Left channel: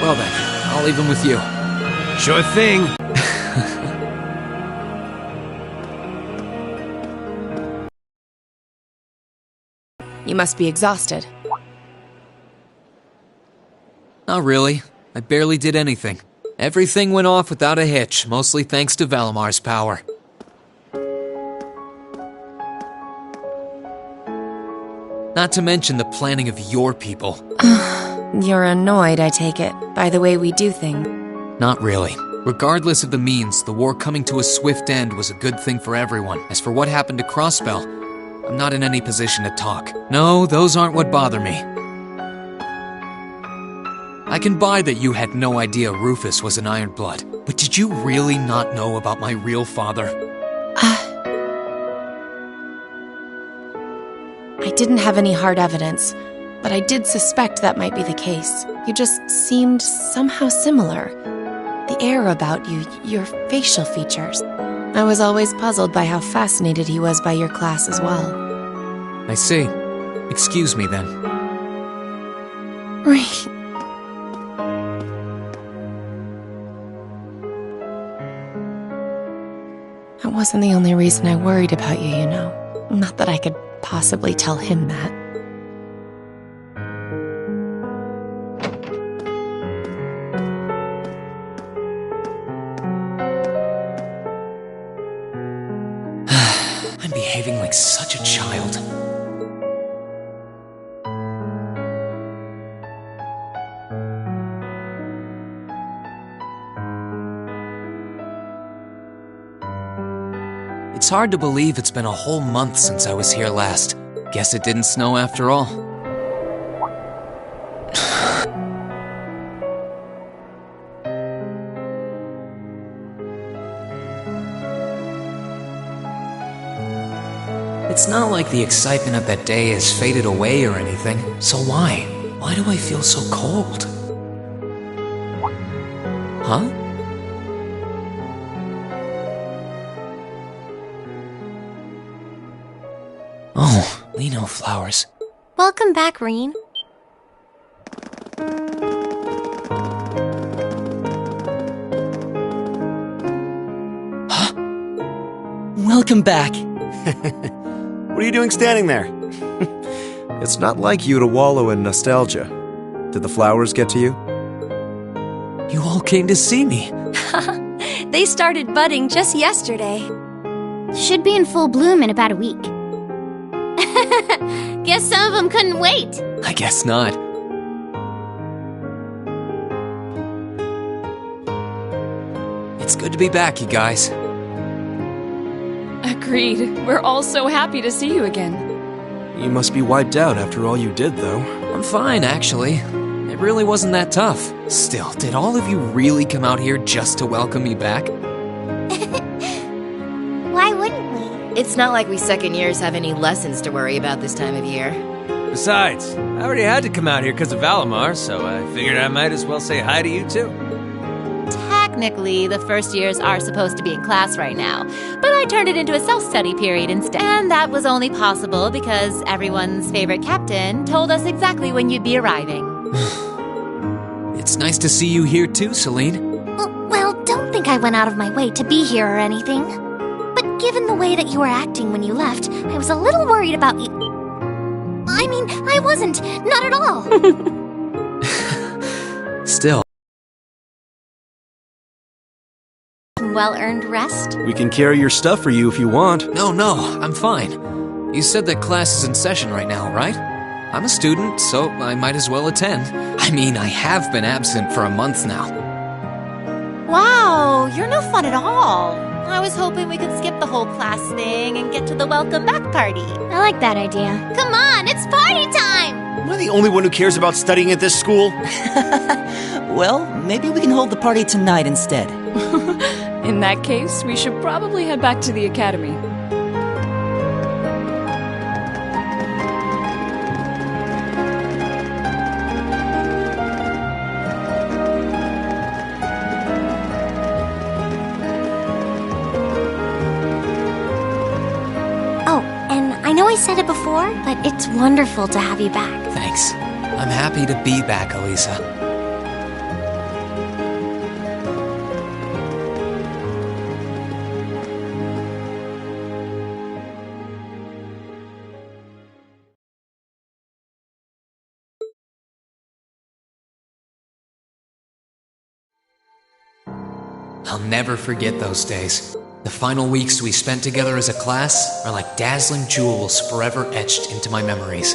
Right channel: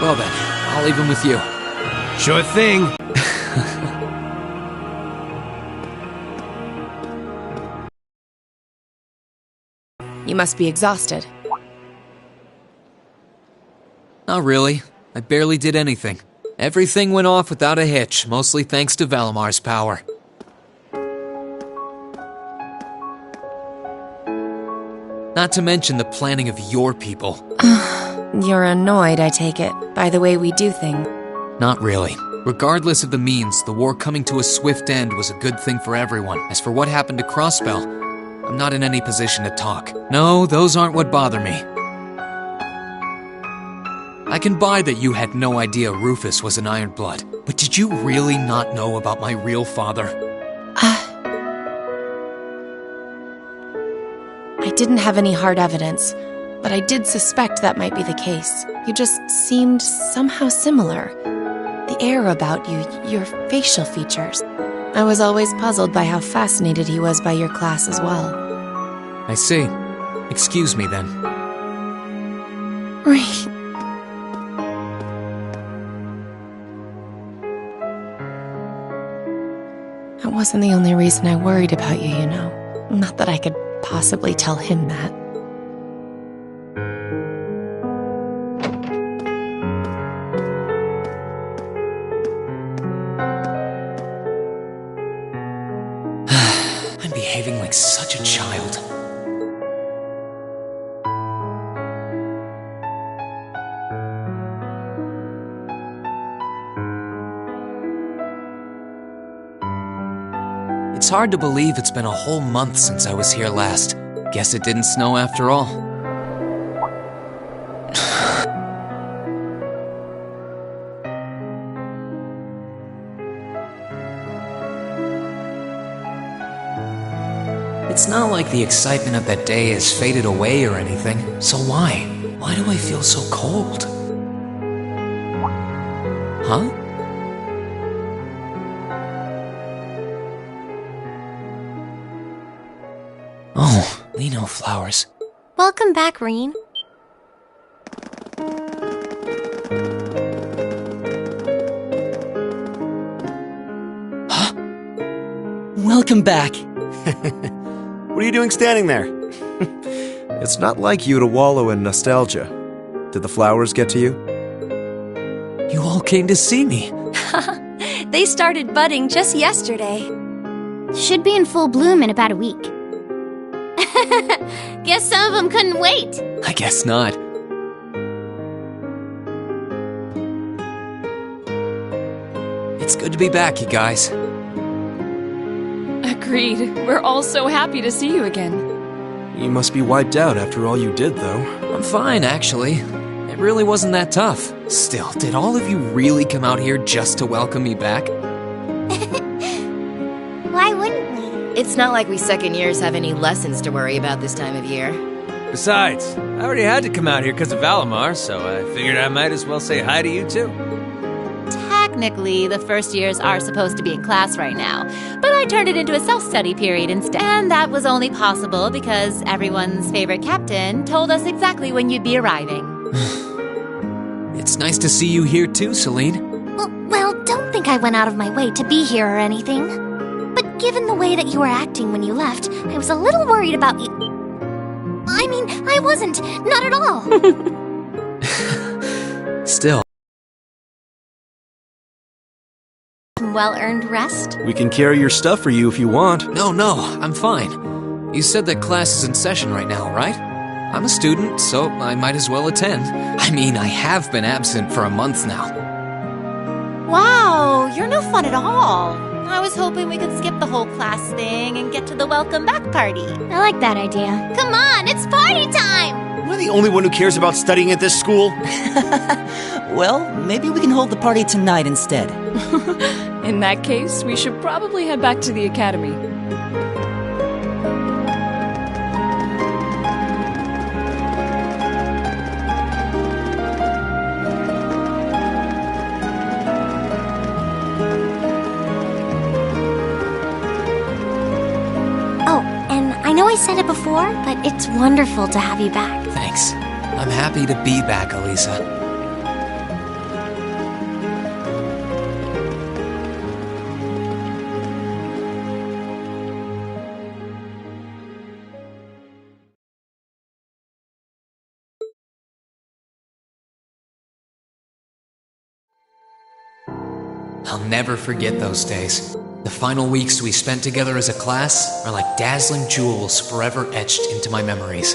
Well then, I'll leave him with you. Sure thing. You must be exhausted. Not really. I barely did anything. Everything went off without a hitch, mostly thanks to Valimar's power. Not to mention the planning of your people. You're annoyed, I take it, by the way we do things. Not really. Regardless of the means, the war coming to a swift end was a good thing for everyone. As for what happened to Crossbell, I'm not in any position to talk. No, those aren't what bother me. I can buy that you had no idea Rufus was an Ironblood, but did you really not know about my real father? I didn't have any hard evidence, but I did suspect that might be the case. You just seemed somehow similar. The air about you, your facial features. I was always puzzled by how fascinated he was by your class as well. I see. Excuse me then. Right. That wasn't the only reason I worried about you, you know. Not that I could possibly tell him that. I'm behaving like such a child. It's hard to believe it's been a whole month since I was here last. Guess it didn't snow after all. It's not like the excitement of that day has faded away or anything, so why? Why do I feel so cold? Huh? Oh, Lino flowers. Welcome back, Rean. Huh? Welcome back. What are you doing standing there? It's not like you to wallow in nostalgia. Did the flowers get to you? You all came to see me. They started budding just yesterday. Should be in full bloom in about a week. Guess some of them couldn't wait. I guess not. It's good to be back, you guys. Agreed. We're all so happy to see you again. You must be wiped out after all you did, though. I'm fine, actually. It really wasn't that tough. Still, did all of you really come out here just to welcome me back? Why wouldn't we? It's not like we second years have any lessons to worry about this time of year. Besides, I already had to come out here because of Valimar, so I figured I might as well say hi to you too. Technically, the first years are supposed to be in class right now, but I turned it into a self-study period instead. And that was only possible because everyone's favorite captain told us exactly when you'd be arriving. It's nice to see you here too, Celine. Well, don't think I went out of my way to be here or anything. But given the way that you were acting when you left, I was a little worried about you. I mean, I wasn't. Not at all. Still. Well-earned rest? We can carry your stuff for you if you want. No, I'm fine. You said that class is in session right now, right? I'm a student, so I might as well attend. I mean, I have been absent for a month now. Wow, you're no fun at all. I was hoping we could skip the whole class thing and get to the welcome back party. I like that idea. Come on, it's party time! Am I the only one who cares about studying at this school? Well, maybe we can hold the party tonight instead. In that case, we should probably head back to the academy. Oh, and I know I said it before, but it's wonderful to have you back. Thanks. I'm happy to be back, Elisa. I'll never forget those days. The final weeks we spent together as a class are like dazzling jewels forever etched into my memories.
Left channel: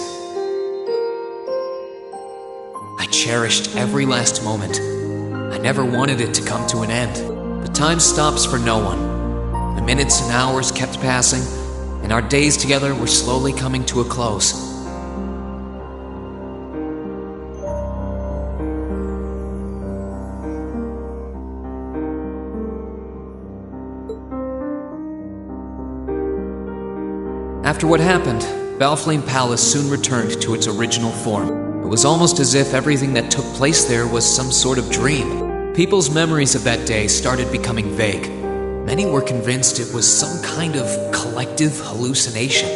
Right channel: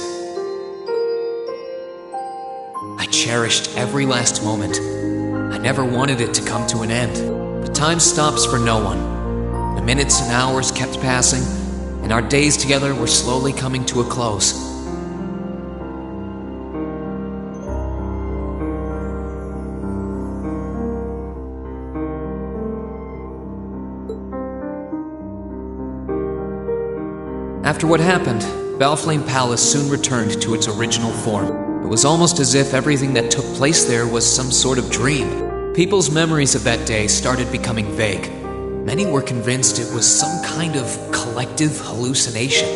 I cherished every last moment. I never wanted it to come to an end, but time stops for no one. The minutes and hours kept passing, and our days together were slowly coming to a close. After what happened, Valflame Palace soon returned to its original form. It was almost as if everything that took place there was some sort of dream. People's memories of that day started becoming vague. Many were convinced it was some kind of collective hallucination.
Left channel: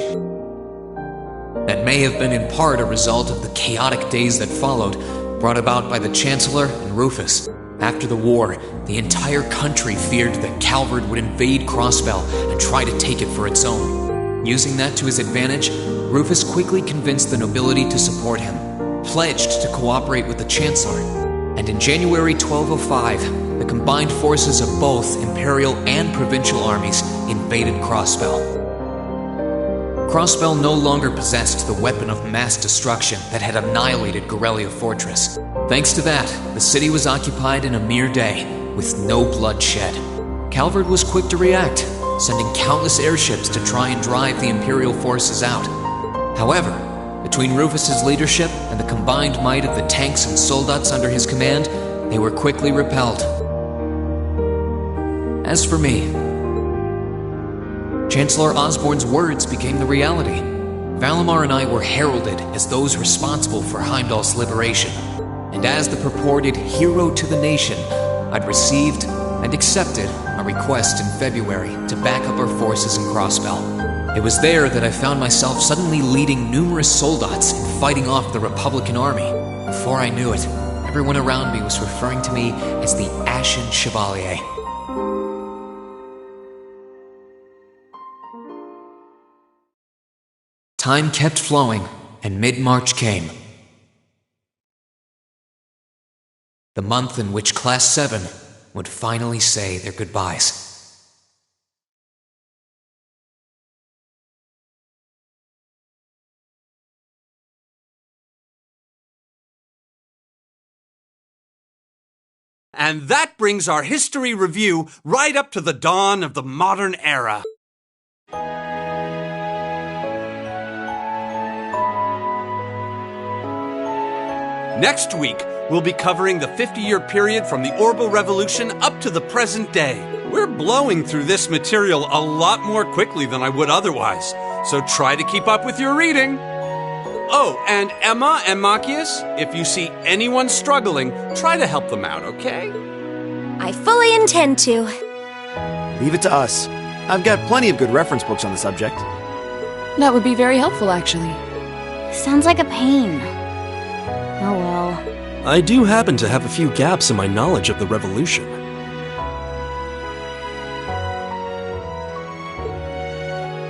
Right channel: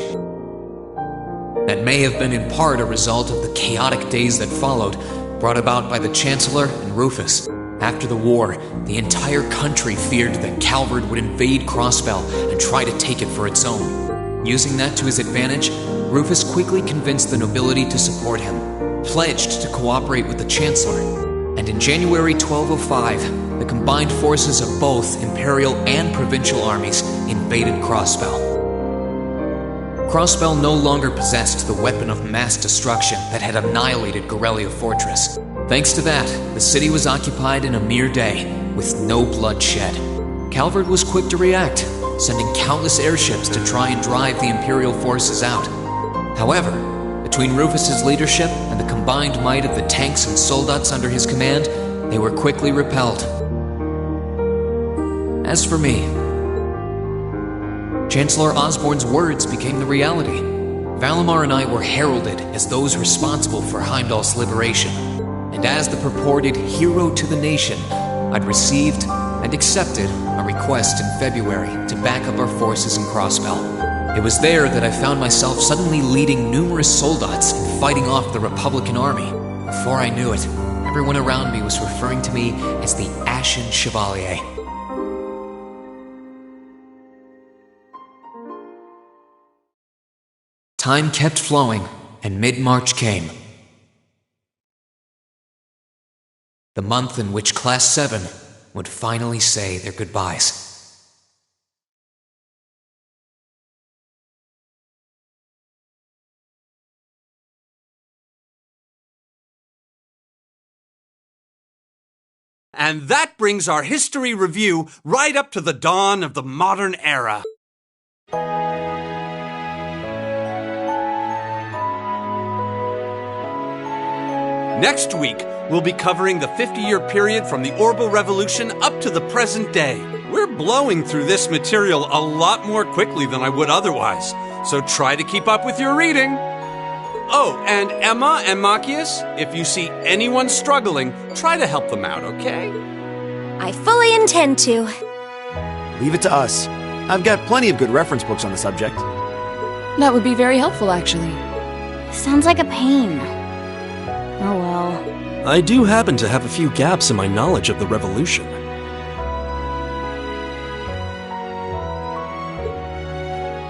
That may have been in part a result of the chaotic days that followed, brought about by the Chancellor and Rufus. After the war, the entire country feared that Calvard would invade Crossbell and try to take it for its own. Using that to his advantage, Rufus quickly convinced the nobility to support him, pledged to cooperate with the Chancellor, and in January 1205, the combined forces of both Imperial and Provincial armies invaded Crossbell. Crossbell no longer possessed the weapon of mass destruction that had annihilated Gorelia Fortress. Thanks to that, the city was occupied in a mere day, with no blood shed. Calvard was quick to react, sending countless airships to try and drive the Imperial forces out. However, between Rufus's leadership and the combined might of the tanks and soldats under his command, they were quickly repelled. As for me, Chancellor Osborne's words became the reality. Valimar and I were heralded as those responsible for Heimdall's liberation, and as the purported hero to the nation, I'd received and accepted a request in February to back up our forces in Crossbell. It was there that I found myself suddenly leading numerous soldats and fighting off the Republican army. Before I knew it, everyone around me was referring to me as the Ashen Chevalier. Time kept flowing, and mid-March came. The month in which Class 7 would finally say their goodbyes. And that brings our history review right up to the dawn of the modern era. Next week, we'll be covering the 50-year period from the Orbital Revolution up to the present day. We're blowing through this material a lot more quickly than I would otherwise, so try to keep up with your reading. Oh, and Emma and Machias, if you see anyone struggling, try to help them out, okay? I fully intend to. Leave it to us. I've got plenty of good reference books on the subject. That would be very helpful, actually. Sounds like a pain. Oh well. I do happen to have a few gaps in my knowledge of the Revolution.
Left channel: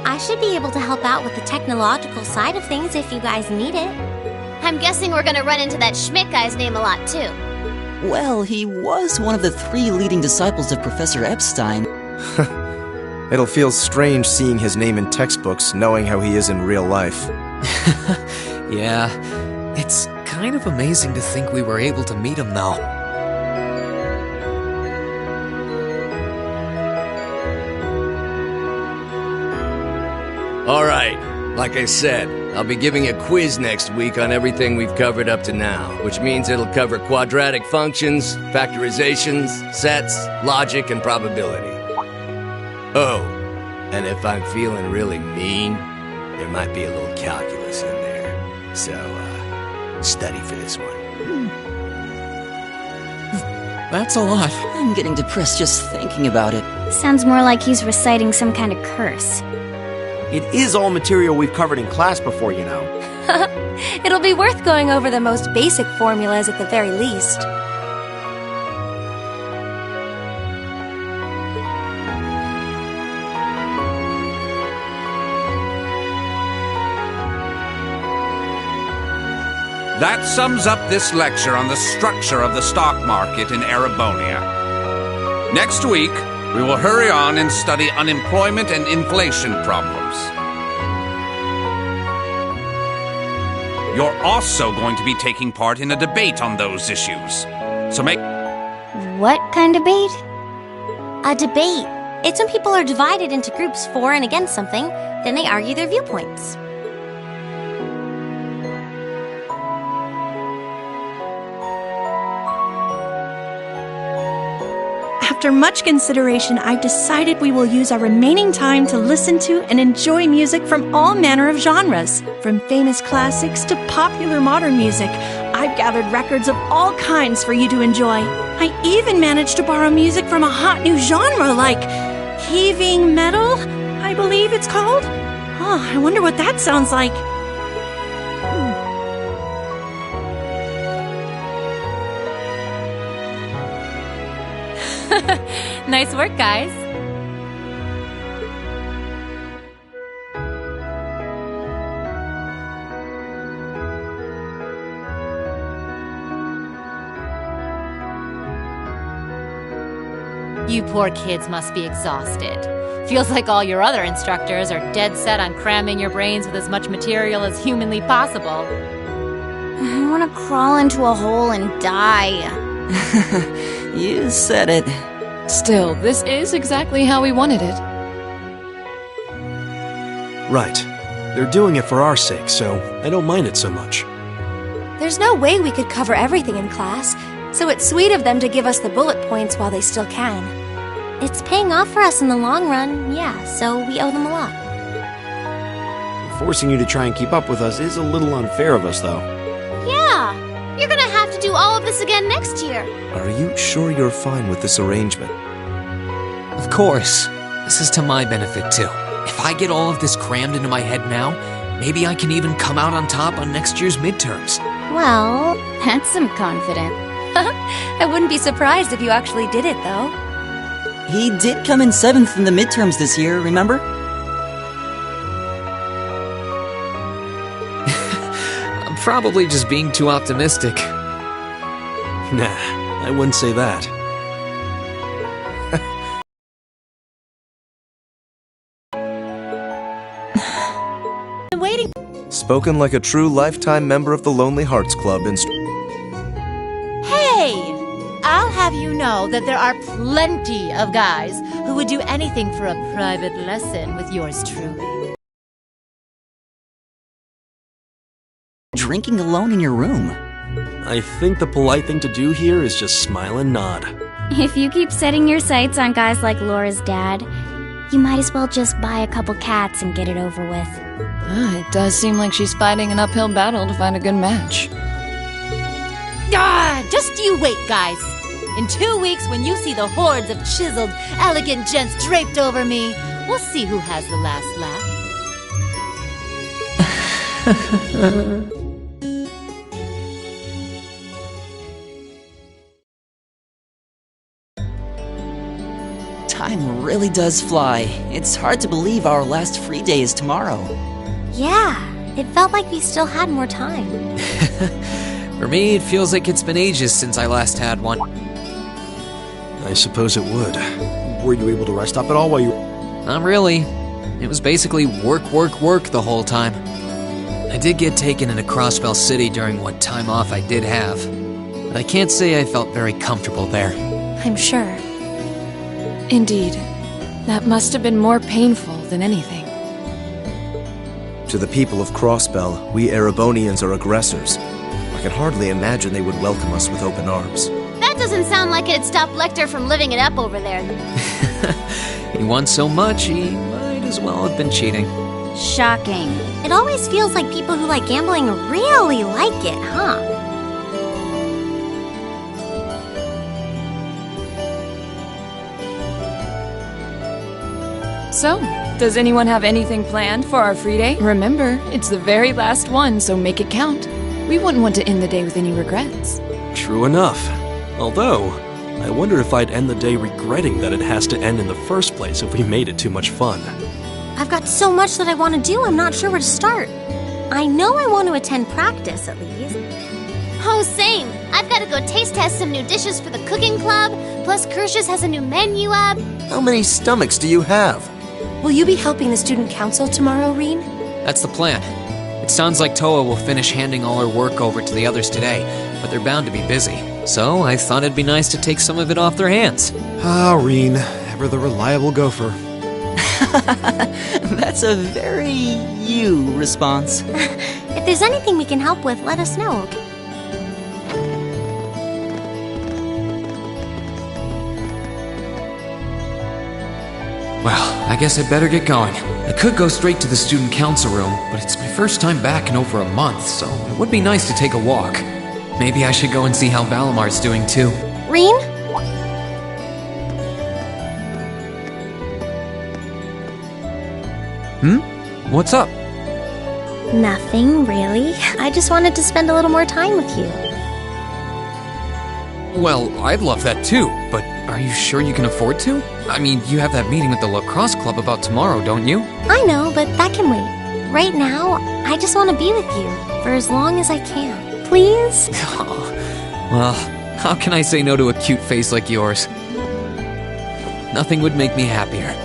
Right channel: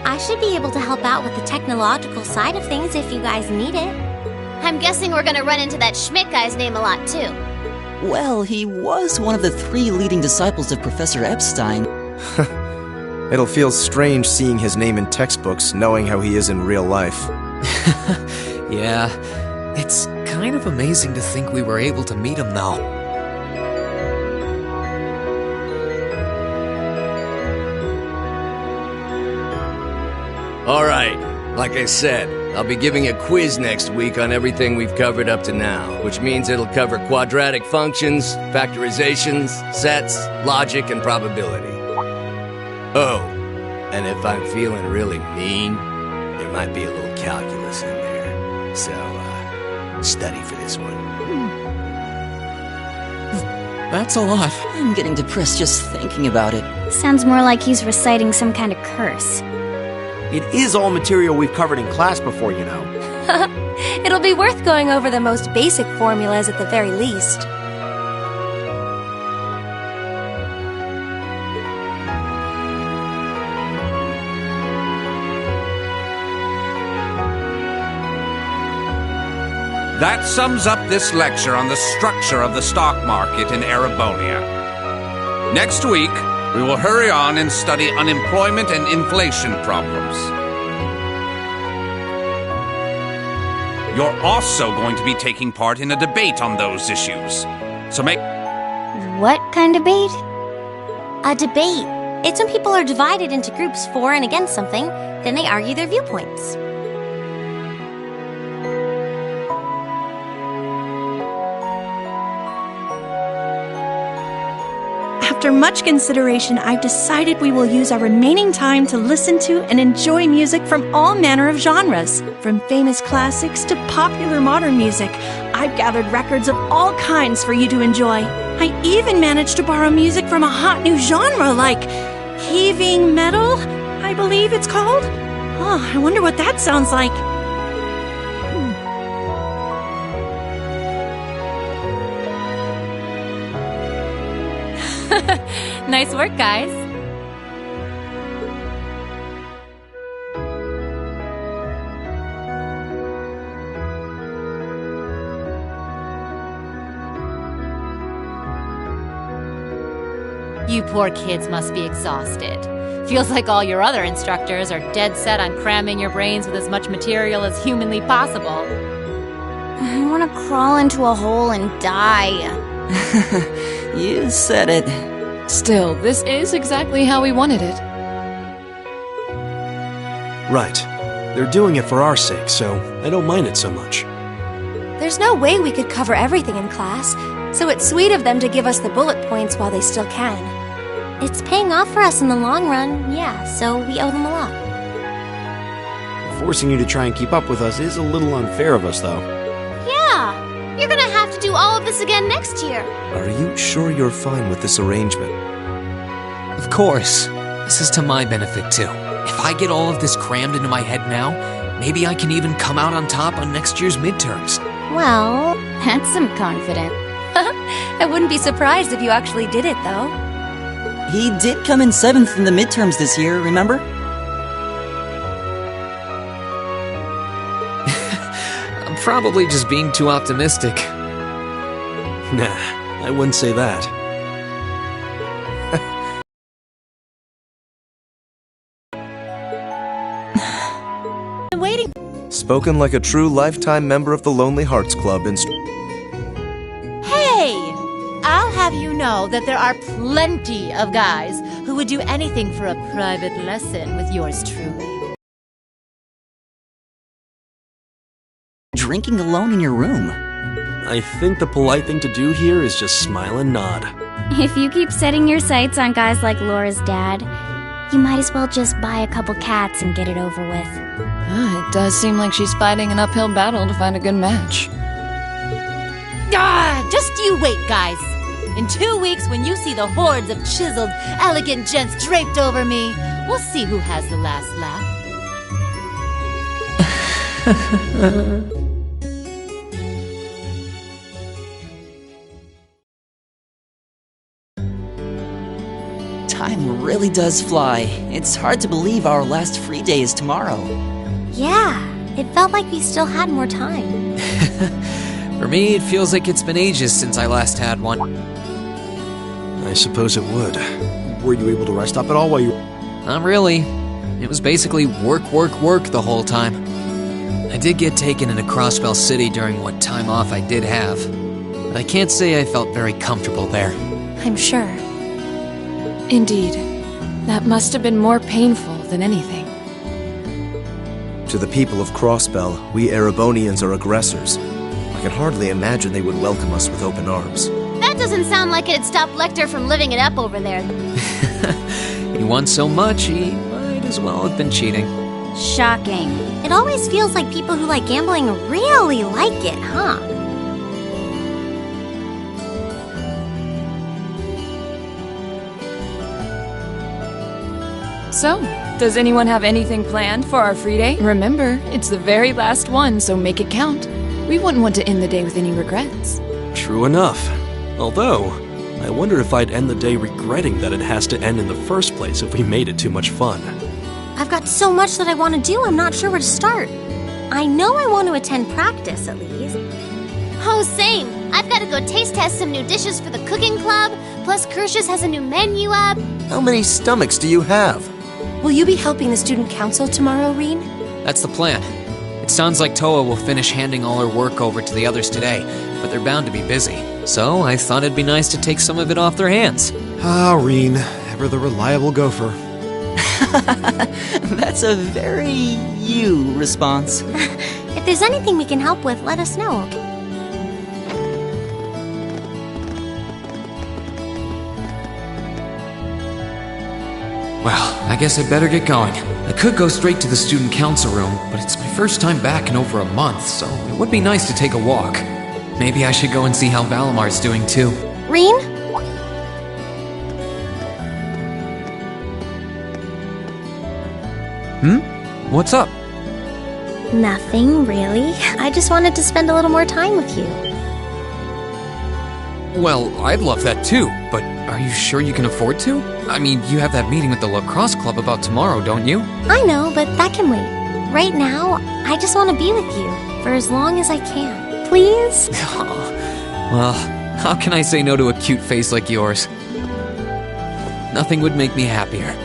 I should be able to help out with the technological side of things if you guys need it. I'm guessing we're gonna run into that Schmidt guy's name a lot, too. Well, he was one of the 3 leading disciples of Professor Epstein. It'll feel strange seeing his name in textbooks, knowing how he is in real life. Yeah, it's kind of amazing to think we were able to meet him, though. Alright, like I said, I'll be giving a quiz next week on everything we've covered up to now, which means it'll cover quadratic functions, factorizations, sets, logic, and probability. Oh, and if I'm feeling really mean, there might be a little calculus in there. So, study for this one. That's a lot. I'm getting depressed just thinking about it. Sounds more like he's reciting some kind of curse. It is all material we've covered in class before, you know. It'll be worth going over the most basic formulas at the very least. That sums up this lecture on the structure of the stock market in Erebonia. Next week, we will hurry on and study unemployment and inflation problems. You're also going to be taking part in a debate on those issues. So make... What kind of debate? A debate. It's when people are divided into groups for and against something, then they argue their viewpoints. After much consideration, I've decided we will use our remaining time to listen to and enjoy music from all manner of genres, from famous classics to popular modern music. I've gathered records of all kinds for you to enjoy. I even managed to borrow music from a hot new genre like heaving metal, I believe it's called. Oh, I wonder what that sounds like. Nice work, guys. You poor kids must be exhausted. Feels like all your other instructors are dead set on cramming your brains with as much material as humanly possible. I want to crawl into a hole and die. You said it. Still, this is exactly how we wanted it. Right. They're doing it for our sake, so I don't mind it so much. There's no way we could cover everything in class, so it's sweet of them to give us the bullet points while they still can. It's paying off for us in the long run, yeah, so we owe them a lot. Forcing you to try and keep up with us is a little unfair of us, though. Yeah, you're gonna have to do all of this again next year. Are you sure you're fine with this arrangement? Of course. This is to my benefit, too. If I get all of this crammed into my head now, maybe I can even come out on top on next year's midterms. Well, that's some confidence. I wouldn't be surprised if you actually did it, though. He did come in 7th in the midterms this year, remember? I'm probably just being too optimistic. Nah, I wouldn't say that. I'm waiting. Spoken like a true lifetime member of the Lonely Hearts Club Hey! I'll have you know that there are plenty of guys who would do anything for a private lesson with yours truly. Drinking alone in your room. I think the polite thing to do here is just smile and nod. If you keep setting your sights on guys like Laura's dad, you might as well just buy a couple cats and get it over with. It does seem like she's fighting an uphill battle to find a good match. Just you wait, guys. In 2 weeks, when you see the hordes of chiseled, elegant gents draped over me, we'll see who has the last laugh. Time really does fly. It's hard to believe our last free day is tomorrow. Yeah, it felt like we still had more time. For me, it feels like it's been ages since I last had one. I suppose it would. Were you able to rest up at all while you... Not really. It was basically work, work, work the whole time. I did get taken into Crossbell City during what time off I did have, but I can't say I felt very comfortable there. I'm sure. Indeed. That must have been more painful than anything. To the people of Crossbell, we Erebonians are aggressors. I can hardly imagine they would welcome us with open arms. That doesn't sound like it'd stop Lecter from living it up over there. He won so much, he might as well have been cheating. Shocking. It always feels like people who like gambling really like it, huh? So, does anyone have anything planned for our free day? Remember, it's the very last one, so make it count. We wouldn't want to end the day with any regrets. True enough. Although, I wonder if I'd end the day regretting that it has to end in the first place if we made it too much fun. I've got so much that I want to do, I'm not sure where to start. I know I want to attend practice, at least. Oh, same. I've got to go taste test some new dishes for the cooking club, plus Kirsch's has a new menu up. How many stomachs do you have? Will you be helping the student council tomorrow, Reen? That's the plan. It sounds like Toa will finish handing all her work over to the others today, but they're bound to be busy. So I thought it'd be nice to take some of it off their hands. Ah, Reen, ever the reliable gopher. That's a very you response. If there's anything we can help with, let us know, okay? Well, I guess I better get going. I could go straight to the student council room, but it's my first time back in over a month, so it would be nice to take a walk. Maybe I should go and see how Valamar's doing too. Reen? What's up? Nothing, really. I just wanted to spend a little more time with you. Well, I'd love that too, but are you sure you can afford to? I mean, you have that meeting with the lacrosse club about tomorrow, don't you? I know, but that can wait. Right now, I just want to be with you for as long as I can. Please? Well, how can I say no to a cute face like yours? Nothing would make me happier.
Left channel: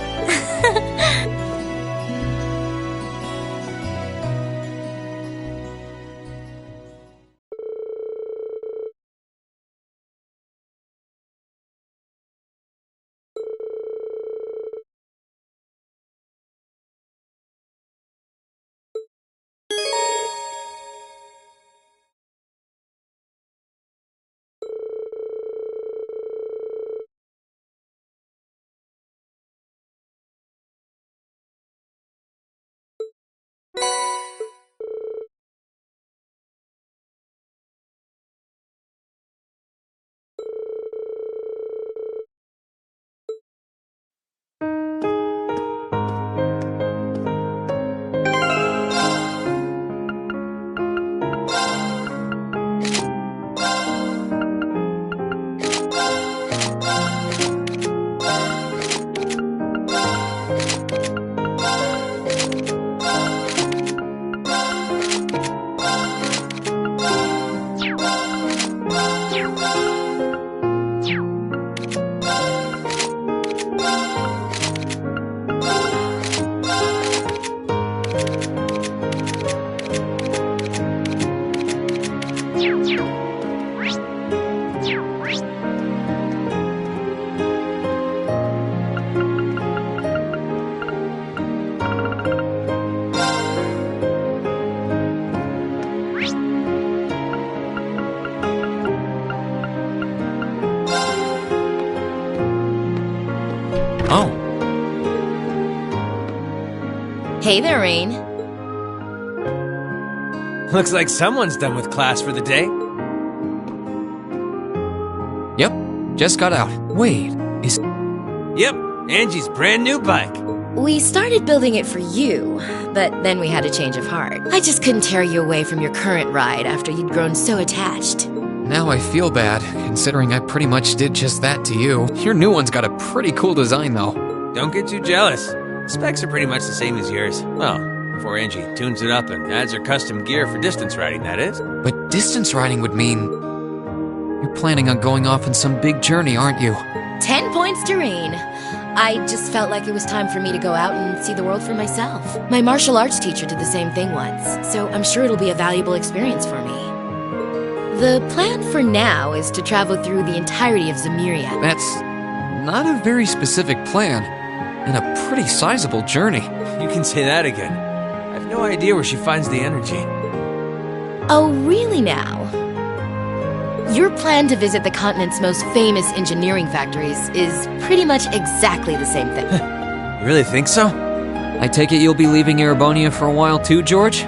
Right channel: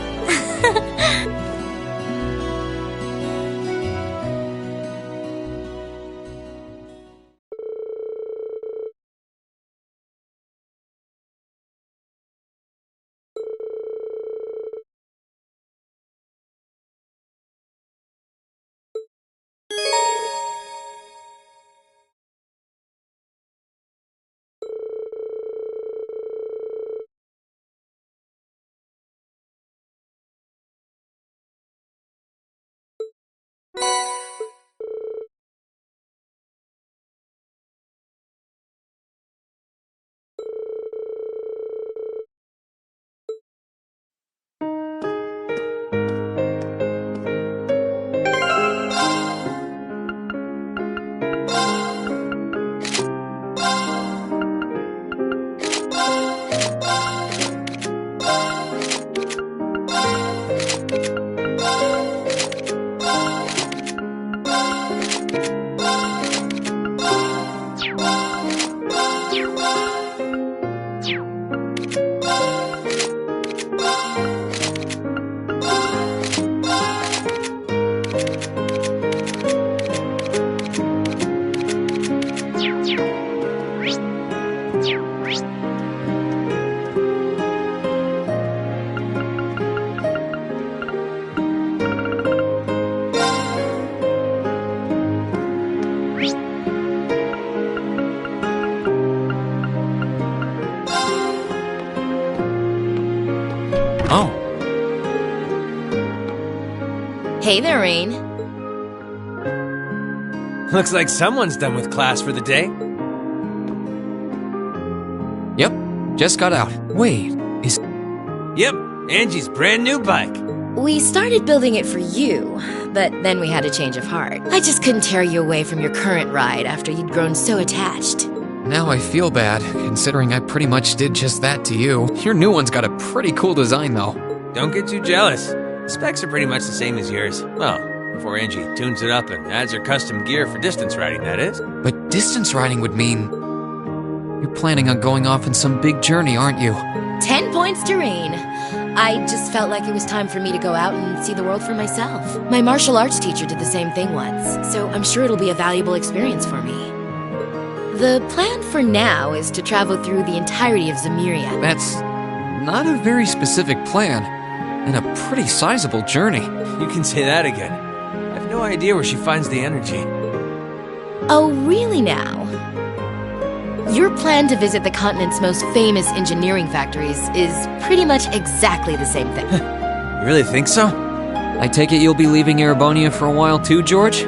Oh. Hey there, Rain. Looks like someone's done with class for the day. Yep, just got out. Wait, is... Yep, Angie's brand new bike. We started building it for you, but then we had a change of heart. I just couldn't tear you away from your current ride after you'd grown so attached. Now I feel bad, considering I pretty much did just that to you. Your new one's got a pretty cool design, though. Don't get too jealous. Specs are pretty much the same as yours. Well, before Angie tunes it up and adds her custom gear for distance riding, that is. But distance riding would mean... You're planning on going off on some big journey, aren't you? 10 points to Rain. I just felt like it was time for me to go out and see the world for myself. My martial arts teacher did the same thing once, so I'm sure it'll be a valuable experience for me. The plan for now is to travel through the entirety of Zemuria. That's not a very specific plan, and a pretty sizable journey. You can say that again. I have no idea where she finds the energy. Oh, really now? Your plan to visit the continent's most famous engineering factories is pretty much exactly the same thing. You really think so? I take it you'll be leaving Erebonia for a while too, George?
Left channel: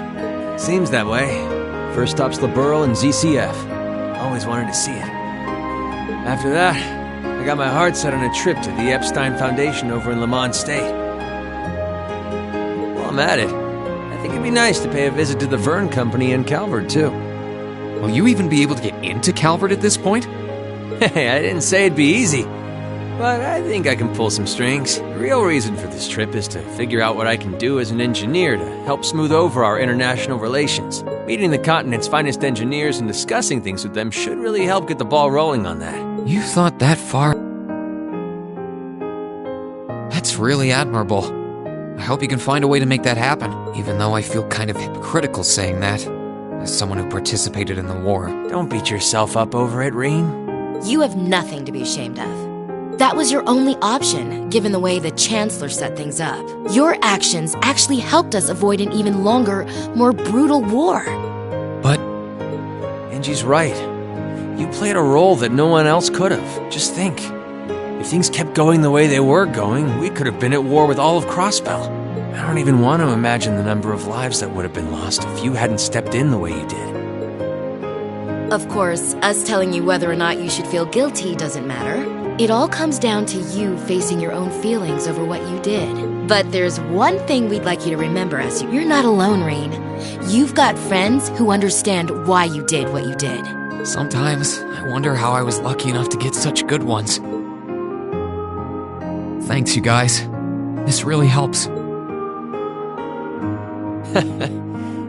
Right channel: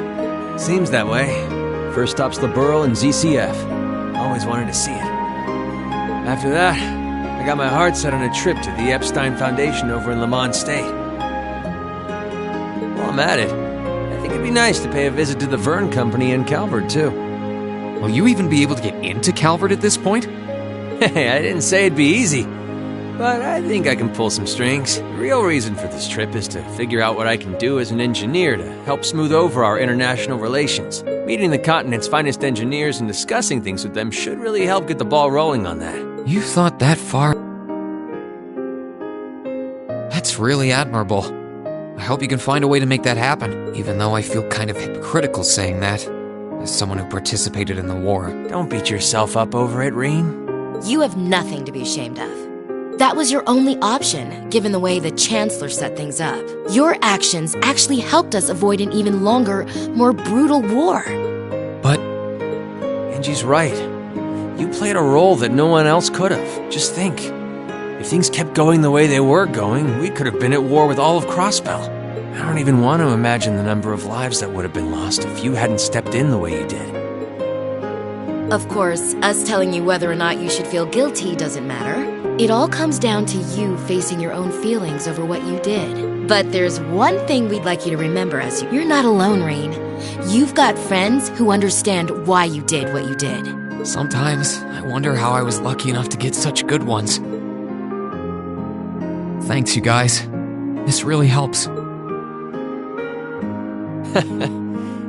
Seems that way. First stop's the Burl and ZCF. Always wanted to see it. After that, I got my heart set on a trip to the Epstein Foundation over in Lamont State. While I'm at it, I think it'd be nice to pay a visit to the Vern Company in Calvert, too. Will you even be able to get into Calvert at this point? Hey, I didn't say it'd be easy. but I think I can pull some strings. The real reason for this trip is to figure out what I can do as an engineer to help smooth over our international relations. Meeting the continent's finest engineers and discussing things with them should really help get the ball rolling on that. You thought that far? That's really admirable. I hope you can find a way to make that happen, even though I feel kind of hypocritical saying that, as someone who participated in the war. Don't beat yourself up over it, Rean. You have nothing to be ashamed of. That was your only option, given the way the Chancellor set things up. Your actions actually helped us avoid an even longer, more brutal war. But... Angie's right. You played a role that no one else could have. Just think. If things kept going the way they were going, we could have been at war with all of Crossbell. I don't even want to imagine the number of lives that would have been lost if you hadn't stepped in the way you did. Of course, us telling you whether or not you should feel guilty doesn't matter. It all comes down to you facing your own feelings over what you did. But there's one thing we'd like you to remember as you're not alone, Rean. You've got friends who understand why you did what you did. Sometimes I wonder how I was lucky enough to get such good ones. Thanks, you guys. This really helps.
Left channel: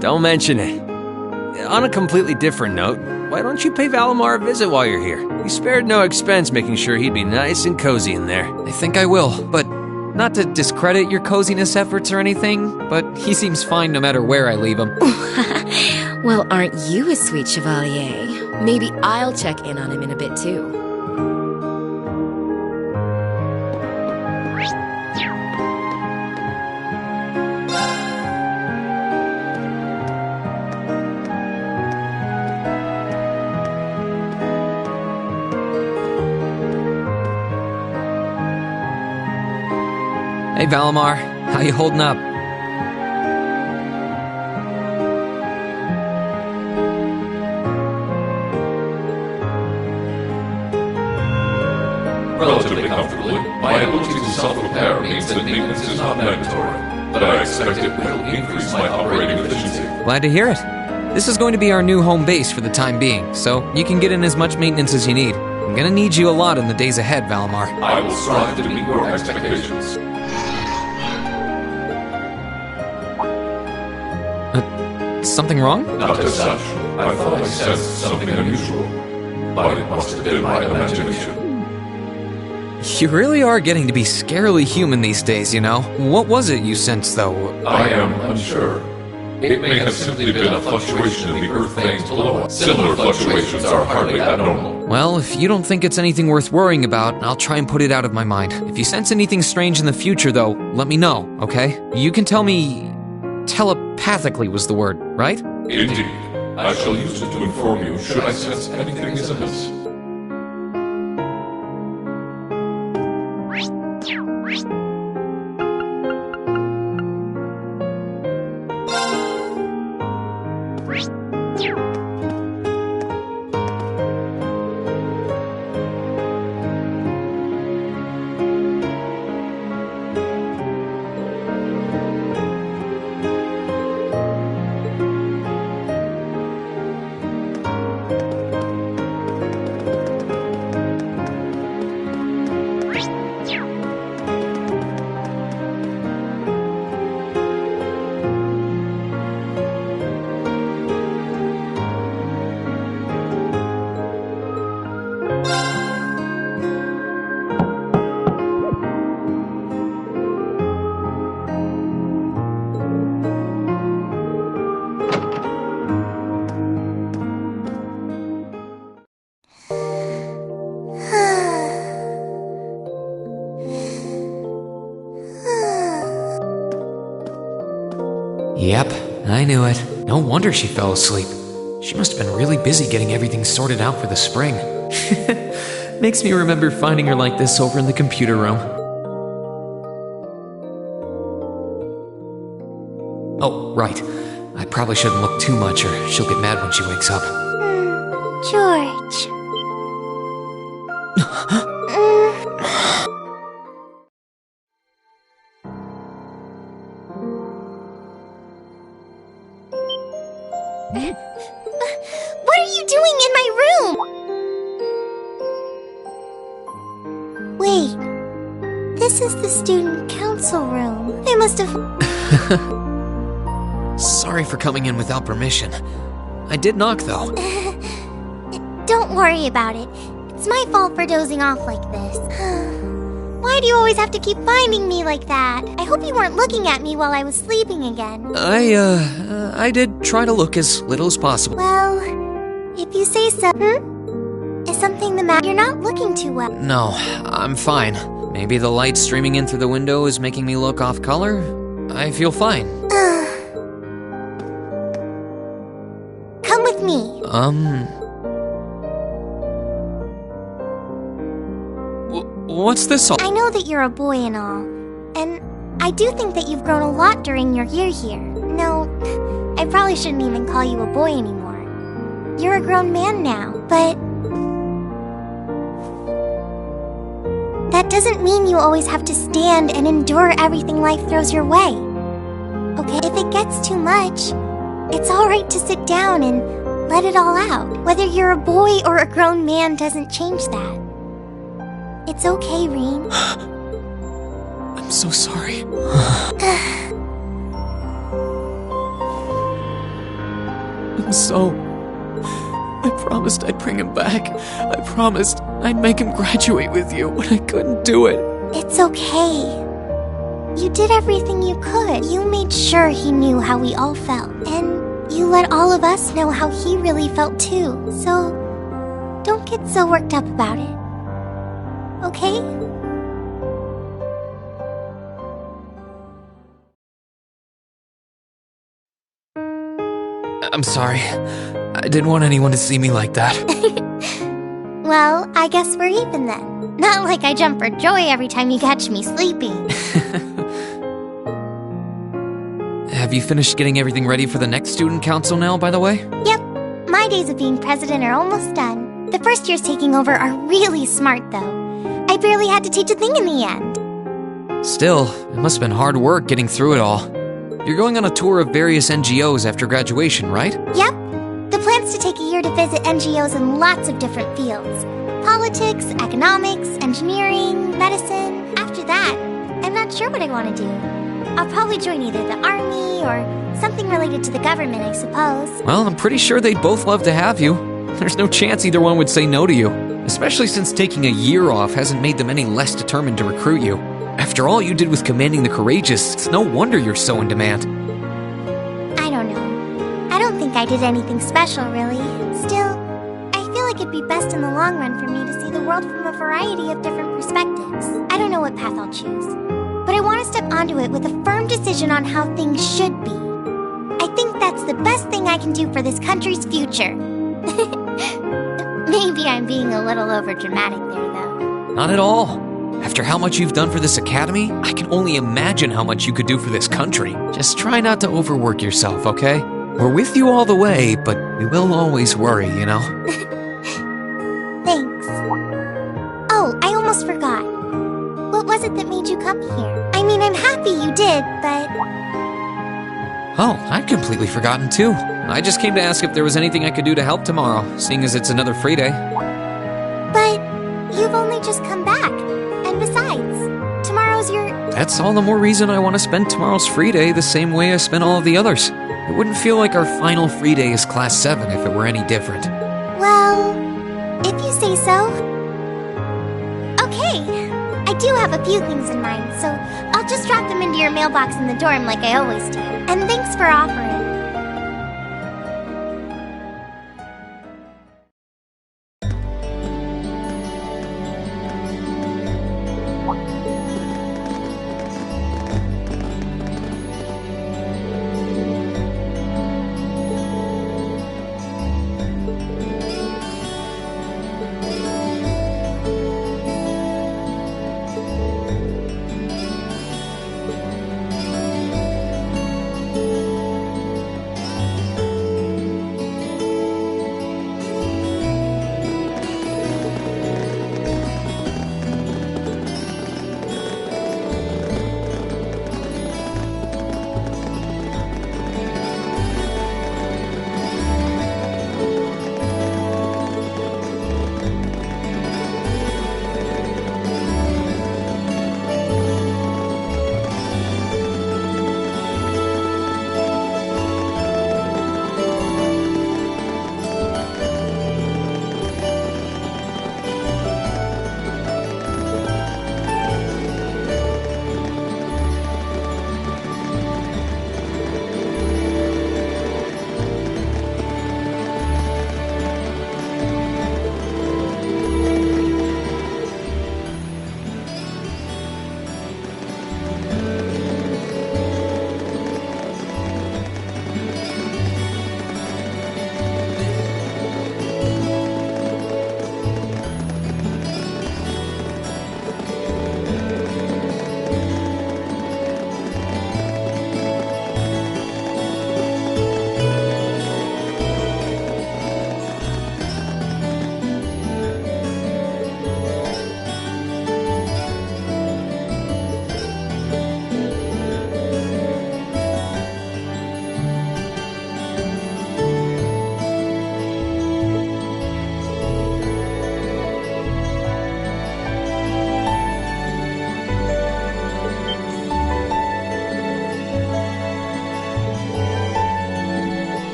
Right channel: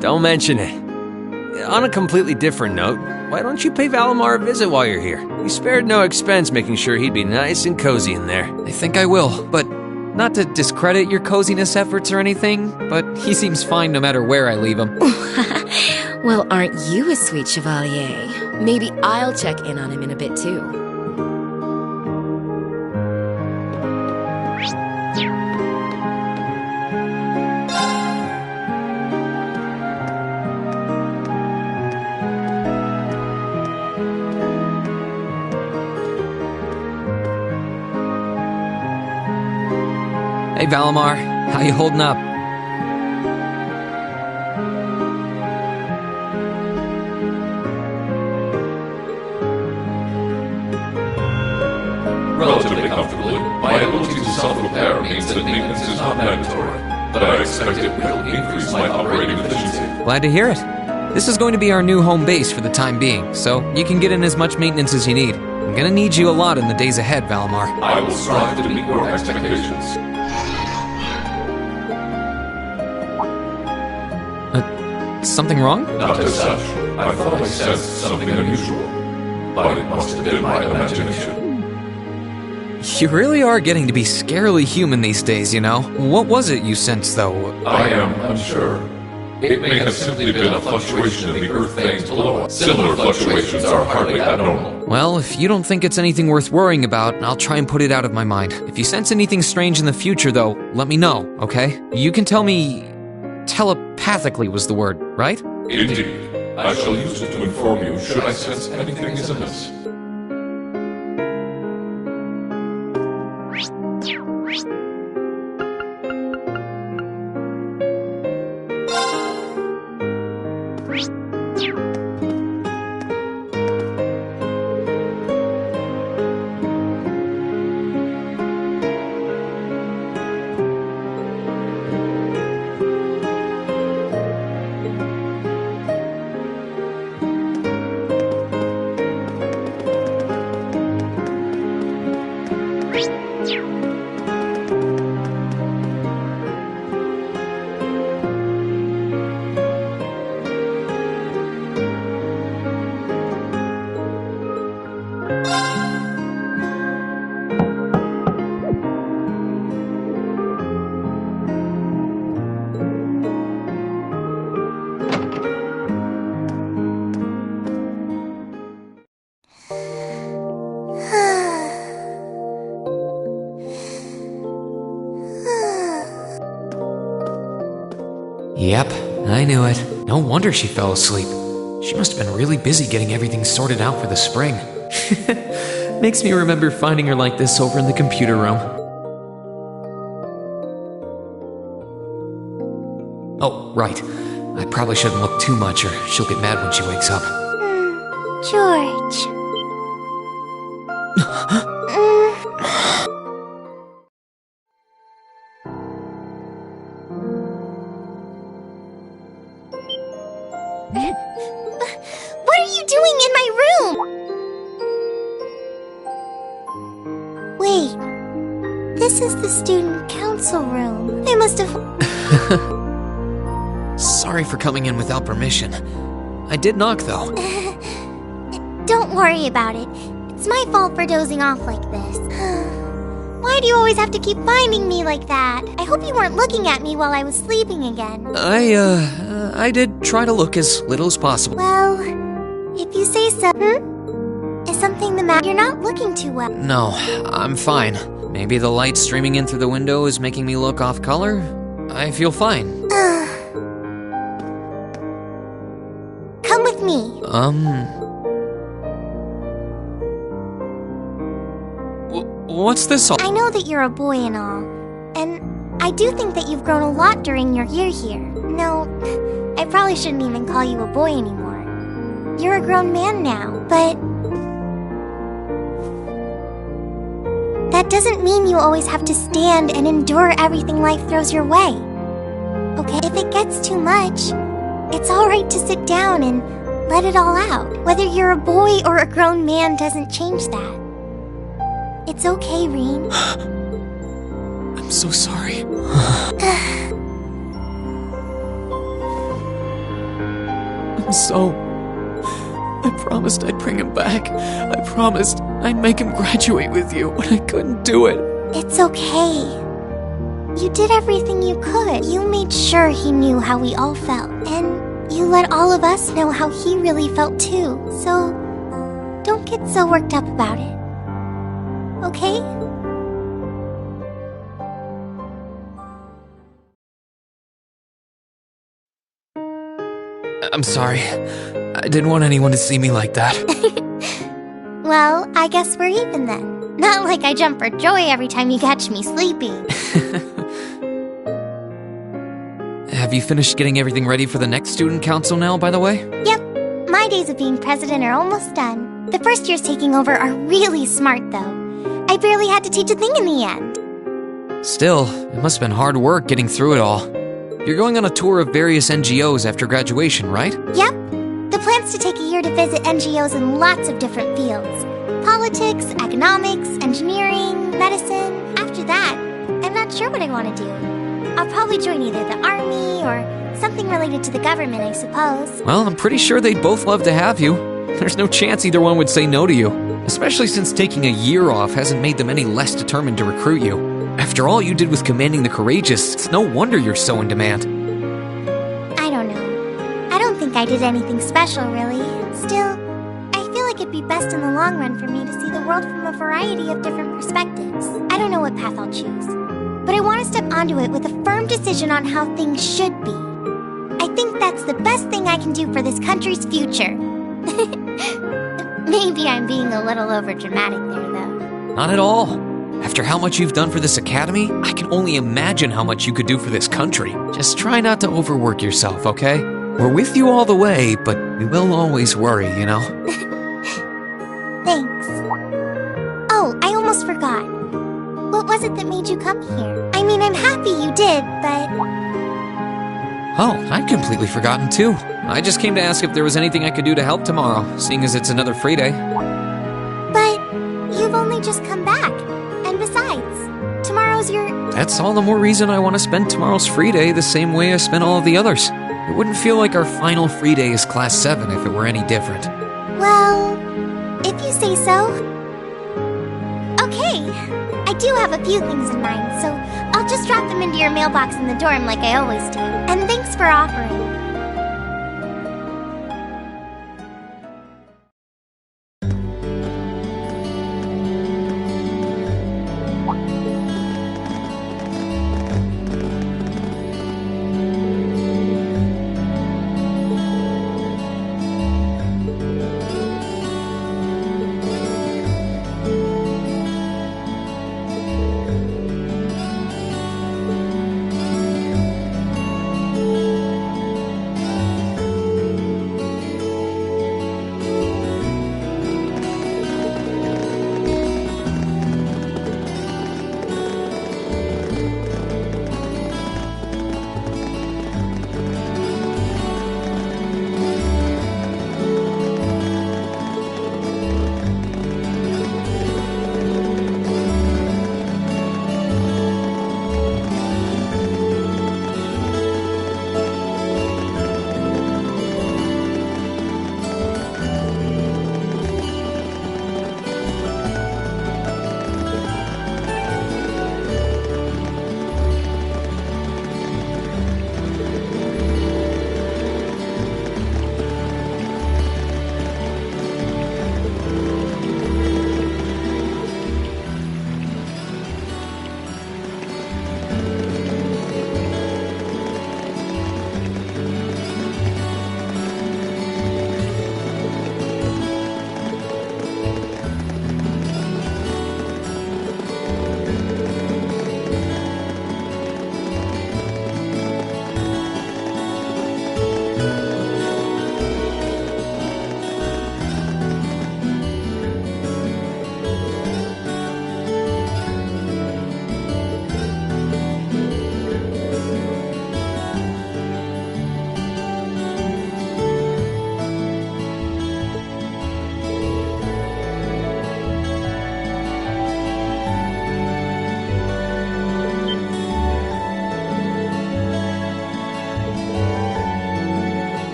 Don't mention it. On a completely different note, why don't you pay Valimar a visit while you're here? We spared no expense making sure he'd be nice and cozy in there. I think I will, but not to discredit your coziness efforts or anything, but he seems fine no matter where I leave him. Well, aren't you a sweet chevalier? Maybe I'll check in on him in a bit too. Hey Valimar, how you holding up? Relatively comfortably, my ability to self-repair means that maintenance is not mandatory, but I expect it will increase my operating efficiency. Glad to hear it. This is going to be our new home base for the time being, so you can get in as much maintenance as you need. I'm gonna need you a lot in the days ahead, Valimar. I will strive to meet your expectations. Something wrong? Not as such. I thought I sensed something unusual, but it must have been my imagination. You really are getting to be scarily human these days, you know. What was it you sensed, though? I am unsure. It may have simply been a fluctuation in the earth veins below us. Similar fluctuations are hardly abnormal. Well, if you don't think it's anything worth worrying about, I'll try and put it out of my mind. If you sense anything strange in the future, though, let me know, okay? You can tell me... telepathically was the word, right? Indeed. I shall use it to inform you should I sense anything is amiss. Yep, I knew it. No wonder she fell asleep. She must have been really busy getting everything sorted out for the spring. Makes me remember finding her like this over in the computer room. Oh, right. I probably shouldn't look too much or she'll get mad when she wakes up. George. What are you doing in my room? Wait. This is the student council room. I must have... Sorry for coming in without permission. I did knock, though. Don't worry about it. It's my fault for dozing off like this. Why do you always have to keep finding me like that? I hope you weren't looking at me while I was sleeping again. I did try to look as little as possible. Well, if you say so. Is something the matter? You're not looking too well. No, I'm fine. Maybe the light streaming in through the window is making me look off color. I feel fine. Come with me. What's this all? I know that you're a boy and all, and I do think that you've grown a lot during your year here. No, I probably shouldn't even call you a boy anymore. You're a grown man now, but that doesn't mean you always have to stand and endure everything life throws your way. Okay, if it gets too much, it's alright to sit down and let it all out. Whether you're a boy or a grown man doesn't change that. It's okay, Rean. I'm so sorry. I promised I'd bring him back. I promised I'd make him graduate with you, but I couldn't do it. It's okay. You did everything you could. You made sure he knew how we all felt. And you let all of us know how he really felt too. So, don't get so worked up about it. Okay? I'm sorry. I didn't want anyone to see me like that. Well, I guess we're even then. Not like I jump for joy every time you catch me sleeping. Have you finished getting everything ready for the next student council now, by the way? Yep. My days of being president are almost done. The first years taking over are really smart, though. I barely had to teach a thing in the end. Still, it must have been hard work getting through it all. You're going on a tour of various NGOs after graduation, right? Yep. The plan's to take a year to visit NGOs in lots of different fields. Politics, economics, engineering, medicine. After that, I'm not sure what I want to do. I'll probably join either the army or something related to the government, I suppose. Well, I'm pretty sure they'd both love to have you. There's no chance either one would say no to you. Especially since taking a year off hasn't made them any less determined to recruit you. After all you did with commanding the Courageous, it's no wonder you're so in demand. I don't know. I don't think I did anything special, really. Still, I feel like it'd be best in the long run for me to see the world from a variety of different perspectives. I don't know what path I'll choose, but I want to step onto it with a firm decision on how things should be. I think that's the best thing I can do for this country's future. Maybe I'm being a little overdramatic there, though. Not at all. After how much you've done for this academy, I can only imagine how much you could do for this country. Just try not to overwork yourself, okay? We're with you all the way, but we will always worry, you know? Thanks. Oh, I almost forgot. What was it that made you come here? I mean, I'm happy you did, but... Oh, I'd completely forgotten too. I just came to ask if there was anything I could do to help tomorrow, seeing as it's another free day. But you've only just come back. And besides, tomorrow's your... That's all the more reason I want to spend tomorrow's free day the same way I spent all of the others. It wouldn't feel like our final free day is Class 7 if it were any different. Well, if you say so. Okay, I do have a few things in mind, so I'll just drop them into your mailbox in the dorm like I always do. And thanks for offering.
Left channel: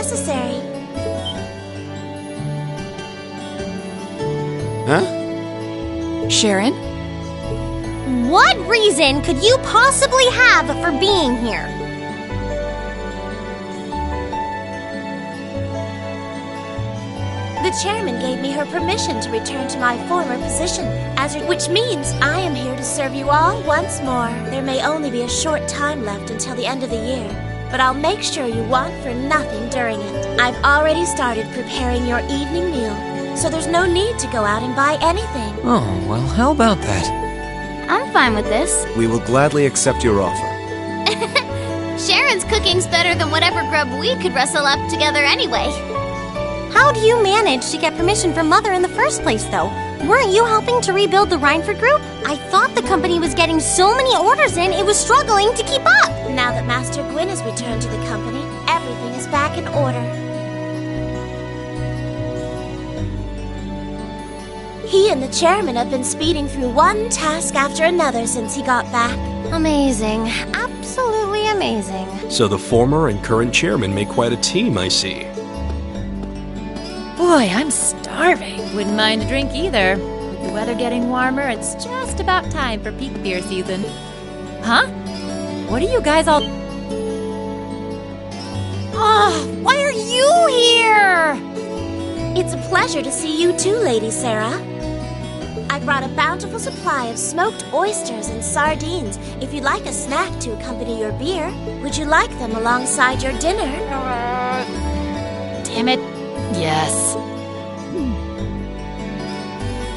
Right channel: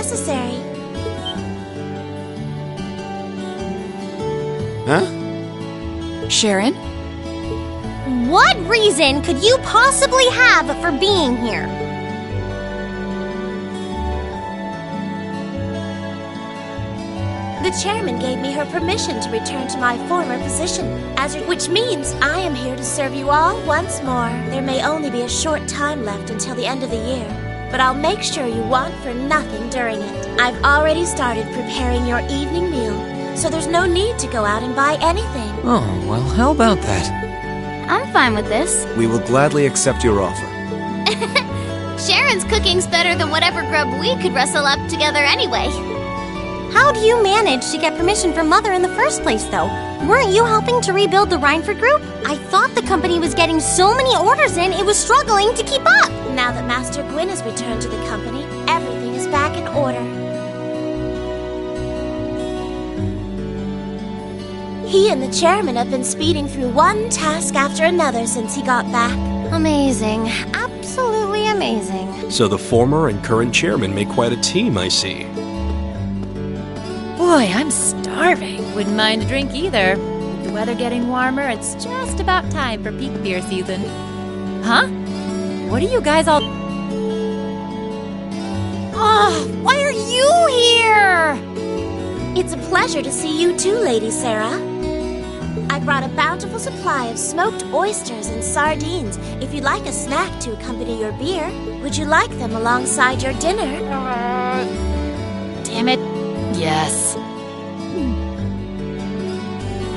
necessary. Huh? Sharon? What reason could you possibly have for being here? The chairman gave me her permission to return to my former position, which means I am here to serve you all once more. There may only be a short time left until the end of the year, but I'll make sure you want for nothing during it. I've already started preparing your evening meal, so there's no need to go out and buy anything. Oh, well, how about that? I'm fine with this. We will gladly accept your offer. Sharon's cooking's better than whatever grub we could rustle up together anyway. How do you manage to get permission from Mother in the first place, though? Weren't you helping to rebuild the Reinford group? I thought the company was getting so many orders in, it was struggling to keep up. Now that Master Gwyn has returned to the company, everything is back in order. He and the chairman have been speeding through one task after another since he got back. Amazing. Absolutely amazing. So the former and current chairman make quite a team, I see. Boy, I'm starving. Wouldn't mind a drink either. With the weather getting warmer, it's just about time for peak beer season. Huh? What are you guys all... Oh, why are you here? It's a pleasure to see you too, Lady Sarah. I brought a bountiful supply of smoked oysters and sardines. If you'd like a snack to accompany your beer, would you like them alongside your dinner? Damn it. Yes.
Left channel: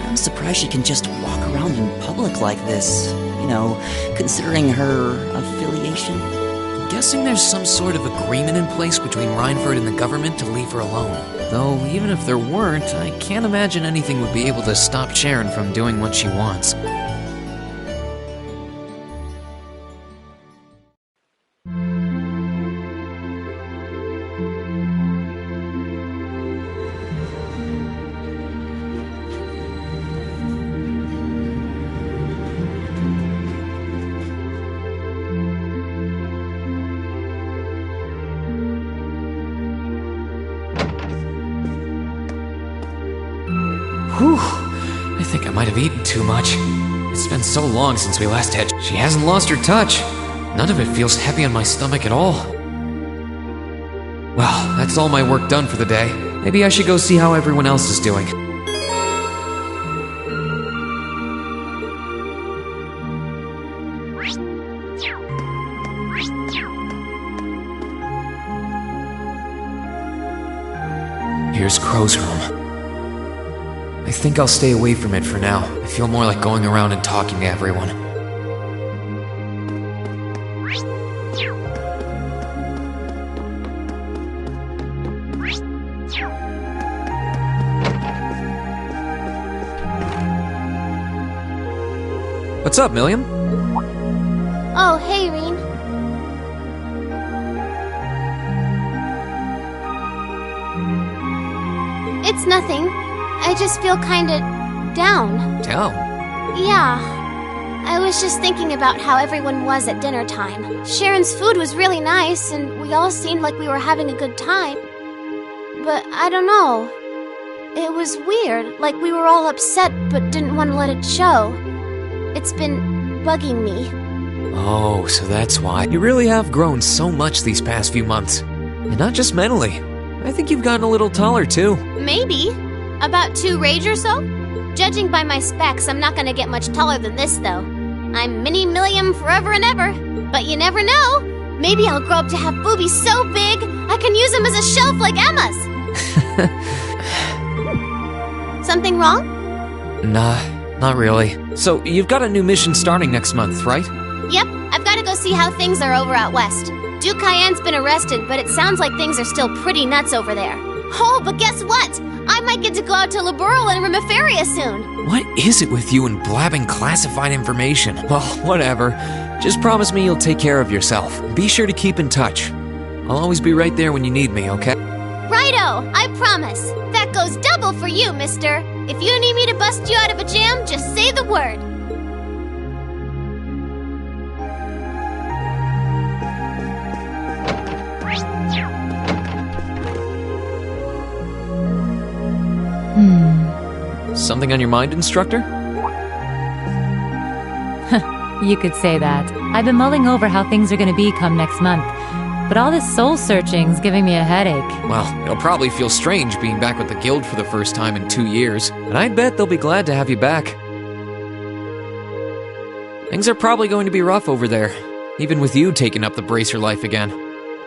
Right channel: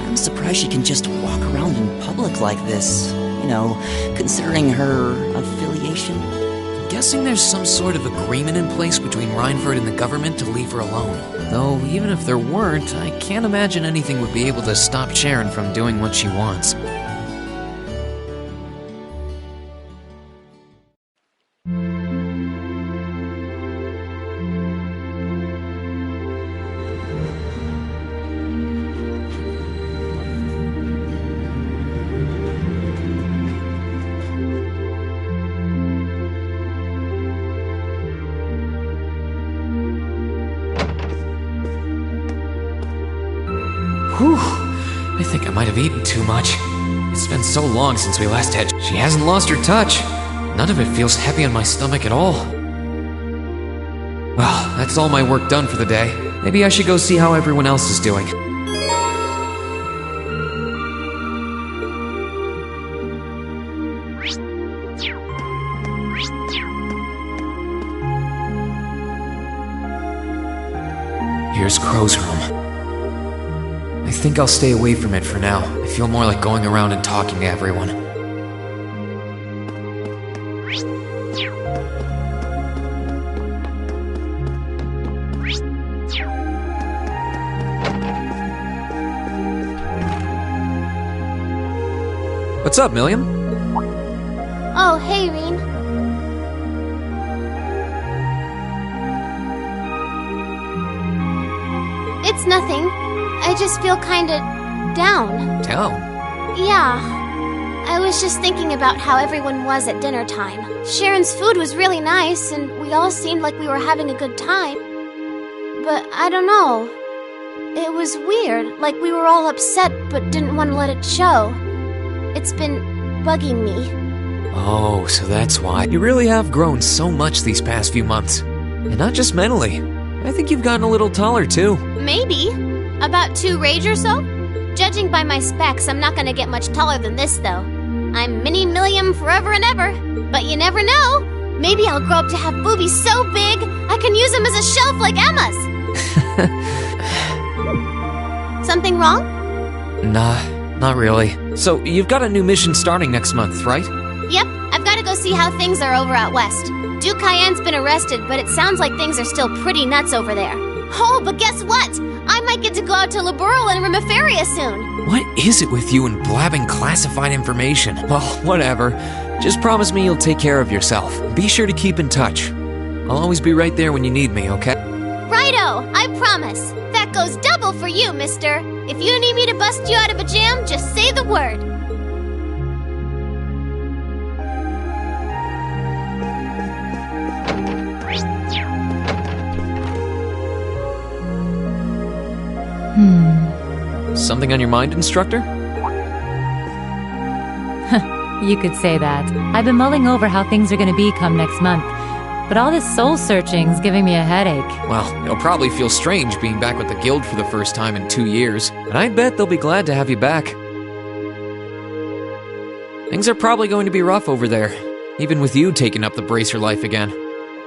I'm surprised she can just walk around in public like this. You know, considering her affiliation. I'm guessing there's some sort of agreement in place between Reinford and the government to leave her alone. Though, even if there weren't, I can't imagine anything would be able to stop Sharon from doing what she wants. Whew, I think I might have eaten too much. It's been so long since we last had... She hasn't lost her touch. None of it feels heavy on my stomach at all. Well, that's all my work done for the day. Maybe I should go see how everyone else is doing. Here's Crow's room. I think I'll stay away from it for now. I feel more like going around and talking to everyone. What's up, Milliam? Oh, hey, Reen. It's nothing. I just feel kinda down. Down? Yeah. I was just thinking about how everyone was at dinner time. Sharon's food was really nice, and we all seemed like we were having a good time. But I don't know. It was weird, like we were all upset but didn't want to let it show. It's been bugging me. Oh, so that's why. You really have grown so much these past few months. And not just mentally. I think you've gotten a little taller, too. Maybe. About 2 rage or so? Judging by my specs, I'm not gonna get much taller than this, though. I'm Mini Milliam forever and ever. But you never know. Maybe I'll grow up to have boobies so big, I can use them as a shelf like Emma's. Something wrong? Nah, not really. So, you've got a new mission starting next month, right? Yep, I've gotta go see how things are over out west. Duke Cayenne's been arrested, but it sounds like things are still pretty nuts over there. Oh, but guess what? I might get to go out to Liberl and Remiferia soon. What is it with you and blabbing classified information? Well, whatever. Just promise me you'll take care of yourself. Be sure to keep in touch. I'll always be right there when you need me, okay? Righto, I promise. That goes double for you, mister. If you need me to bust you out of a jam, just say the word. Something on your mind, instructor? You could say that. I've been mulling over how things are going to be come next month. But all this soul-searching's giving me a headache. Well, it'll probably feel strange being back with the guild for the first time in 2 years. And I'd bet they'll be glad to have you back. Things are probably going to be rough over there, even with you taking up the bracer life again.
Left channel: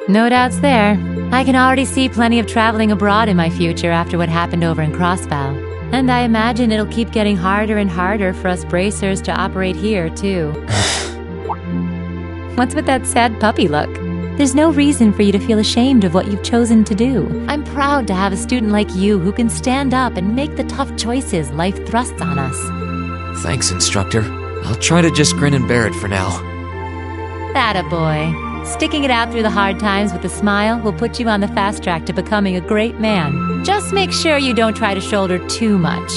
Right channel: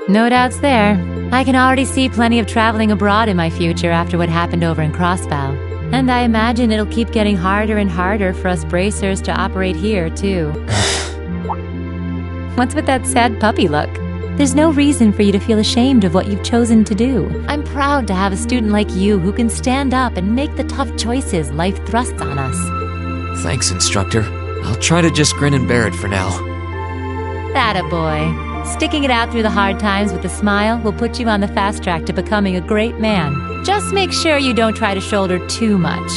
No doubts there. I can already see plenty of traveling abroad in my future after what happened over in Crossbow. And I imagine it'll keep getting harder and harder for us bracers to operate here, too. What's with that sad puppy look? There's no reason for you to feel ashamed of what you've chosen to do. I'm proud to have a student like you who can stand up and make the tough choices life thrusts on us. Thanks, instructor. I'll try to just grin and bear it for now. Attaboy. Sticking it out through the hard times with a smile will put you on the fast track to becoming a great man. Just make sure you don't try to shoulder too much.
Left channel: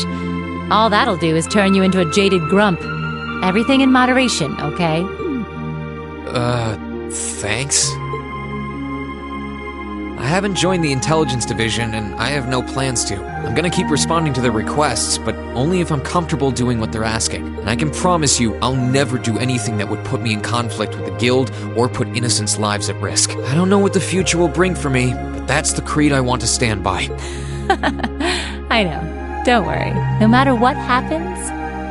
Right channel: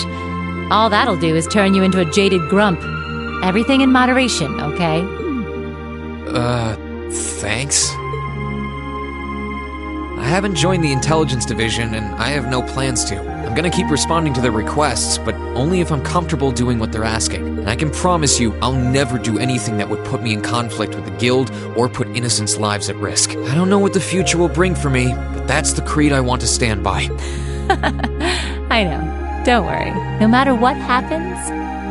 All that'll do is turn you into a jaded grump. Everything in moderation, okay? Thanks. I haven't joined the intelligence division, and I have no plans to. I'm gonna keep responding to their requests, but only if I'm comfortable doing what they're asking. And I can promise you, I'll never do anything that would put me in conflict with the guild or put innocents' lives at risk. I don't know what the future will bring for me, but that's the creed I want to stand by. I know. Don't worry. No matter what happens,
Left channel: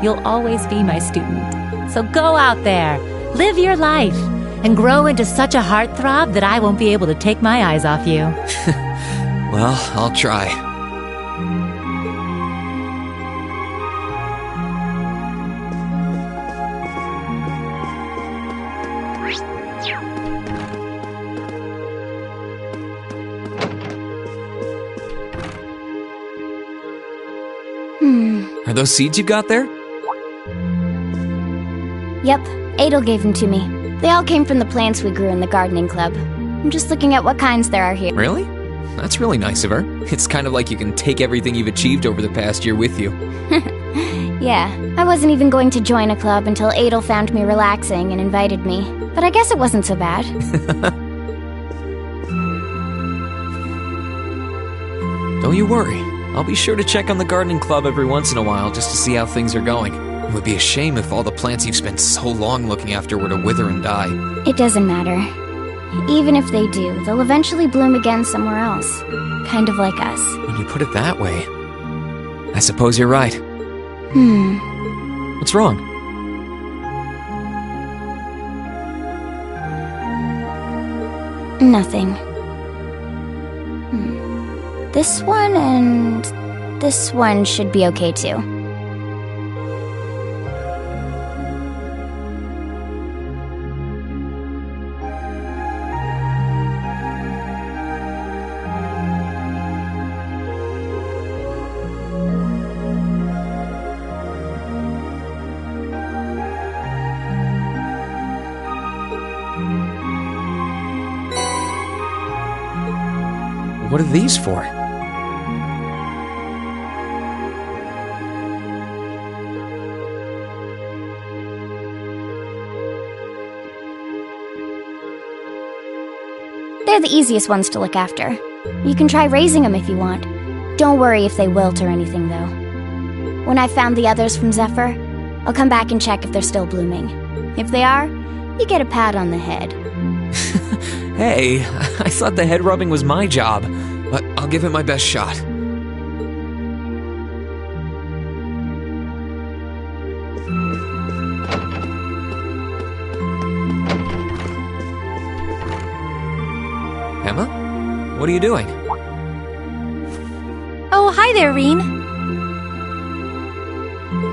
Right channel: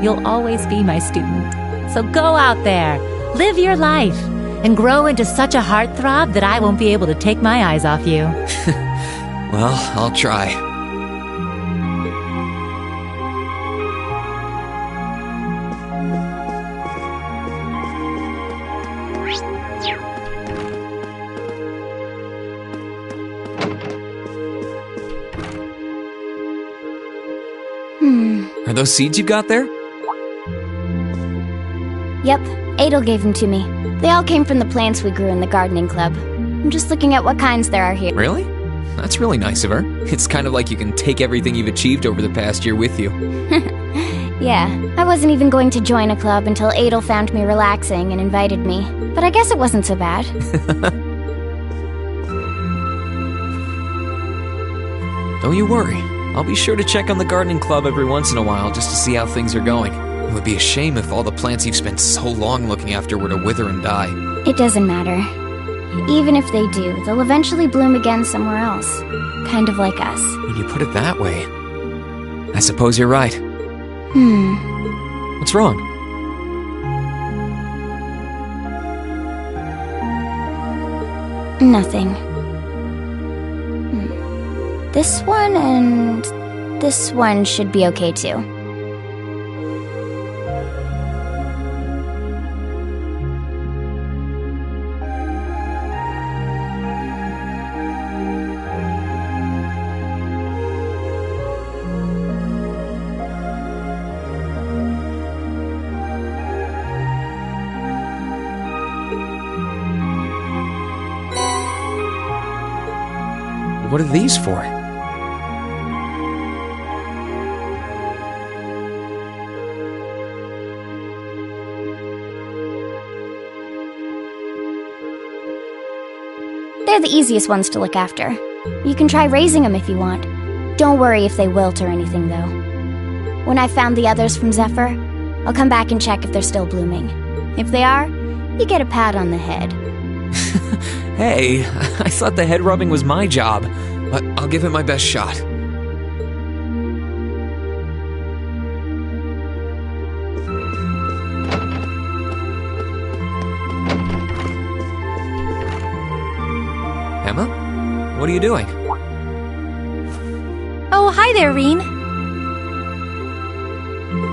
you'll always be my student. So go out there, live your life, and grow into such a heartthrob that I won't be able to take my eyes off you. Well, I'll try. Are those seeds you got there? Yep, Adel gave them to me. They all came from the plants we grew in the gardening club. I'm just looking at what kinds there are here. Really? That's really nice of her. It's kind of like you can take everything you've achieved over the past year with you. Yeah, I wasn't even going to join a club until Adel found me relaxing and invited me. But I guess it wasn't so bad. Don't you worry. I'll be sure to check on the gardening club every once in a while just to see how things are going. It would be a shame if all the plants you've spent so long looking after were to wither and die. It doesn't matter. Even if they do, they'll eventually bloom again somewhere else. Kind of like us. When you put it that way, I suppose you're right. What's wrong? Nothing. This one and this one should be okay too. What are these for? They're the easiest ones to look after. You can try raising them if you want. Don't worry if they wilt or anything, though. When I've found the others from Zephyr, I'll come back and check if they're still blooming. If they are, you get a pat on the head. Hey, I thought the head rubbing was my job, but I'll give it my best shot. Emma? What are you doing? Oh, hi there, Reen.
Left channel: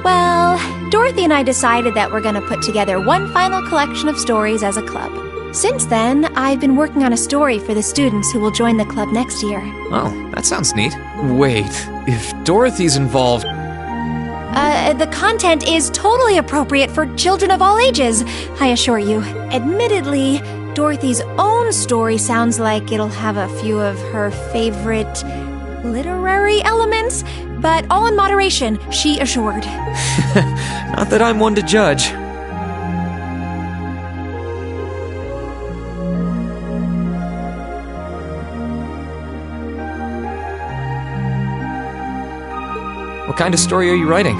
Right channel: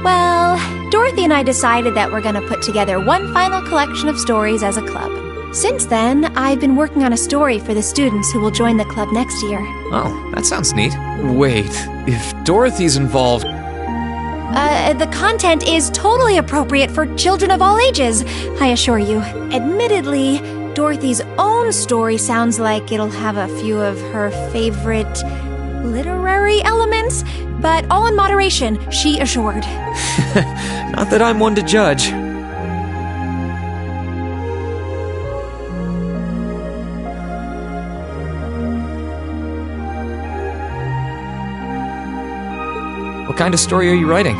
Well, Dorothy and I decided that we're gonna put together one final collection of stories as a club. Since then, I've been working on a story for the students who will join the club next year. Oh, that sounds neat. Wait, if Dorothy's involved... The content is totally appropriate for children of all ages, I assure you. Admittedly, Dorothy's own story sounds like it'll have a few of her favorite literary elements, but all in moderation, she assured. Not that I'm one to judge. What kind of story are you writing?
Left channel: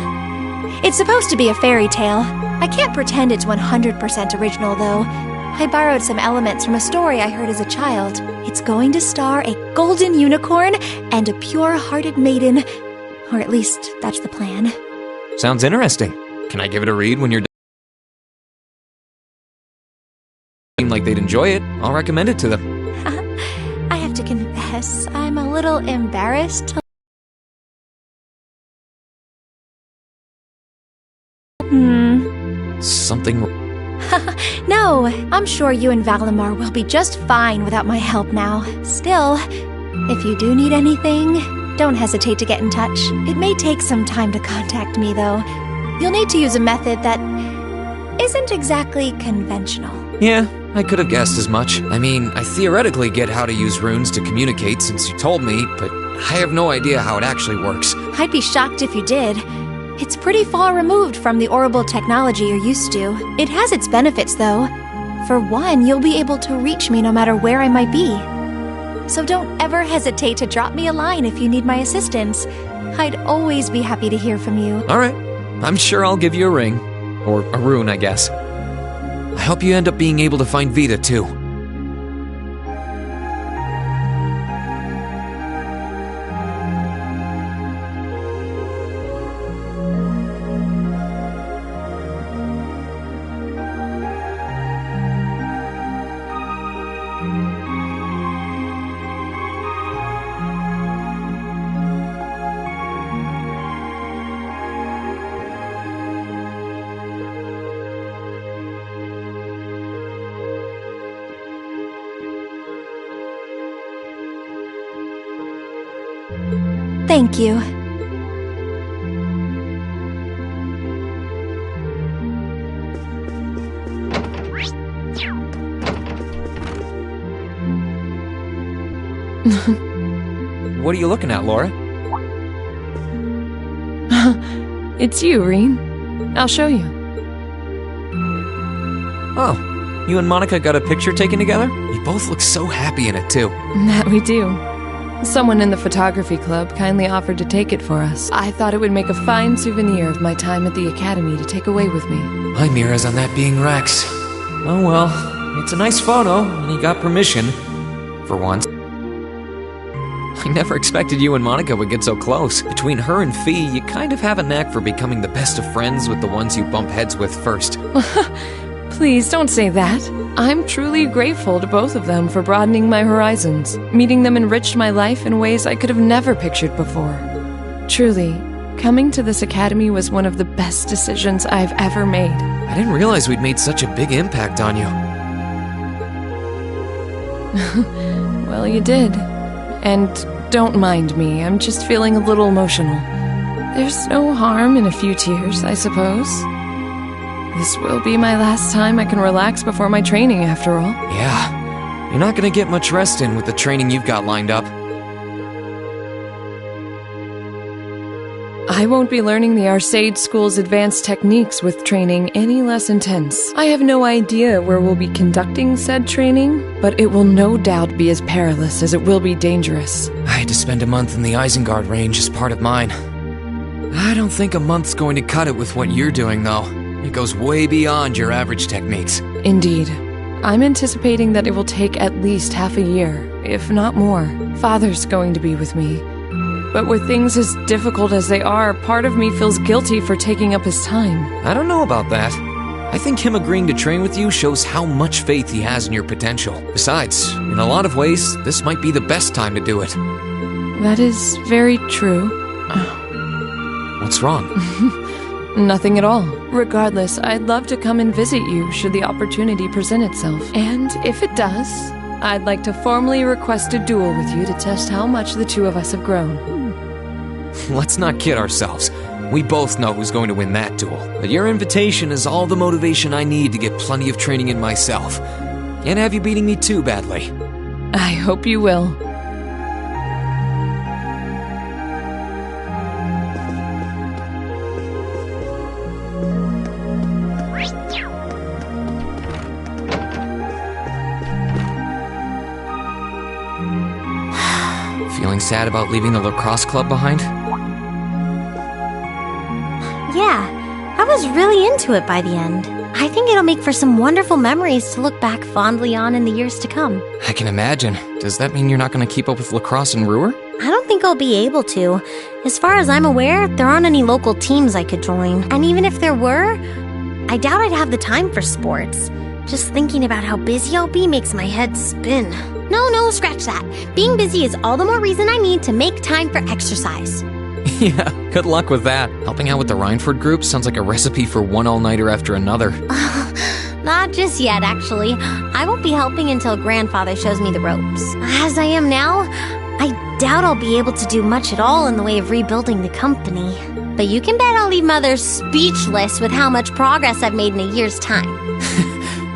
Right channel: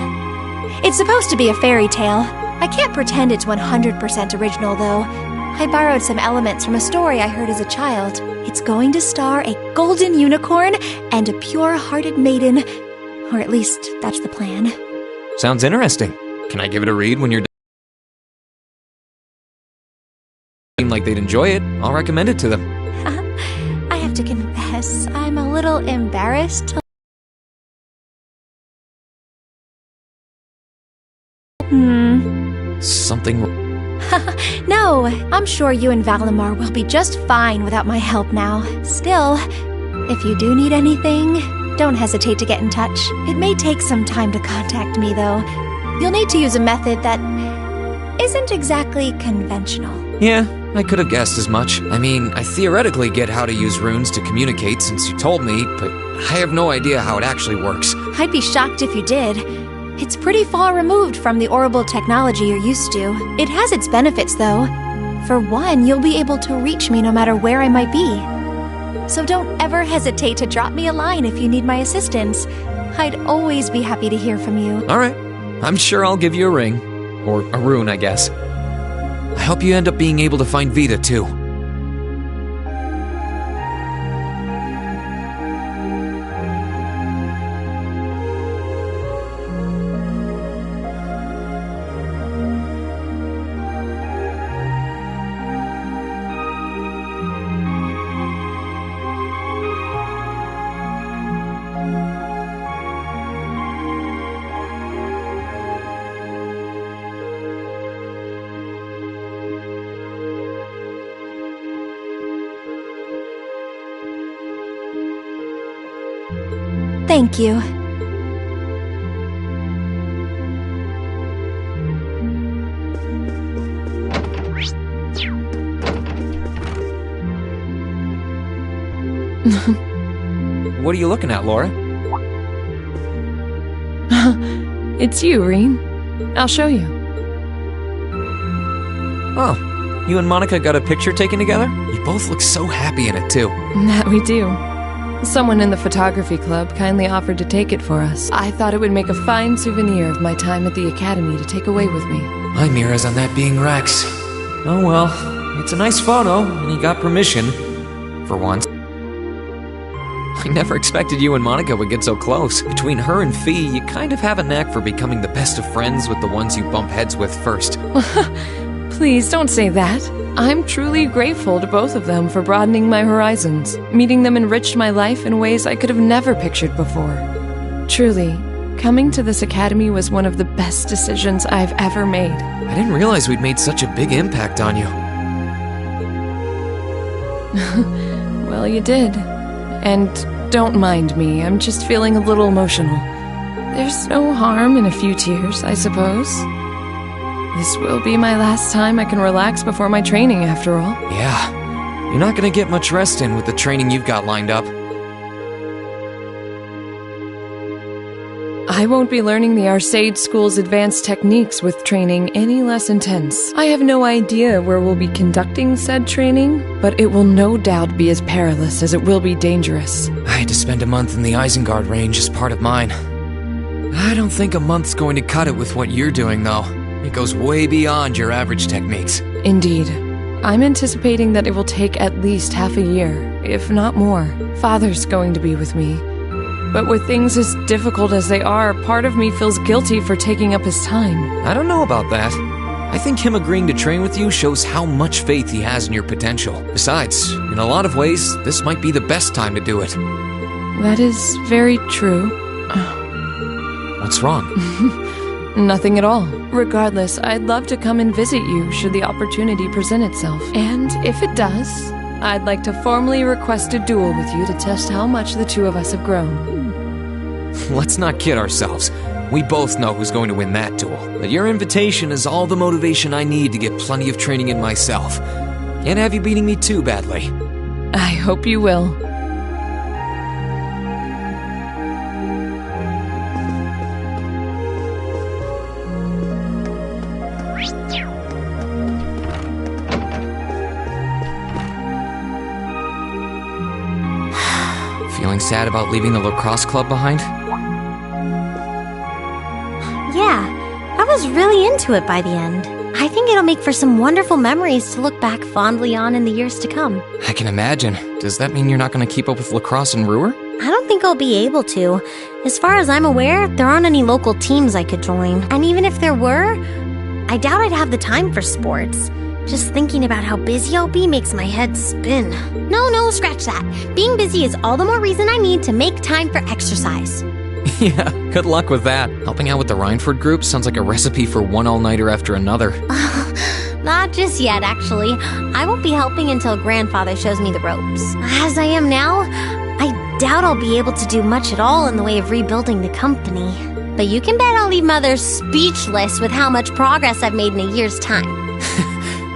It's supposed to be a fairy tale. I can't pretend it's 100% original, though. I borrowed some elements from a story I heard as a child. It's going to star a golden unicorn and a pure-hearted maiden. Or at least, that's the plan. Sounds interesting. Can I give it a read when you're done? Seem like they'd enjoy it. I'll recommend it to them. I have to confess, I'm a little embarrassed to... Something... No, I'm sure you and Valimar will be just fine without my help now. Still, if you do need anything, don't hesitate to get in touch. It may take some time to contact me, though. You'll need to use a method that isn't exactly conventional. Yeah, I could have guessed as much. I mean, I theoretically get how to use runes to communicate since you told me, but I have no idea how it actually works. I'd be shocked if you did. It's pretty far removed from the orbital technology you're used to. It has its benefits, though. For one, you'll be able to reach me no matter where I might be. So don't ever hesitate to drop me a line if you need my assistance. I'd always be happy to hear from you. Alright, I'm sure I'll give you a ring. Or a rune, I guess. I hope you end up being able to find Vita, too. Thank you. What are you looking at, Laura? It's you, Rean. I'll show you. Oh, you and Monica got a picture taken together? You both look so happy in it, too. That we do. Someone in the photography club kindly offered to take it for us. I thought it would make a fine souvenir of my time at the academy to take away with me. My mirror's on that being Rex. Oh well, it's a nice photo, and he got permission. For once. I never expected you and Monica would get so close. Between her and Fee, you kind of have a knack for becoming the best of friends with the ones you bump heads with first. Please don't say that. I'm truly grateful to both of them for broadening my horizons. Meeting them enriched my life in ways I could have never pictured before. Truly, coming to this academy was one of the best decisions I've ever made. I didn't realize we'd made such a big impact on you. Well, you did. And don't mind me, I'm just feeling a little emotional. There's no harm in a few tears, I suppose. This will be my last time I can relax before my training, after all. Yeah, you're not gonna get much rest in with the training you've got lined up. I won't be learning the Arcade School's advanced techniques with training any less intense. I have no idea where we'll be conducting said training, but it will no doubt be as perilous as it will be dangerous. I had to spend a month in the Isengard range as part of mine. I don't think a month's going to cut it with what you're doing, though. It goes way beyond your average techniques. Indeed. I'm anticipating that it will take at least half a year, if not more. Father's going to be with me. But with things as difficult as they are, part of me feels guilty for taking up his time. I don't know about that. I think him agreeing to train with you shows how much faith he has in your potential. Besides, in a lot of ways, this might be the best time to do it. That is very true. What's wrong? Nothing at all. Regardless, I'd love to come and visit you should the opportunity present itself. And if it does, I'd like to formally request a duel with you to test how much the two of us have grown. Let's not kid ourselves. We both know who's going to win that duel. But your invitation is all the motivation I need to get plenty of training in myself. Can't have you beating me too badly. I hope you will. Feeling sad about leaving the lacrosse club behind? Yeah, I was really into it by the end. I think it'll make for some wonderful memories to look back fondly on in the years to come. I can imagine. Does that mean you're not going to keep up with lacrosse and Ruhr? I don't think I'll be able to. As far as I'm aware, there aren't any local teams I could join. And even if there were, I doubt I'd have the time for sports. Just thinking about how busy I'll be makes my head spin. No, scratch that. Being busy is all the more reason I need to make time for exercise. Yeah, good luck with that. Helping out with the Rhineford group sounds like a recipe for one all-nighter after another. Not just yet, actually. I won't be helping until Grandfather shows me the ropes. As I am now, I doubt I'll be able to do much at all in the way of rebuilding the company. But you can bet I'll leave Mother speechless with how much progress I've made in a year's time.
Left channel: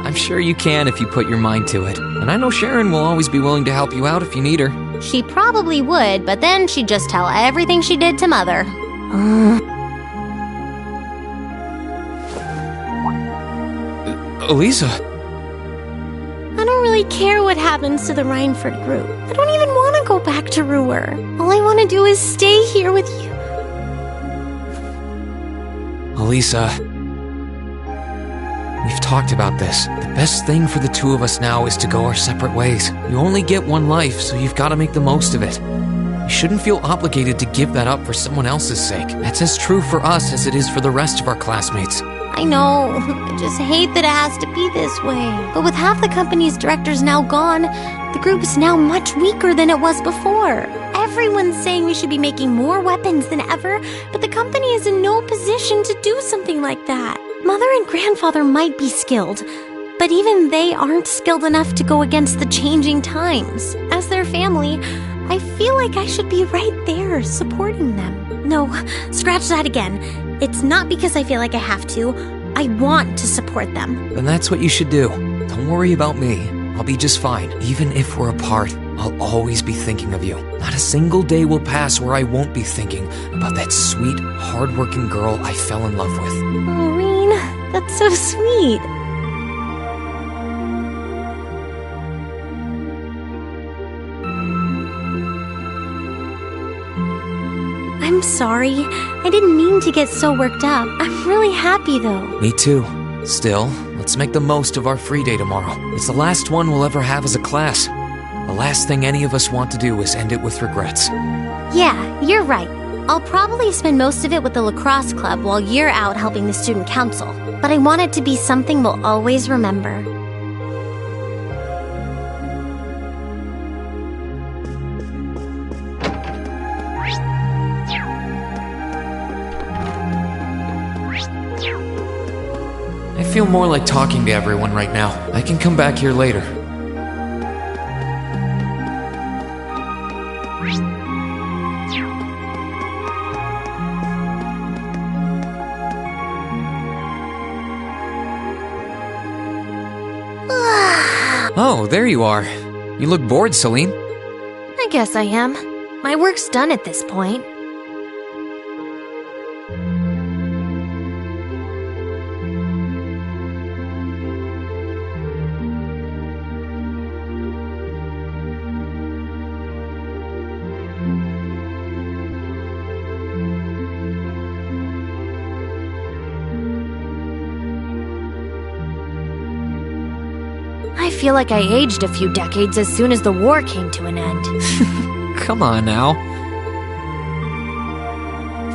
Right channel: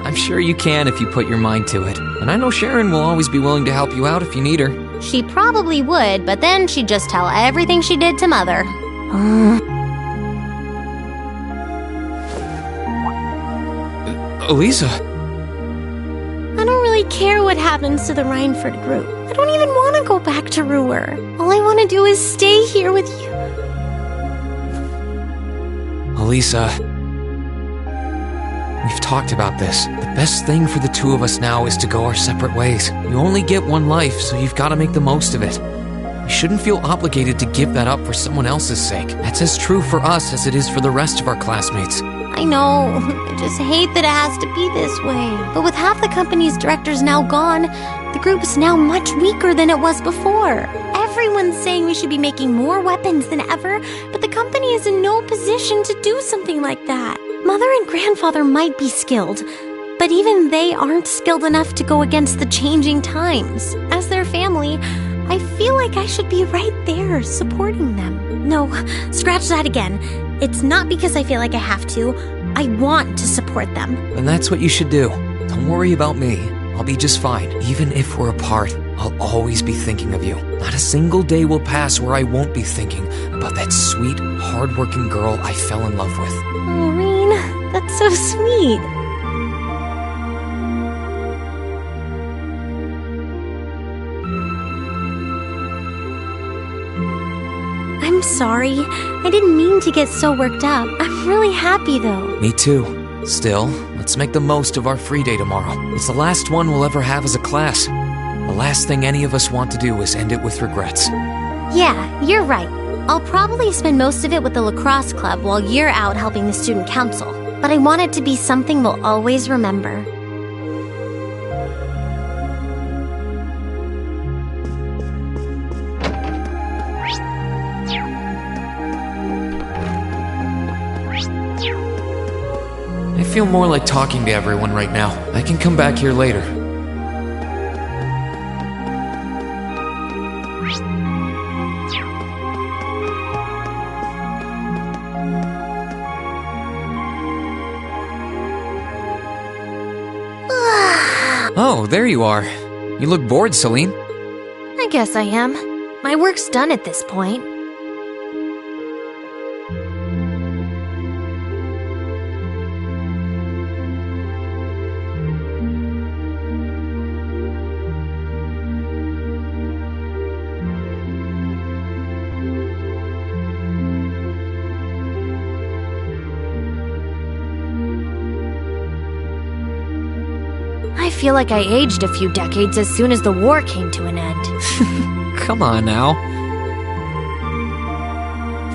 I'm sure you can if you put your mind to it. And I know Sharon will always be willing to help you out if you need her. She probably would, but then she'd just tell everything she did to Mother. Elisa? I don't really care what happens to the Rhineford group. I don't even want to go back to Ruhr. All I want to do is stay here with you. Elisa, we've talked about this. The best thing for the two of us now is to go our separate ways. You only get one life, so you've got to make the most of it. You shouldn't feel obligated to give that up for someone else's sake. That's as true for us as it is for the rest of our classmates. I know. I just hate that it has to be this way. But with half the company's directors now gone, the group is now much weaker than it was before. Everyone's saying we should be making more weapons than ever, but the company is in no position to do something like that. Mother and Grandfather might be skilled, but even they aren't skilled enough to go against the changing times. As their family, I feel like I should be right there supporting them. No, scratch that again. It's not because I feel like I have to. I want to support them. Then that's what you should do. Don't worry about me. I'll be just fine. Even if we're apart, I'll always be thinking of you. Not a single day will pass where I won't be thinking about that sweet, hard-working girl I fell in love with. Oh, Reen, that's so sweet. I'm sorry. I didn't mean to get so worked up. I'm really happy, though. Me too. Still, let's make the most of our free day tomorrow. It's the last one we'll ever have as a class. The last thing any of us want to do is end it with regrets. Yeah, you're right. I'll probably spend most of it with the lacrosse club while you're out helping the student council. But I want it to be something we'll always remember. I feel more like talking to everyone right now. I can come back here later. Oh, there you are. You look bored, Celine. I guess I am. My work's done at this point. I feel like I aged a few decades as soon as the war came to an end. Come on now.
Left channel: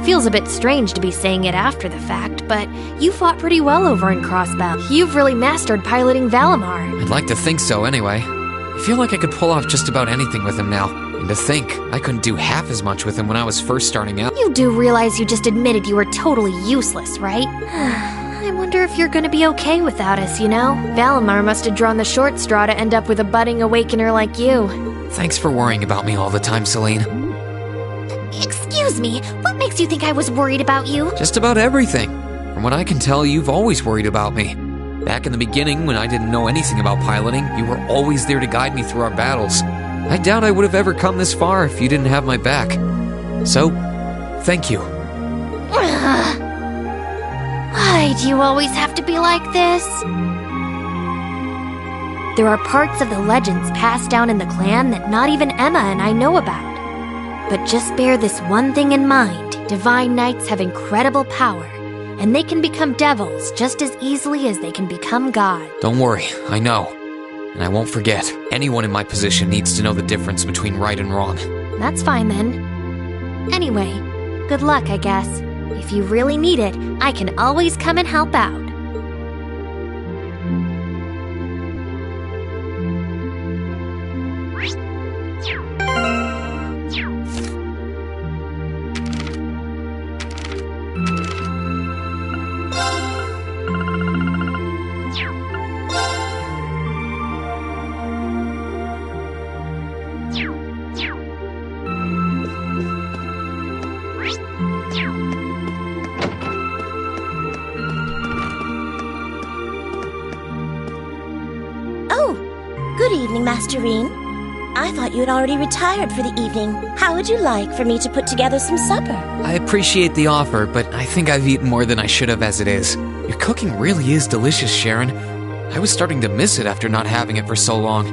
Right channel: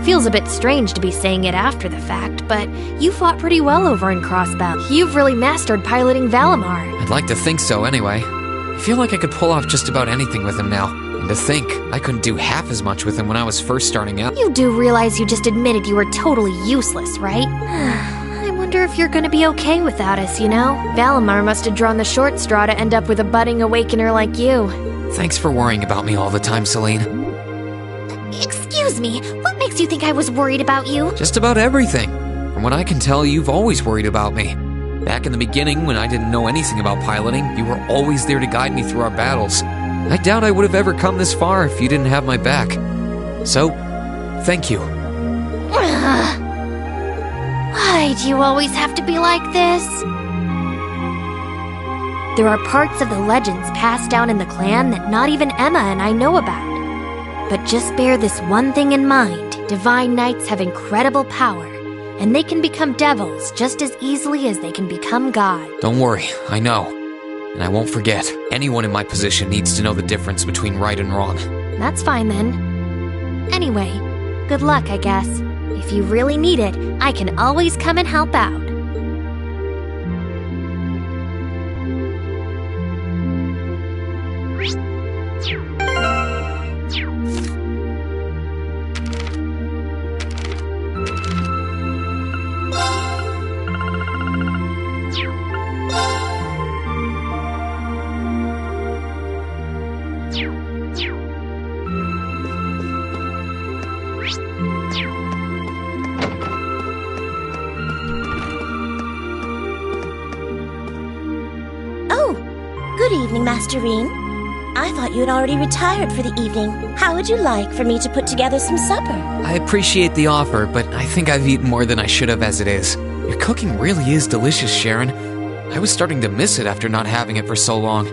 Feels a bit strange to be saying it after the fact, but you fought pretty well over in Crossbell. You've really mastered piloting Valimar. I'd like to think so anyway. I feel like I could pull off just about anything with him now. And to think, I couldn't do half as much with him when I was first starting out. You do realize you just admitted you were totally useless, right? I wonder if you're gonna be okay without us, you know? Valimar must have drawn the short straw to end up with a budding awakener like you. Thanks for worrying about me all the time, Celine. Excuse me, what makes you think I was worried about you? Just about everything. From what I can tell, you've always worried about me. Back in the beginning, when I didn't know anything about piloting, you were always there to guide me through our battles. I doubt I would have ever come this far if you didn't have my back. So, thank you. Why do you always have to be like this? There are parts of the legends passed down in the clan that not even Emma and I know about. But just bear this one thing in mind. Divine Knights have incredible power, and they can become devils just as easily as they can become God. Don't worry, I know. And I won't forget. Anyone in my position needs to know the difference between right and wrong. That's fine then. Anyway, good luck, I guess. If you really need it, I can always come and help out. Good evening, Master Rean. I thought you had already retired for the evening. How would you like for me to put together some supper? I appreciate the offer, but I think I've eaten more than I should have as it is. Your cooking really is delicious, Sharon. I was starting to miss it after not having it for so long.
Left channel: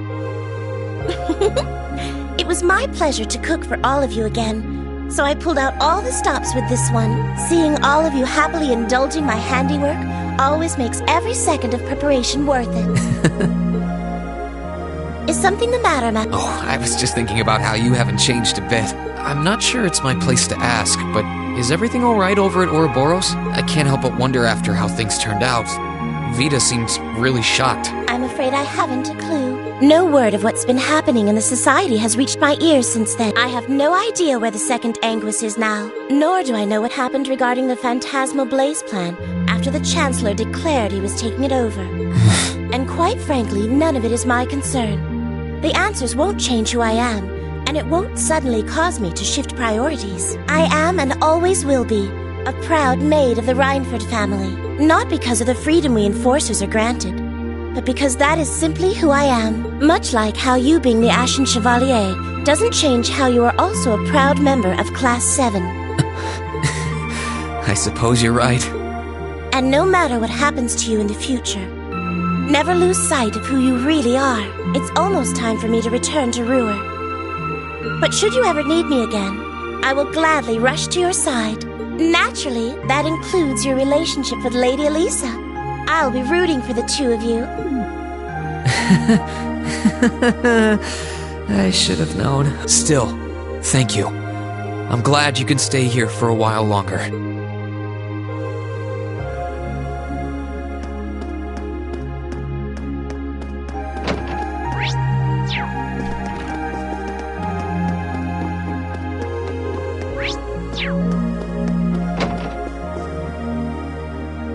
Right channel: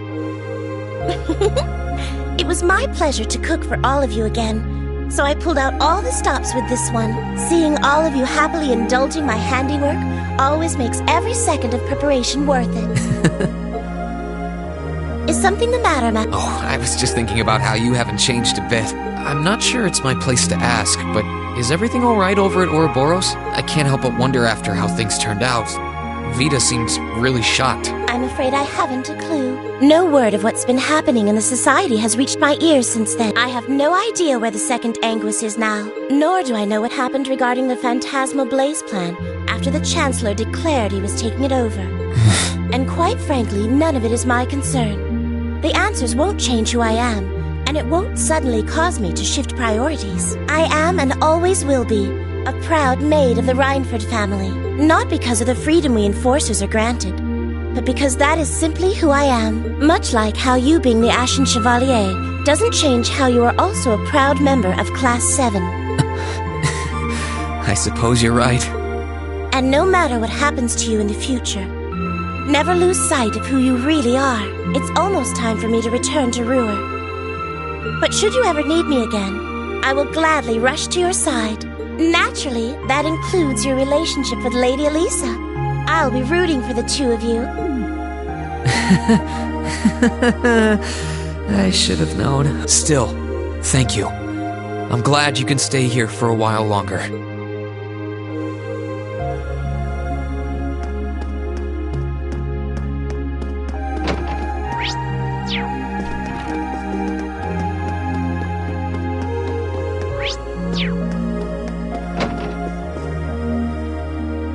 It was my pleasure to cook for all of you again, so I pulled out all the stops with this one. Seeing all of you happily indulging my handiwork always makes every second of preparation worth it. Is something the matter, Matt? Oh, I was just thinking about how you haven't changed a bit. I'm not sure it's my place to ask, but is everything alright over at Ouroboros? I can't help but wonder after how things turned out. Vita seems really shocked. I'm afraid I haven't a clue. No word of what's been happening in the society has reached my ears since then. I have no idea where the second Anguis is now, nor do I know what happened regarding the Phantasmal Blaze plan after the Chancellor declared he was taking it over. And quite frankly, none of it is my concern. The answers won't change who I am, and it won't suddenly cause me to shift priorities. I am and always will be a proud maid of the Reinford family, not because of the freedom we enforcers are granted, but because that is simply who I am. Much like how you being the Ashen Chevalier doesn't change how you are also a proud member of Class 7. I suppose you're right. And no matter what happens to you in the future, never lose sight of who you really are. It's almost time for me to return to Ruhr. But should you ever need me again, I will gladly rush to your side. Naturally, that includes your relationship with Lady Elisa. I'll be rooting for the two of you. I should have known. Still, thank you. I'm glad you can stay here for a while longer.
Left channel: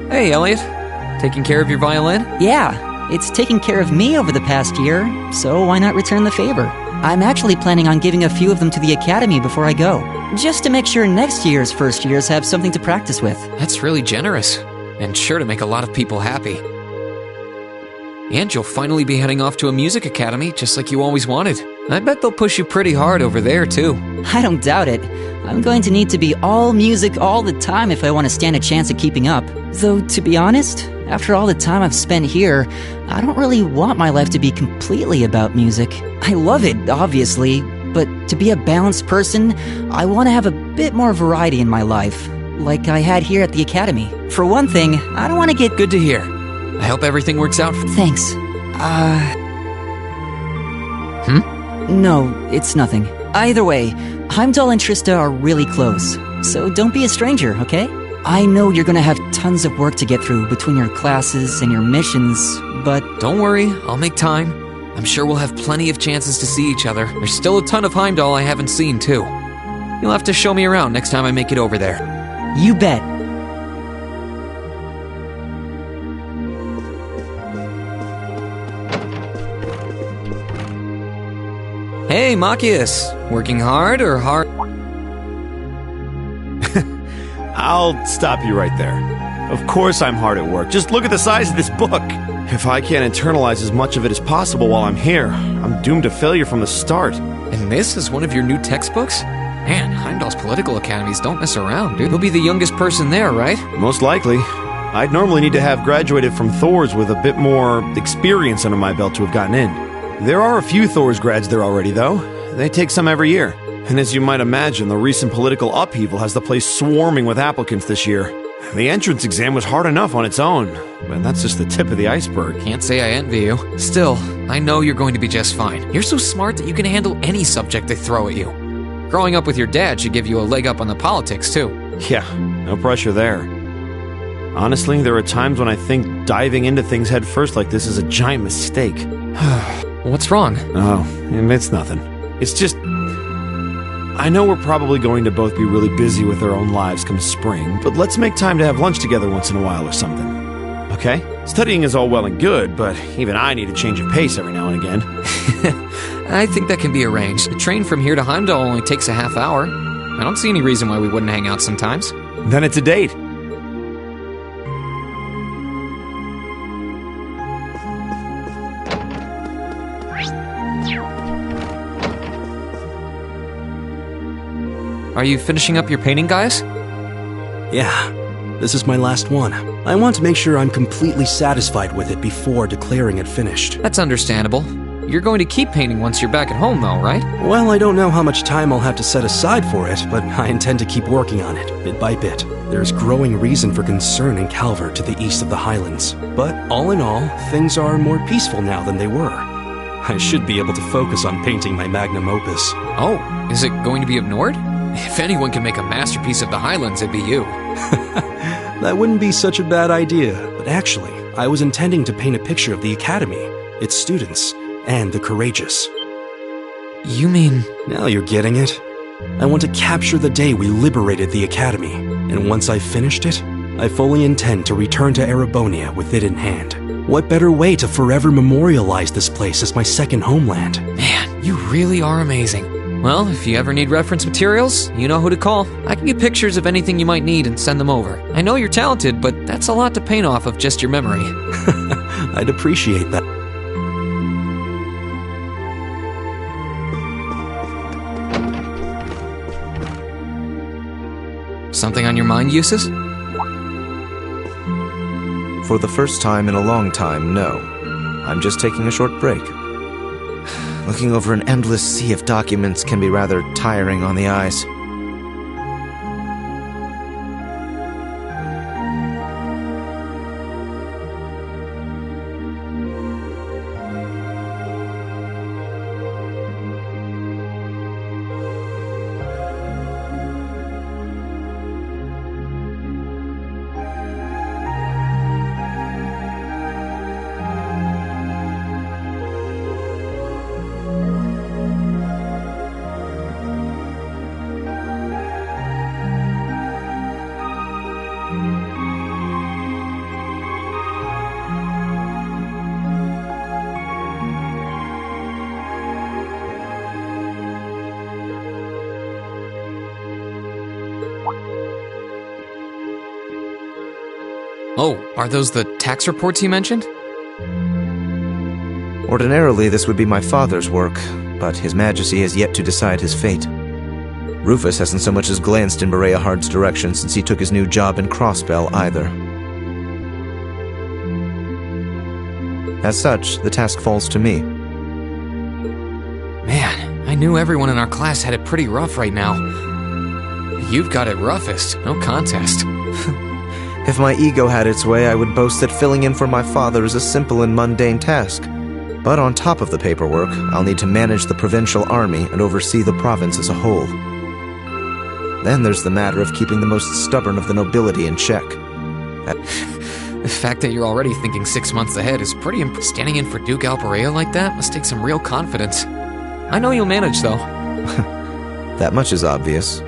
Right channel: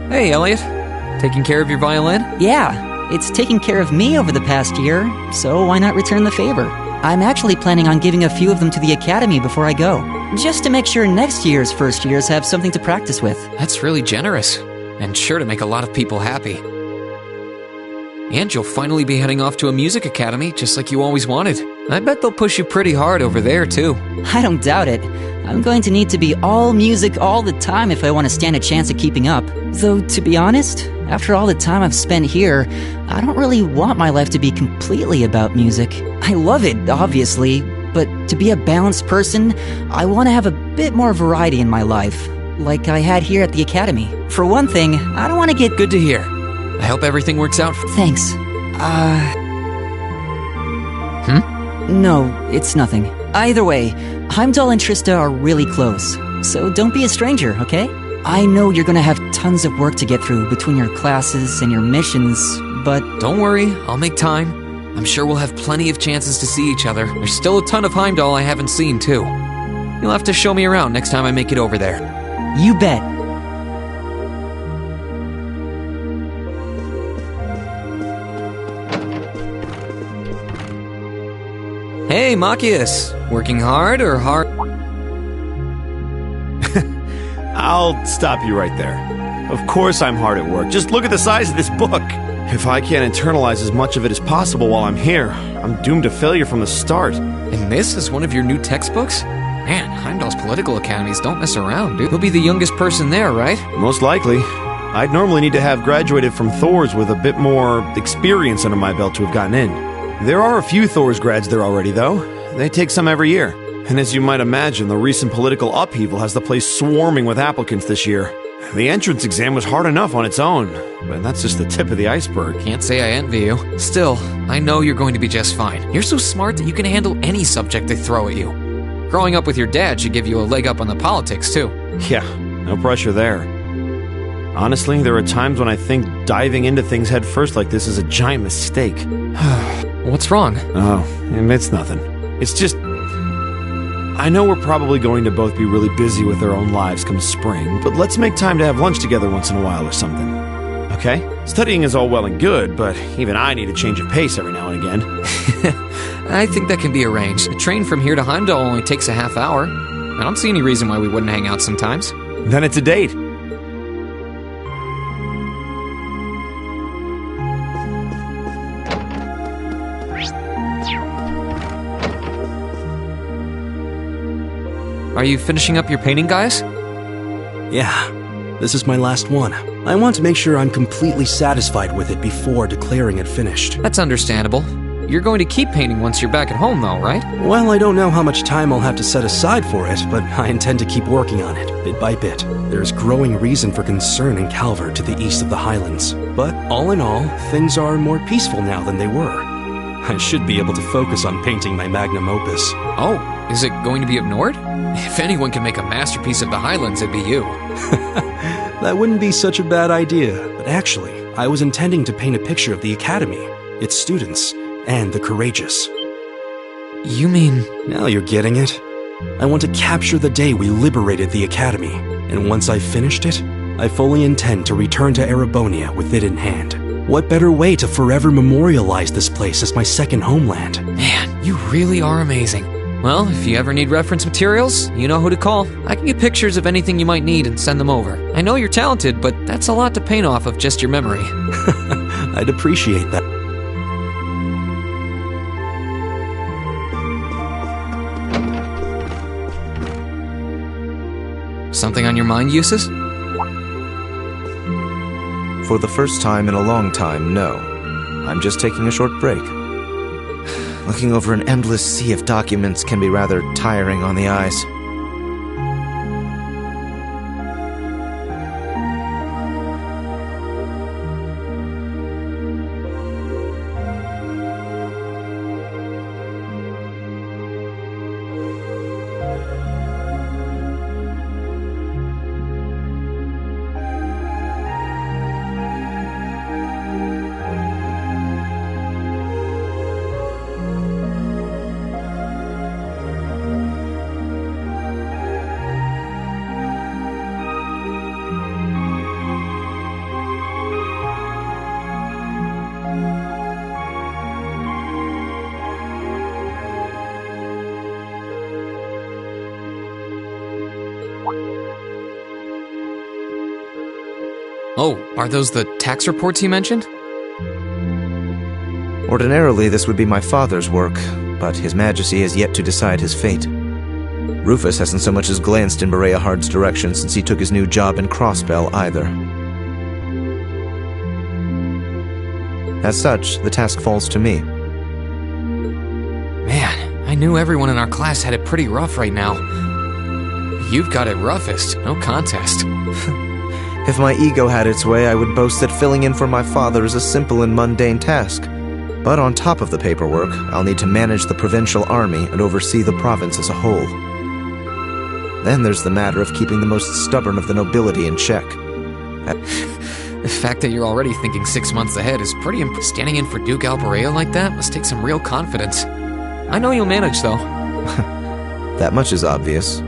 Hey, Elliot. Taking care of your violin? Yeah, it's taken care of me over the past year, so why not return the favor? I'm actually planning on giving a few of them to the Academy before I go, just to make sure next year's first years have something to practice with. That's really generous, and sure to make a lot of people happy. And you'll finally be heading off to a music academy, just like you always wanted. I bet they'll push you pretty hard over there, too. I don't doubt it. I'm going to need to be all music all the time if I want to stand a chance at keeping up. Though, to be honest, after all the time I've spent here, I don't really want my life to be completely about music. I love it, obviously, but to be a balanced person, I want to have a bit more variety in my life, like I had here at the Academy. For one thing, I don't want to get... Good to hear. I hope everything works out. Thanks. No, it's nothing. Either way, Heimdall and Trista are really close, so don't be a stranger, okay? I know you're gonna have tons of work to get through between your classes and your missions, but... Don't worry, I'll make time. I'm sure we'll have plenty of chances to see each other. There's still a ton of Heimdall I haven't seen, too. You'll have to show me around next time I make it over there. You bet. Hey, Machias. Working hard or hard? I'll stop you right there. Of course I'm hard at work. Just look at the size of this book. If I can't internalize as much of it as possible while I'm here, I'm doomed to failure from the start. And this is one of your new textbooks? Man, Heimdall's political academies don't mess around, dude. You'll be the youngest person there, right? Most likely. I'd normally need to have graduated from Thor's with a bit more experience under my belt to have gotten in. There are a few Thor's grads there already, though. They take some every year. And as you might imagine, the recent political upheaval has the place swarming with applicants this year. The entrance exam was hard enough on its own, but that's just the tip of the iceberg. Can't say I envy you. Still, I know you're going to be just fine. You're so smart that you can handle any subject they throw at you. Growing up with your dad should give you a leg up on the politics, too. Yeah, no pressure there. Honestly, there are times when I think diving into things head first like this is a giant mistake. What's wrong? Oh, it's nothing. It's just... I know we're probably going to both be really busy with our own lives come spring, but let's make time to have lunch together once in a while or something. Okay? Studying is all well and good, but even I need a change of pace every now and again. I think that can be arranged. The train from here to Heimdall only takes a half hour. I don't see any reason why we wouldn't hang out sometimes. Then it's a date. Are you finishing up your painting, guys? Yeah, this is my last one. I want to make sure I'm completely satisfied with it before declaring it finished. That's understandable. You're going to keep painting once you're back at home, though, right? Well, I don't know how much time I'll have to set aside for it, but I intend to keep working on it, bit by bit. There's growing reason for concern in Calvert to the east of the Highlands. But all in all, things are more peaceful now than they were. I should be able to focus on painting my magnum opus. Oh, is it going to be of Nord? If anyone can make a masterpiece of the Highlands, it'd be you. That wouldn't be such a bad idea, but actually, I was intending to paint a picture of the Academy, its students, and the courageous. You mean... Now you're getting it. I want to capture the day we liberated the Academy, and once I've finished it, I fully intend to return to Erebonia with it in hand. What better way to forever memorialize this place as my second homeland? Man, you really are amazing. Well, if you ever need reference materials, you know who to call. I can get pictures of anything you might need and send them over. I know you're talented, but that's a lot to paint off of just your memory. I'd appreciate that. Something on your mind, Eustace? For the first time in a long time, no. I'm just taking a short break. Looking over an endless sea of documents can be rather tiring on the eyes. Oh, are those the tax reports you mentioned? Ordinarily, this would be my father's work, but His Majesty has yet to decide his fate. Rufus hasn't so much as glanced in Berea Hard's direction since he took his new job in Crossbell either. As such, the task falls to me. Man, I knew everyone in our class had it pretty rough right now. You've got it roughest, no contest. If my ego had its way, I would boast that filling in for my father is a simple and mundane task. But on top of the paperwork, I'll need to manage the provincial army and oversee the province as a whole. Then there's the matter of keeping the most stubborn of the nobility in check. The fact that you're already thinking 6 months ahead is pretty Standing in for Duke Alberea like that must take some real confidence. I know you'll manage, though. That much is obvious.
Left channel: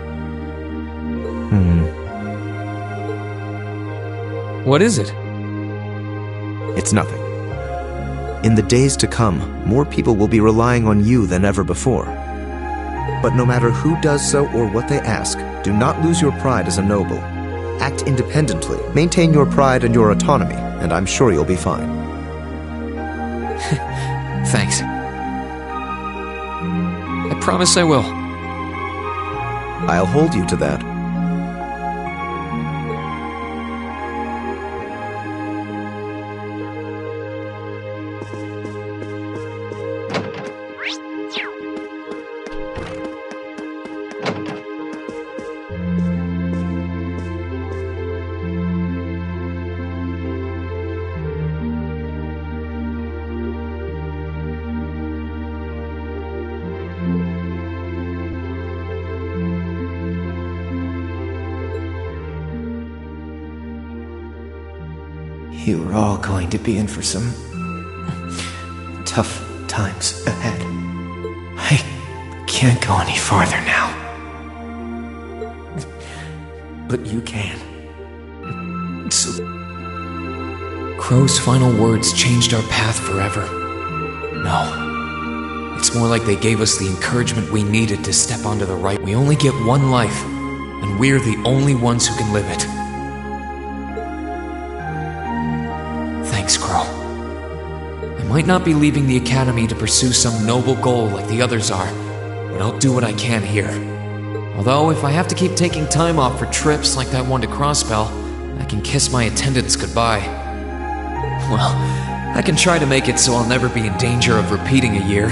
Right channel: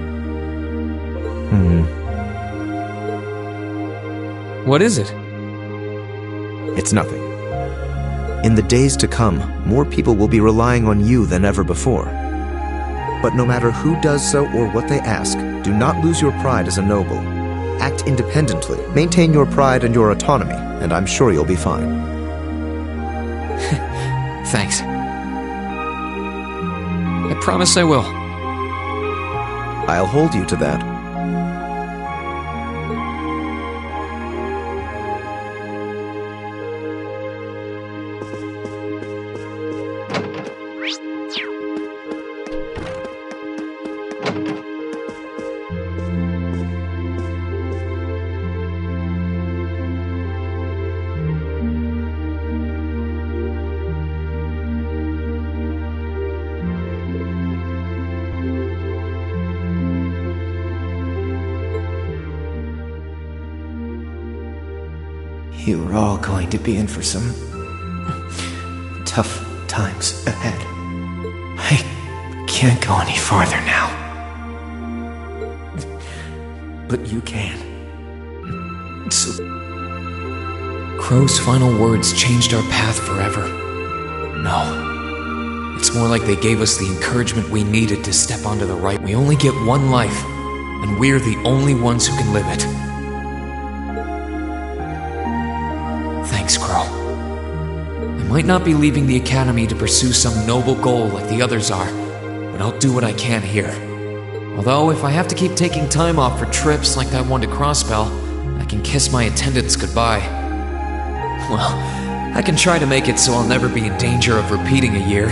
What is it? It's nothing. In the days to come, more people will be relying on you than ever before. But no matter who does so or what they ask, do not lose your pride as a noble. Act independently, maintain your pride and your autonomy, and I'm sure you'll be fine. Thanks. I promise I will. I'll hold you to that. You are all going to be in for some tough times ahead. I can't go any farther now. But you can. So... Crow's final words changed our path forever. No. It's more like they gave us the encouragement we needed to step onto the right. We only get one life, and we're the only ones who can live it. Thanks, Crow. I might not be leaving the Academy to pursue some noble goal like the others are, but I'll do what I can here. Although, if I have to keep taking time off for trips like that one to Crossbell, I can kiss my attendants goodbye. Well, I can try to make it so I'll never be in danger of repeating a year.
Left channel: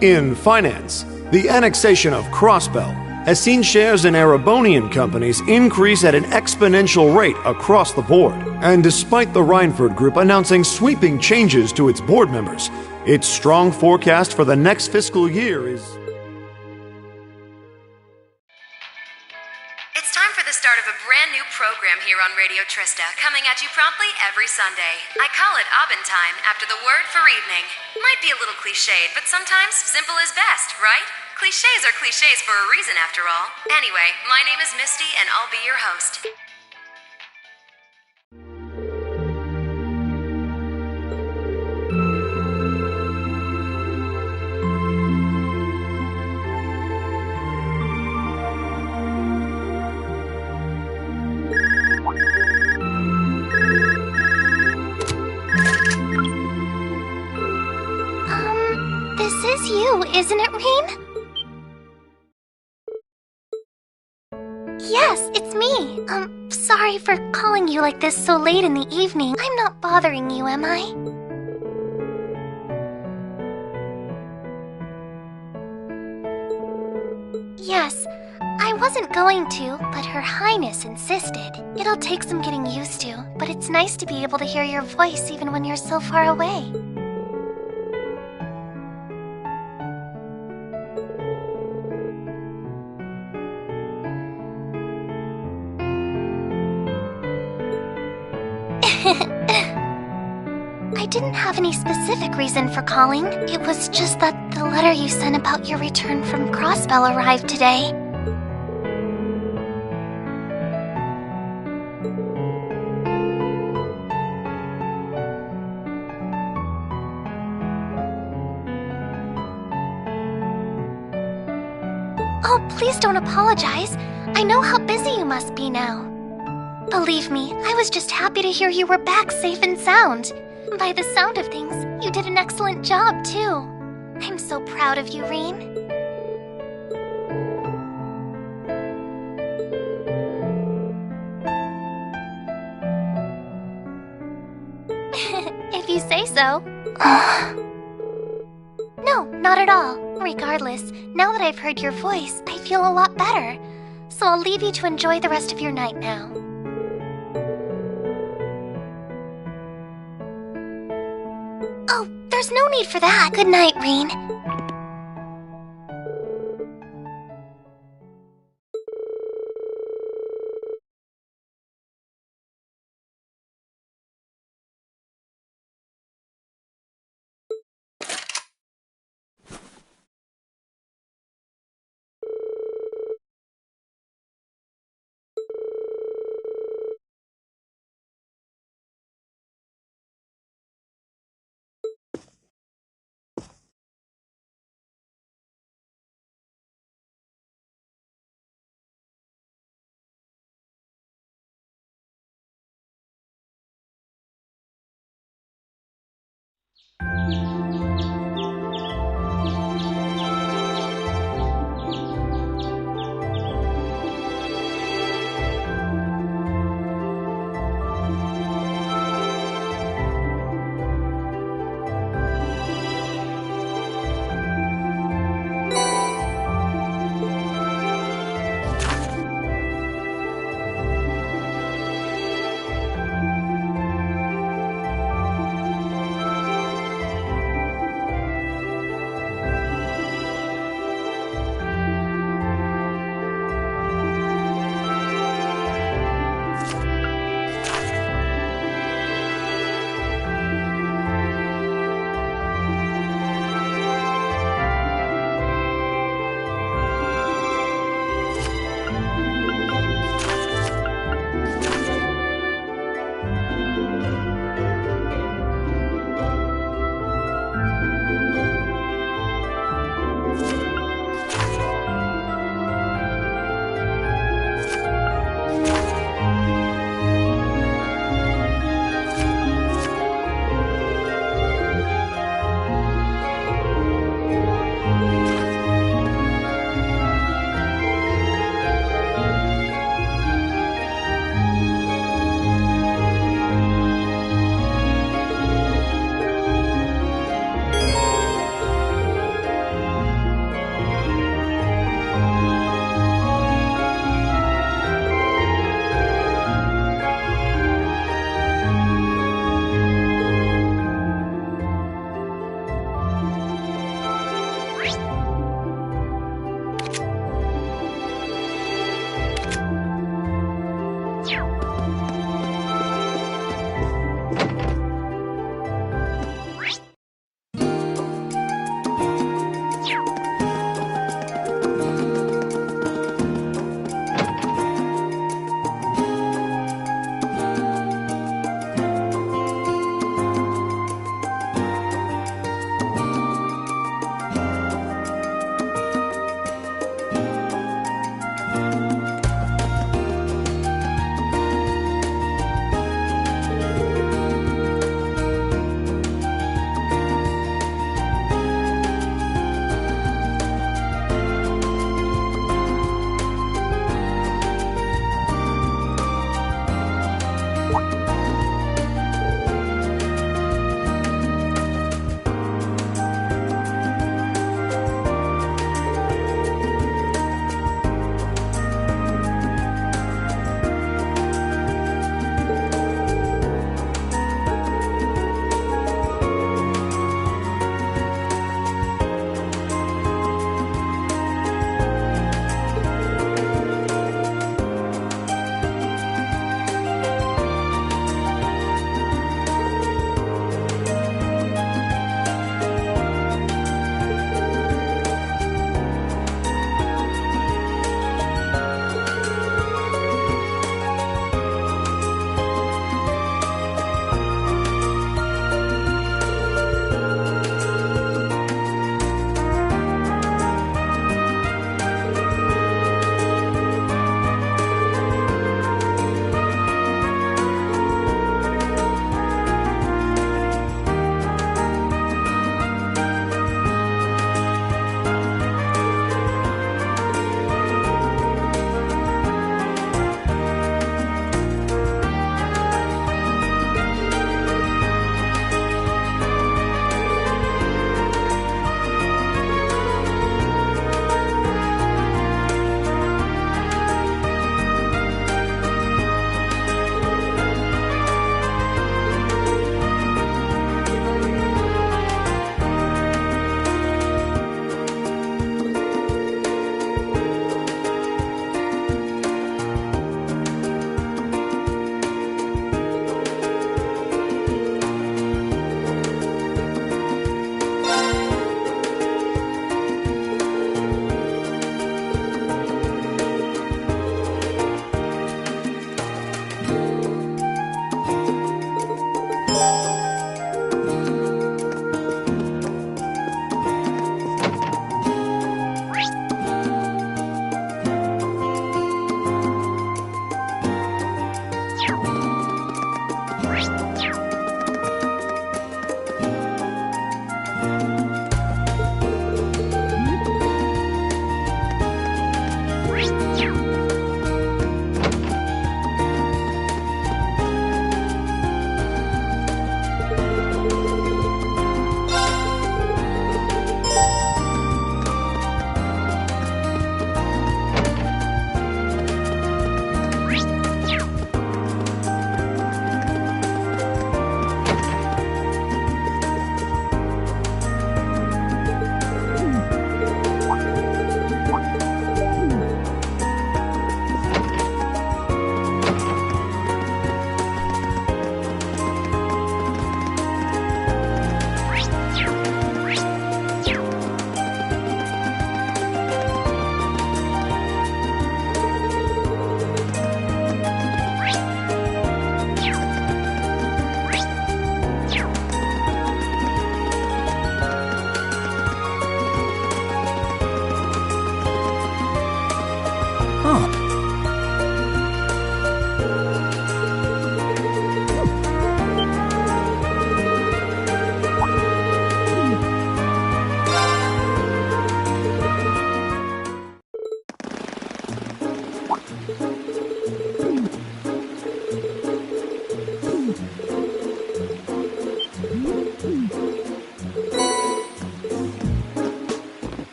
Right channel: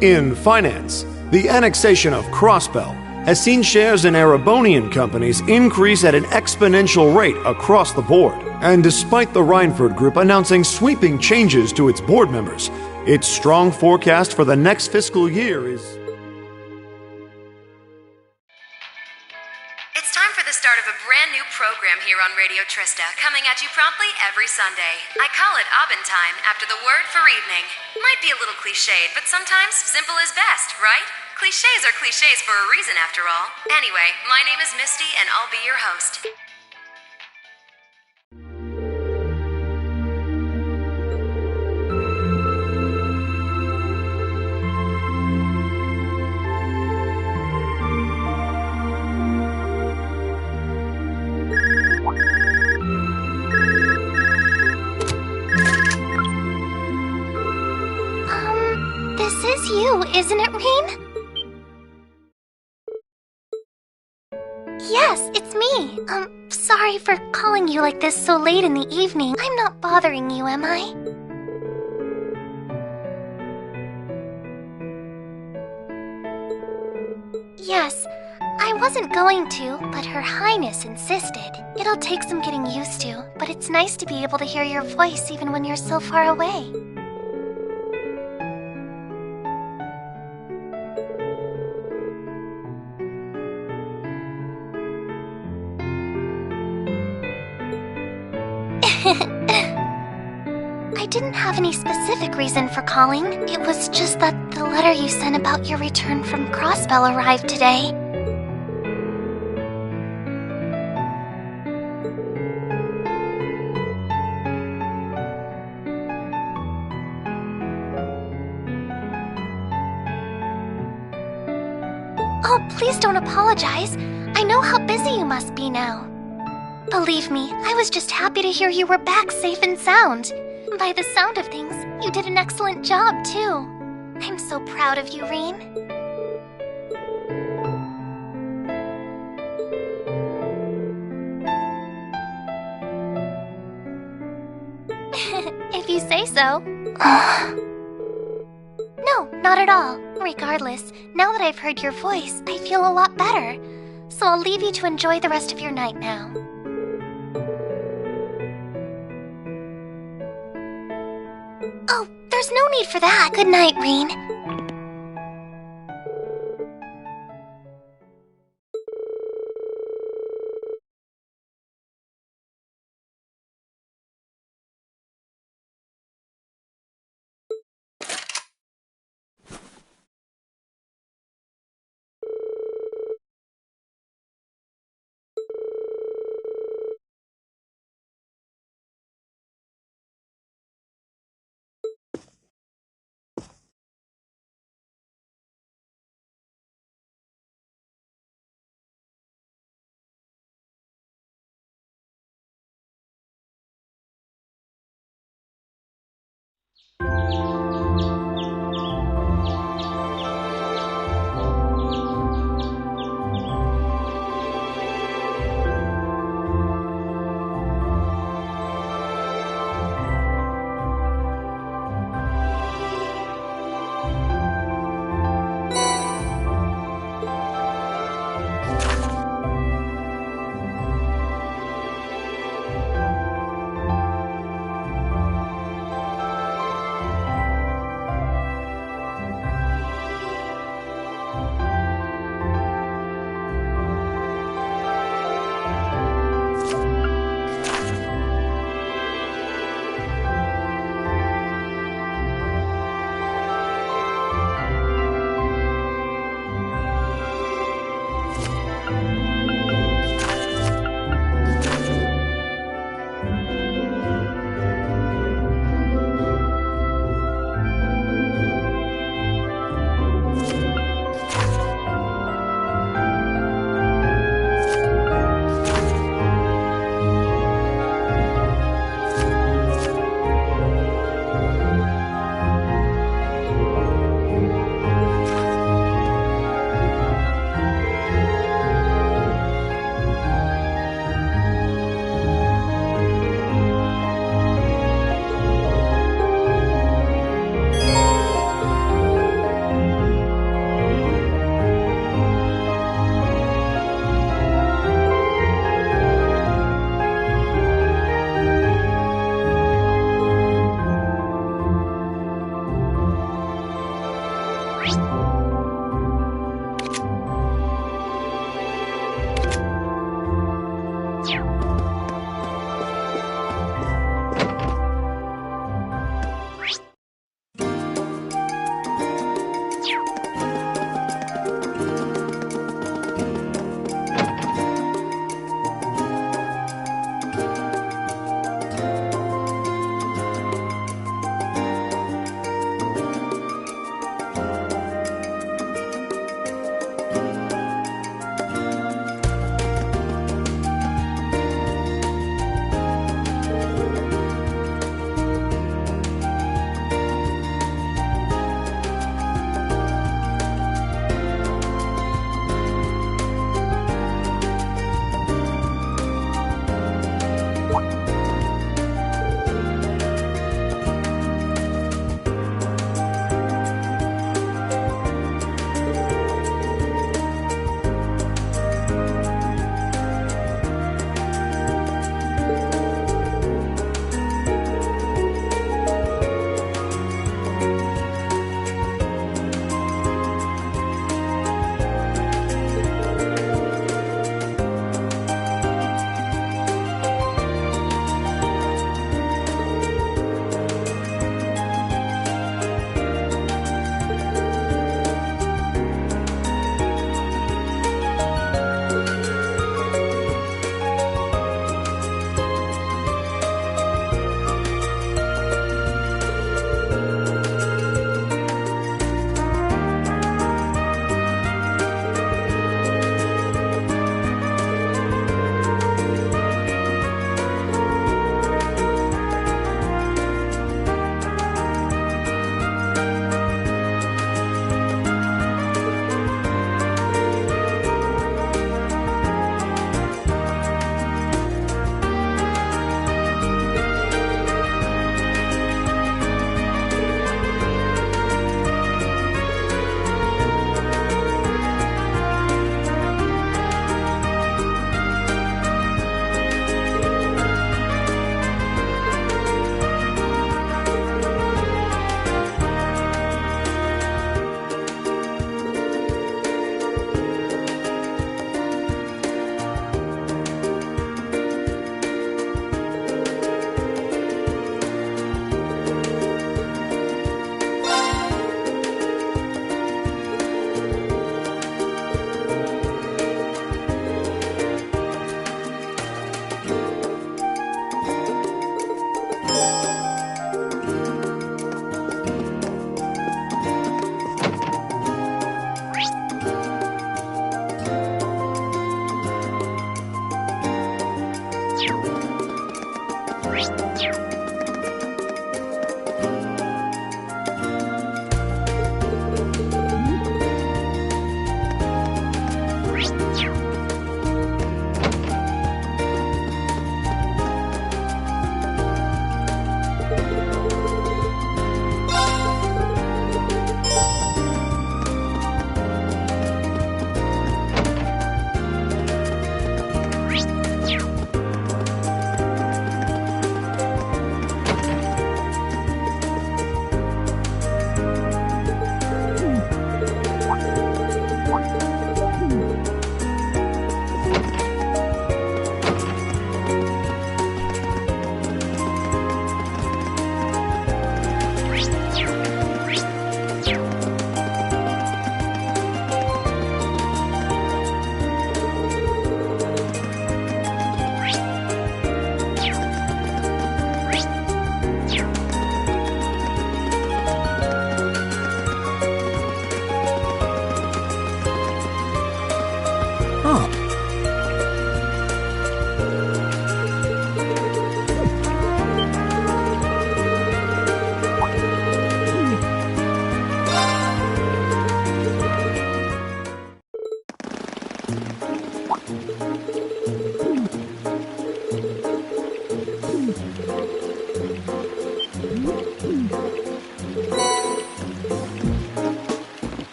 In finance, the annexation of Crossbell has seen shares in Erebonian companies increase at an exponential rate across the board. And despite the Reinford Group announcing sweeping changes to its board members, its strong forecast for the next fiscal year is... It's time for the start of a brand new program here on Radio Trista, coming at you promptly every Sunday. I call it Aubin Time, after the word for evening. Might be a little cliched, but sometimes simple is best, right? Clichés are clichés for a reason, after all. Anyway, my name is Misty, and I'll be your host. This is you, isn't it, Rean? Yes, it's me. Sorry for calling you like this so late in the evening. I'm not bothering you, am I? Yes, I wasn't going to, but Her Highness insisted. It'll take some getting used to, but it's nice to be able to hear your voice even when you're so far away. I didn't have any specific reason for calling. It was just that the letter you sent about your return from Crossbell arrived today. Oh, please don't apologize. I know how busy you must be now. Believe me, I was just happy to hear you were back safe and sound. By the sound of things, you did an excellent job, too. I'm so proud of you, Rean. If you say so. No, not at all. Regardless, now that I've heard your voice, I feel a lot better. So I'll leave you to enjoy the rest of your night now. Oh, there's no need for that. Good night, Rean.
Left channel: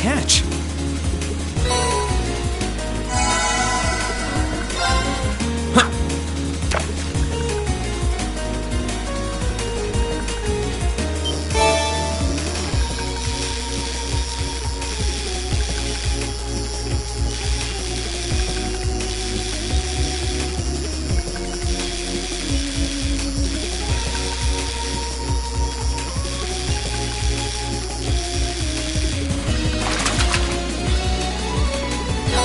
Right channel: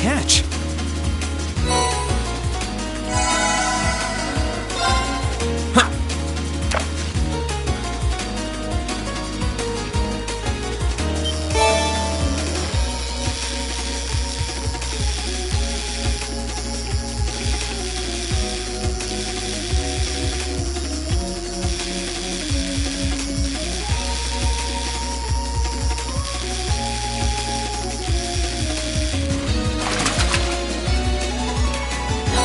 catch.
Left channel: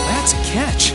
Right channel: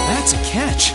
That's a catch.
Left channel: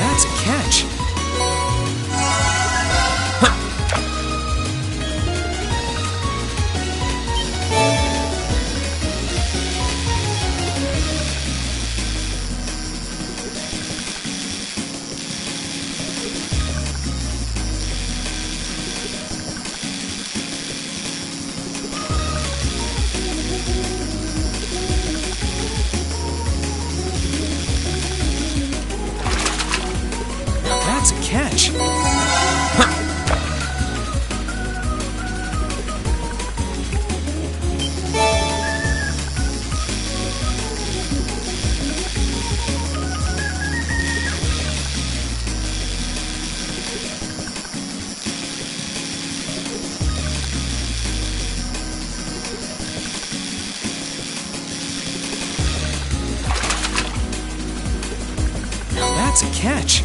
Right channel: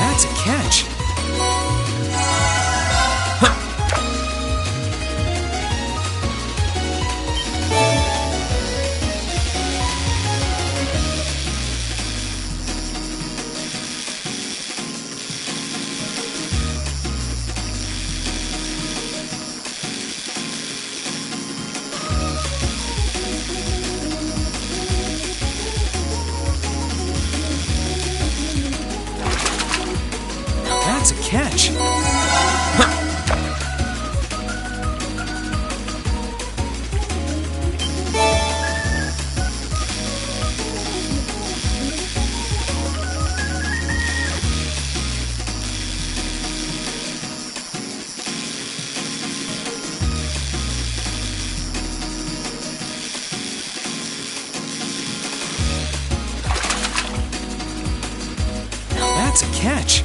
That's a catch. That's a catch. That's a catch.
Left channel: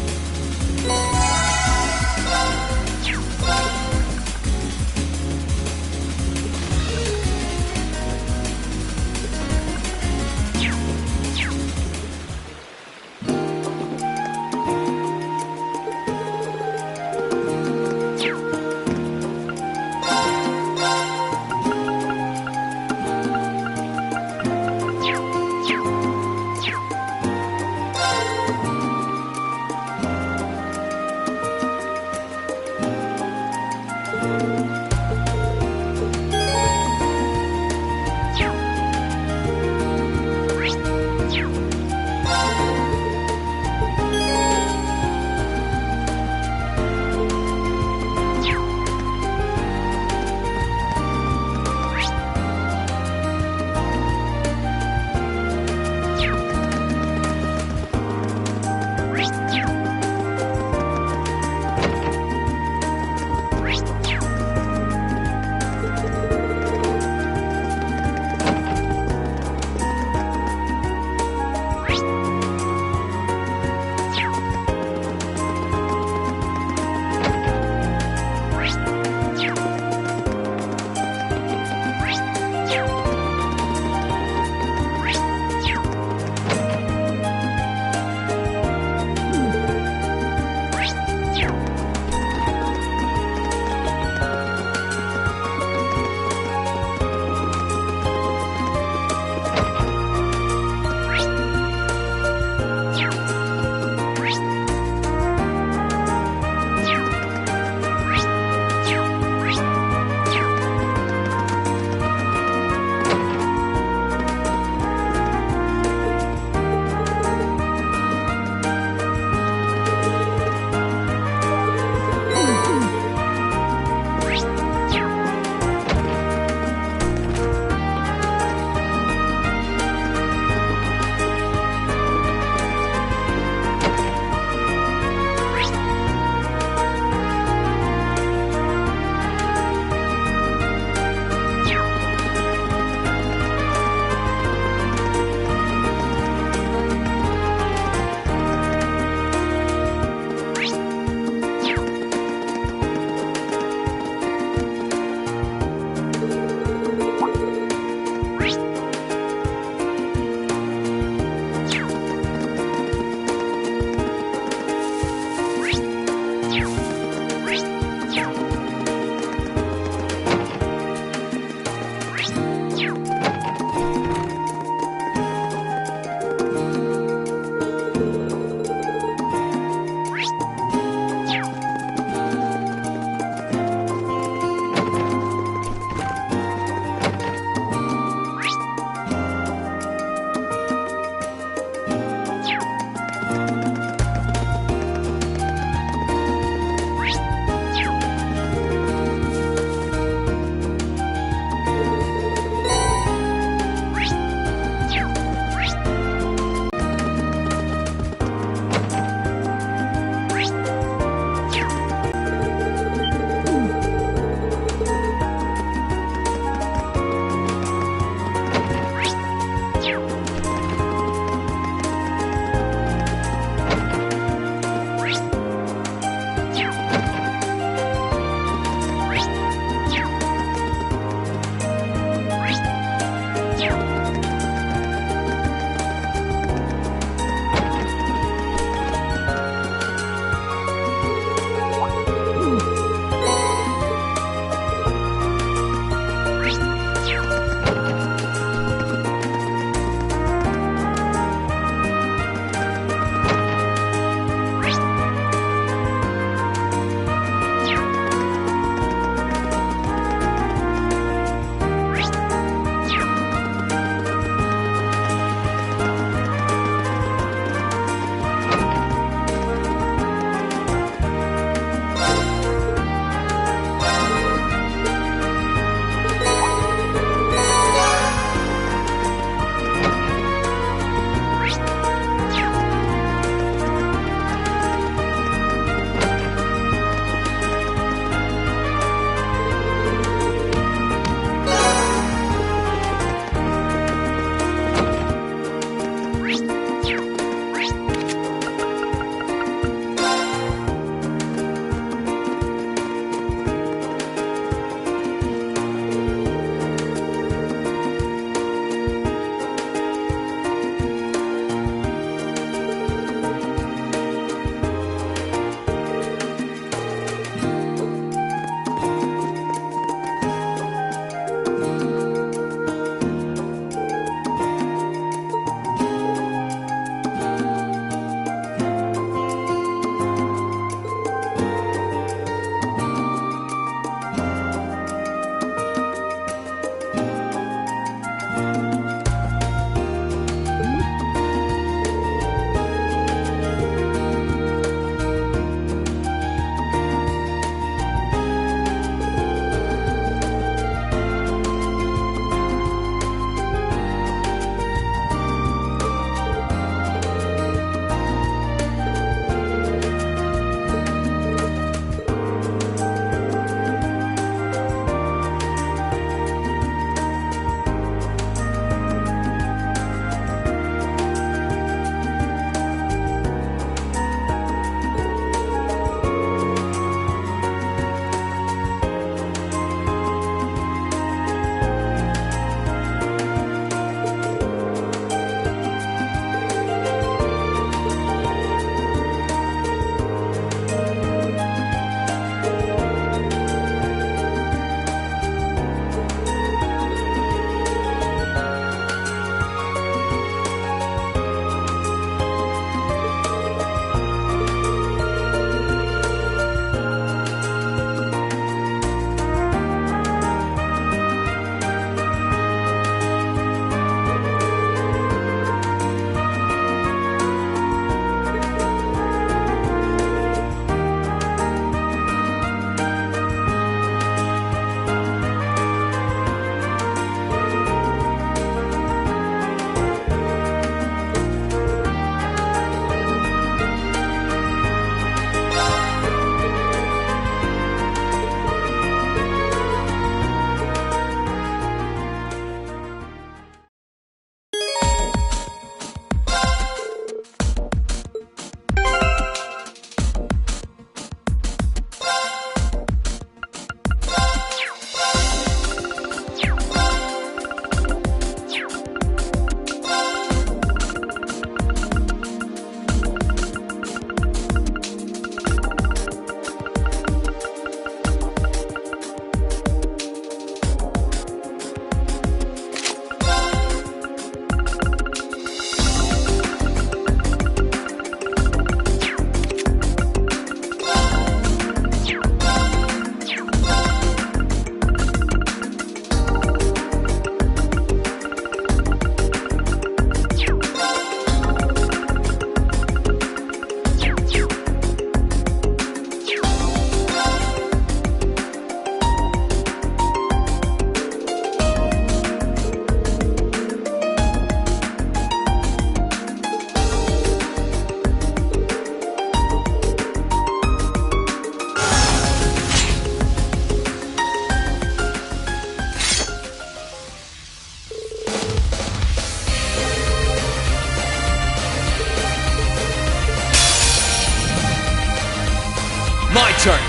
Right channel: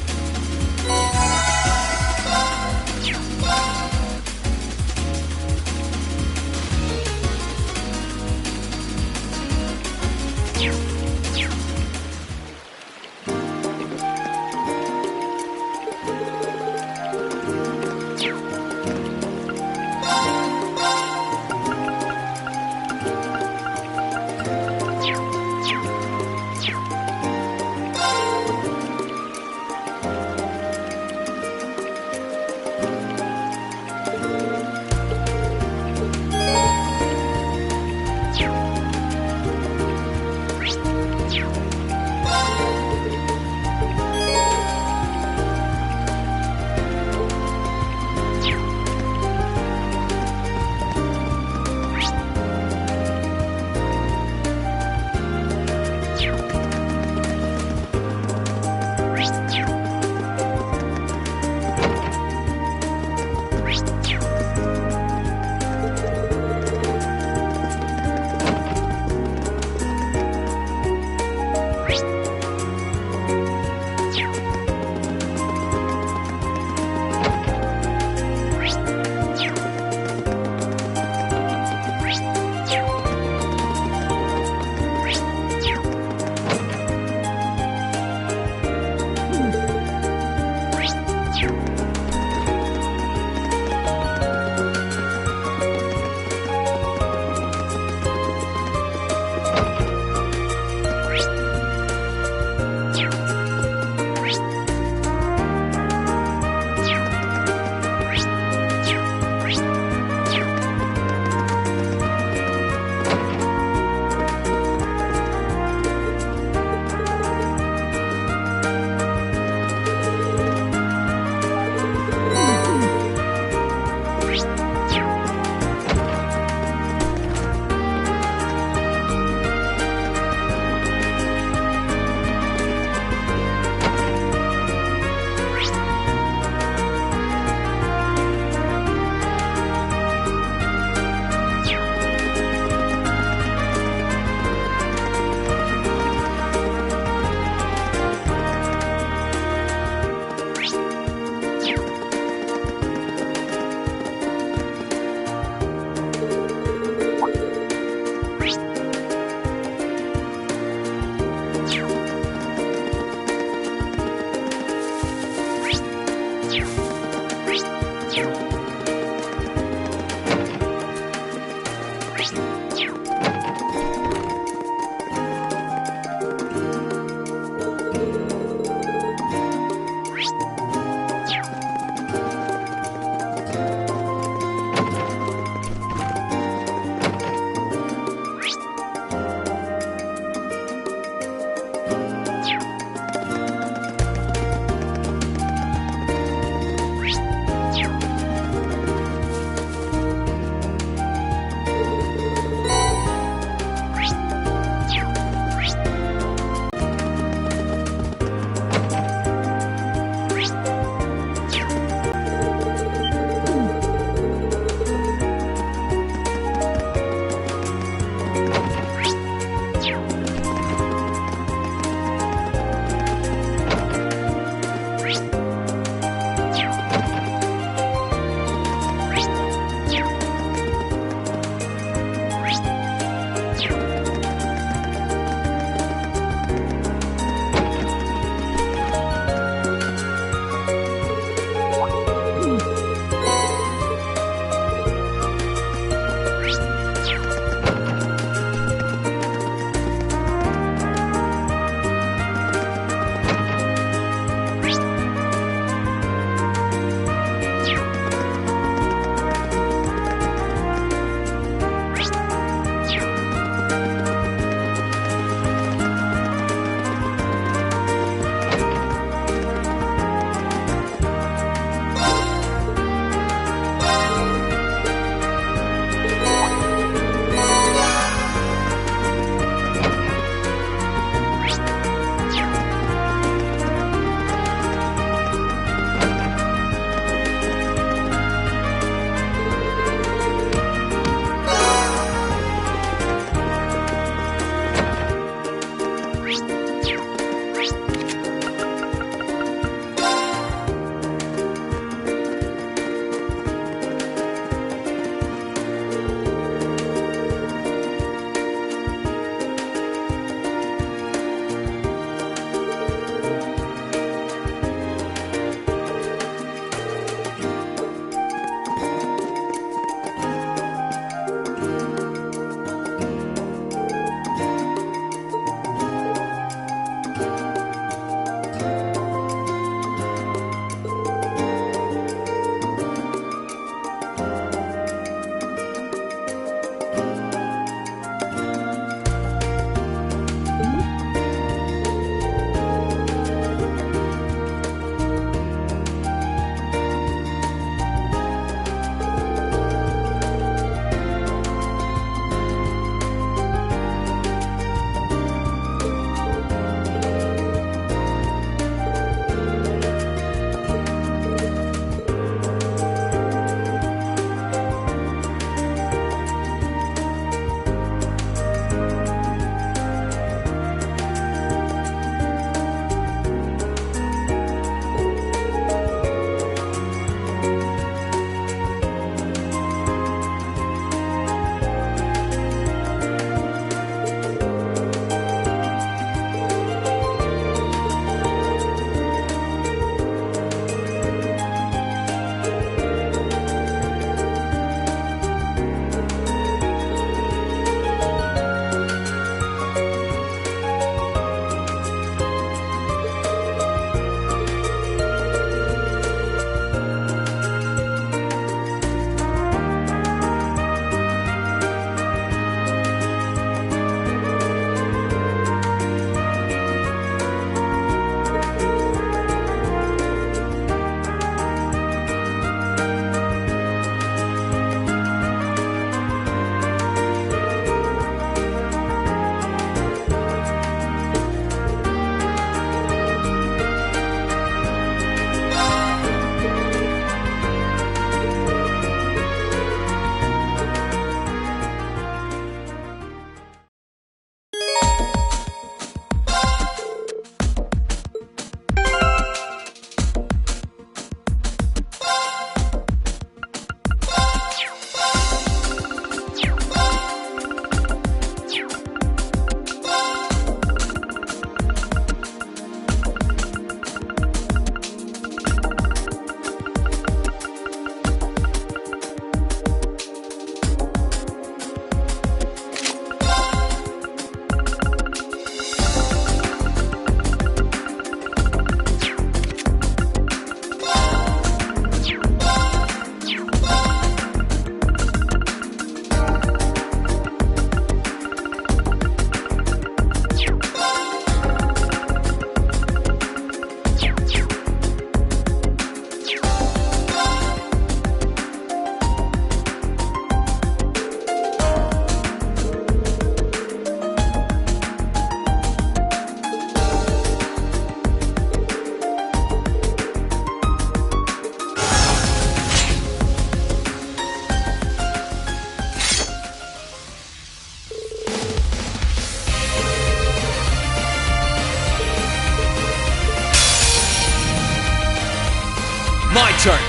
My turn.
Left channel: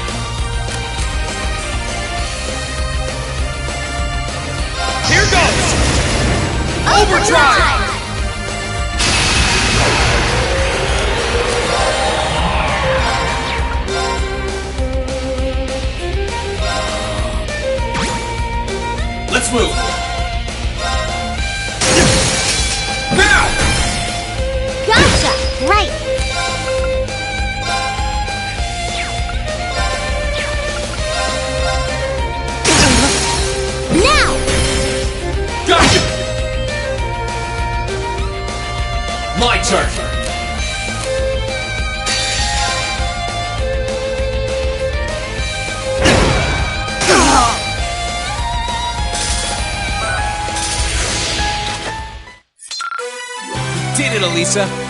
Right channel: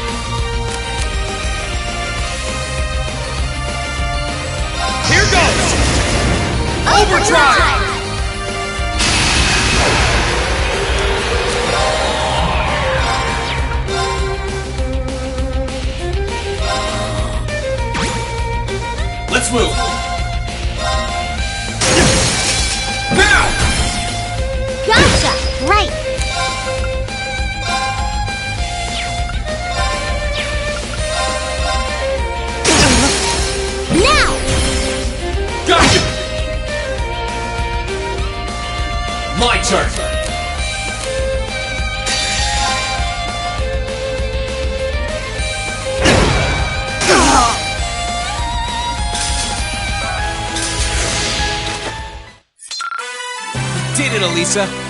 Here goes! Overdrive! Let's move! Now! Gotcha! Right! Now! Gotcha! My turn! Did it, Elisa!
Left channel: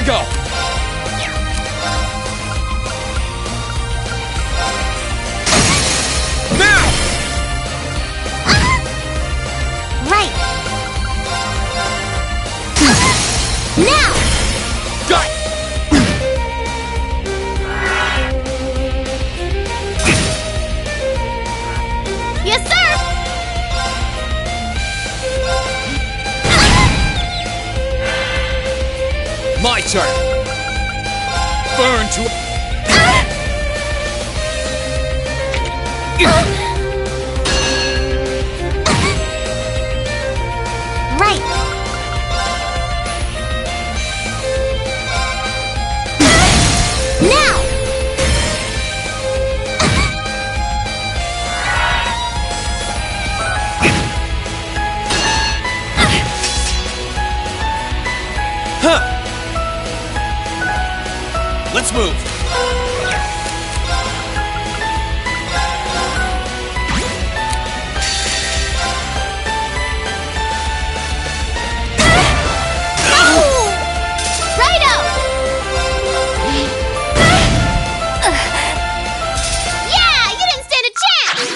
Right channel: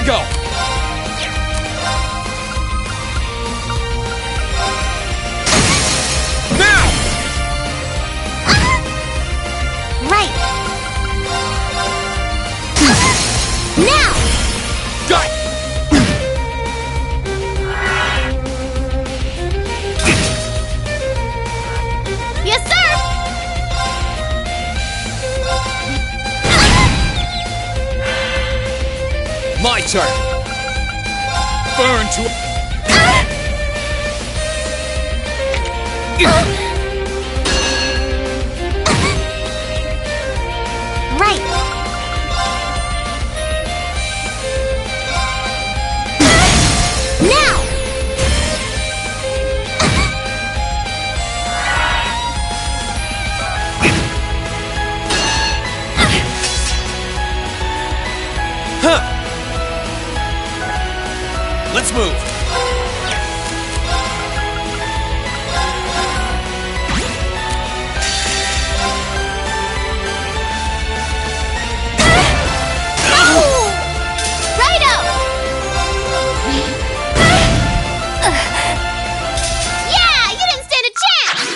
Gotta go! Now! Right. Now! Got it! Yes, sir! My turn! Burn to... Right. Now! Huh! Let's move! Righto! Yeah, you didn't stand a chance!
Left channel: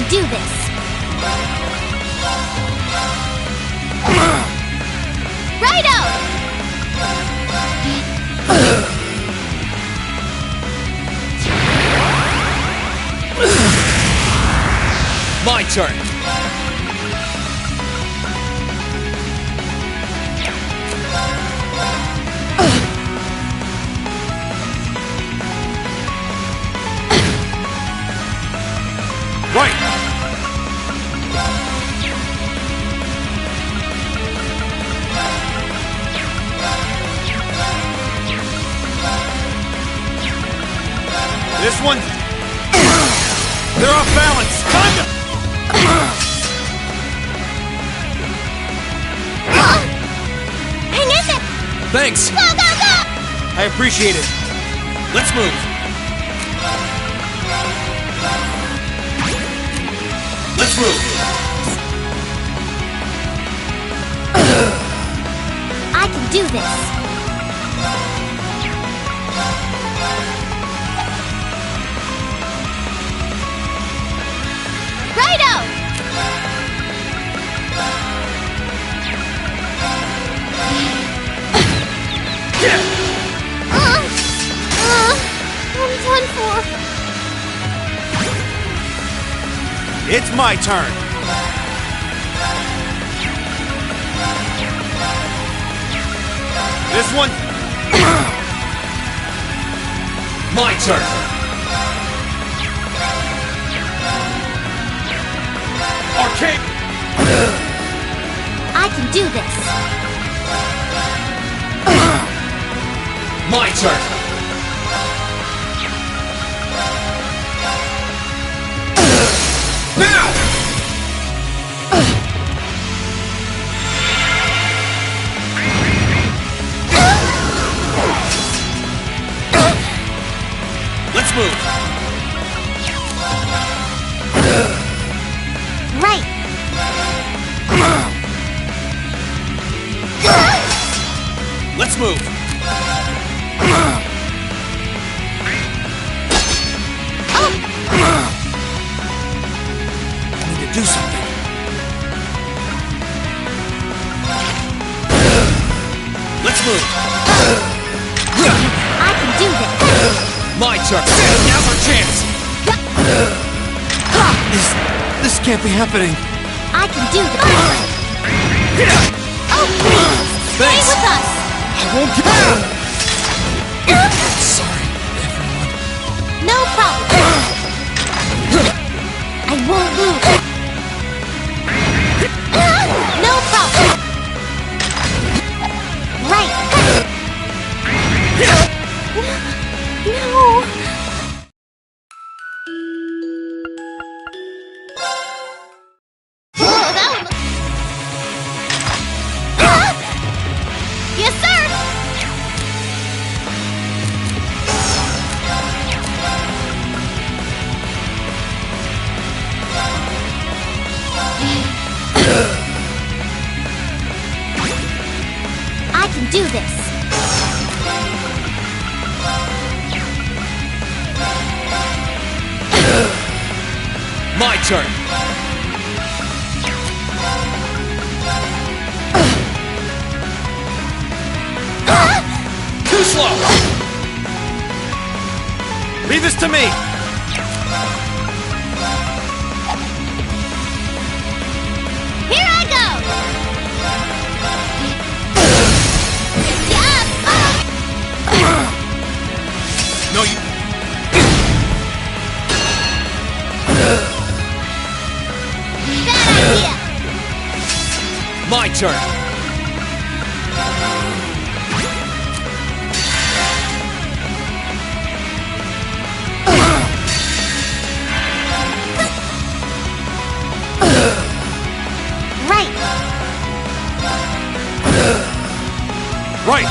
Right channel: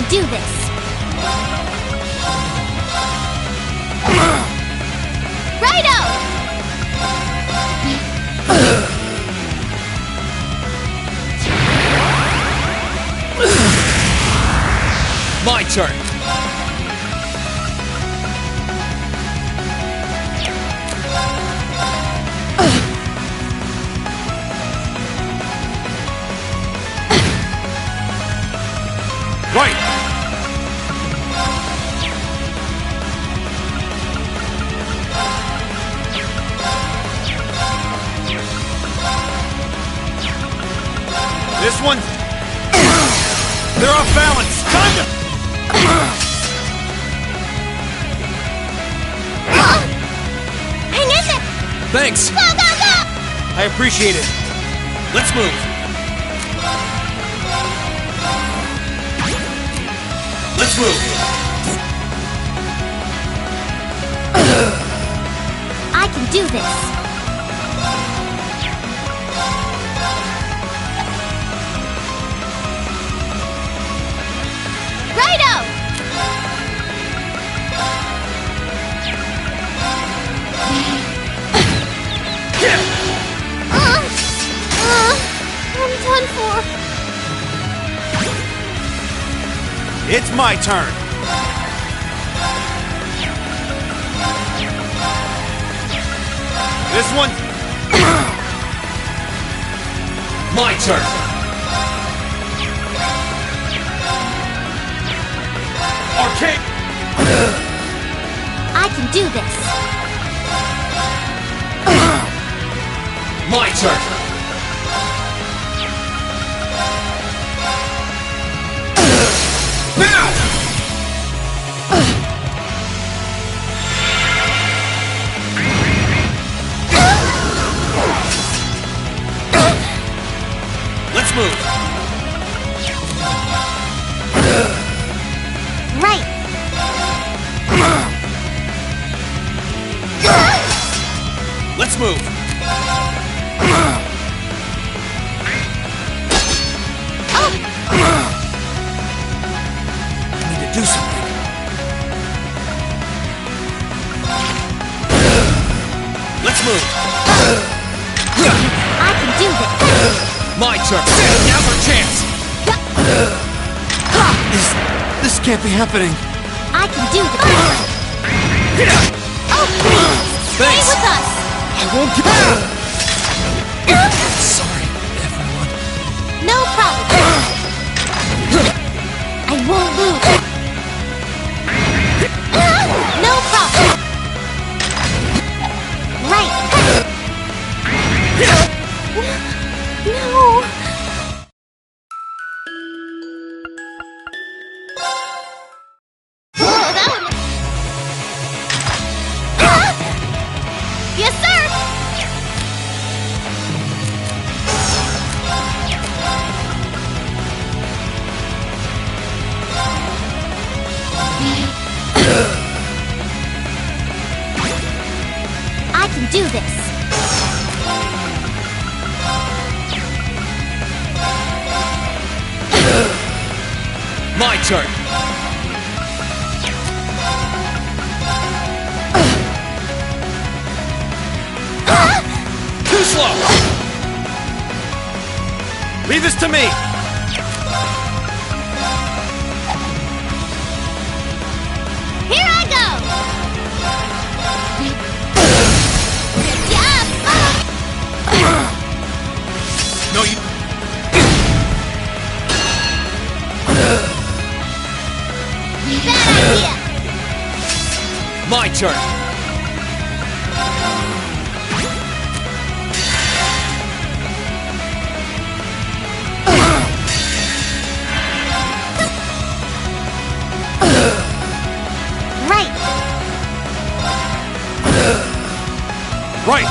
can do this. Righto! My turn. Right! This one... They're off balance! Time to... Hang in there! Thanks! Go, go, go! I appreciate it. Let's move. Let's move. I can do this. Righto! I'm done for. It's my turn. This one... My turn. Arcade! I can do this. My turn. Now! Let's move. Right. Let's move. I need to do something. Let's move. I can do this. My turn. Now's our chance. This can't be happening. I can do this. Oh, please. Thanks. Stay with us. I won't give Sorry, everyone. No problem. I won't lose. No problem. Right. No. Oh, that one looks... Yes, sir! I can do this. My turn. Too slow. Leave this to me. Here I go! Good job! No, you... Bad idea! My turn. Right! Right!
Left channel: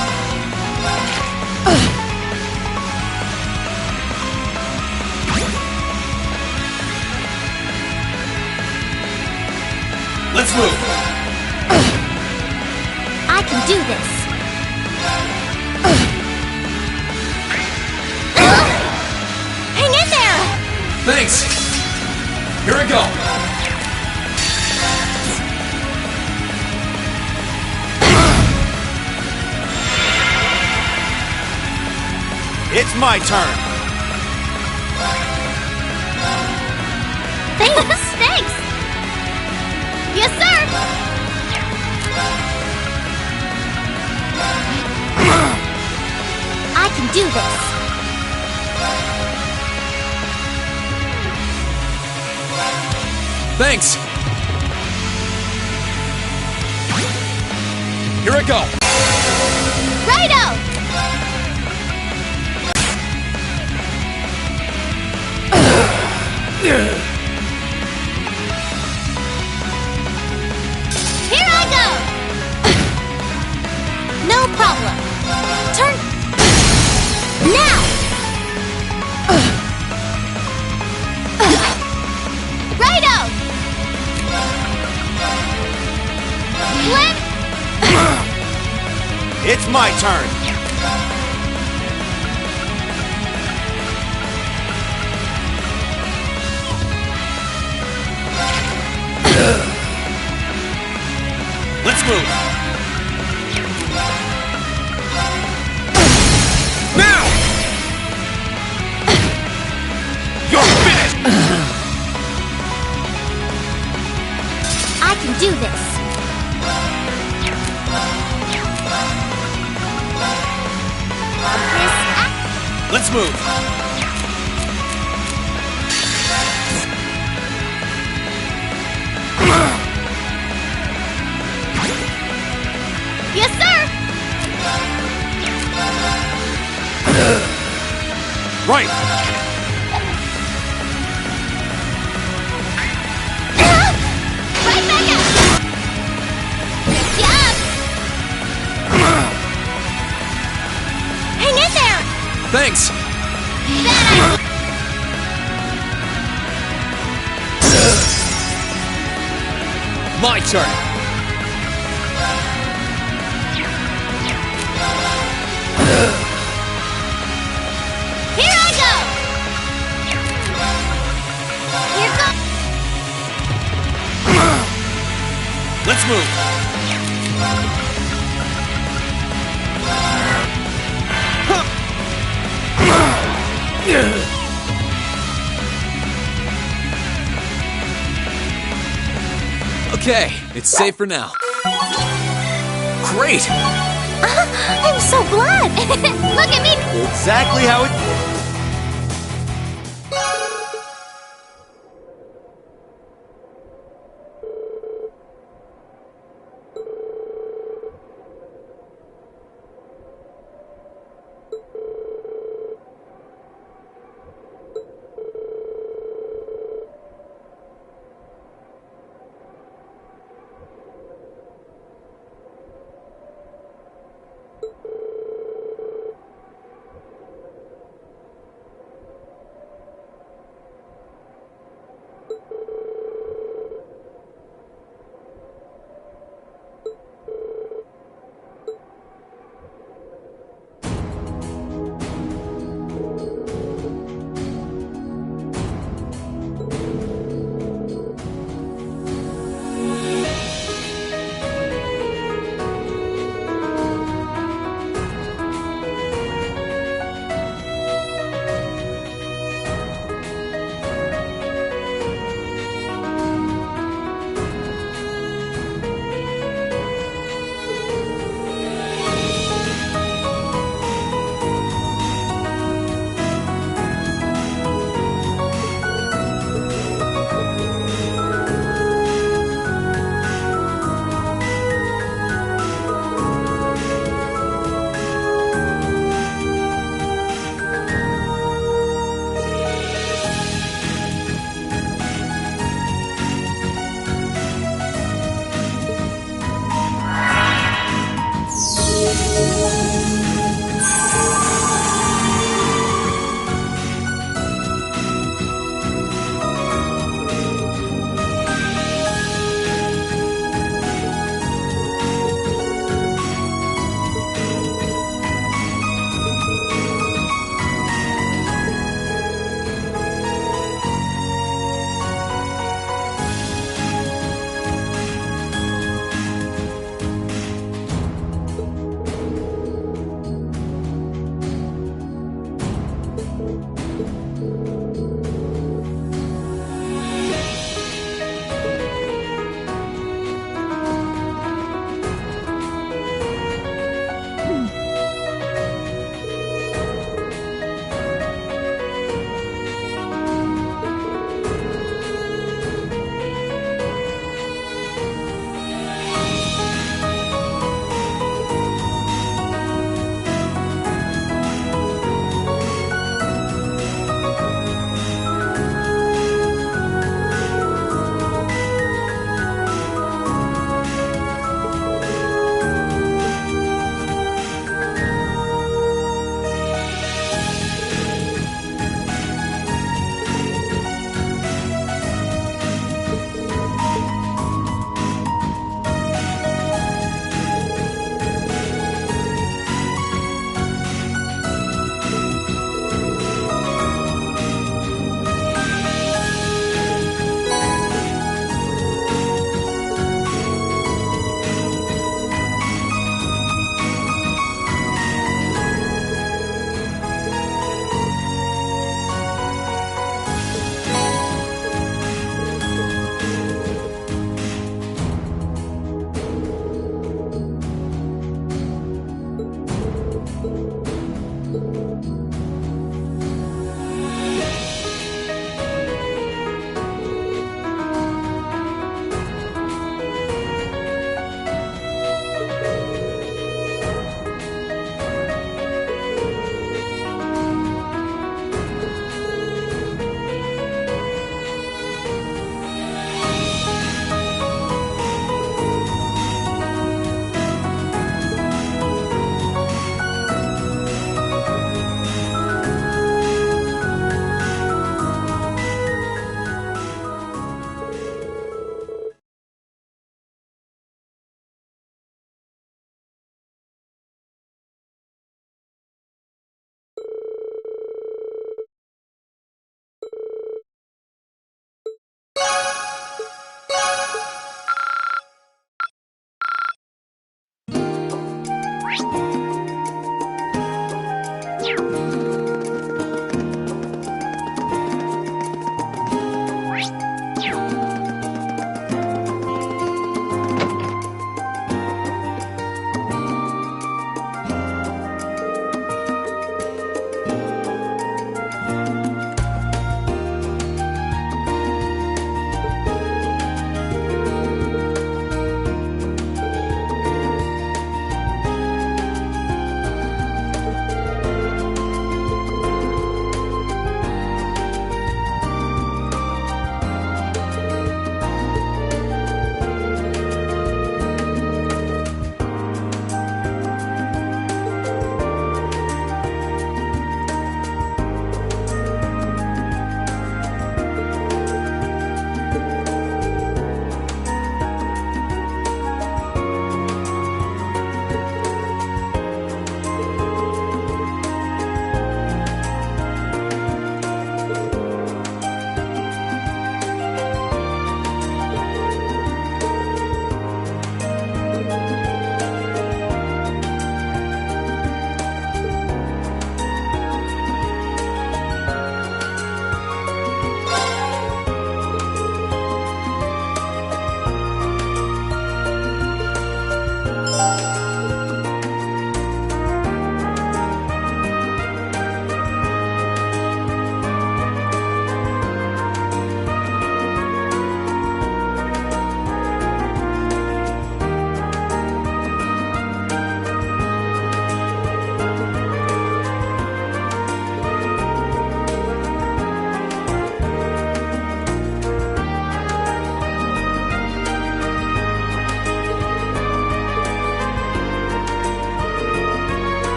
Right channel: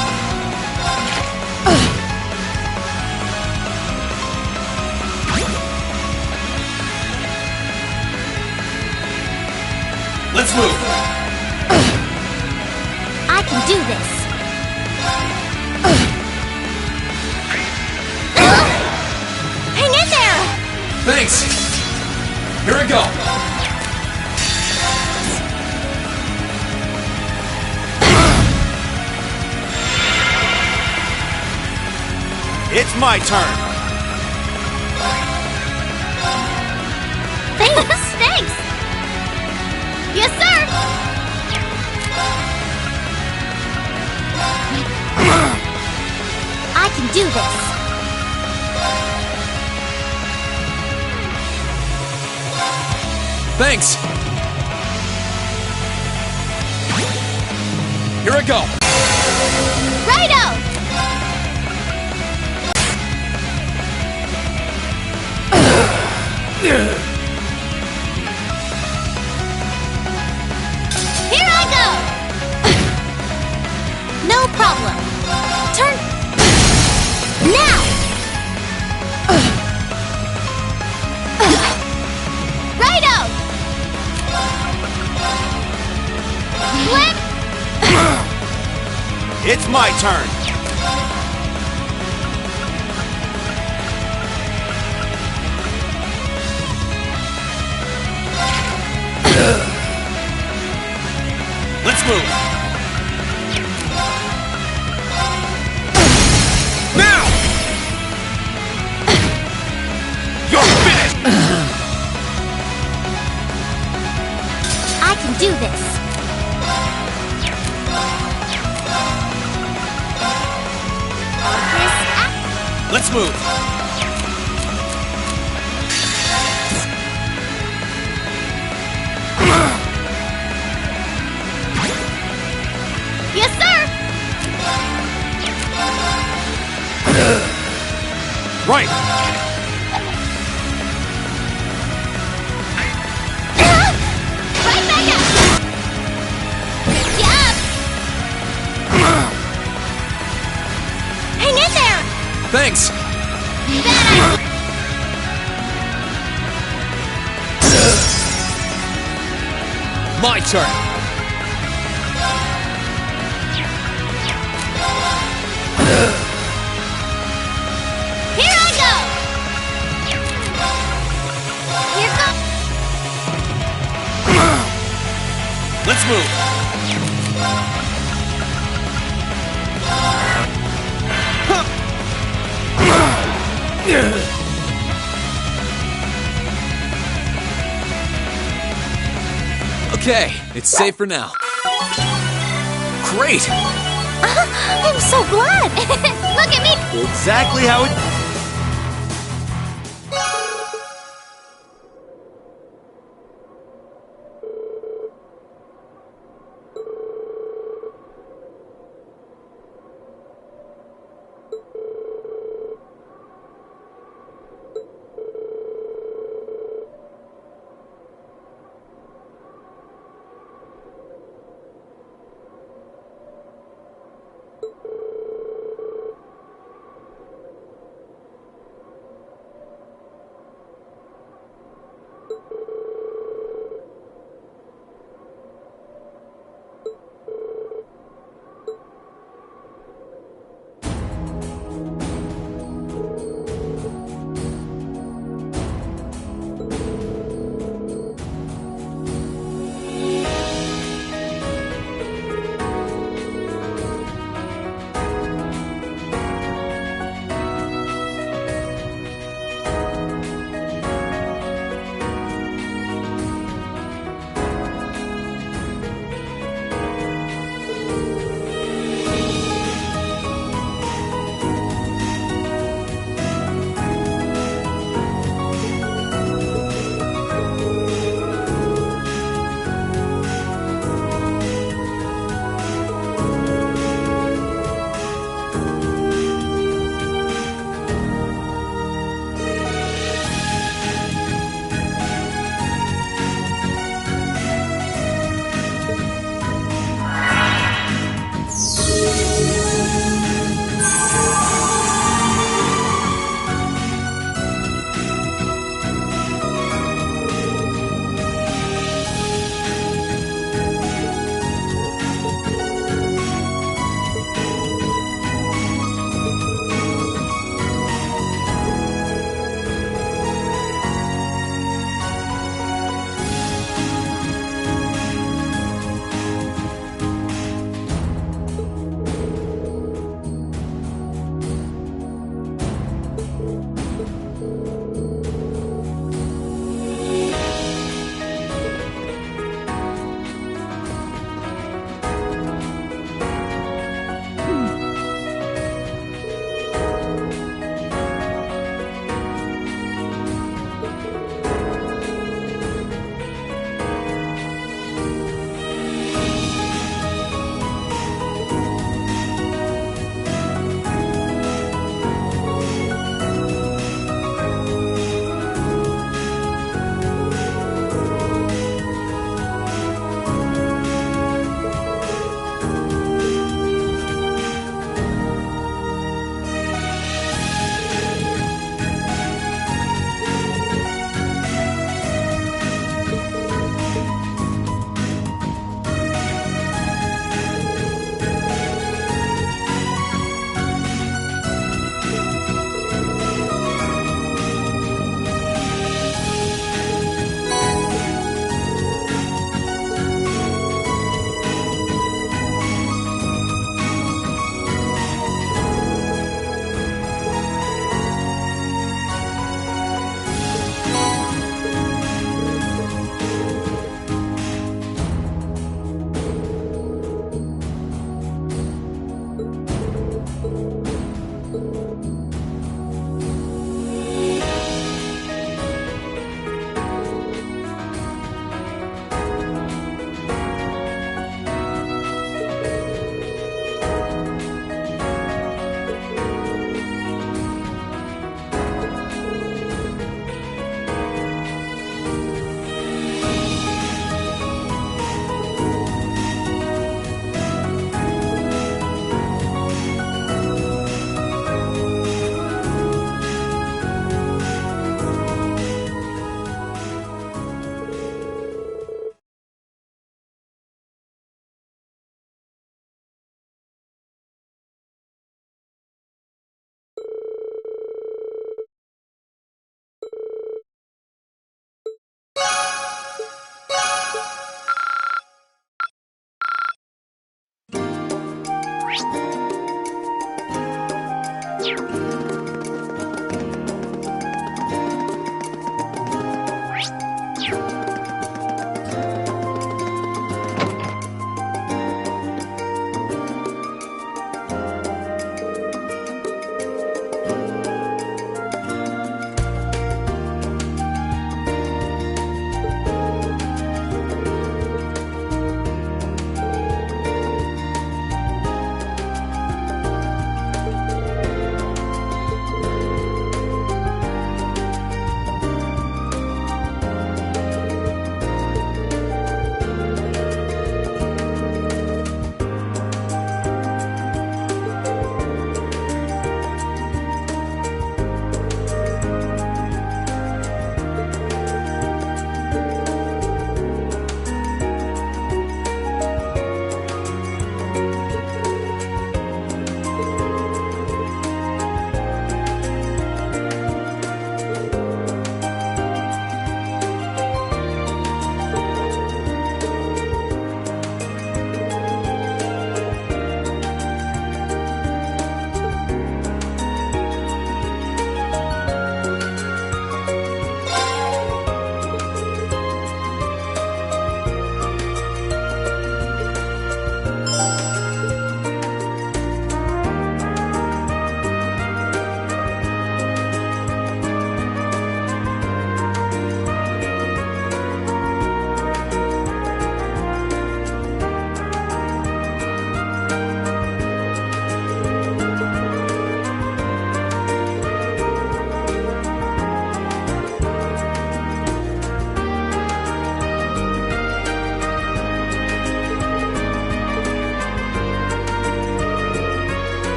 Let's move! I can do this. Hang in there! Thanks. Here I go. It's my turn. Thanks, thanks! Yes, sir! I can do this. Thanks. Here I go. Righto! Here I go! No problem. Turn. Now! Righto! Flip! It's my turn. Let's move. Now! You're finished! I can do this. Let's move. Yes, sir! Right. Right back at you! Good job! Hang in there! Thanks. My turn. Here I go! Here go! Let's move. Okay, it's safe for now. Great! I'm so glad! Look at me! Exactly how it...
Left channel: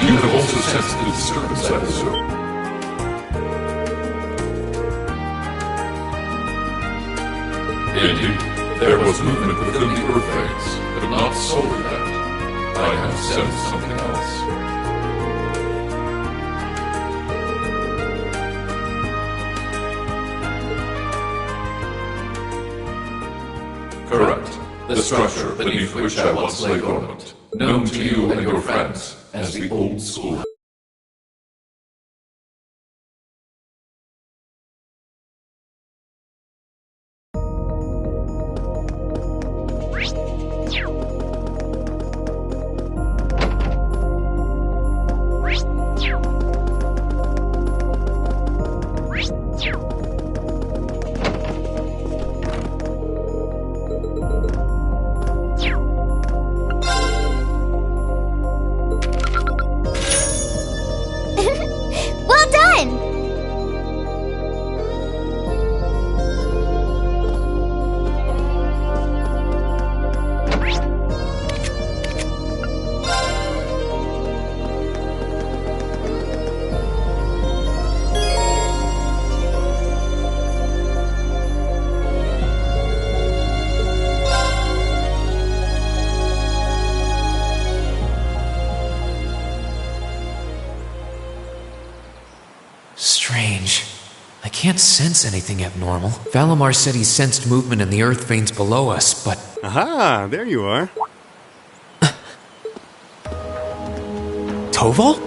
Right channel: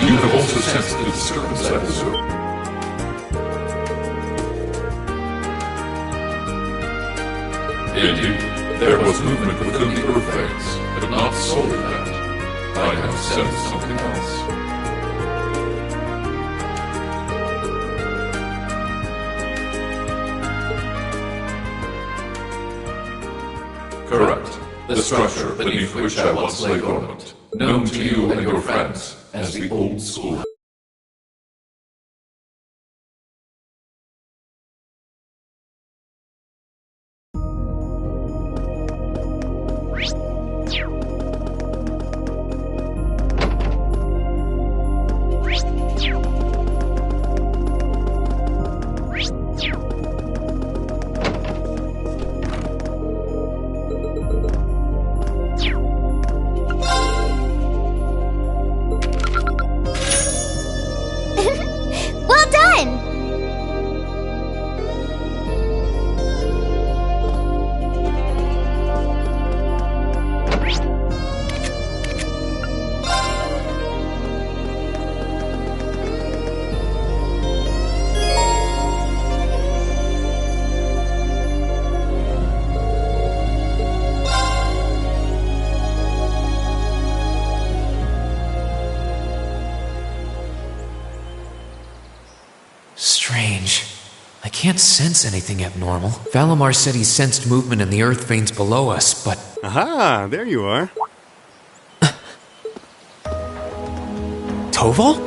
You have also sensed the disturbance at the zoo. Indeed, there was movement within the Earth Veins, but not solely that. I have sensed something else. Correct. The structure beneath which I once lay dormant, known to you and your friends as the Old School. Well done! Strange. I can't sense anything abnormal. Valimar said he sensed movement in the earth veins below us, but... Aha, there you are. Toval?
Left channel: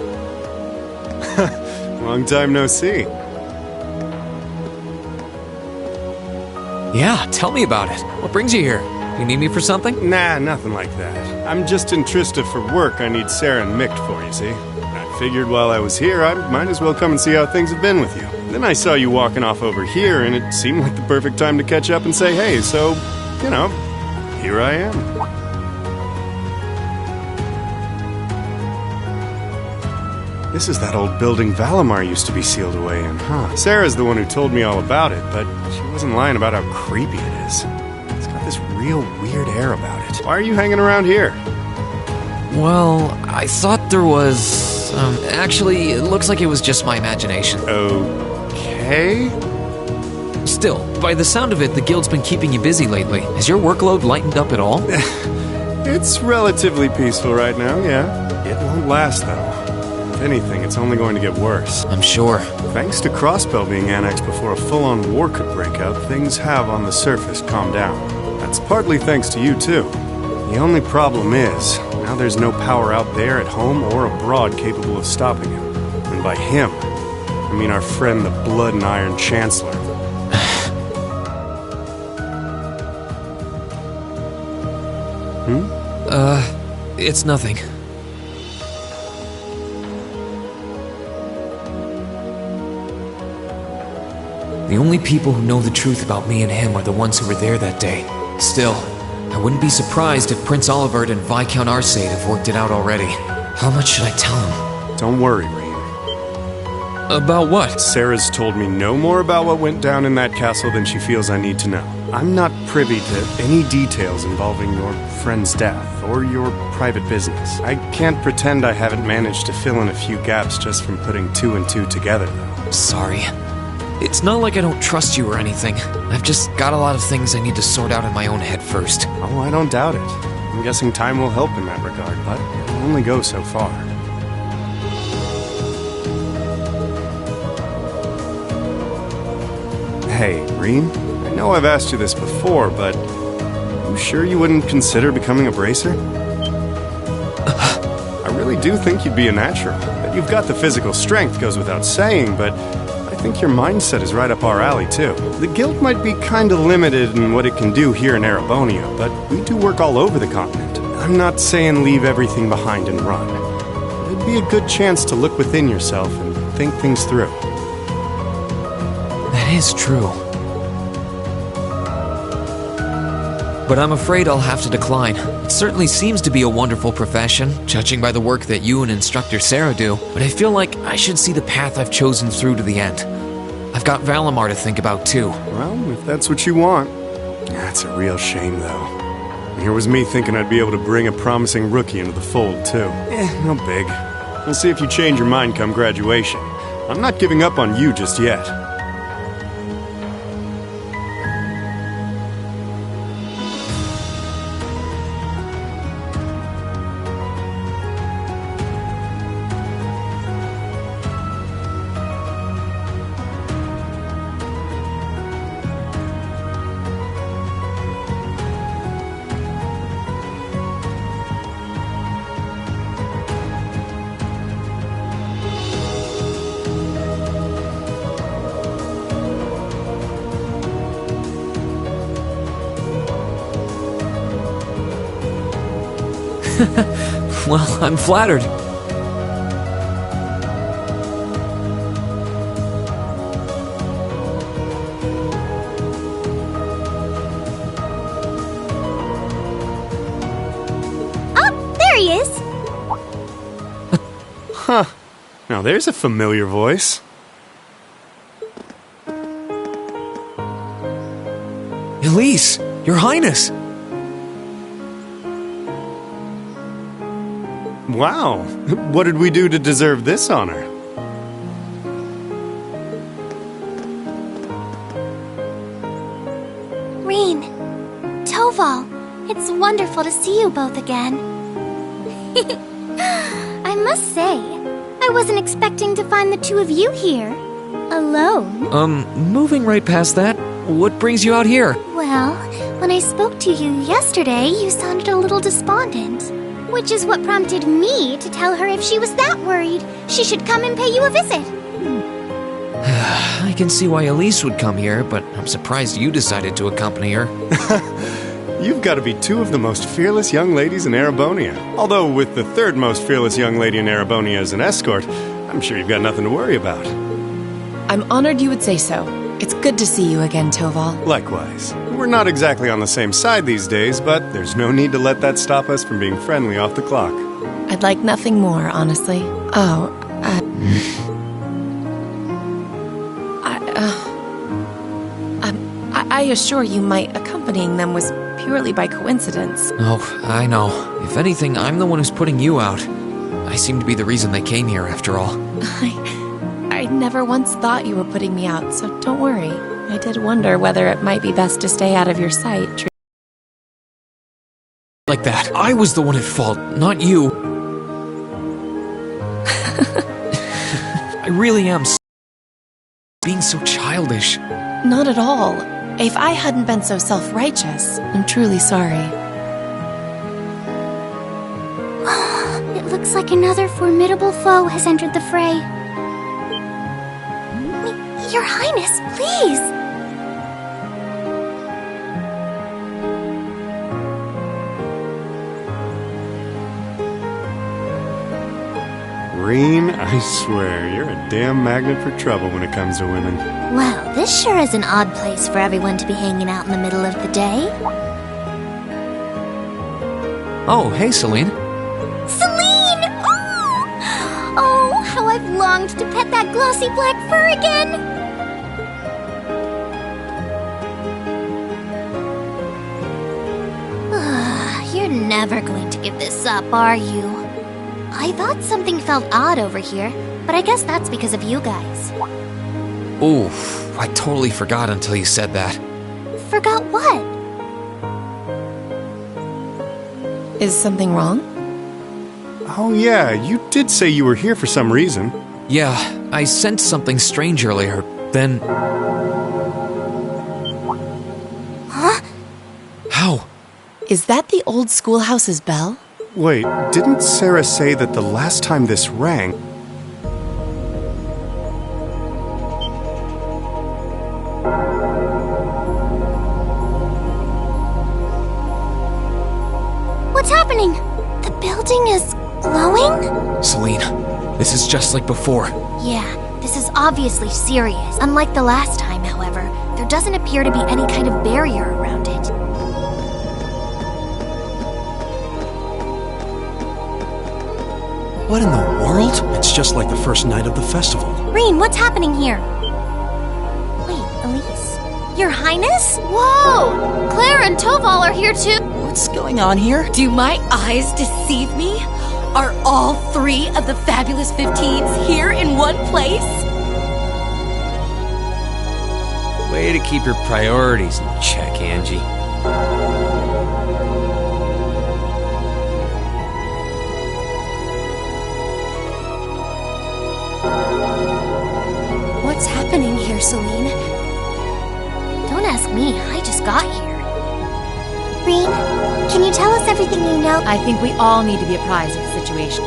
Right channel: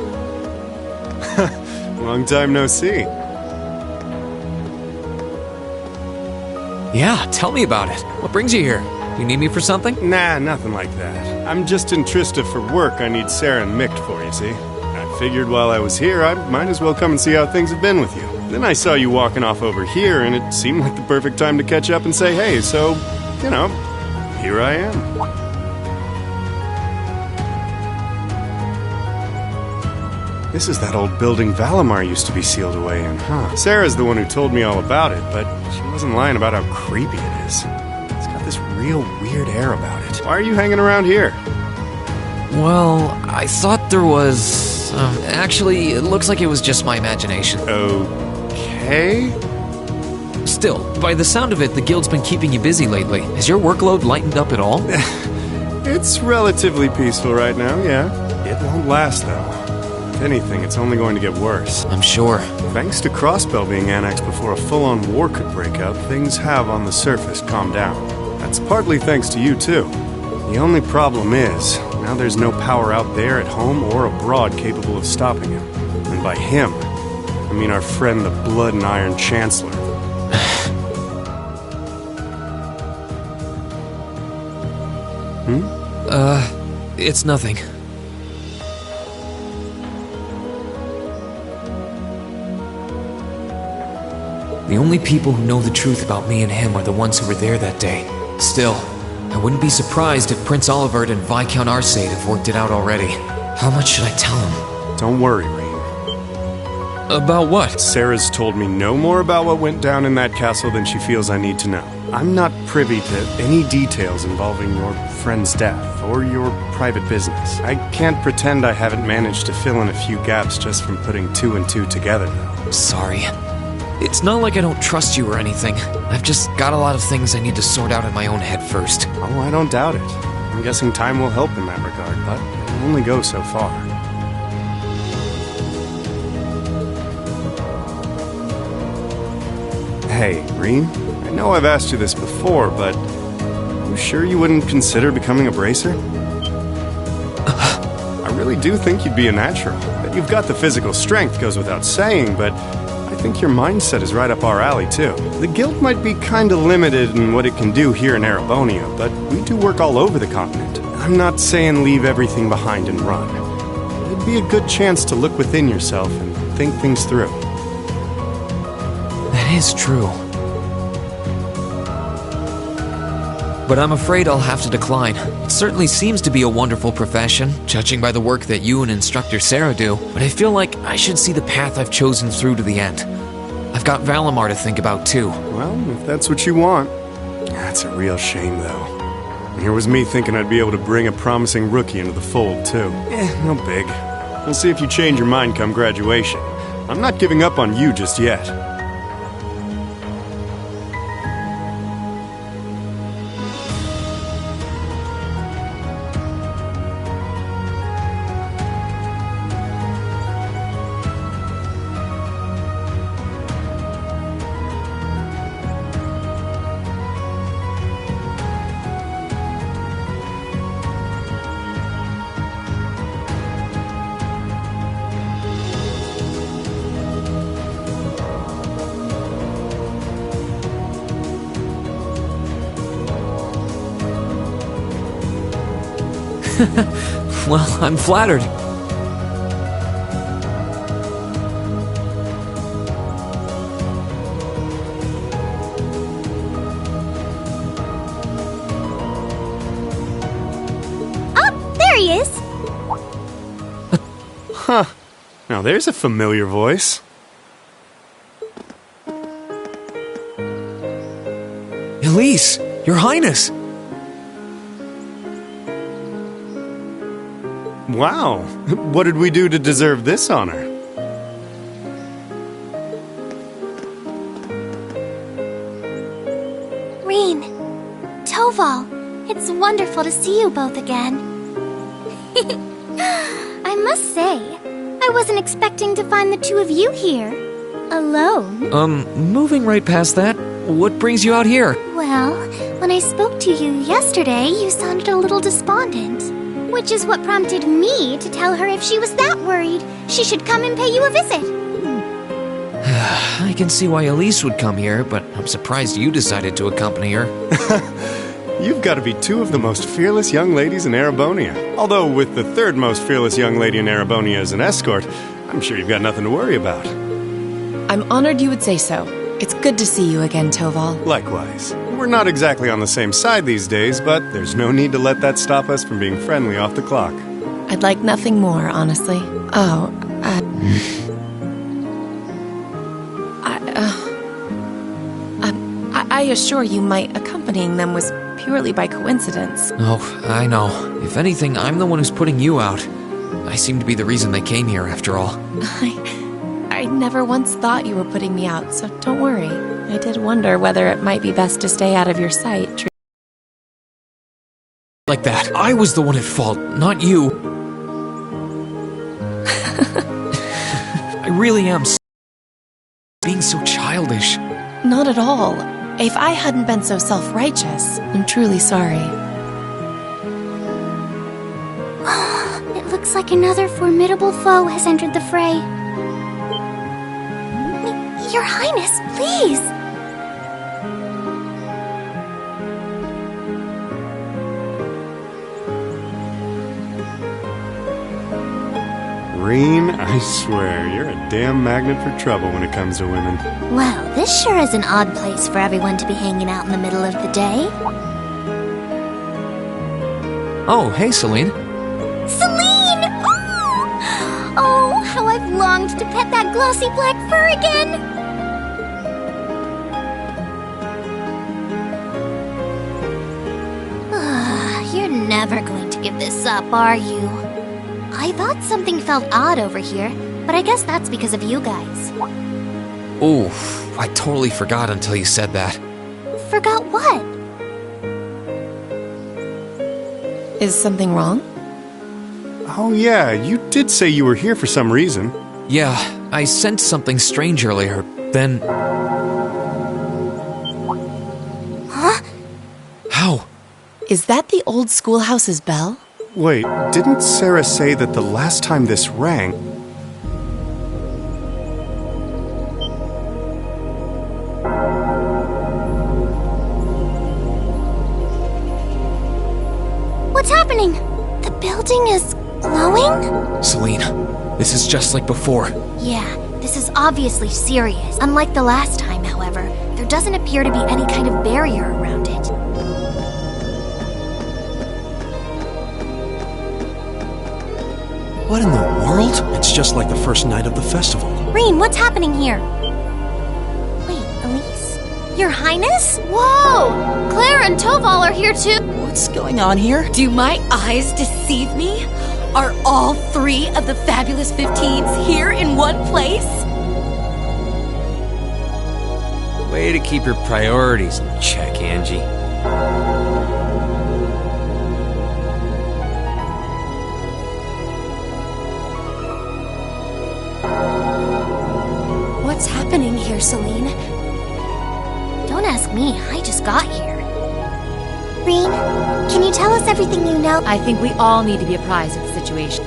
Long time no see. Yeah, tell me about it. What brings you here? Do you need me for something? Nah, nothing like that. I'm just in Trista for work. I need Sarah and Mick for, you see. I figured while I was here, I might as well come and see how things have been with you. Then I saw you walking off over here, and it seemed like the perfect time to catch up and say hey, so, you know, here I am. This is that old building Valimar used to be sealed away in, huh? Sarah's the one who told me all about it, but she wasn't lying about how creepy it is. It's got this real weird air about it. Why are you hanging around here? Well, I thought there was... actually, it looks like it was just my imagination. Okay? Still, by the sound of it, the guild's been keeping you busy lately. Has your workload lightened up at all? It's relatively peaceful right now, yeah. It won't last, though. If anything, it's only going to get worse. I'm sure. Thanks to Crossbell being annexed before a full-on war could break out, things have on the surface calmed down. That's partly thanks to you, too. The only problem is, now there's no power out there at home or abroad capable of stopping him. And by him, I mean our friend the Blood and Iron Chancellor. It's nothing. The only people who know the truth about me and him are the ones who were there that day. Still, I wouldn't be surprised if Prince Olivert and Viscount Arcade have worked it out already. How much should I tell him? Don't worry, Rain. About what? Sarah's told me no more about what went down in that castle than she feels I need to know. I'm not privy to any details involving your friend's death or your private business. I can't pretend I haven't managed to fill in a few gaps just from putting two and two together, though. Sorry. It's not like I don't trust you or anything. I've just got a lot of things I need to sort out in my own head first. Oh, I don't doubt it. I'm guessing time will help in that regard, but it'll only go so far. Hey, Reen, I know I've asked you this before, but you sure you wouldn't consider becoming a bracer? I really do think you'd be a natural. That you've got the physical strength goes without saying, but I think your mindset is right up our alley, too. The guild might be kinda limited in what it can do here in Erebonia, but we do work all over the continent. I'm not saying leave everything behind and run, but it'd be a good chance to look within yourself and think things through. That is true. But I'm afraid I'll have to decline. It certainly seems to be a wonderful profession, judging by the work that you and Instructor Sarah do, but I feel like I should see the path I've chosen through to the end. I've got Valimar to think about, too. Well, if that's what you want. That's a real shame, though. Here was me thinking I'd be able to bring a promising rookie into the fold, too. No big. We'll see if you change your mind come graduation. I'm not giving up on you just yet. Well, I'm flattered. Oh, there he is! Huh. Now there's a familiar voice. Elise, Your Highness! Wow, what did we do to deserve this honor? Reen, Toval, it's wonderful to see you both again. I must say, I wasn't expecting to find the two of you here. Alone. Moving right past that, what brings you out here? Well, when I spoke to you yesterday, you sounded a little despondent. Which is what prompted me to tell her if she was that worried, she should come and pay you a visit. I can see why Elise would come here, but I'm surprised you decided to accompany her. You've got to be two of the most fearless young ladies in Erebonia. Although with the third most fearless young lady in Erebonia as an escort, I'm sure you've got nothing to worry about. I'm honored you would say so. It's good to see you again, Toval. Likewise. We're not exactly on the same side these days, but there's no need to let that stop us from being friendly off the clock. I'd like nothing more, honestly. Oh, I assure you my accompanying them was purely by coincidence. Oh, I know. If anything, I'm the one who's putting you out. I seem to be the reason they came here, after all. I never once thought you were putting me out, so don't worry. I did wonder whether it might be best to stay out of your sight. Like that. I was the one at fault, not you. I really am being so childish. Not at all. If I hadn't been so self-righteous, I'm truly sorry. It looks like another formidable foe has entered the fray. Your Highness, please! Reen, I swear, you're a damn magnet for trouble when it comes to women. Well, this sure is an odd place for everyone to be hanging out in the middle of the day. Oh, hey, Celine. Celine! Oh, how I've longed to pet that glossy black fur again! You're never going to give this up, are you? I thought something felt odd over here, but I guess that's because of you guys. Oof, I totally forgot until you said that. Forgot what? Is something wrong? Oh yeah, you did say you were here for some reason. Yeah, I sensed something strange earlier, then... Huh? How? Is that the old schoolhouse's bell? Wait, didn't Sarah say that the last time this rang... What's happening? The building is glowing? Celine, this is just like before. Yeah, this is obviously serious. Unlike the last time, however, there doesn't appear to be any kind of barrier around it. What in the world? It's just like the first night of the festival. Reen, what's happening here? Wait, Elise? Your Highness? Whoa! Claire and Toval are here too! What's going on here? Do my eyes deceive me? Are all 3 of the fabulous 15s here in one place? Way to keep your priorities in check, Angie. What's happening here, Celine? Don't ask me, I just got here. Reen, can you tell us everything you know? I think we all need to be apprised of the situation.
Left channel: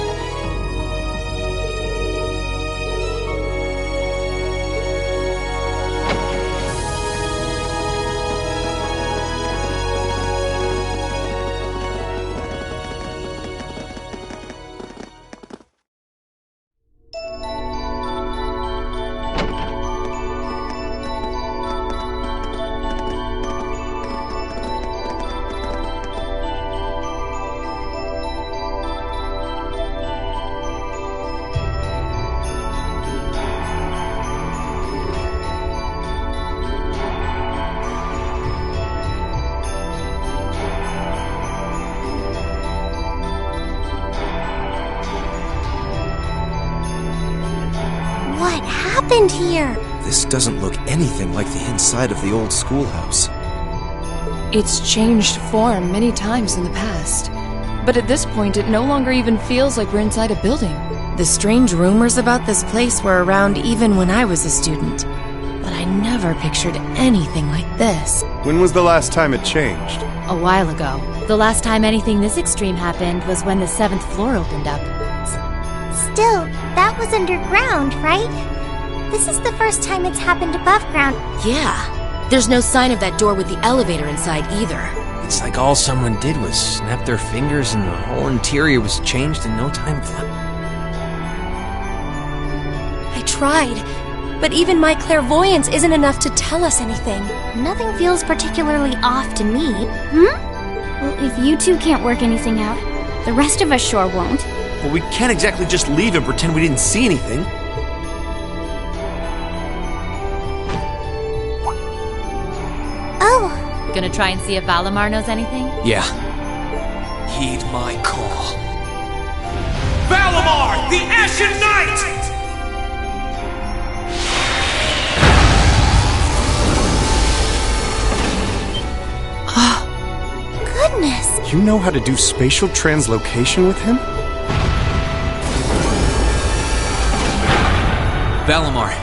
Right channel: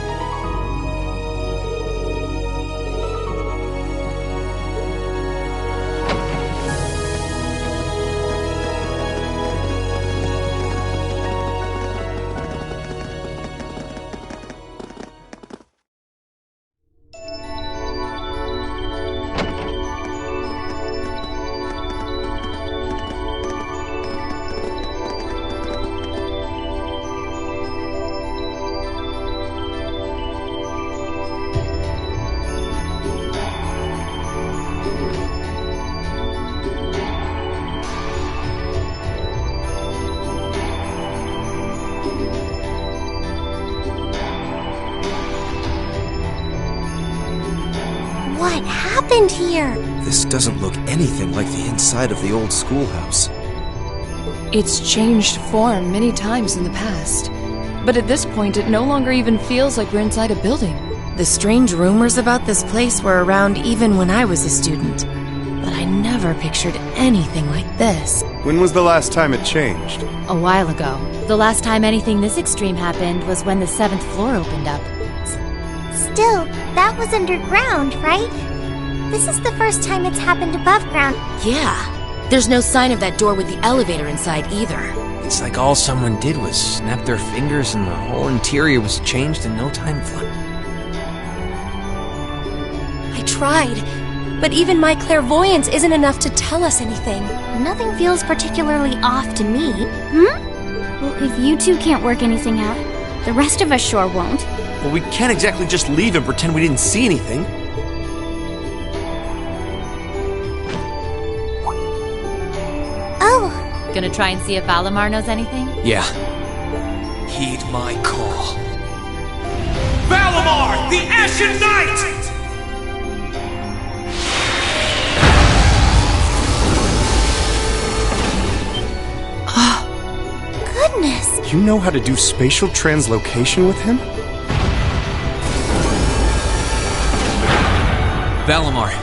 What happened here? This doesn't look anything like the inside of the old schoolhouse. It's changed form many times in the past. But at this point, it no longer even feels like we're inside a building. The strange rumors about this place were around even when I was a student. But I never pictured anything like this. When was the last time it changed? A while ago. The last time anything this extreme happened was when the 7th floor opened up. Still, that was underground, right? This is the first time it's happened above ground. Yeah. There's no sign of that door with the elevator inside either. It's like all someone did was snap their fingers and the whole interior was changed in no time flat. I tried, but even my clairvoyance isn't enough to tell us anything. Nothing feels particularly off to me. Well, if you two can't work anything out, the rest of us sure won't. Well, we can't exactly just leave and pretend we didn't see anything. Oh. Gonna try and see if Valimar knows anything? Yeah. Heed my call. Valimar, the Ashen Knight! Goodness! You know how to do spatial translocation with him? Valimar,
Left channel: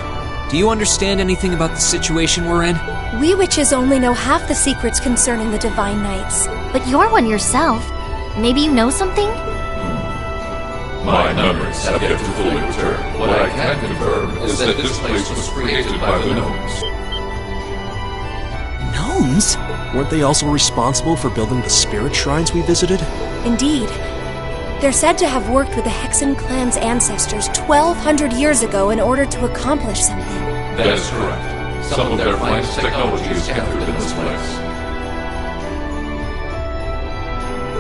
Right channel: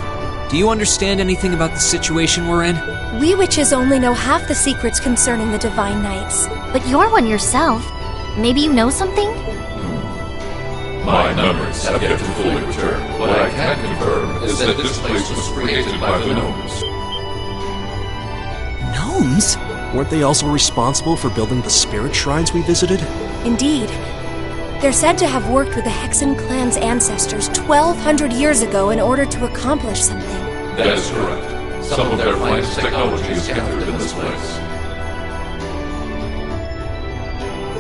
do you understand anything about the situation we're in? We witches only know half the secrets concerning the Divine Knights. But you're one yourself. Maybe you know something? My memories have yet to fully return. What I can confirm is that this place was created by the gnomes. Gnomes? Weren't they also responsible for building the spirit shrines we visited? Indeed. They're said to have worked with the Hexen clan's ancestors 1,200 years ago in order to accomplish something. That is correct. Some of their finest technology is gathered in this place.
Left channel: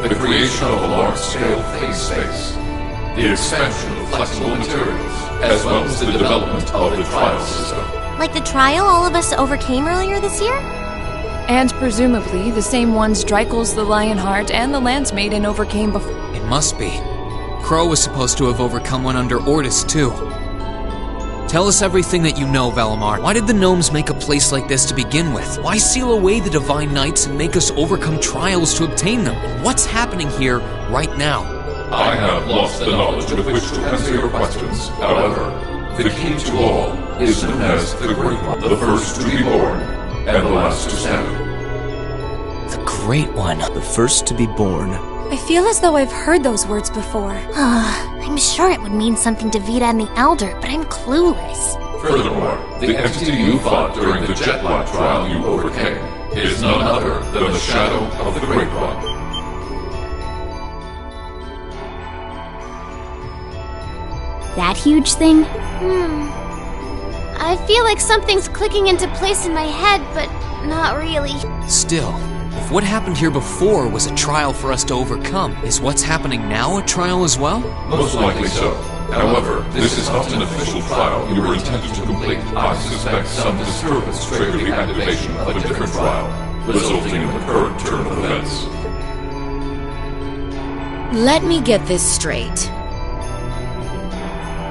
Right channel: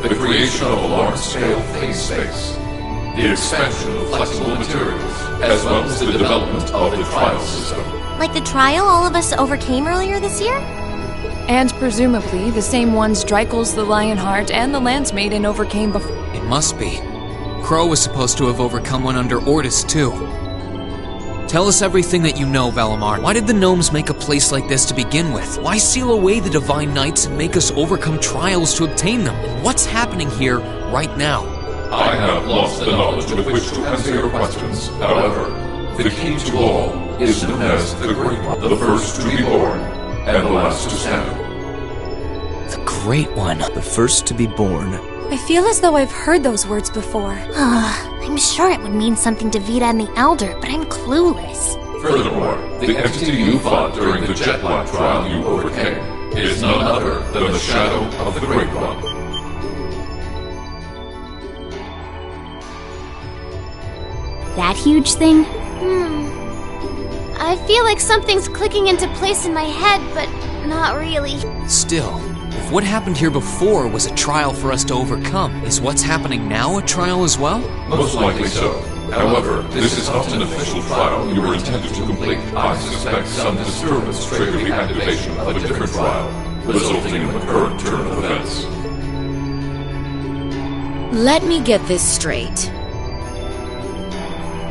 The creation of a large-scale phase space, the expansion of flexible materials, as well as the development of the trial system. Like the trial all of us overcame earlier this year? And presumably the same ones Dreikel's the Lionheart and the Lance Maiden overcame before. It must be. Crow was supposed to have overcome one under Ordis, too. Tell us everything that you know, Valimar. Why did the gnomes make a place like this to begin with? Why seal away the Divine Knights and make us overcome trials to obtain them? And what's happening here right now? I have lost the knowledge with which to answer your questions. However, the key to all is known as the Great One, the first to be born, and the last to stand. The Great One. The first to be born. I feel as though I've heard those words before. I'm sure it would mean something to Vita and the Elder, but I'm clueless. Furthermore, the entity you fought during the Jetlock trial you overcame is none other than the shadow of the Great One. That huge thing? I feel like something's clicking into place in my head, but not really. Still, if what happened here before was a trial for us to overcome, is what's happening now a trial as well? Most likely so. However, this is not an official trial you were intended to complete. I suspect some disturbance triggered the activation of a different trial, resulting in the current turn of events. Let me get this straight.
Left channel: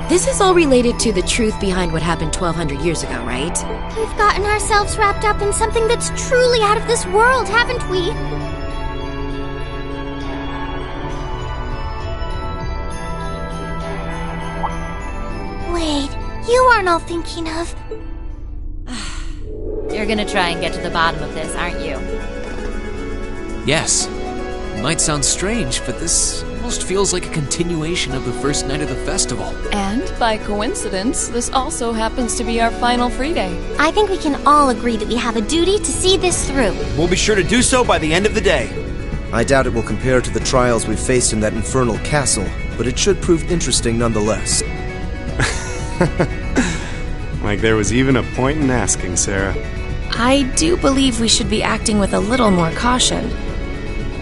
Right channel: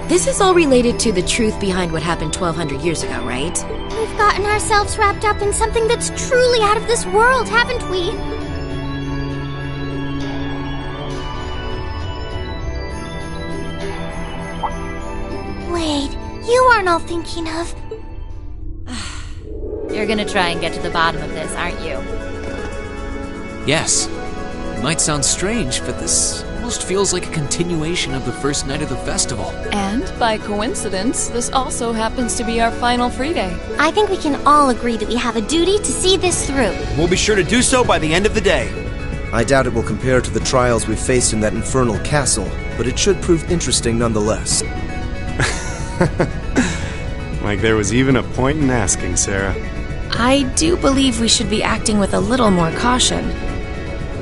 This is all related to the truth behind what happened 1,200 years ago, right? We've gotten ourselves wrapped up in something that's truly out of this world, haven't we? Wait, you aren't all thinking of... You're gonna try and get to the bottom of this, aren't you? Yes. It might sound strange, but this almost feels like a continuation of the first night of the festival. And, by coincidence, this also happens to be our final free day. I think we can all agree that we have a duty to see this through. We'll be sure to do so by the end of the day. I doubt it will compare to the trials we've faced in that infernal castle, but it should prove interesting nonetheless. Like there was even a point in asking, Sarah. I do believe we should be acting with a little more caution.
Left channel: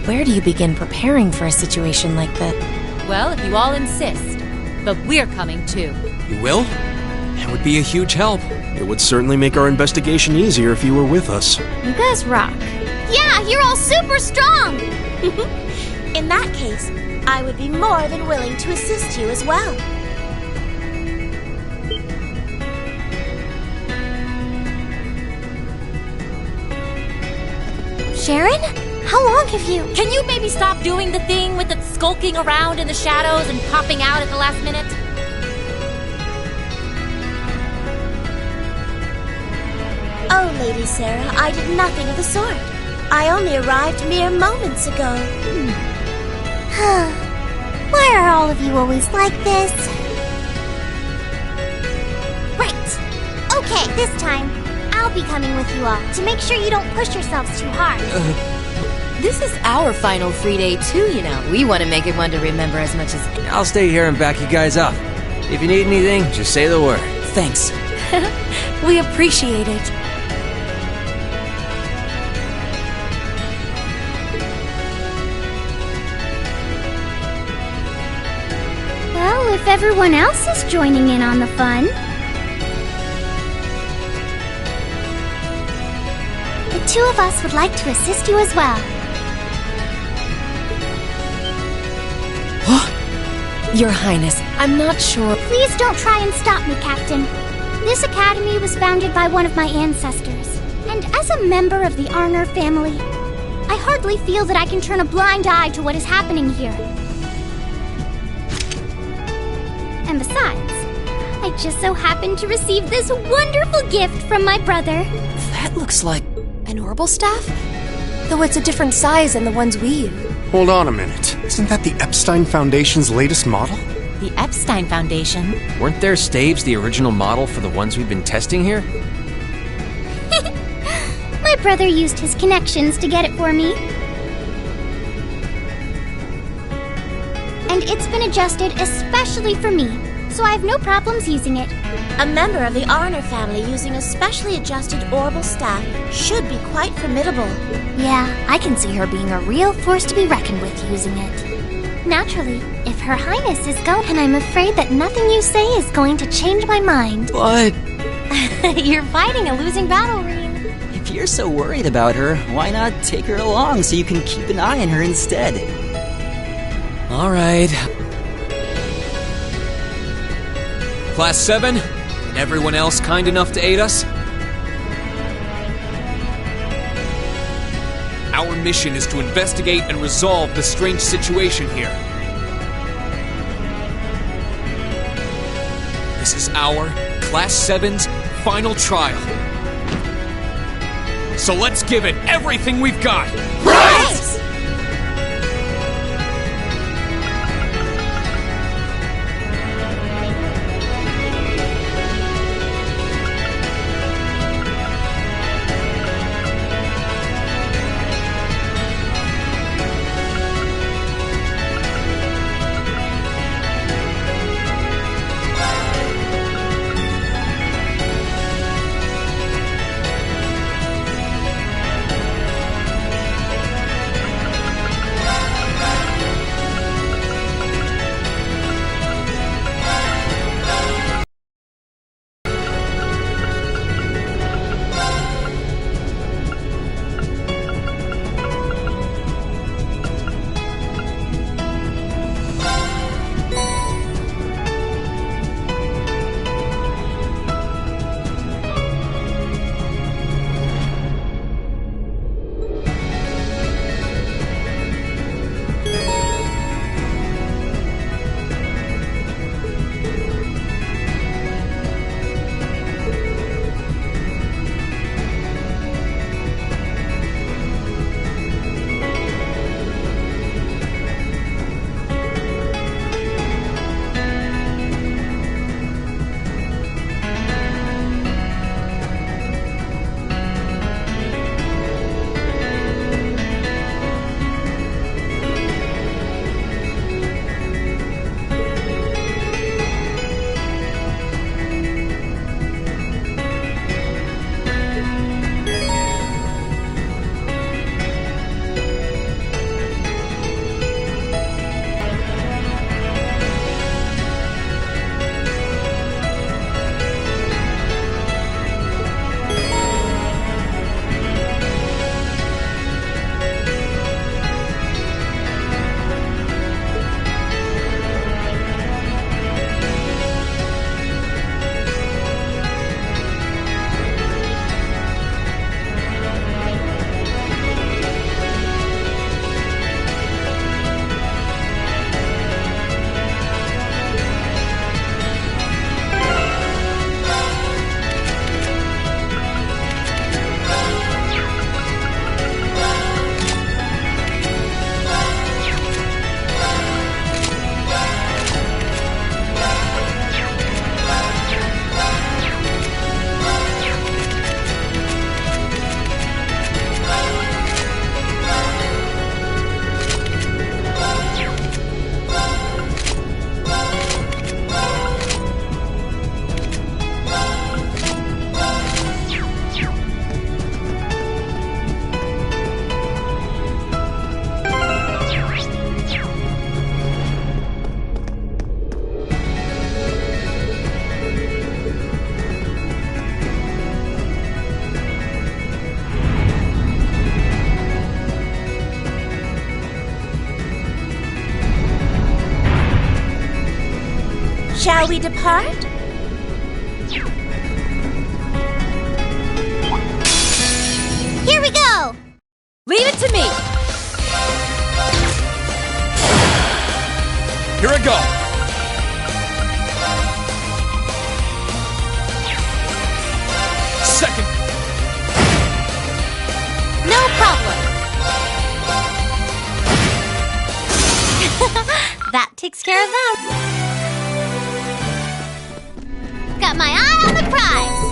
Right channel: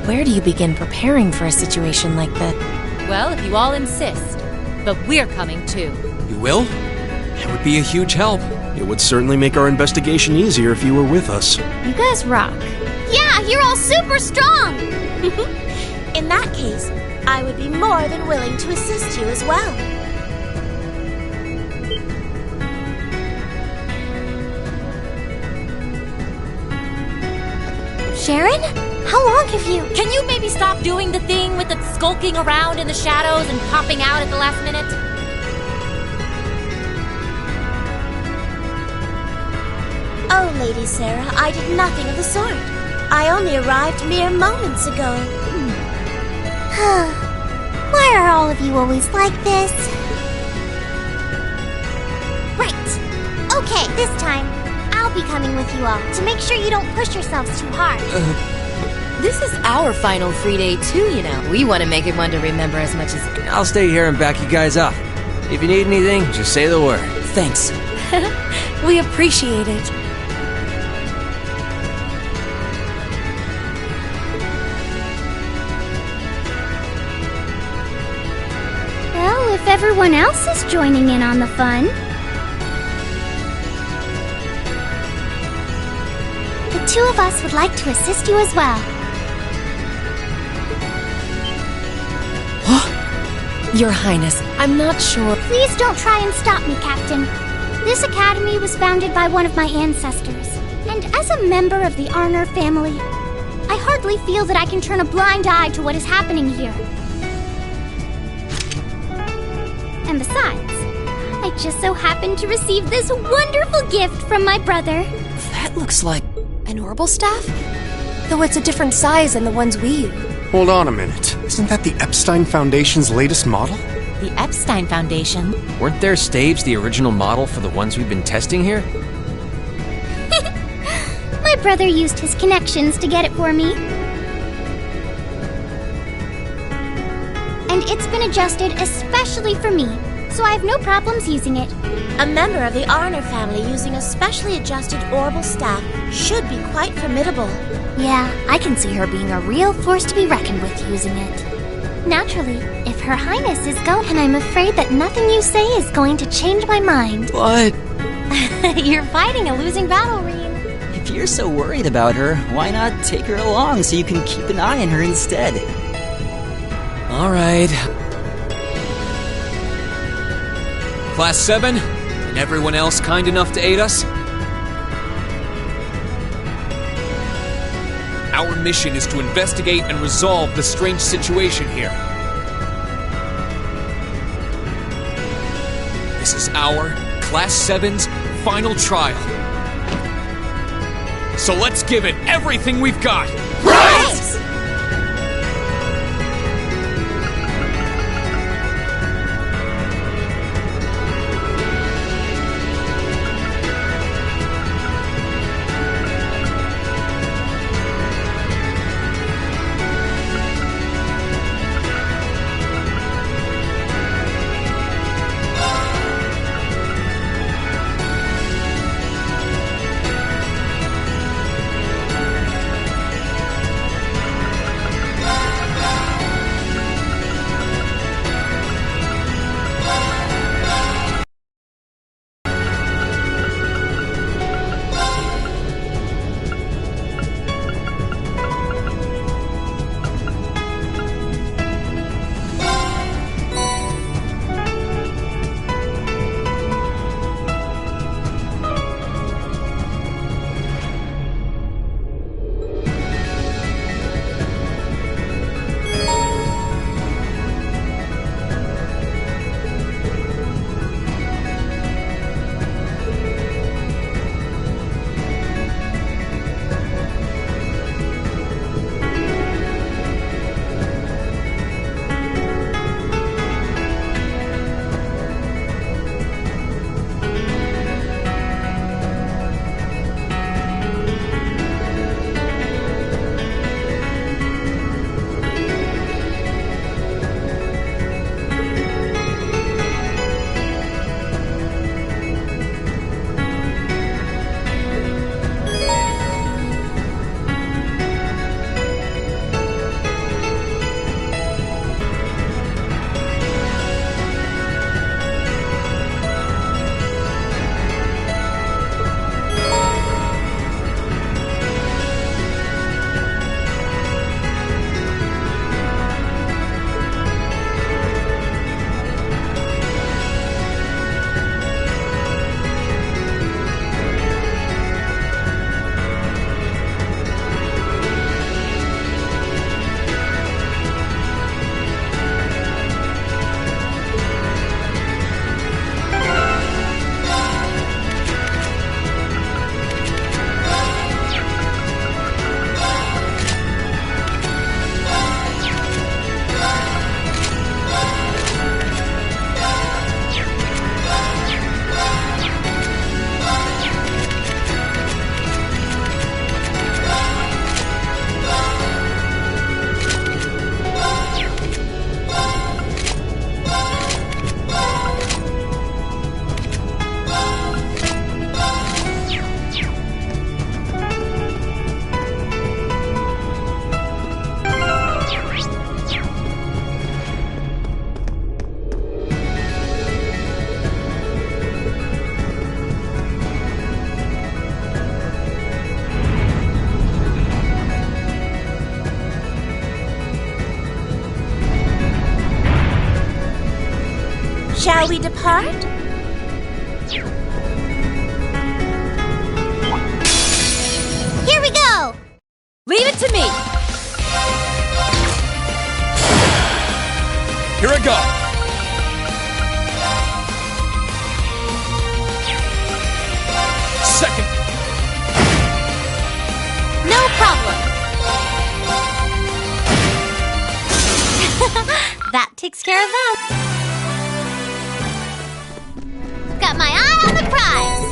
Where do you begin preparing for a situation like that? Well, if you all insist. But we're coming too. You will? That would be a huge help. It would certainly make our investigation easier if you were with us. You guys rock. Yeah, you're all super strong! In that case, I would be more than willing to assist you as well. Sharon? How long have you... Can you maybe stop doing the thing with the skulking around in the shadows and popping out at the last minute? Oh, Lady Sarah, I did nothing of the sort. I only arrived mere moments ago. Why are all of you always like this? Right. Okay, this time, I'll be coming with you all to make sure you don't push yourselves too hard. This is our final free day too, you know. We want to make it one to remember as much as... I'll stay here and back you guys up. If you need anything, just say the word. Thanks. We appreciate it. Well, if everyone else is joining in on the fun, the two of us would like to assist you as well. Your Highness, I'm not sure. Please don't try and stop me, Captain. This academy was founded by one of my ancestors, and as a member of the Arner family, I hardly feel that I can turn a blind eye to what is happening here. And besides, I just so happened to receive this wonderful gift from my brother. That looks like... An orbital staff? Though it's a different size than the ones we use. Hold on a minute. Isn't that the Epstein Foundation's latest model? The Epstein Foundation? Weren't their staves the original model for the ones we've been testing here? My brother used his connections to get it for me. And it's been adjusted especially for me, so I have no problems using it. A member of the Arner family using a specially adjusted orbital staff should be quite formidable. Yeah, I can see her being a real force to be reckoned with using it. Naturally, if Her Highness is going, and I'm afraid that nothing you say is going to change my mind. What? You're fighting a losing battle, Rean. If you're so worried about her, why not take her along so you can keep an eye on her instead? All right. Class 7, and everyone else kind enough to aid us? Our mission is to investigate and resolve the strange situation here. This is our Class 7's final trial. So let's give it everything we've got! Right! Shall we depart? Here we go! Leave it to me! Here I go! Second! No problem! That takes care of them. Got my eye on the prize!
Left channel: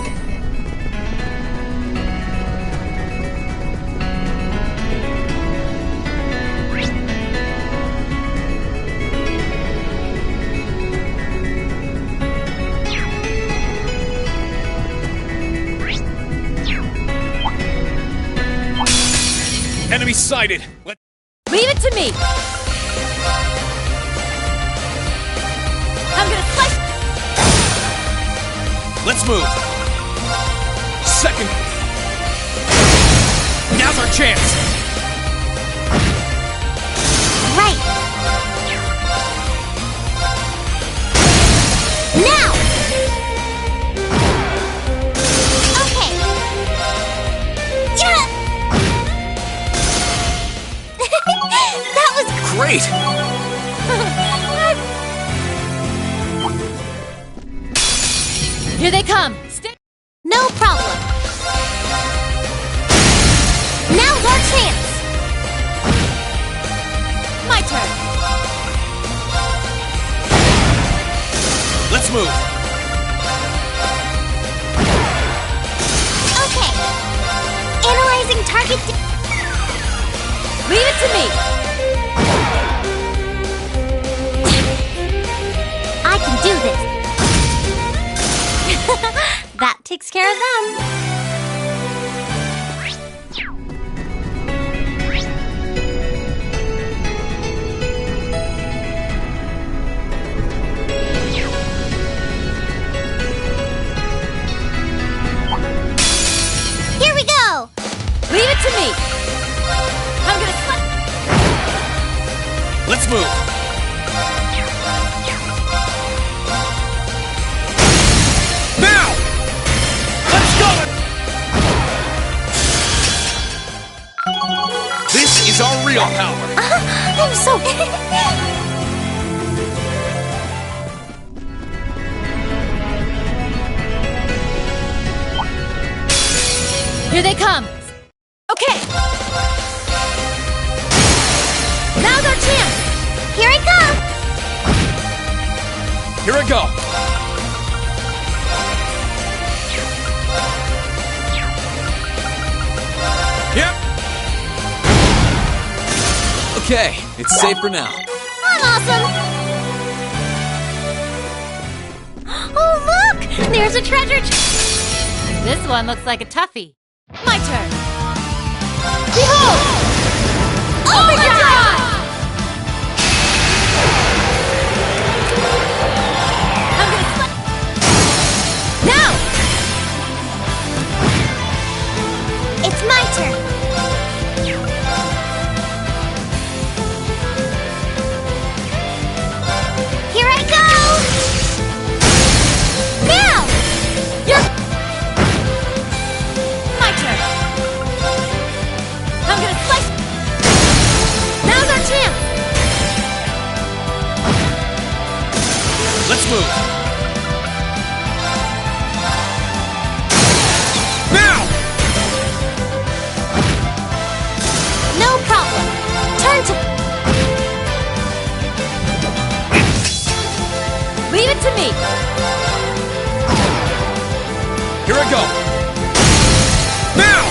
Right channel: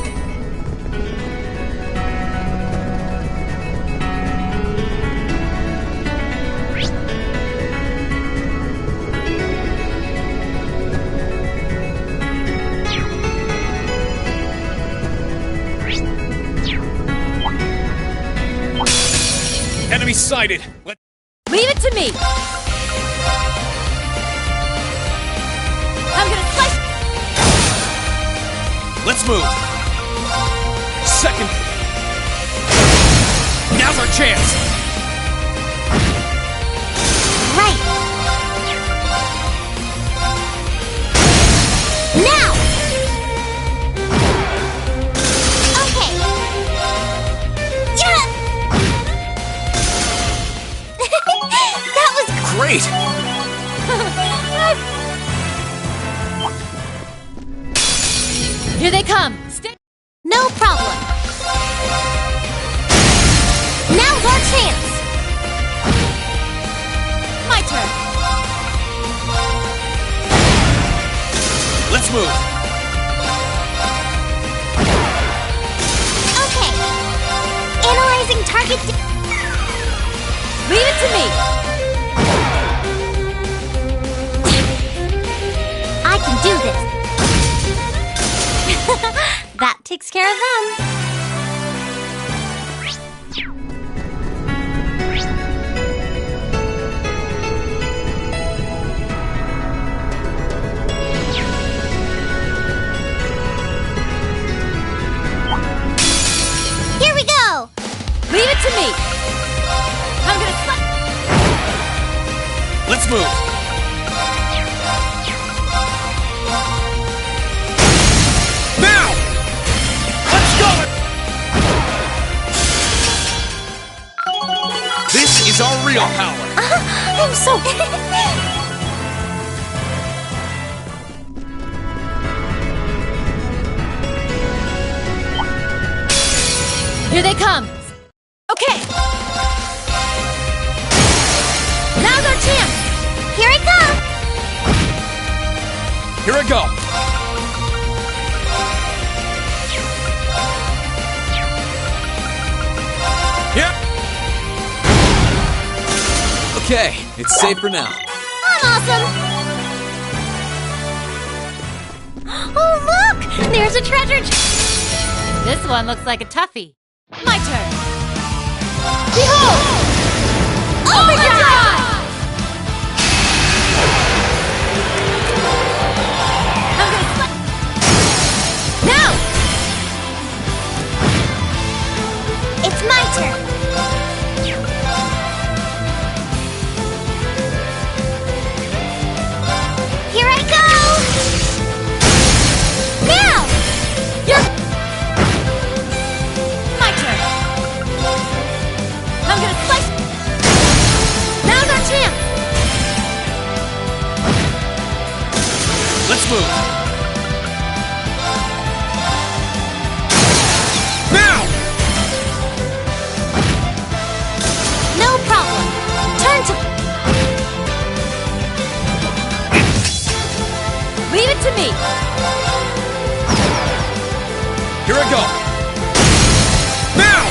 Enemy sighted! Leave it to me! I'm gonna slice. Let's move! Second! Now's our chance! Right! Now! Okay! Yeah! That was Great! Here they come! no problem. Now's our chance. My turn! Let's move! Okay. Analyzing target. Leave it to me! I can do this. That takes care of them. Here we go! Leave it to me! I'm gonna slap. Let's move! Now! Let's go! This is our real power! I'm so... Here they come! Okay! Now's our chance! Here I come! Here I go! Yep! Okay, it's safe for now. I'm awesome! Oh, look! There's a treasure This one looks like a toughie. My turn! Behold! Overdrive! I'm gonna slap. Now! It's my turn. Here I go! Now! My turn! I'm gonna slice. Now's our chance! Let's move! Now! No problem. Turn to... Leave it to me! Here I go! Now!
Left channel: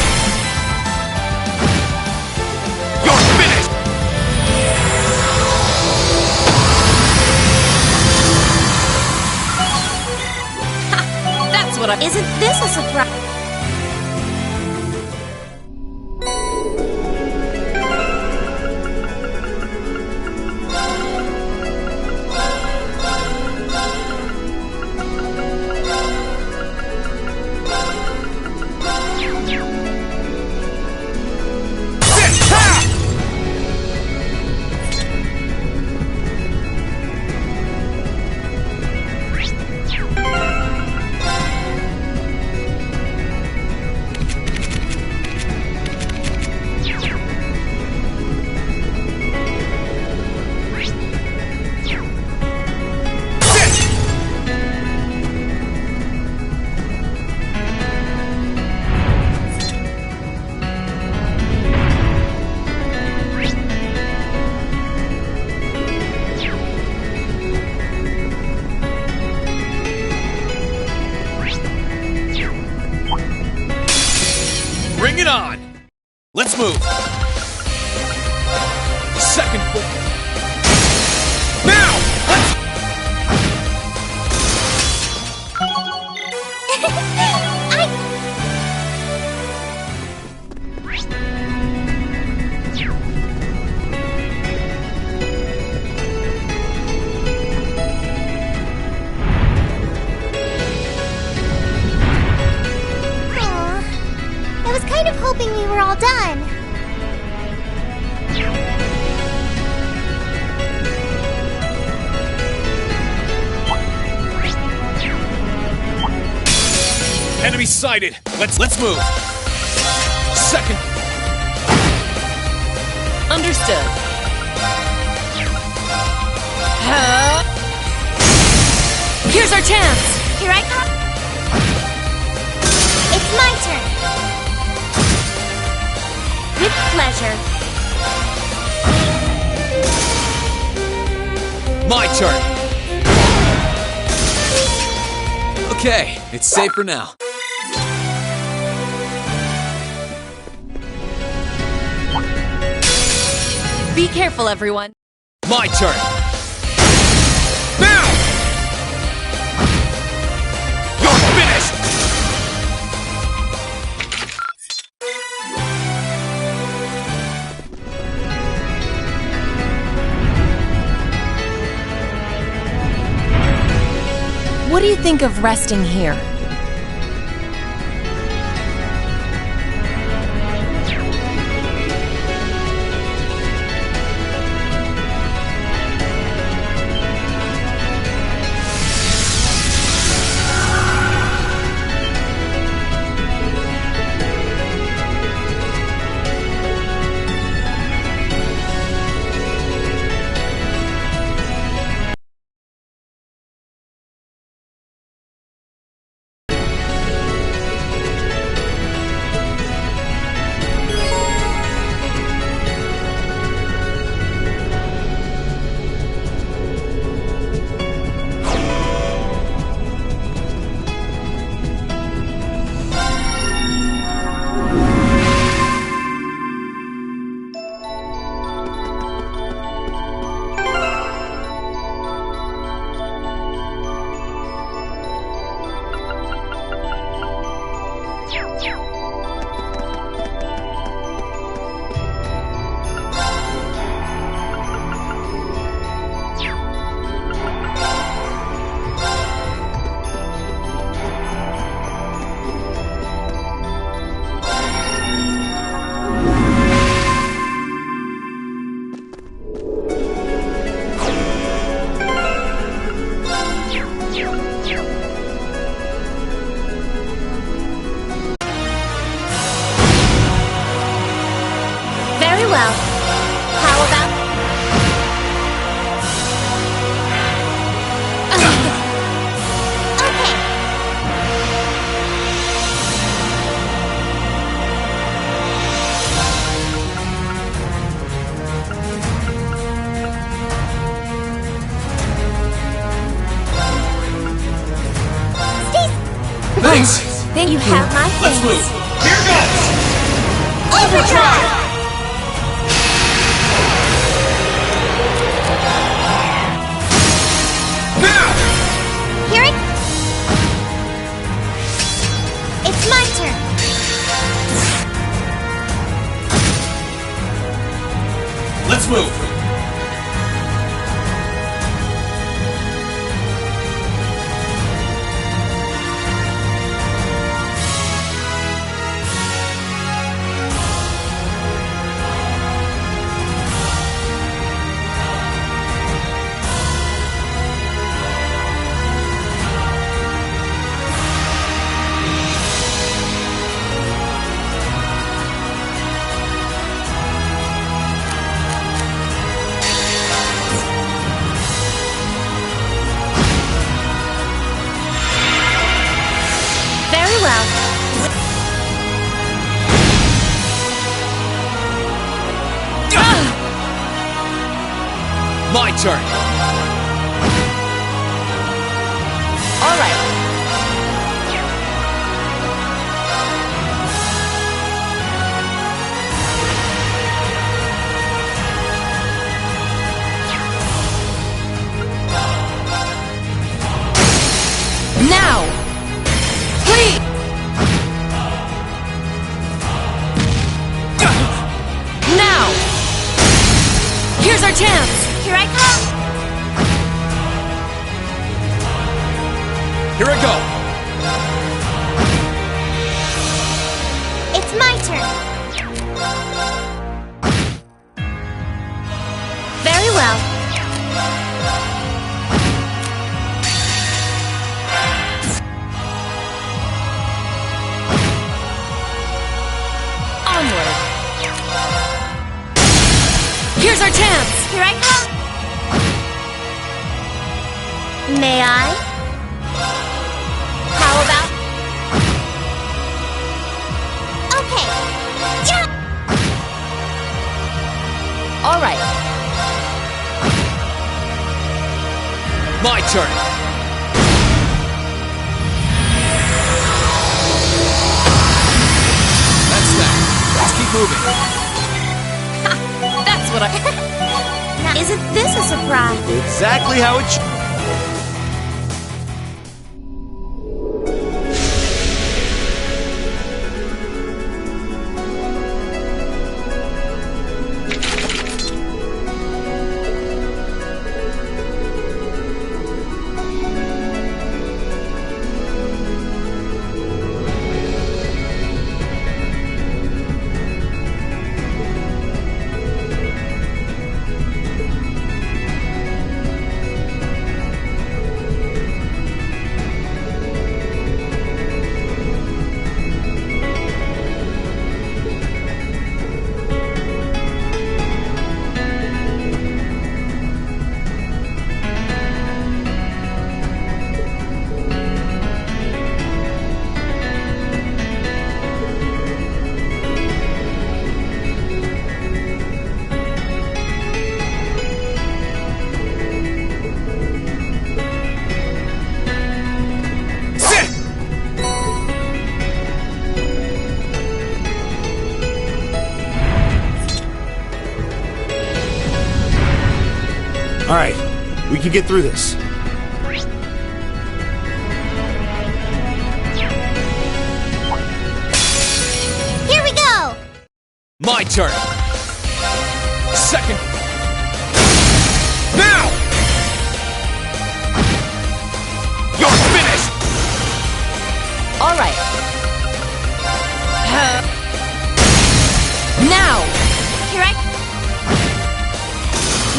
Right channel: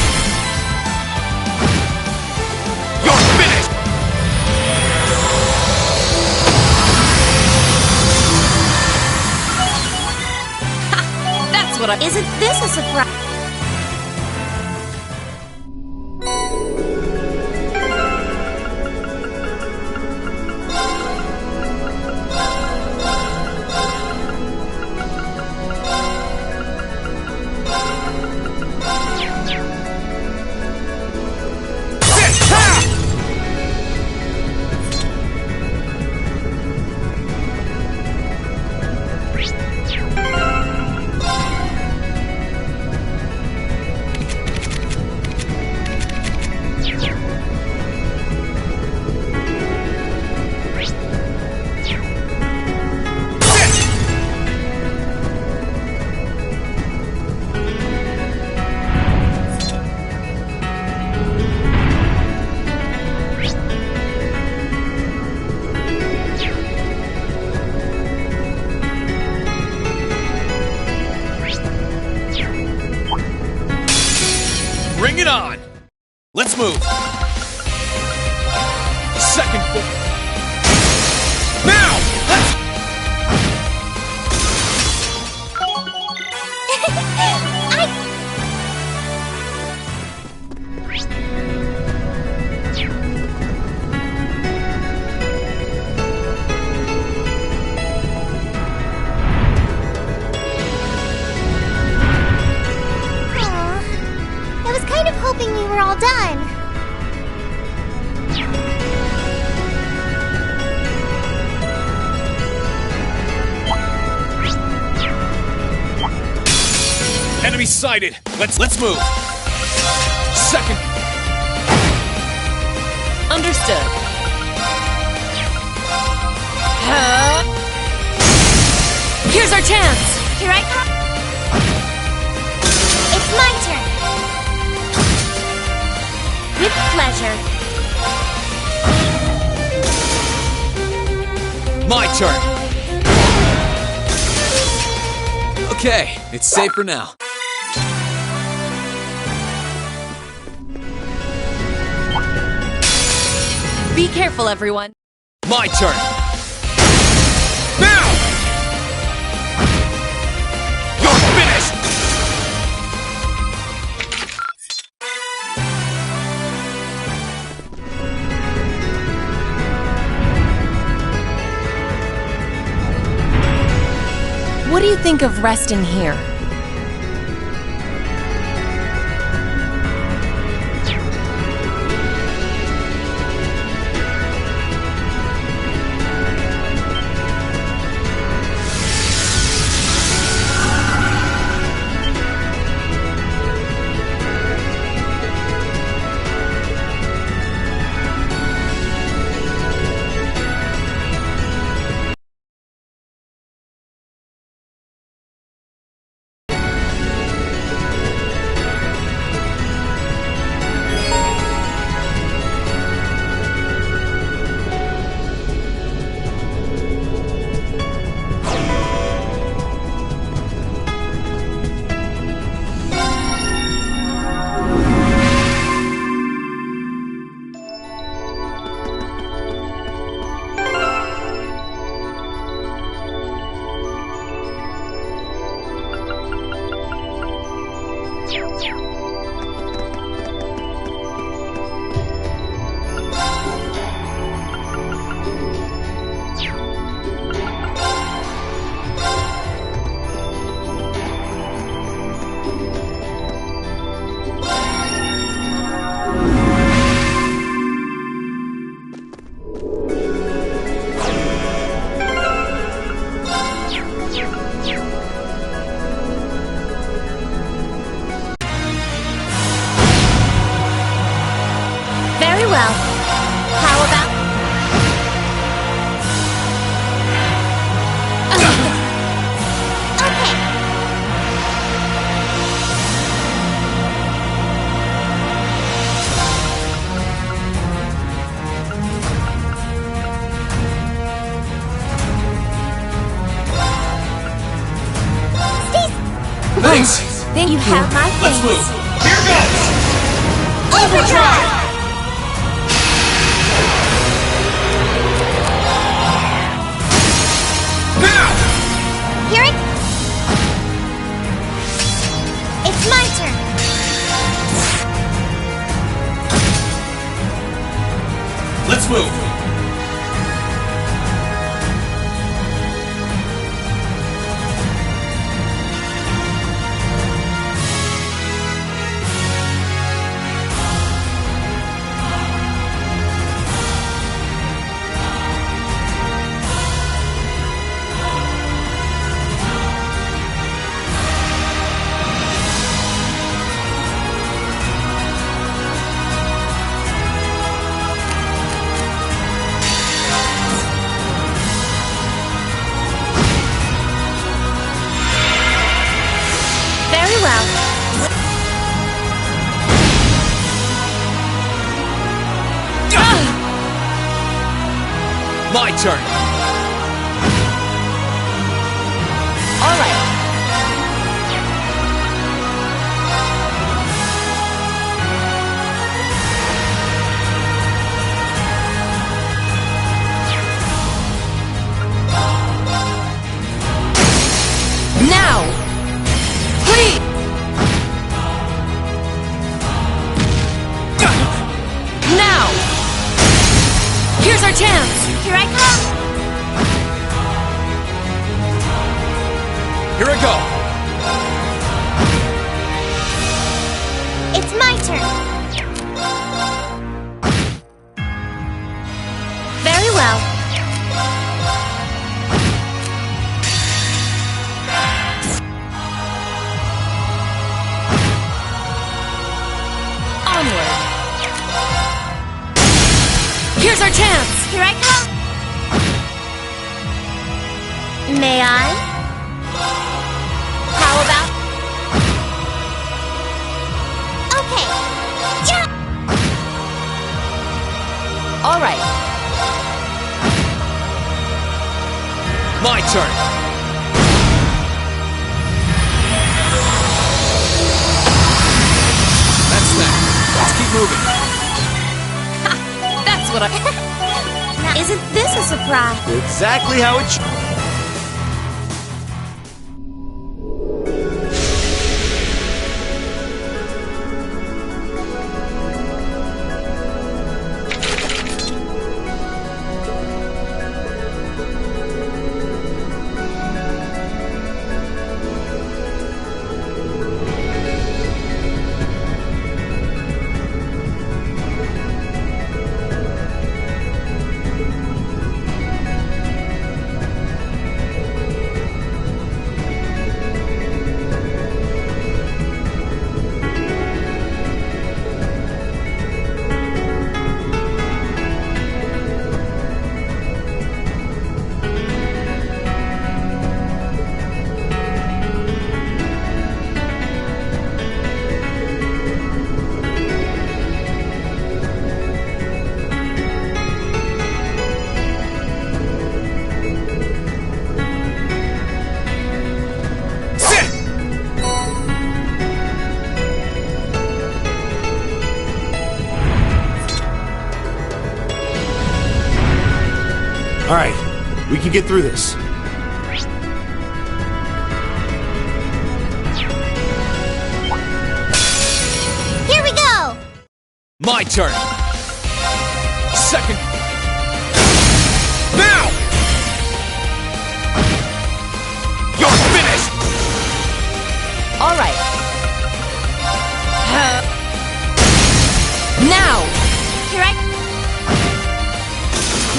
You're finished! That's what I... Isn't this a surprise? it on! Let's move! Second floor. Now! Let's... I was kind of hoping we were all done. Enemy sighted! Let's move! Second... Understood. Here's our chance! Here I come. It's my turn. With pleasure. My turn! Okay, it's safe for now. Be careful, everyone. My turn! Now! You're finished! What do you think of resting here? Very well. How about... Okay. Thanks! Thank you. Have my Let's thanks. move! Here goes! Overdrive! Now! Here it... It's my turn. Let's move! Very well. My turn! All right. Here I go! It's my turn. Very well. Onward. Here's our chance. Here I come. May I? How about... Okay. Yeah. All right. My turn! That's that. Let's keep moving. That's what I... Isn't this a surprise? Exactly how it should. All right, we can get through this. Here we go. My turn! Second... Now! You're finished! All right. Now! Here I...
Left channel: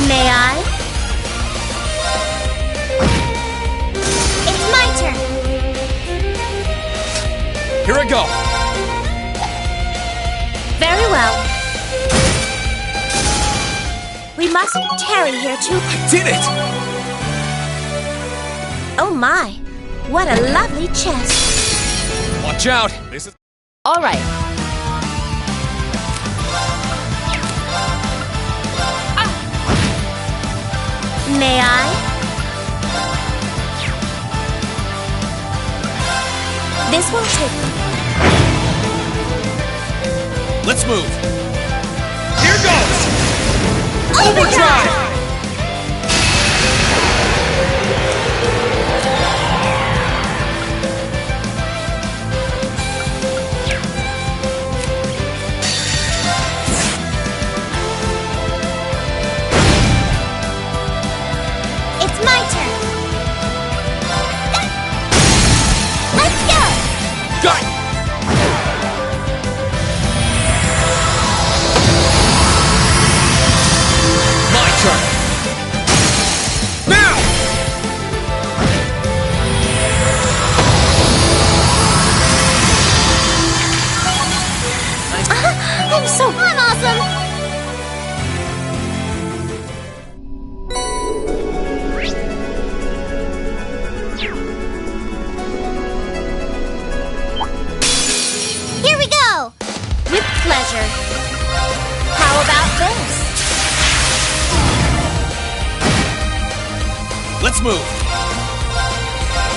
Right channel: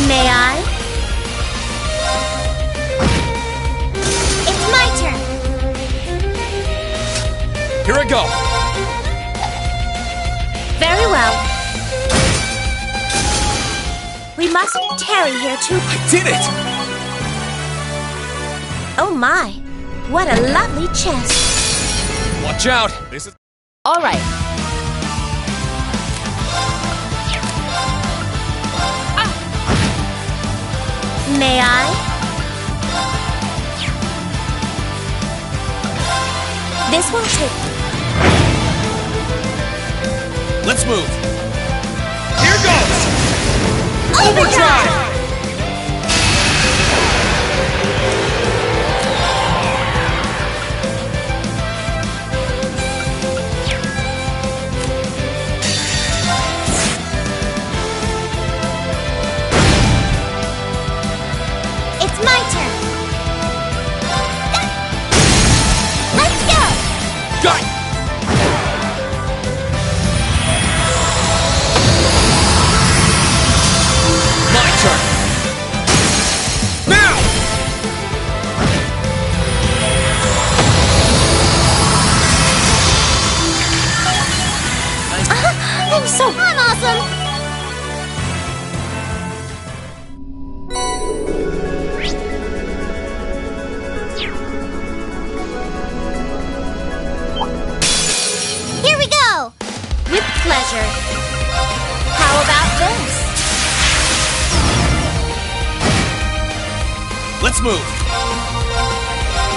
May I? It's my turn. Here I go! Very well. We mustn't tarry here too... I did it! Oh my, what a lovely chest. Watch out! This is... All right. May I? This won't take... Let's move! Here goes! Overdrive! It's my turn. Let's go. Got it! My turn! Now! I'm awesome. Here we go. With pleasure. How about this? Let's move!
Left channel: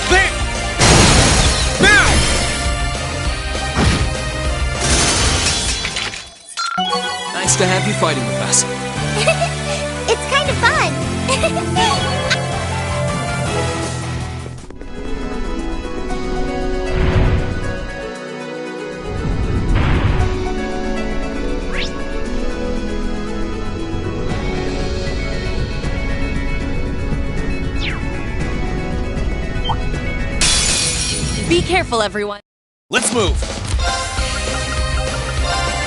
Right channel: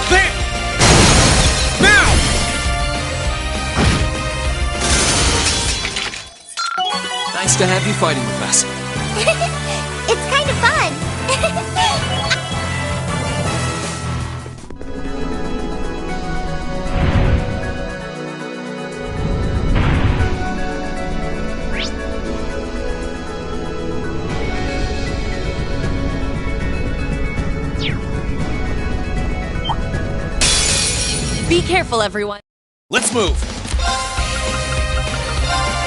There! Now! Nice to have you fighting with us. It's kind of fun. Be careful, everyone. Let's move.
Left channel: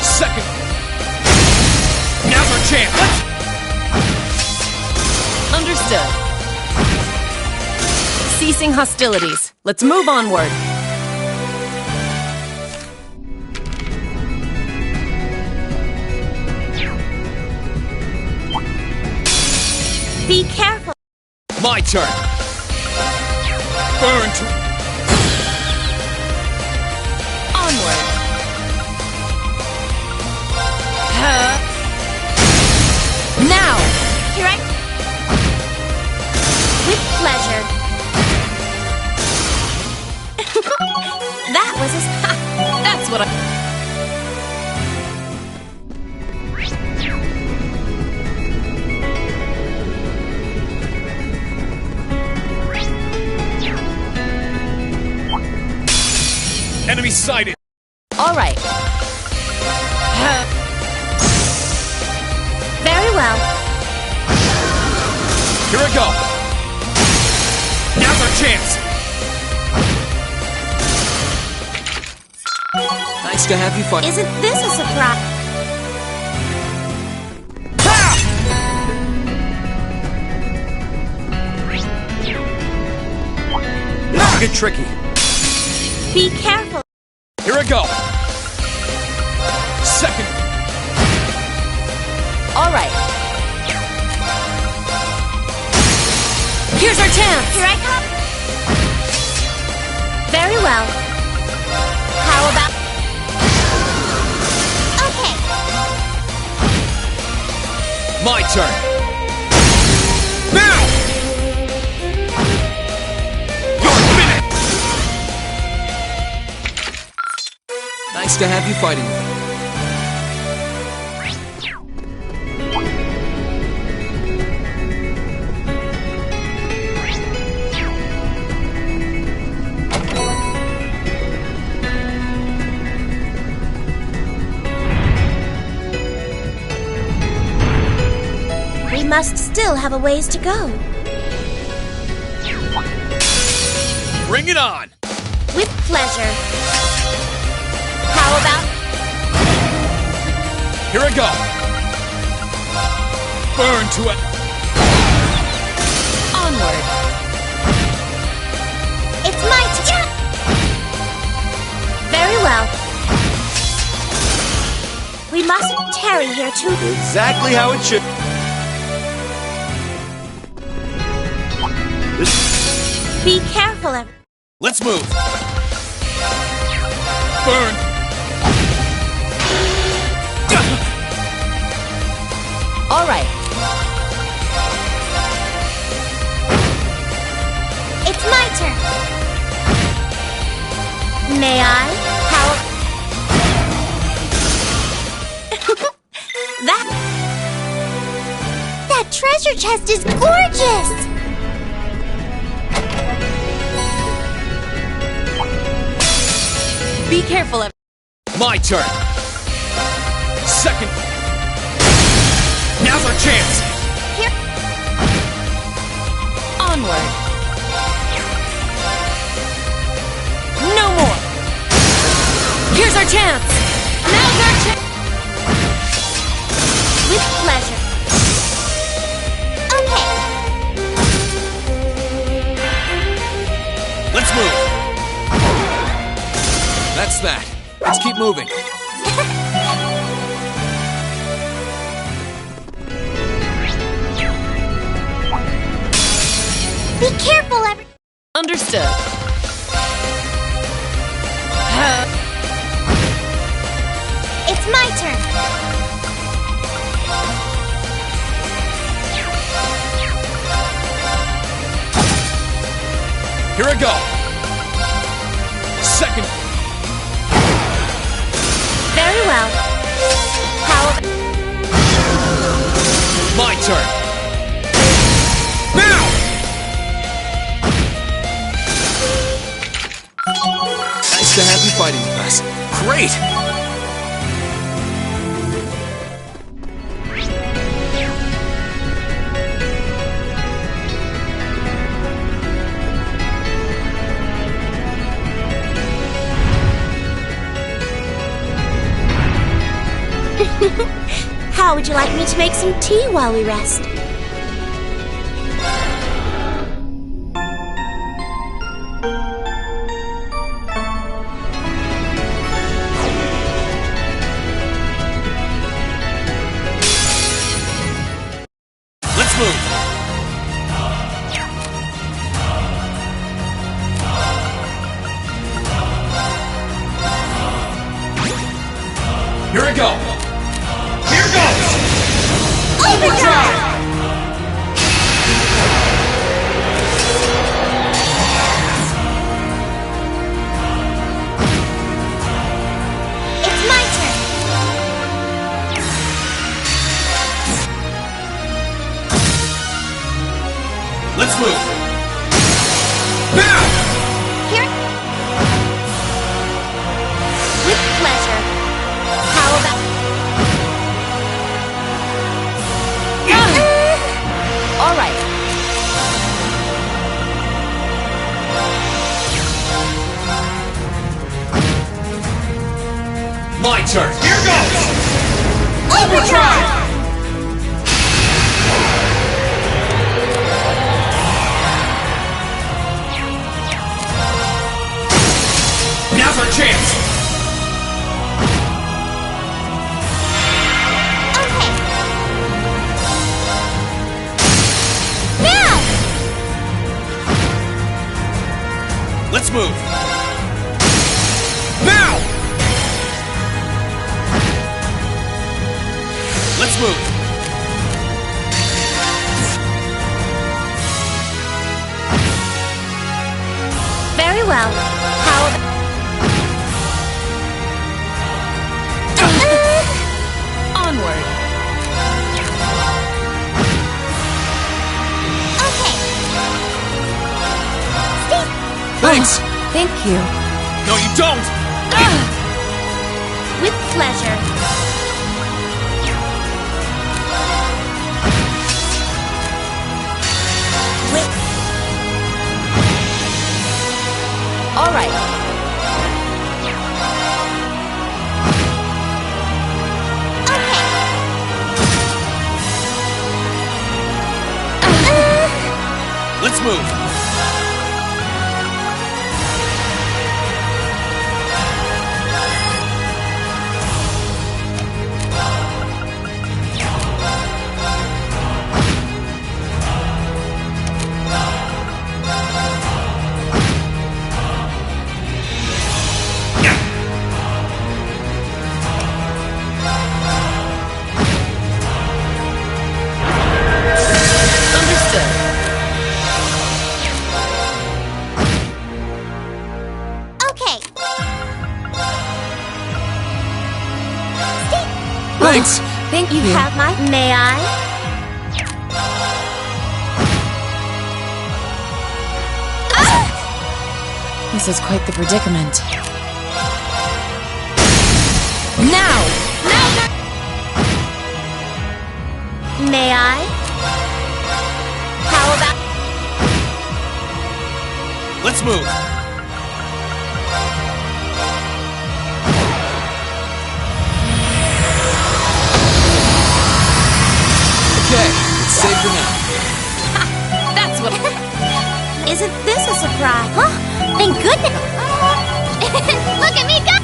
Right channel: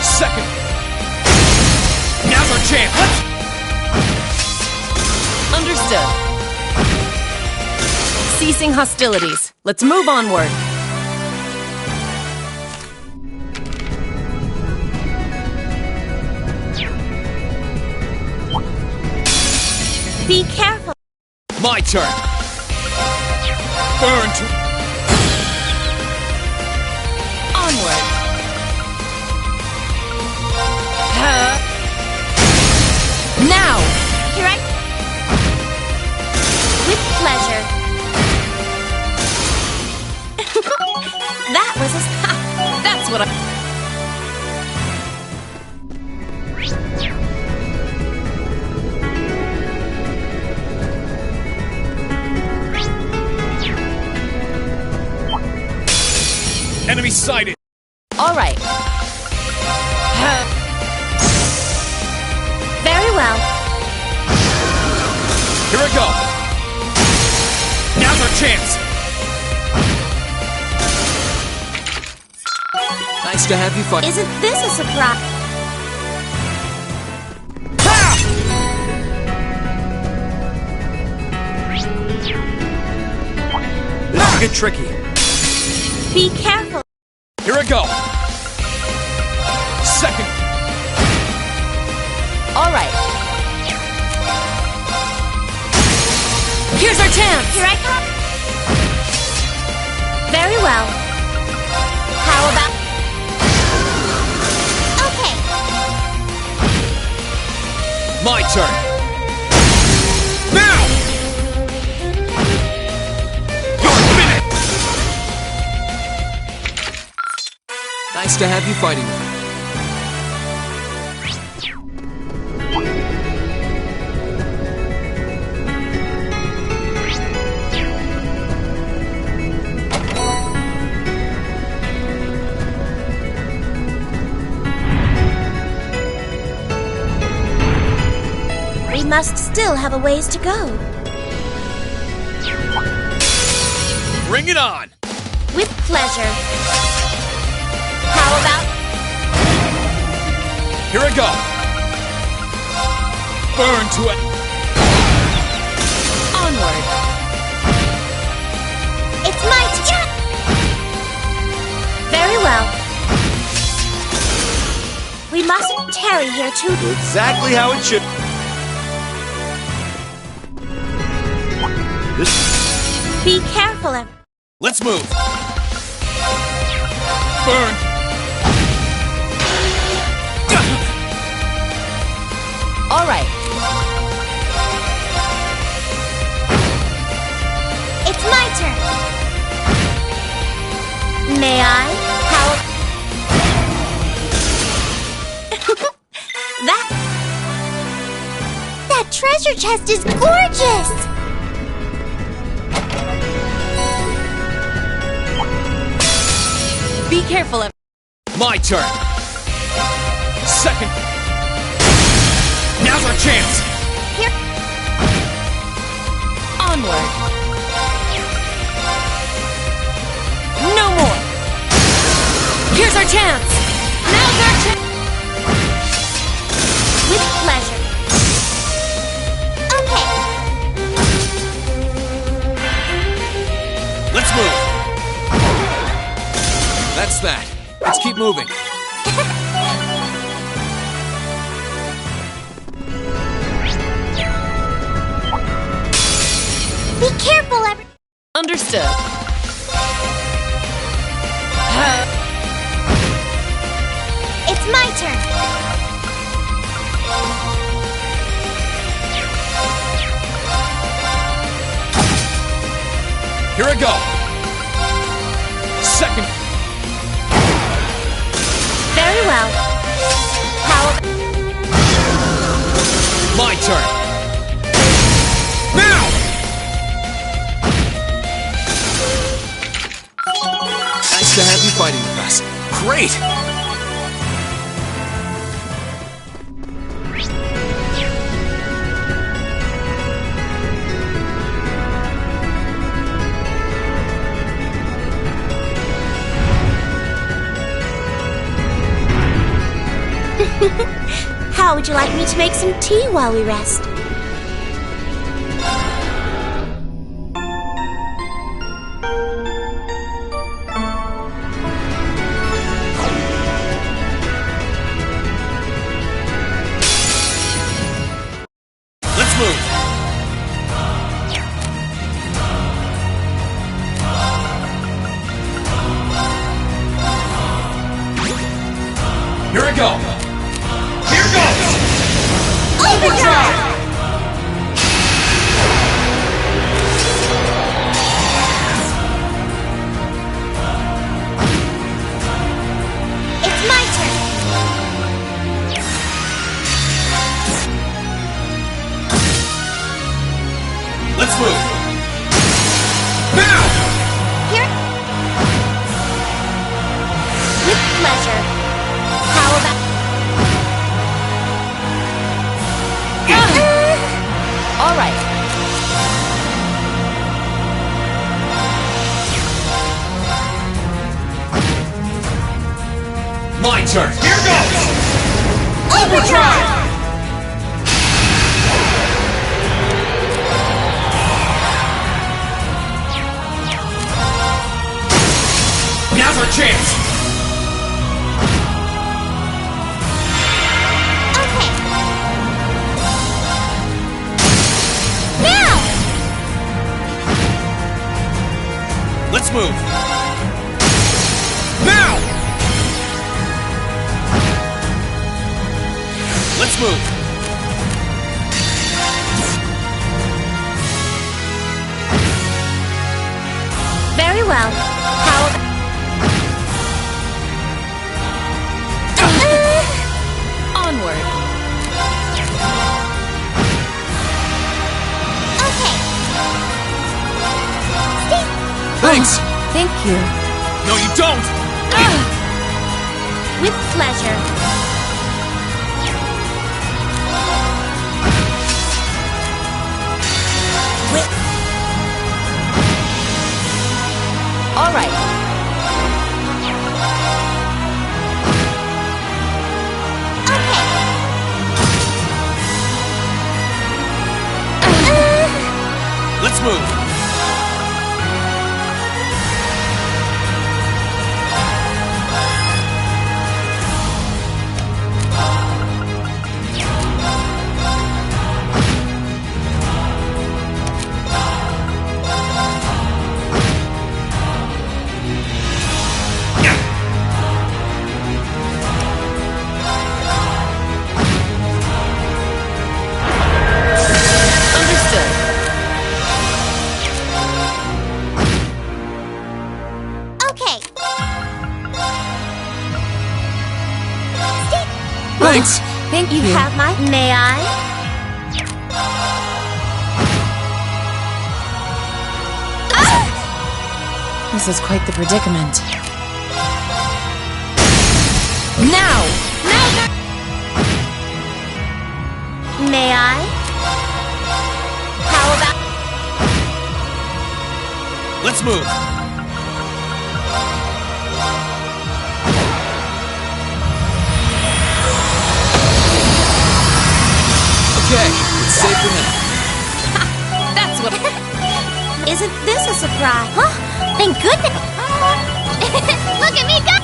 Second. Now's our chance. Let's... Understood. Ceasing hostilities. Let's move onward. Be careful. My turn. Burn to... Onward. Now! Here I... With pleasure. That was a... That's what I... Enemy sighted. All right. Very well. Here we go. Now's our chance. Nice to have you fight. Isn't this a surprise? This will get tricky. Be careful. Here we go. Second. All right. Here's our chance. Here I come. Very well. How about... Okay. My turn. Now! You're finished! Nice to have you fighting with me. We must still have a ways to go. Bring it on! With pleasure. How about... Here we go. Burn to it. Onward. It's my turn. Very well. We mustn't tarry here too... Exactly how it should. Be careful, everyone. Let's move. Burn. All right. It's my turn. May I? How... That treasure chest is gorgeous! Be careful, My turn. Second. Now's our chance. Here. Onward. No more. Here's our chance. Now's our chance. With pleasure. Okay. Let's move. That's that. Let's keep moving. Be careful, Understood. It's my turn. Here we go. Second. Very well. How... My turn. Now! Nice to have you fighting with us. Great! How would you like me to make some tea while we rest? Let's move! Here we go! Here goes! Overdrive! It's my turn! Let's move! Now! Here. With pleasure. How about... All right. My turn! Here goes! Overdrive! Now's our chance! Okay. Now! Let's move! Now! Let's move! Very well. How about... Onward. Okay. Steve! Thanks! Thank you. No, you don't! With pleasure. With... All right. Let's move! Understood. Okay. Steve! Thanks! Thank You you. have my... May I? This is quite the predicament. Now! Now! May I? How about... Let's move! Okay, it's safe for now. That's what... Isn't this a surprise? Huh? Thank goodness! Look at me go!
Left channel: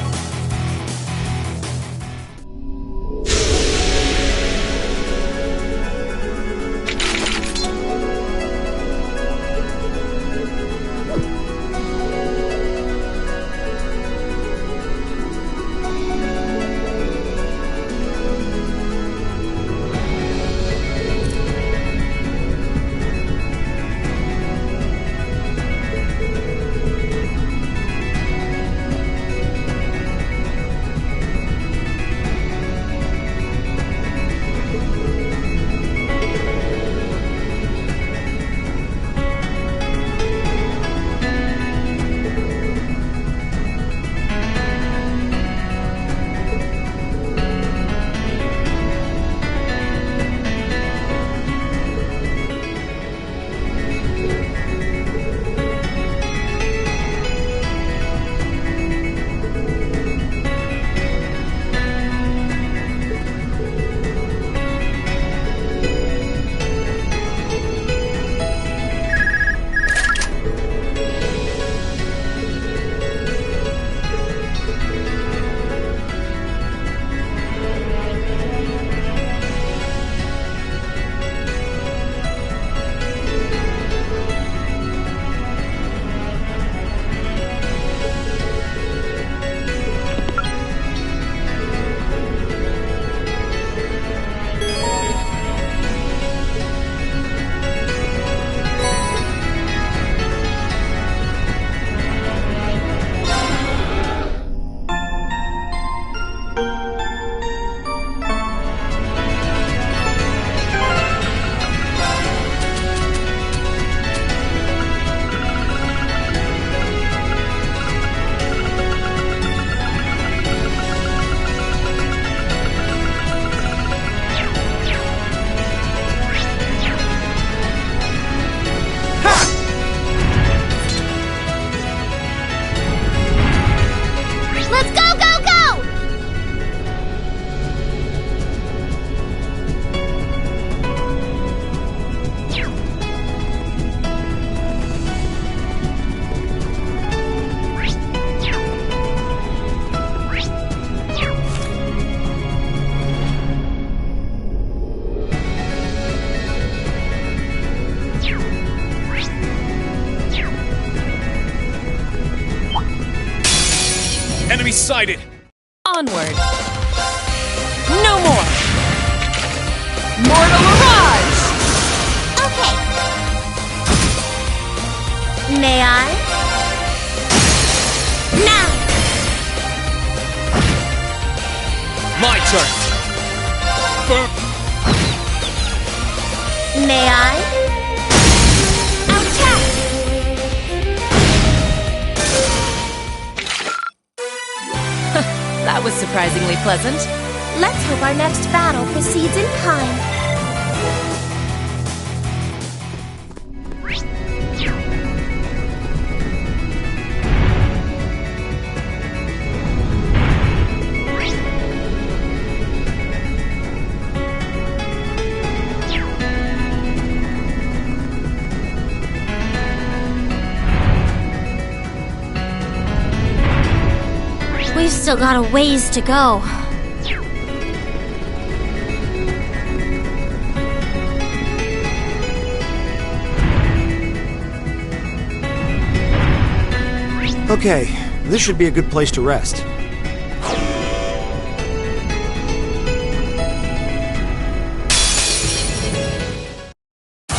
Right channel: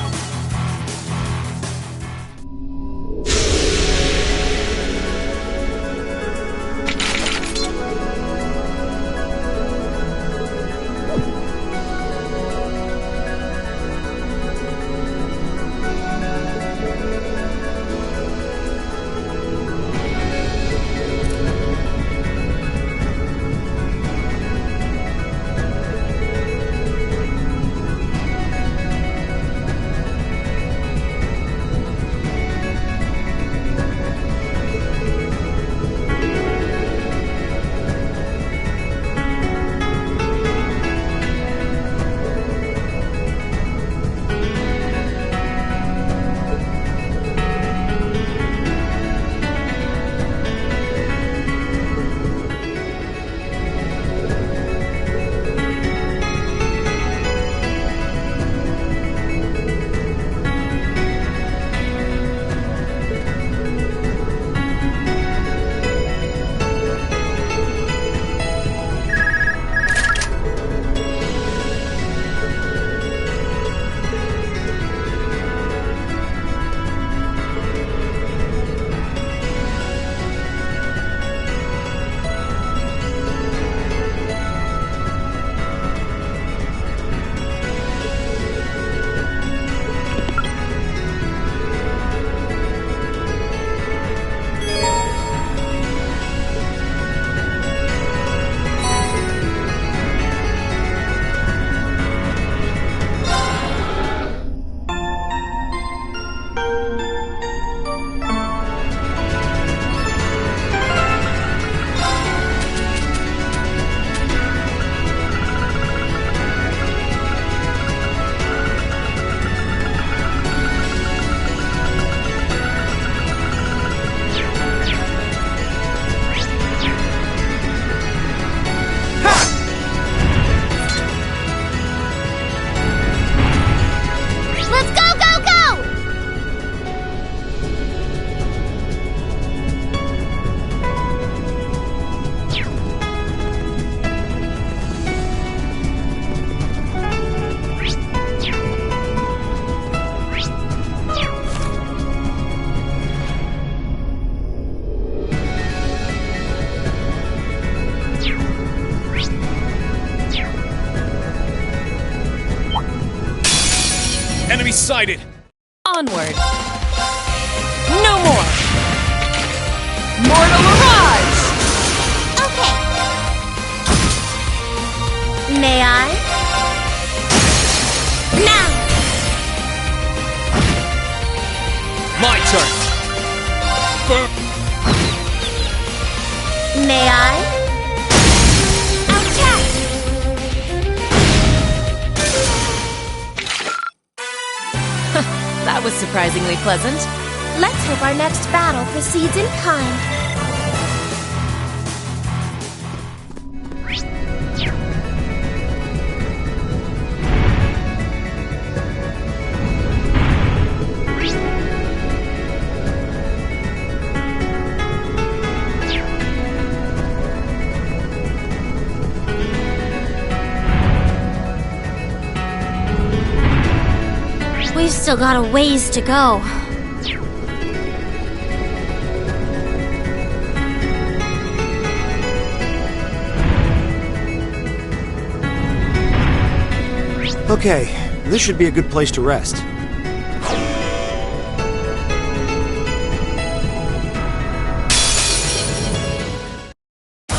Enemy sighted! Onward! No more! Mortal Mirage! Okay. May I? Now! My turn! May I? Attack! That was surprisingly pleasant. Let's hope our next battle proceeds in kind. We've still got a ways to go. Okay, this should be a good place to rest.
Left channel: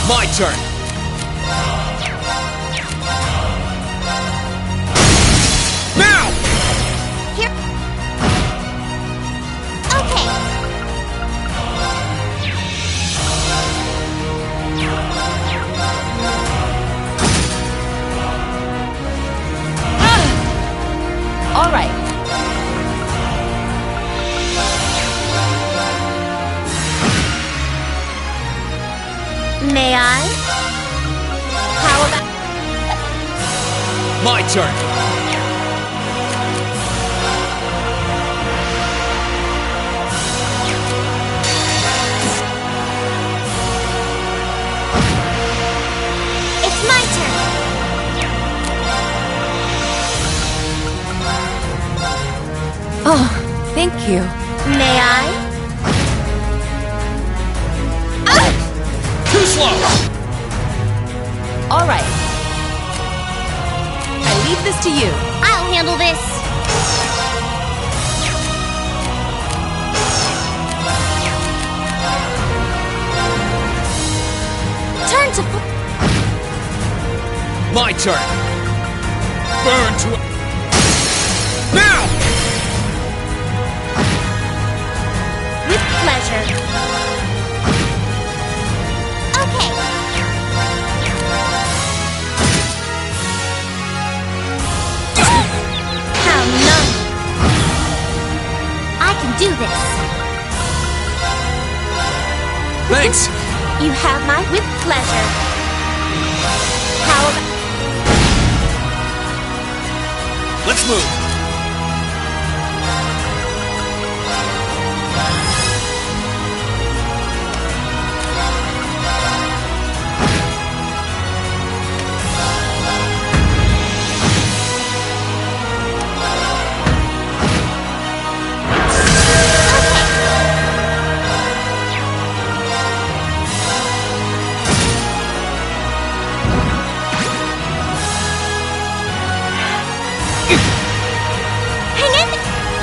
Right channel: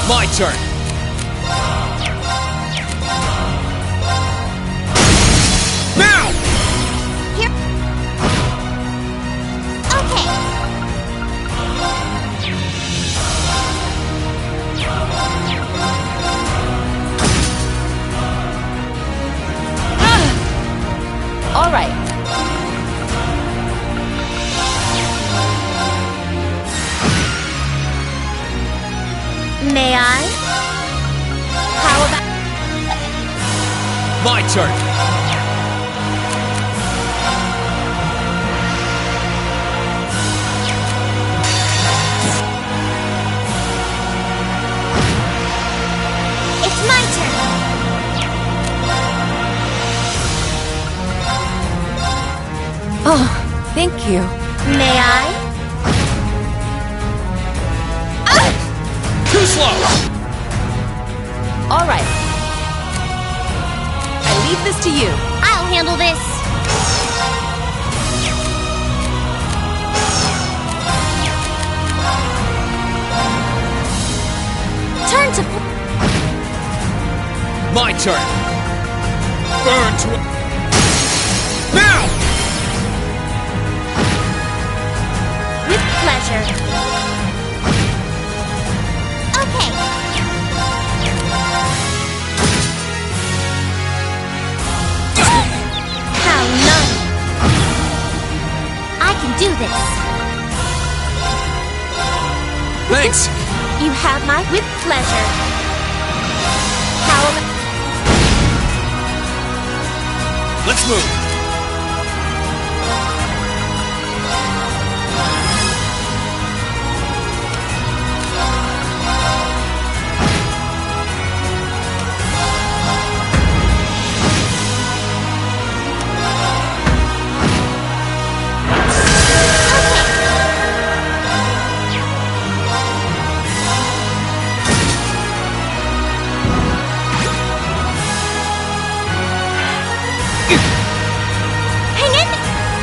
My turn! Now! Here. Okay. All right. May I? How about... My turn! It's my turn. Oh, thank you. May I? Too slow! All right. I leave this to you. I'll handle this. Turn to... My turn! Burn to... Now! With pleasure. Okay. How none. I can do this. Thanks! You have my with pleasure. How about... Let's move!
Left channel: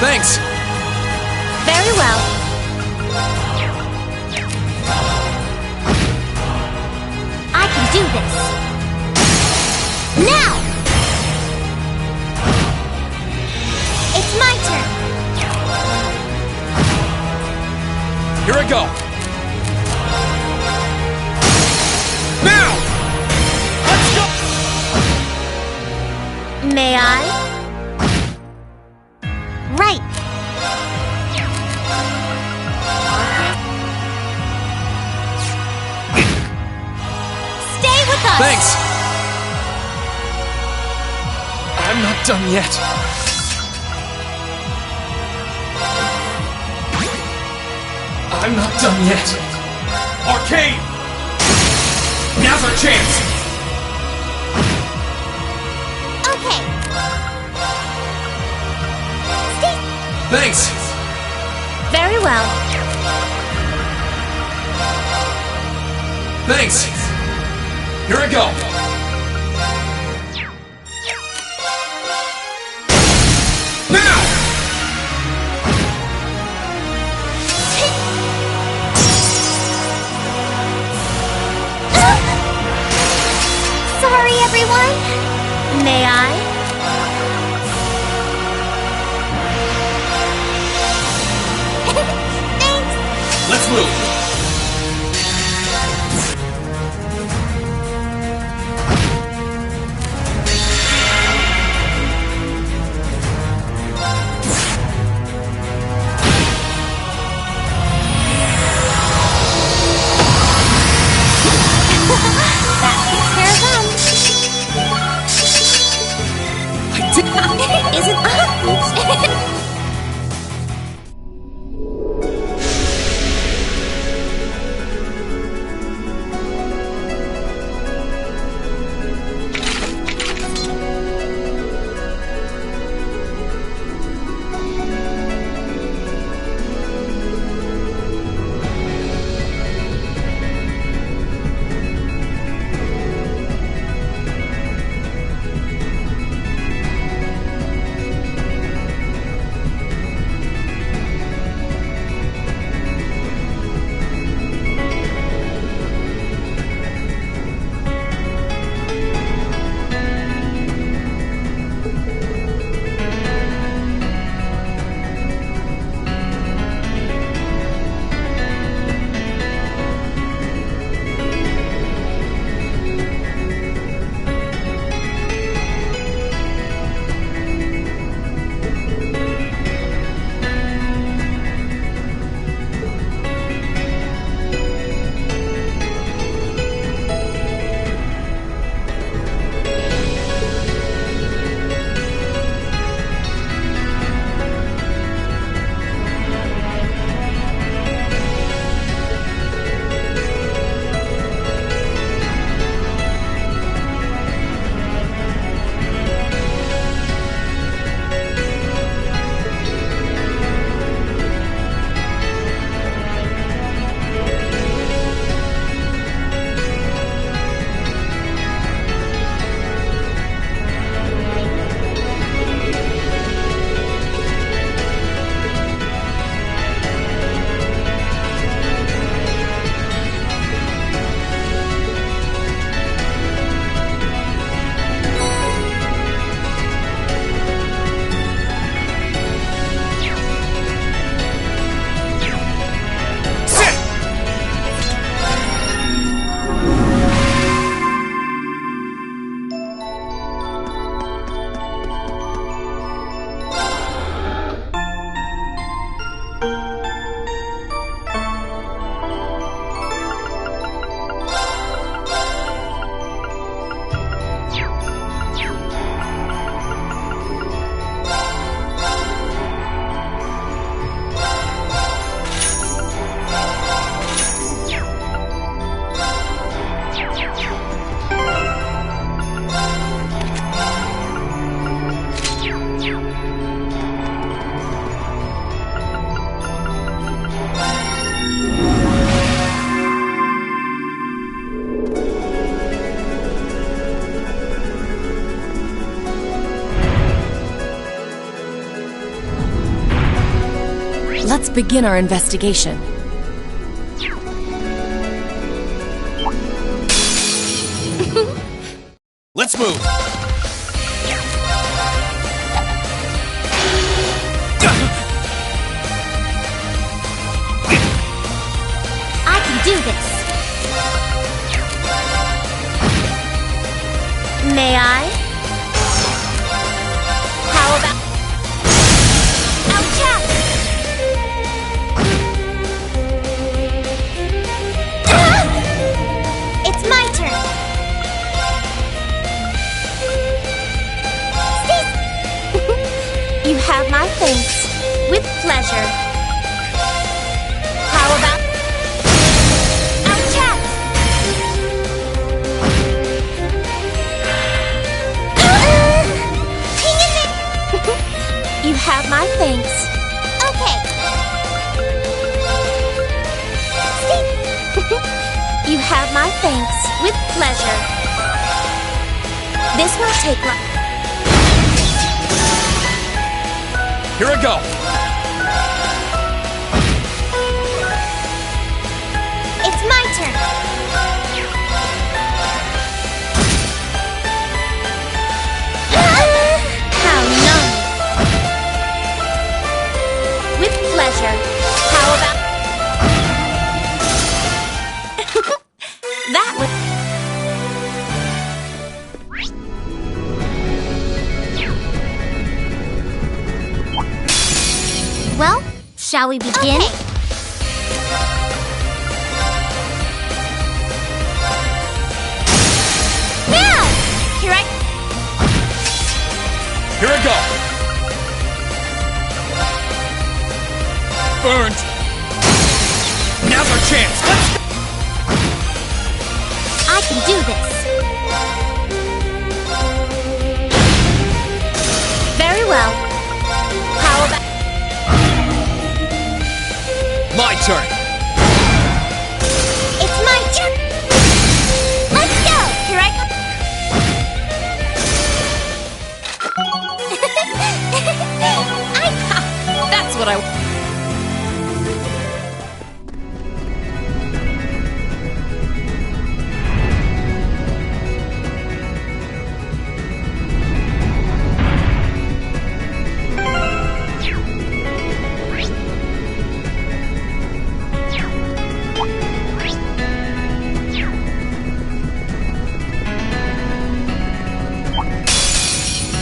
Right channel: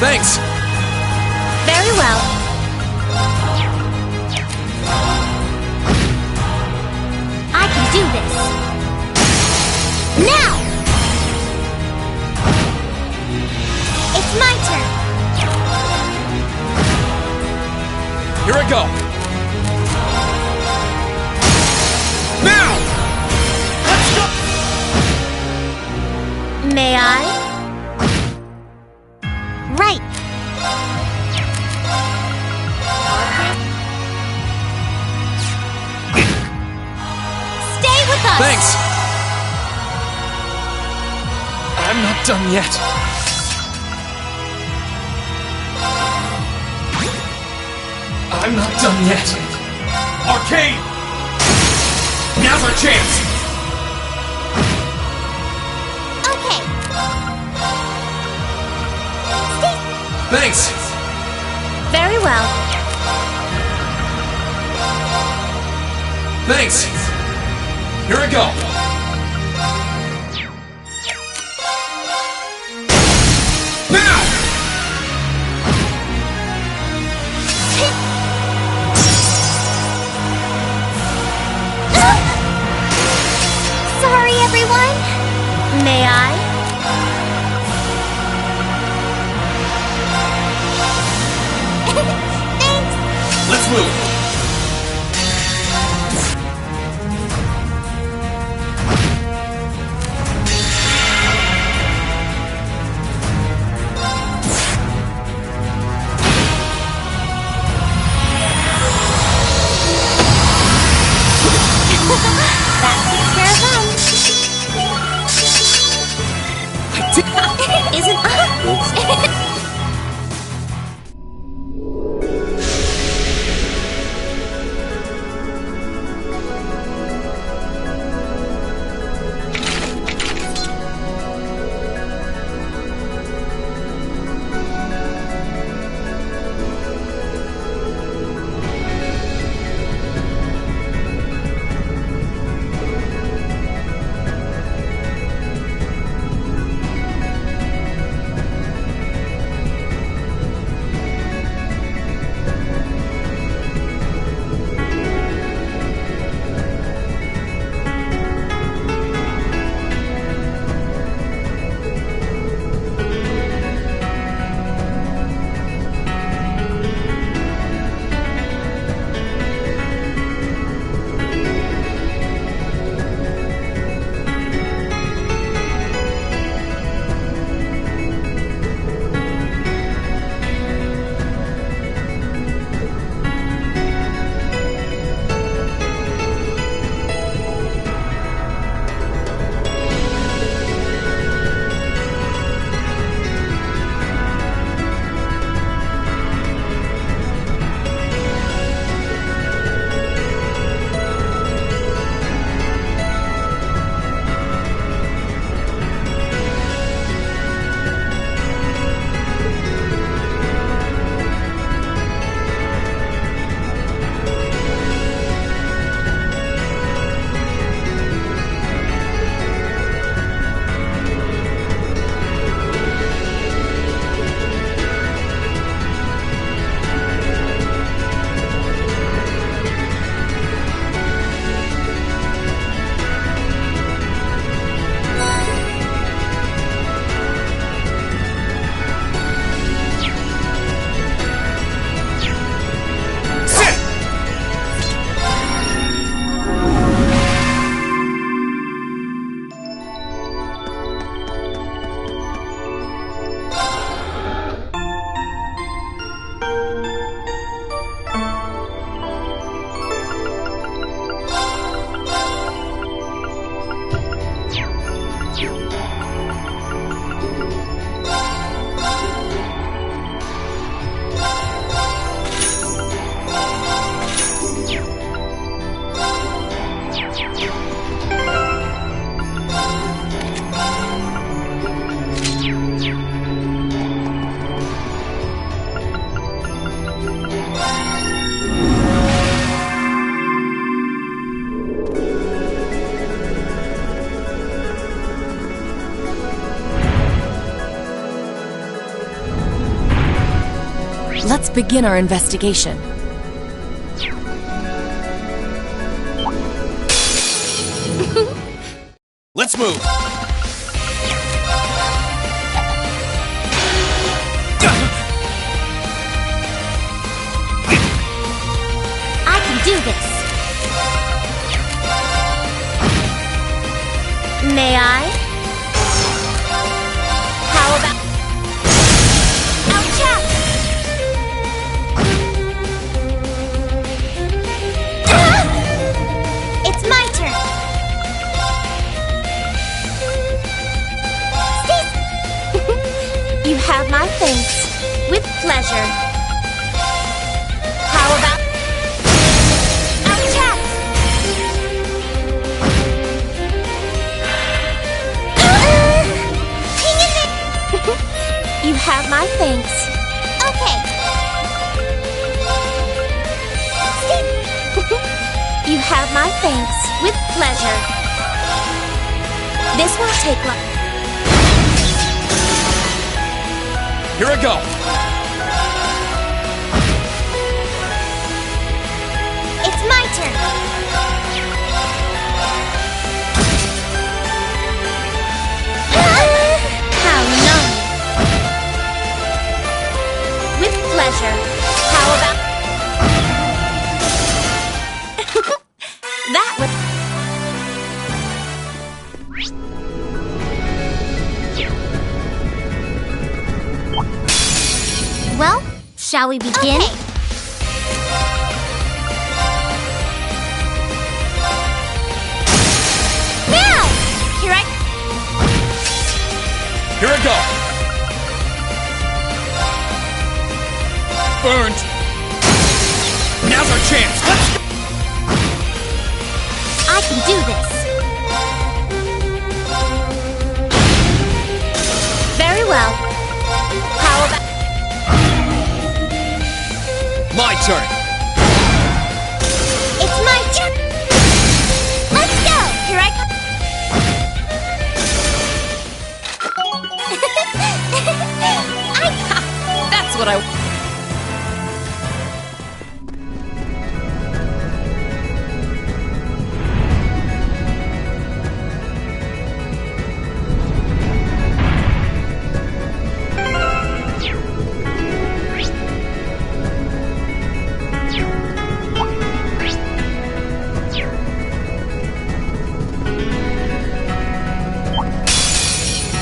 Thanks! Very well. I can do this. Now! It's my turn. Here I go! Now! Let's go! May I? Right. Stay with us. Thanks! I'm not done yet. I'm not done yet. Arcade! Now's our chance! Okay. Stay. Thanks! Very well. Thanks! Here I go! Now! everyone? May I? Thanks! Let's move! Let's begin our investigation. Let's move! I can do this. May I? How about... Ouch! It's my turn. You have my thanks. With pleasure. How about... You have my thanks. Okay. You have my thanks. With pleasure. This won't take long. Here I go! It's my turn. Shall we begin? Okay. Now! Here Here I go! Burned! Now's our chance! Let's go! I can do this. Very well. How about... My turn! It's my turn! Let's go! Here I come. That's what I...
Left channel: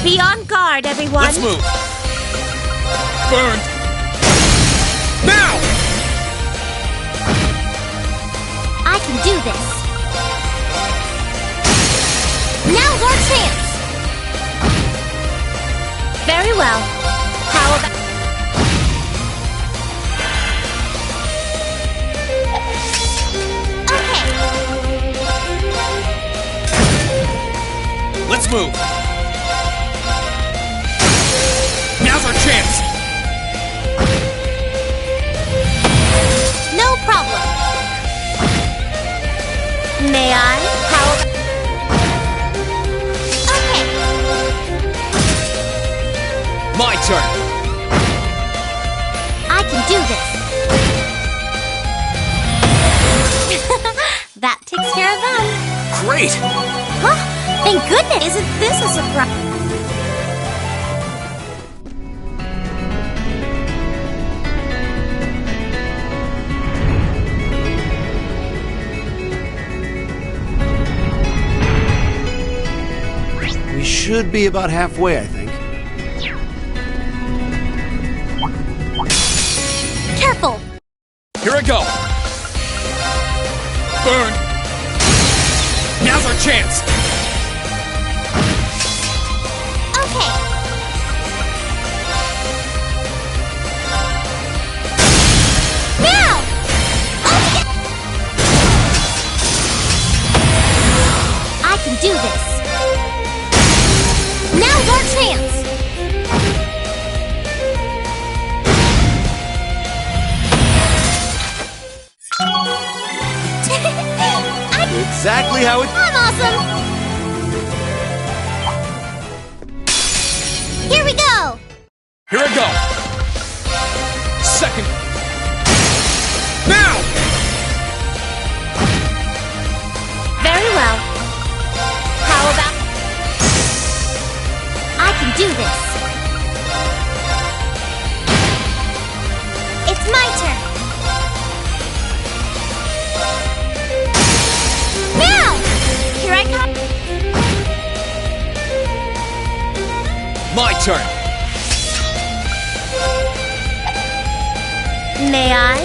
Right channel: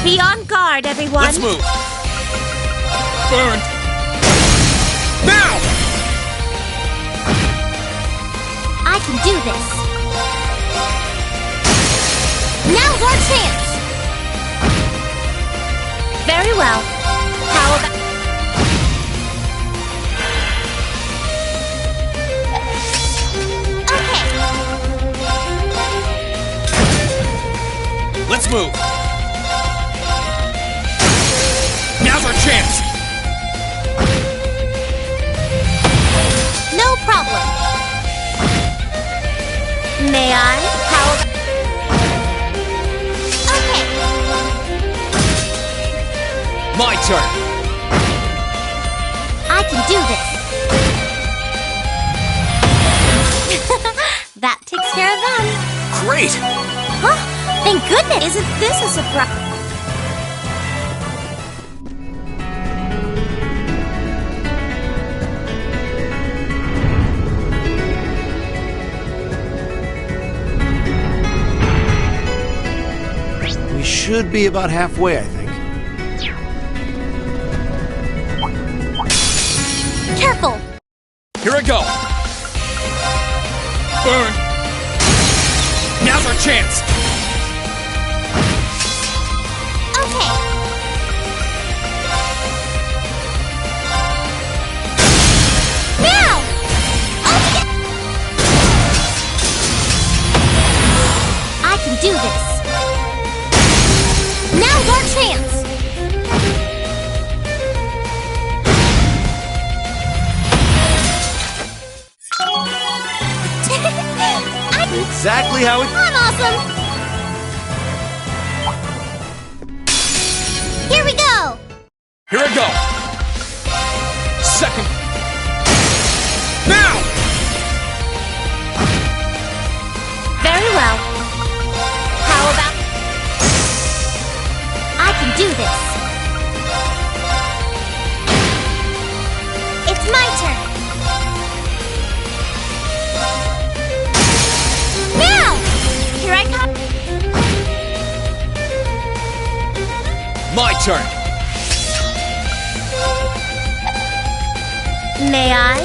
Be on guard, everyone. Let's move! Burned! Now! I can do this. Now's our chance. Very well. How about... Okay. Let's move! Now's our chance! No problem. May I? How about... Okay. My turn! I can do this. That takes care of them. Great! Huh? Thank goodness. Isn't this a surprise? We should be about halfway, I think. Careful. Here I go! Burn! Now's our chance! Okay. Now! I can do this. Now's our chance. Exactly how it... I'm awesome. Here we go. Here I go! Second... Now! Very well. How about... I can do this. It's my turn. Now! Here I come. My turn! May I?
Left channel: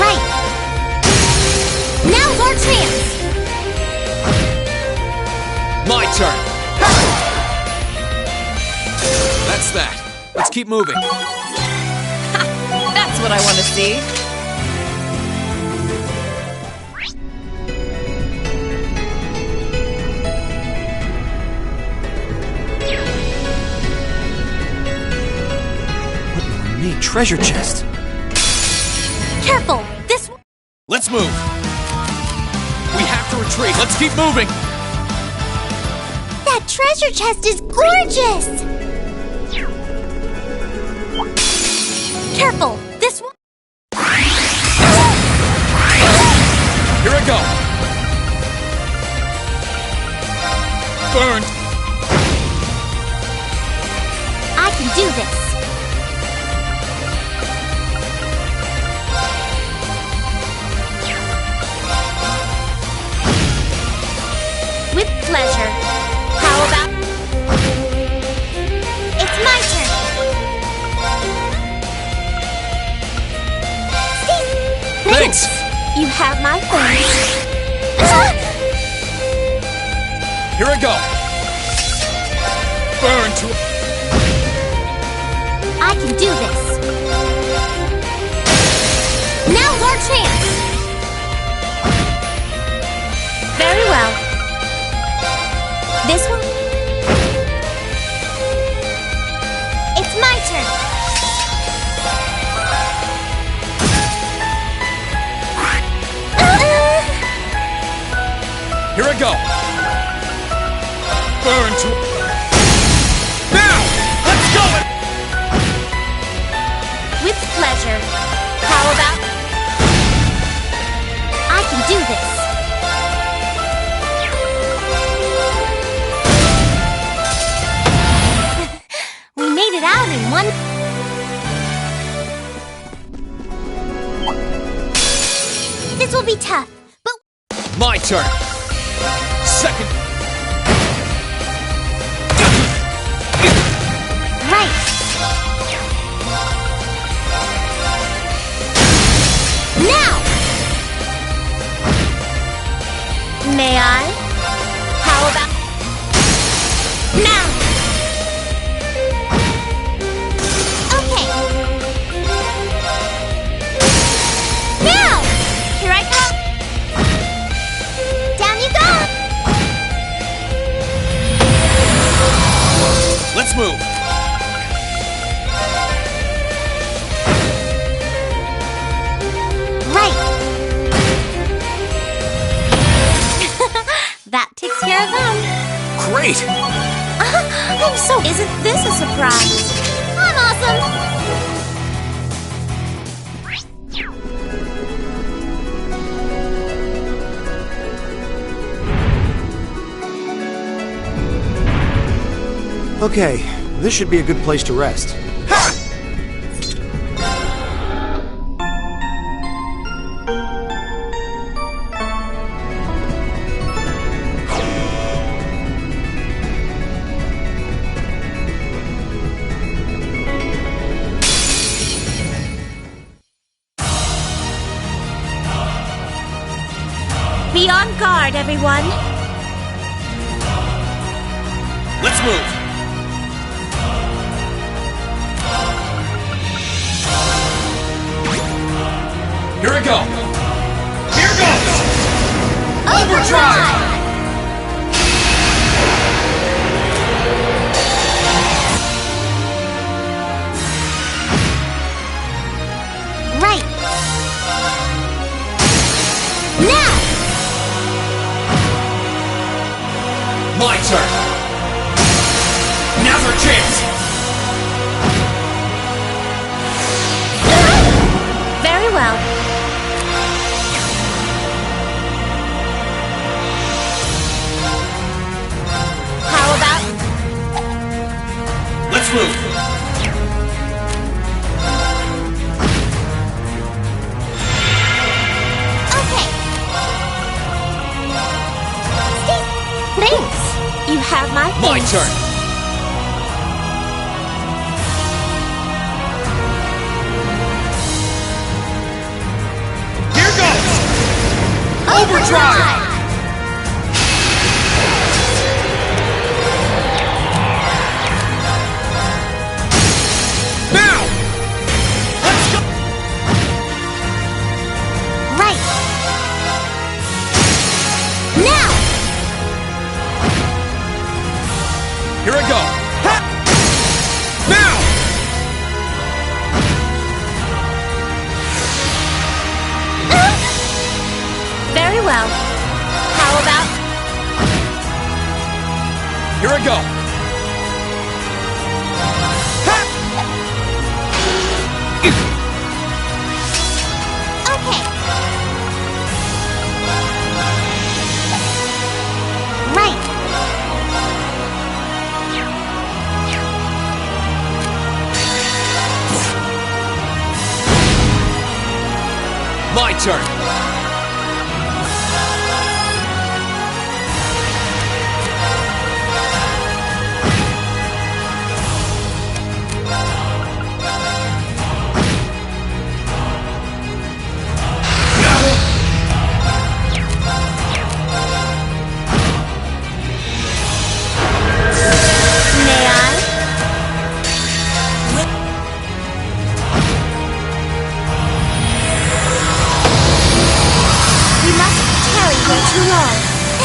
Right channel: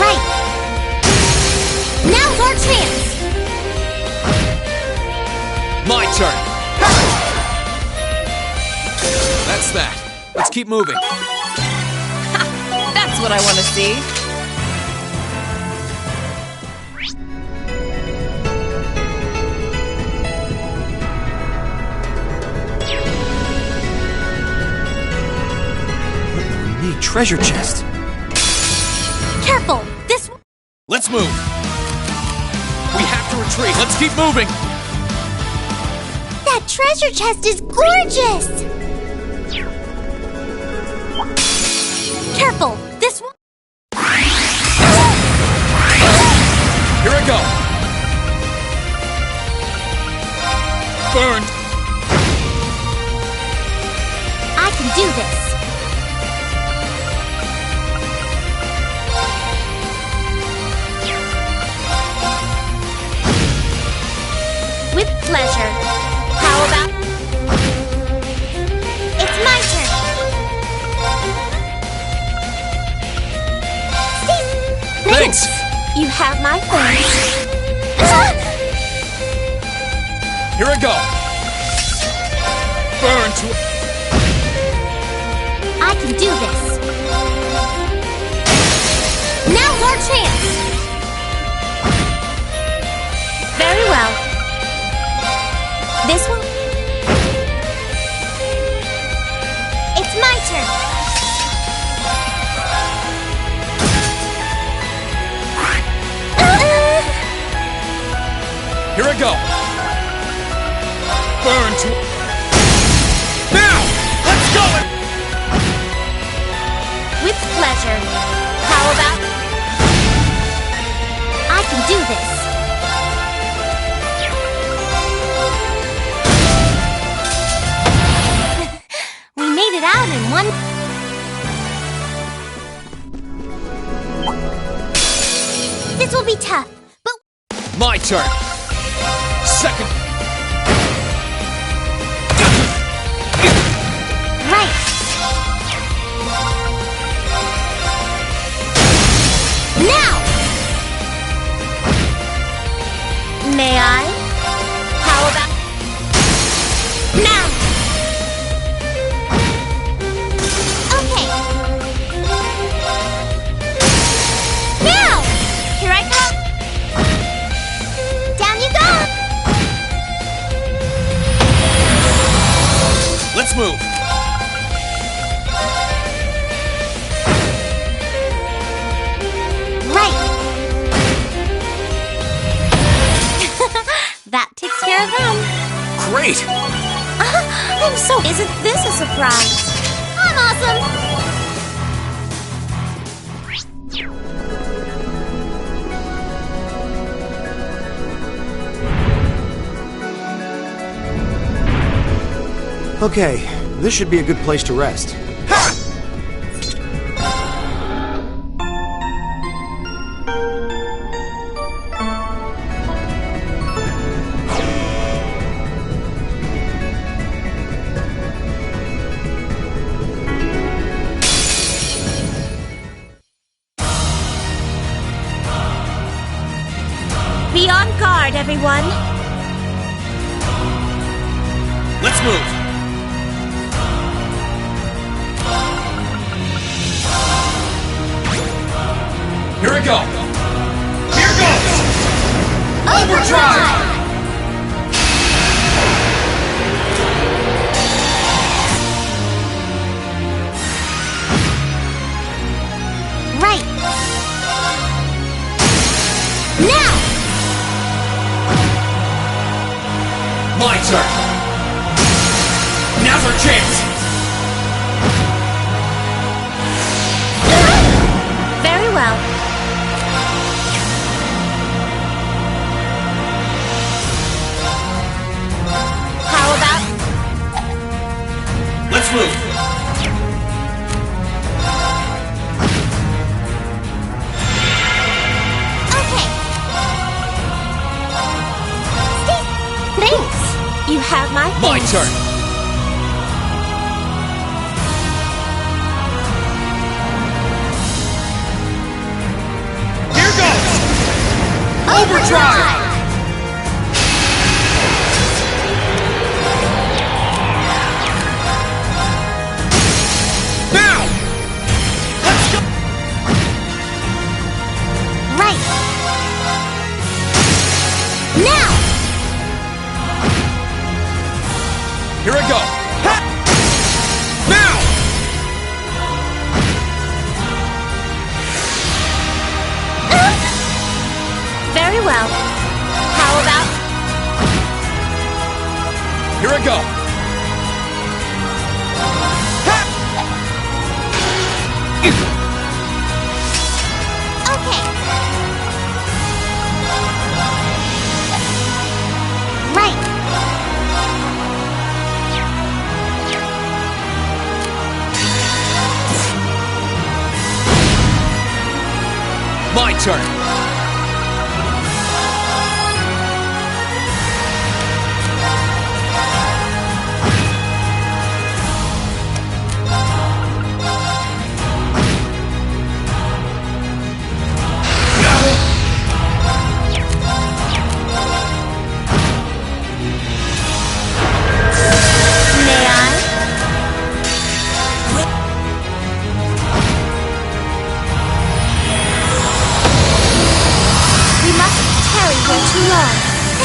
Right. Now's our chance. My turn! That's that. Let's keep moving. That's what I want to see. What an ornate treasure chest. Careful. This one. Let's move! We have to retreat. Let's keep moving! That treasure chest is gorgeous. Careful. This one. Here I go! Burned! I can do this. With pleasure. How about... Thanks! You have my thanks. Here I go! Burn to... I can do this. Now's our chance. Very well. This one? It's my turn. Here I go! Burn to... Now! Let's go! With pleasure. How about... I can do this. We made it out in one... This will be tough, but... My turn! Second... Right. Now! May I? How about... Now! Okay. Now! Here I come. Down you go. Let's move! Right. That takes care of them. Great! I'm so... Isn't this a surprise? I'm awesome. Okay, this should be a good place to rest. Be on guard, everyone. Let's move! Here I go! Here goes! Overdrive! Right. Now! My turn! Now's our chance! Very well. How about... Let's move! Okay. Thanks. You have my My thanks. turn! Here goes! Overdrive! Now! Let's go! Right. Now! Here I go! Ha! Now! Very well. How about... Here I go! Okay. Right. My turn!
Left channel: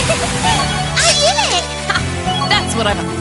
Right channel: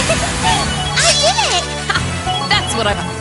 I did it! That's what I'm...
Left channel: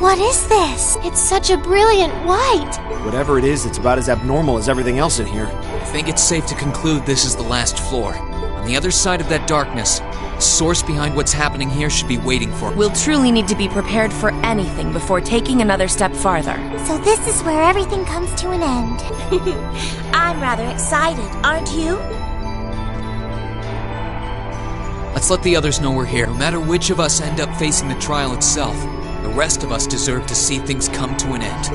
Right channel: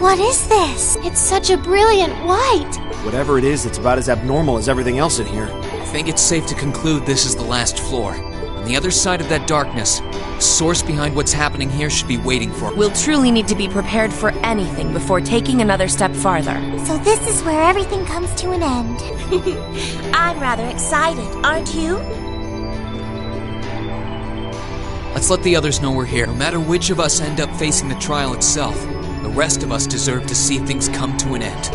What is this? It's such a brilliant white. Whatever it is, it's about as abnormal as everything else in here. I think it's safe to conclude this is the last floor. On the other side of that darkness, the source behind what's happening here should be waiting for... We'll truly need to be prepared for anything before taking another step farther. So this is where everything comes to an end. I'm rather excited, aren't you? Let's let the others know we're here. No matter which of us end up facing the trial itself, the rest of us deserve to see things come to an end.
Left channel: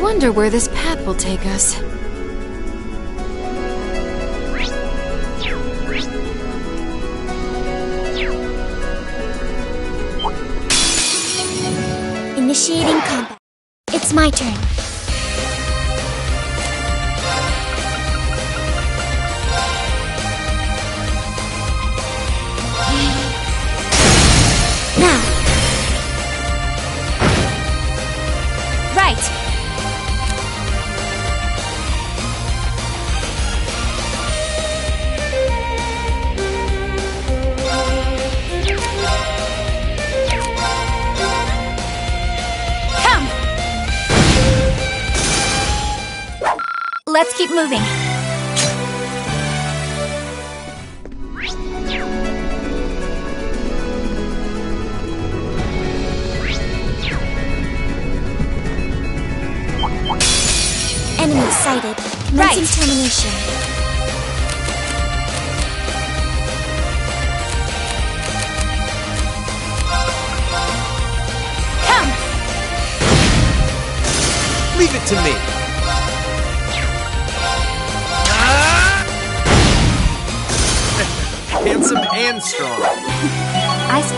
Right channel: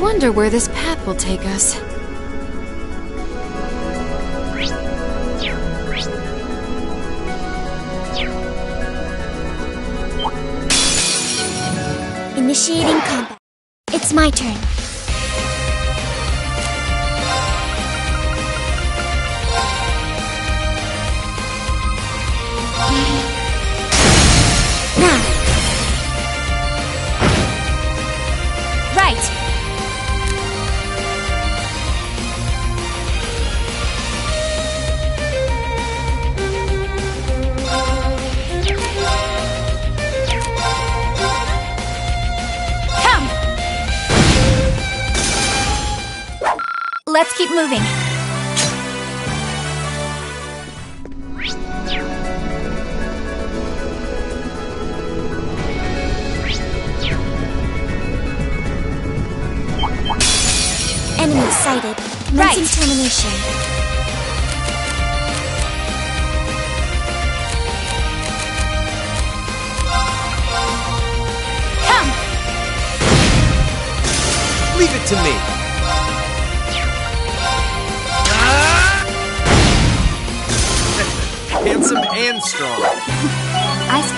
wonder where this path will take us. Initiating combat. It's my turn. Now. Right. Let's keep moving. Enemy sighted. Commencing termination. Come! Leave it to me. Handsome and strong. I see.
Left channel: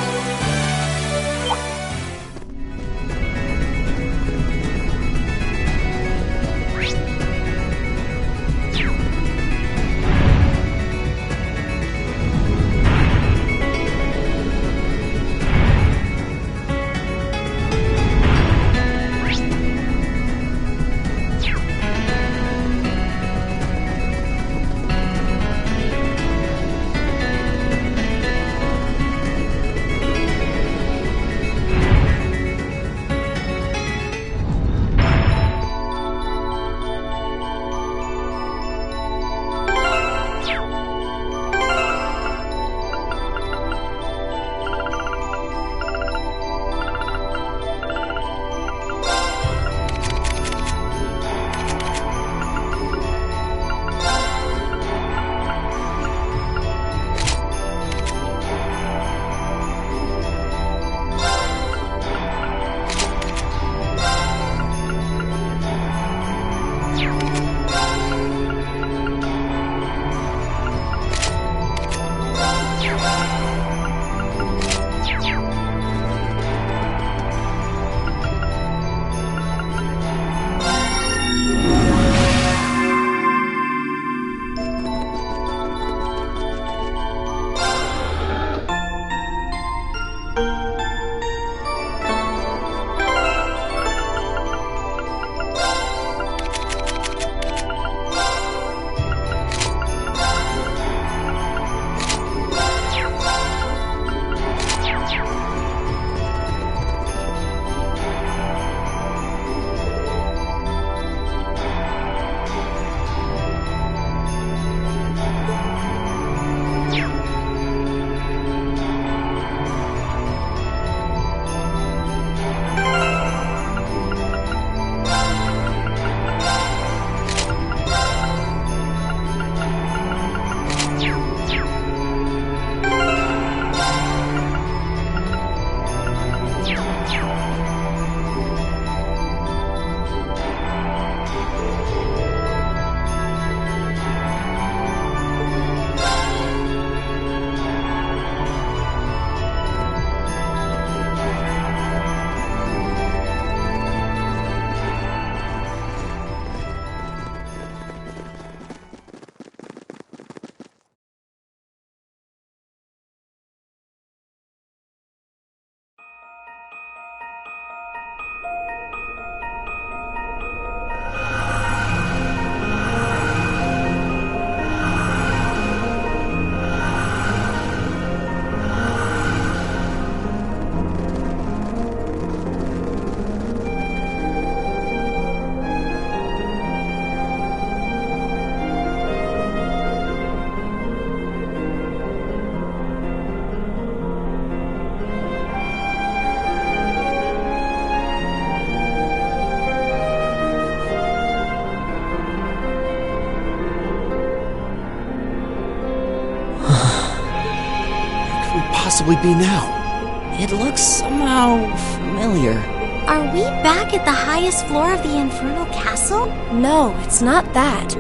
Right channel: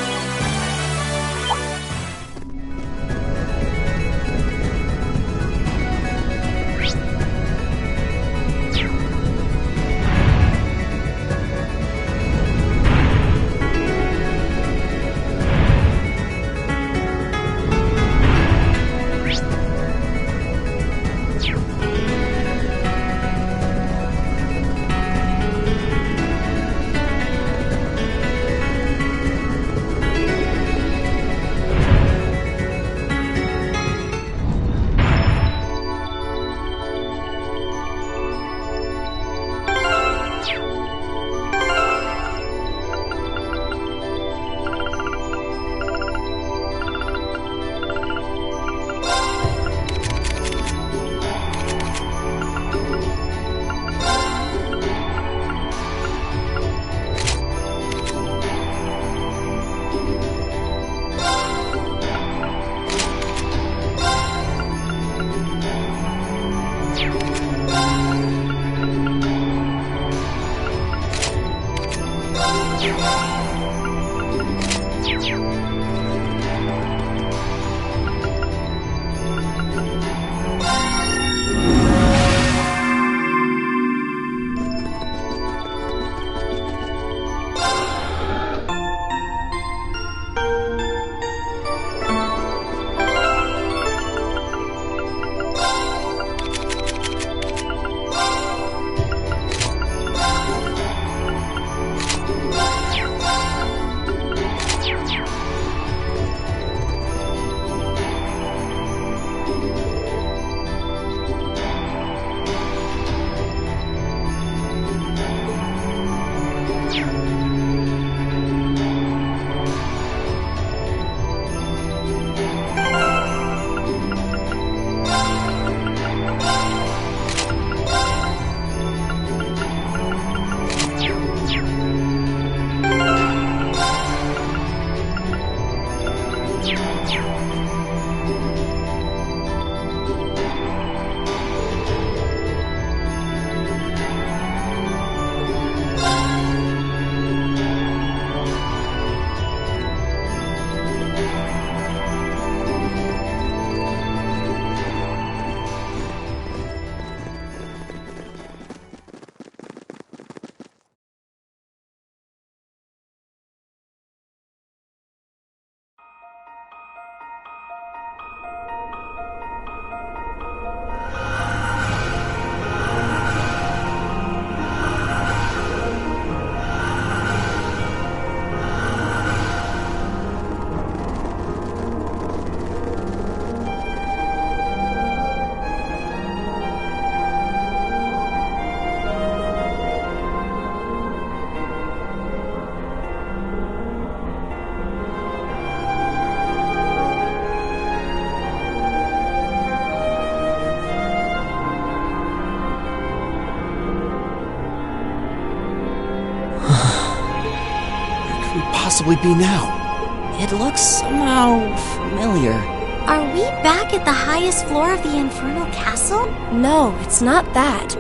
Possibly be now? It looks somehow familiar. Are we back at the highest floor of the Infernal Castle? No, it's not that.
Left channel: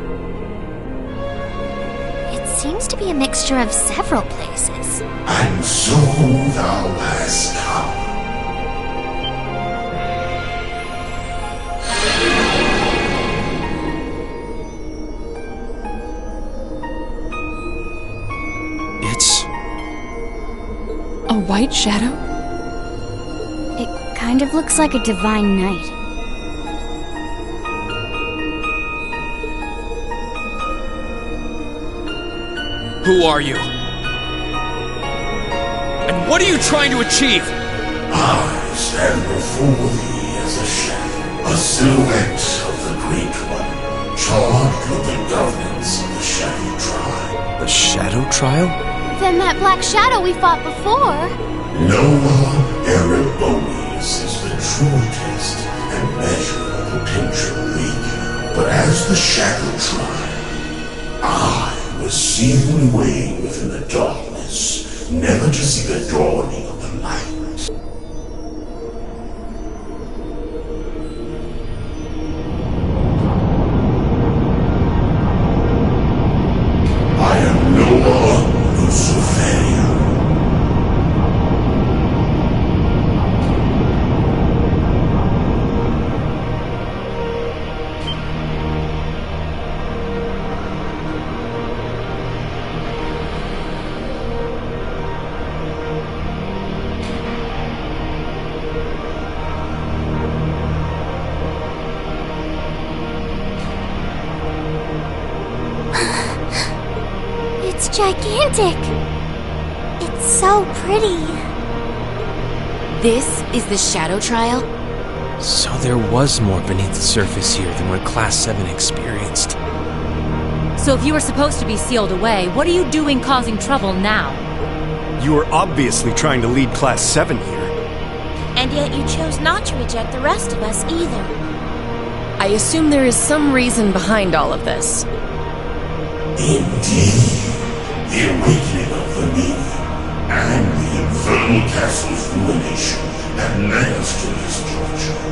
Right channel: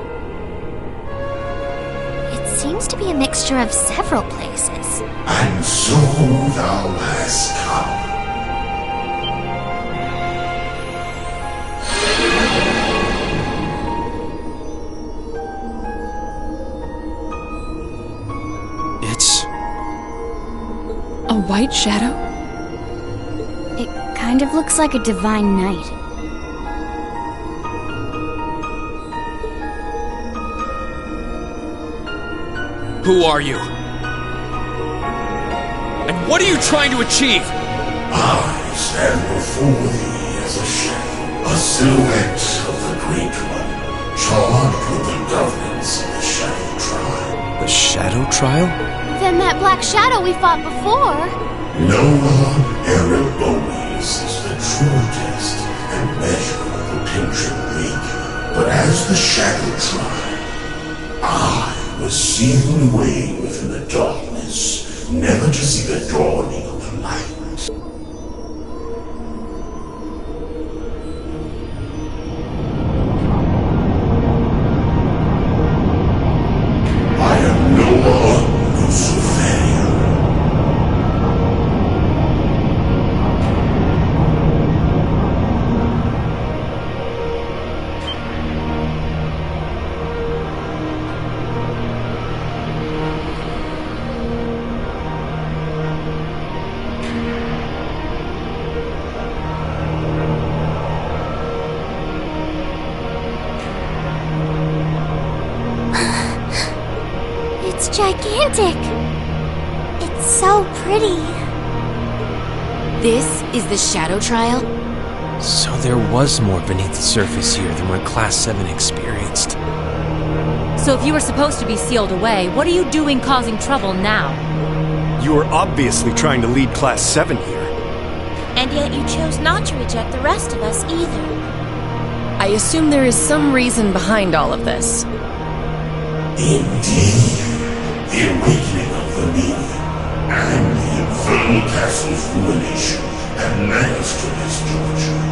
It seems to be a mixture of several places. And so thou hast come. It's... a white shadow? It kind of looks like a divine knight. Who are you? And what are you trying to achieve? I stand before thee as a shadow, a silhouette of the Great One, charged with the governance of the Shadow Trial. The Shadow Trial? Then that black shadow we fought before. Noah Erebonius is the true test and measure of potential weak. But as the Shadow Trial, I was sealed away within the darkness, never to see the dawning of the light. I am Noah Lucifer. It's gigantic. It's so pretty. This is the Shadow Trial? So there was more beneath the surface here than what Class 7 experienced. So if you were supposed to be sealed away, what are you doing causing trouble now? You were obviously trying to lead Class 7 here. And yet you chose not to reject the rest of us either. I assume there is some reason behind all of this. Indeed, the awakening of the Negan and the Infernal Castle's ruination had led us to this juncture.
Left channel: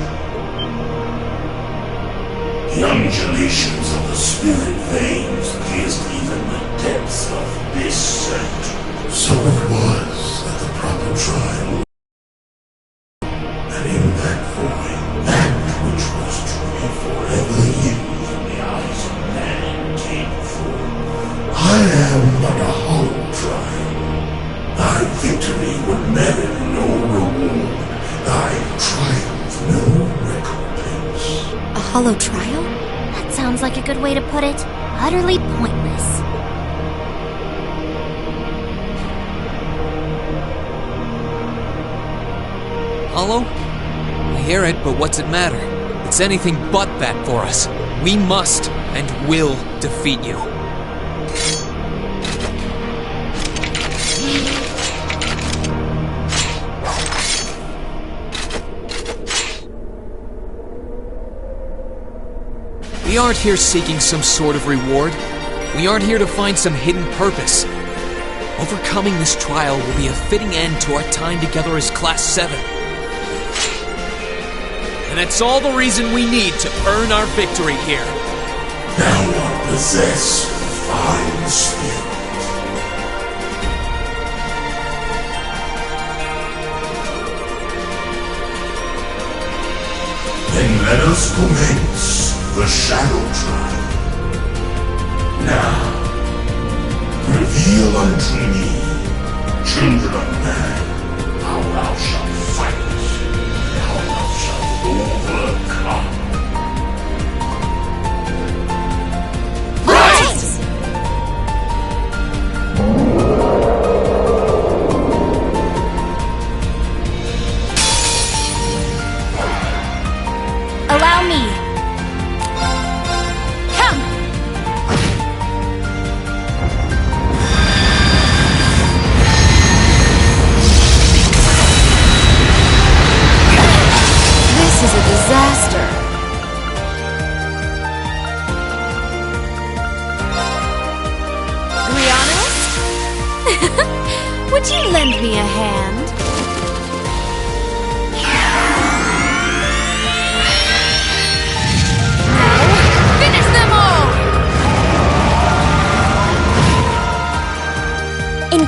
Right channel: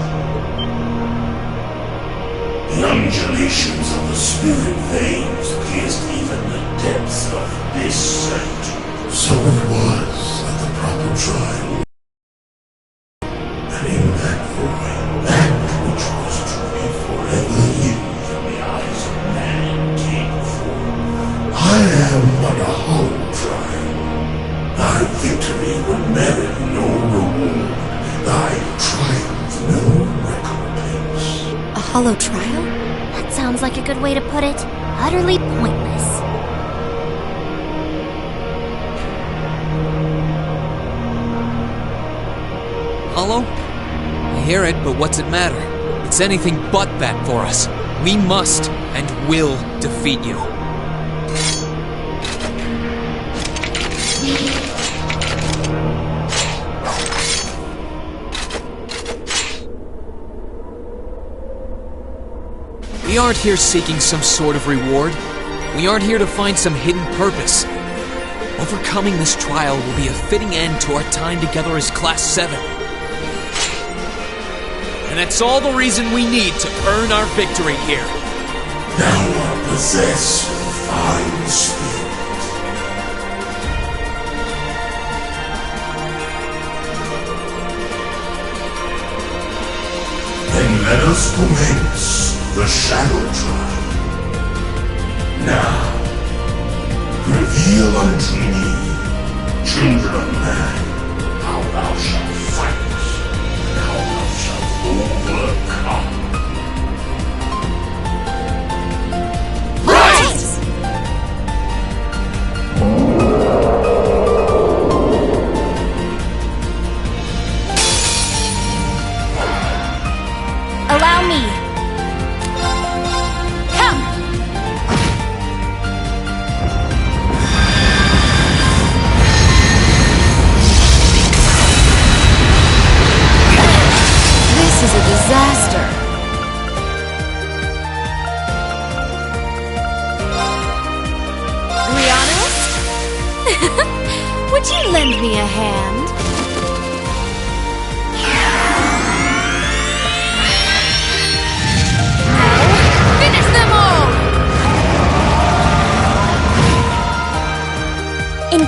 The undulations of the spirit veins pierced even the depths of this sanctum. So it was that the proper trial, and in that void, that which was to be forever hidden from the eyes of man came forth. I am but a hollow trial. Thy victory would merit no reward, thy triumph no recompense. A hollow trial? That sounds like a good way to put it. Utterly pointless. Hollow? I hear it, but what's it matter? It's anything but that for us. We must and will defeat you. We aren't here seeking some sort of reward. We aren't here to find some hidden purpose. Overcoming this trial will be a fitting end to our time together as Class 7. And that's all the reason we need to earn our victory here. Thou art possessed of fine spirit. Then let us commence the Shadow Trial. Now, reveal unto me, children of man, how thou shalt fight, and how thou shalt overcome. Rise! Allow me. Come! This is a disaster. To be honest? Would you lend me a hand?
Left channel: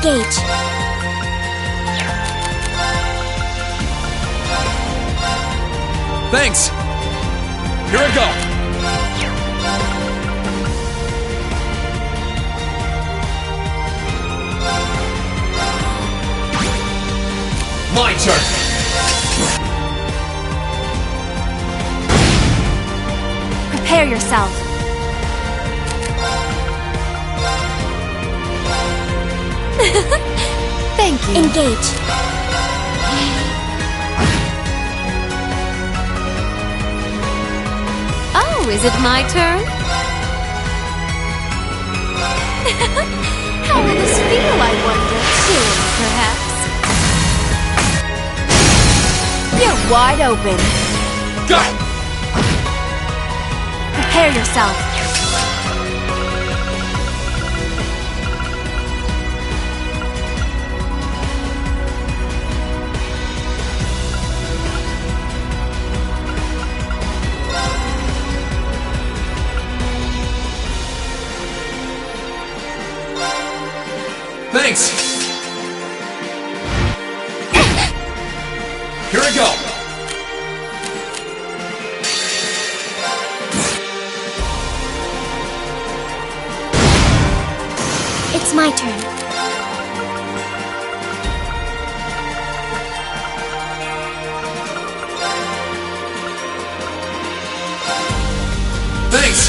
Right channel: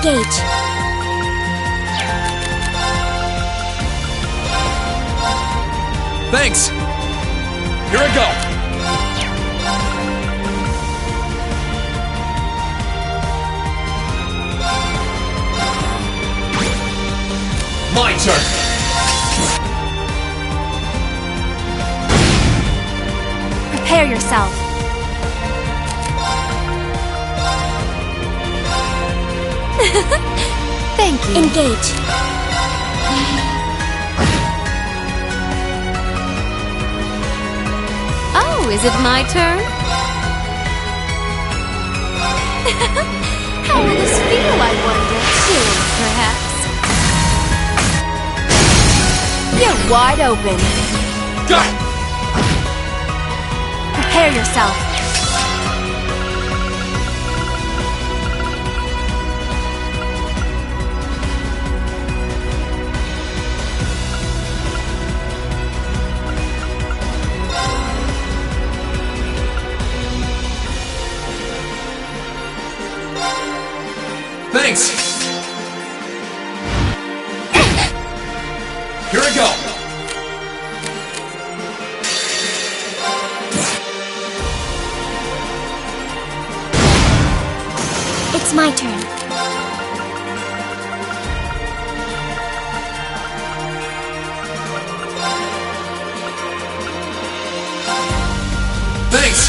Engage. Thanks! Here I go! My turn! Prepare yourself. Thank you. Engage. Oh, is it my turn? How will this feel, I wonder? Chilling, perhaps? You're wide open. Got it! Prepare yourself. Thanks! Here I go! It's my turn. Thanks!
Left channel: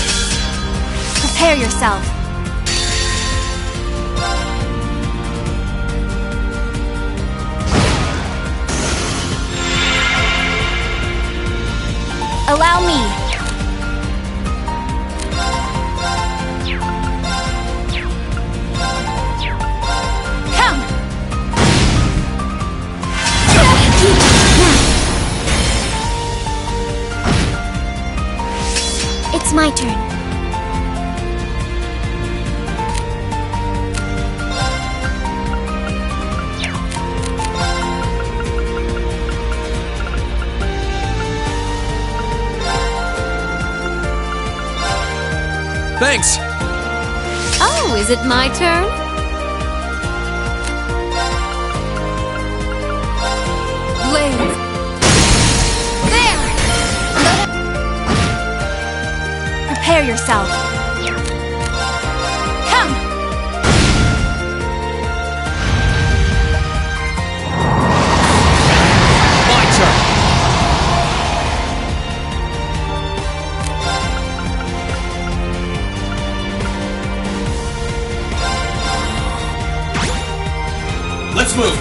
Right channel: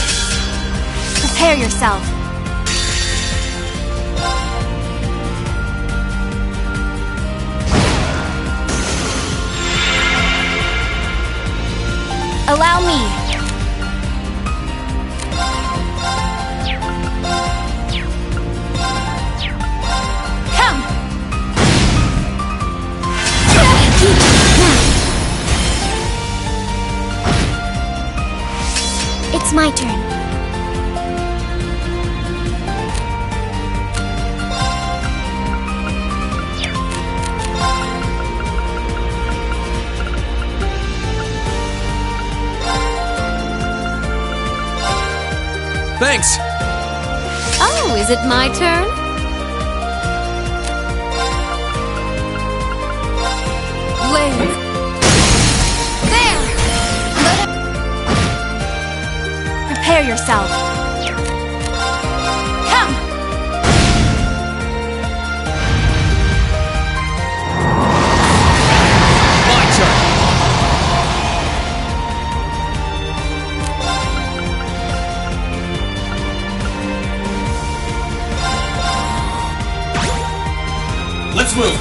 Prepare yourself. Allow me. Come. It's my turn. Thanks! Oh, is it my turn? Blaze. There! Prepare yourself. Come! My turn! Let's move!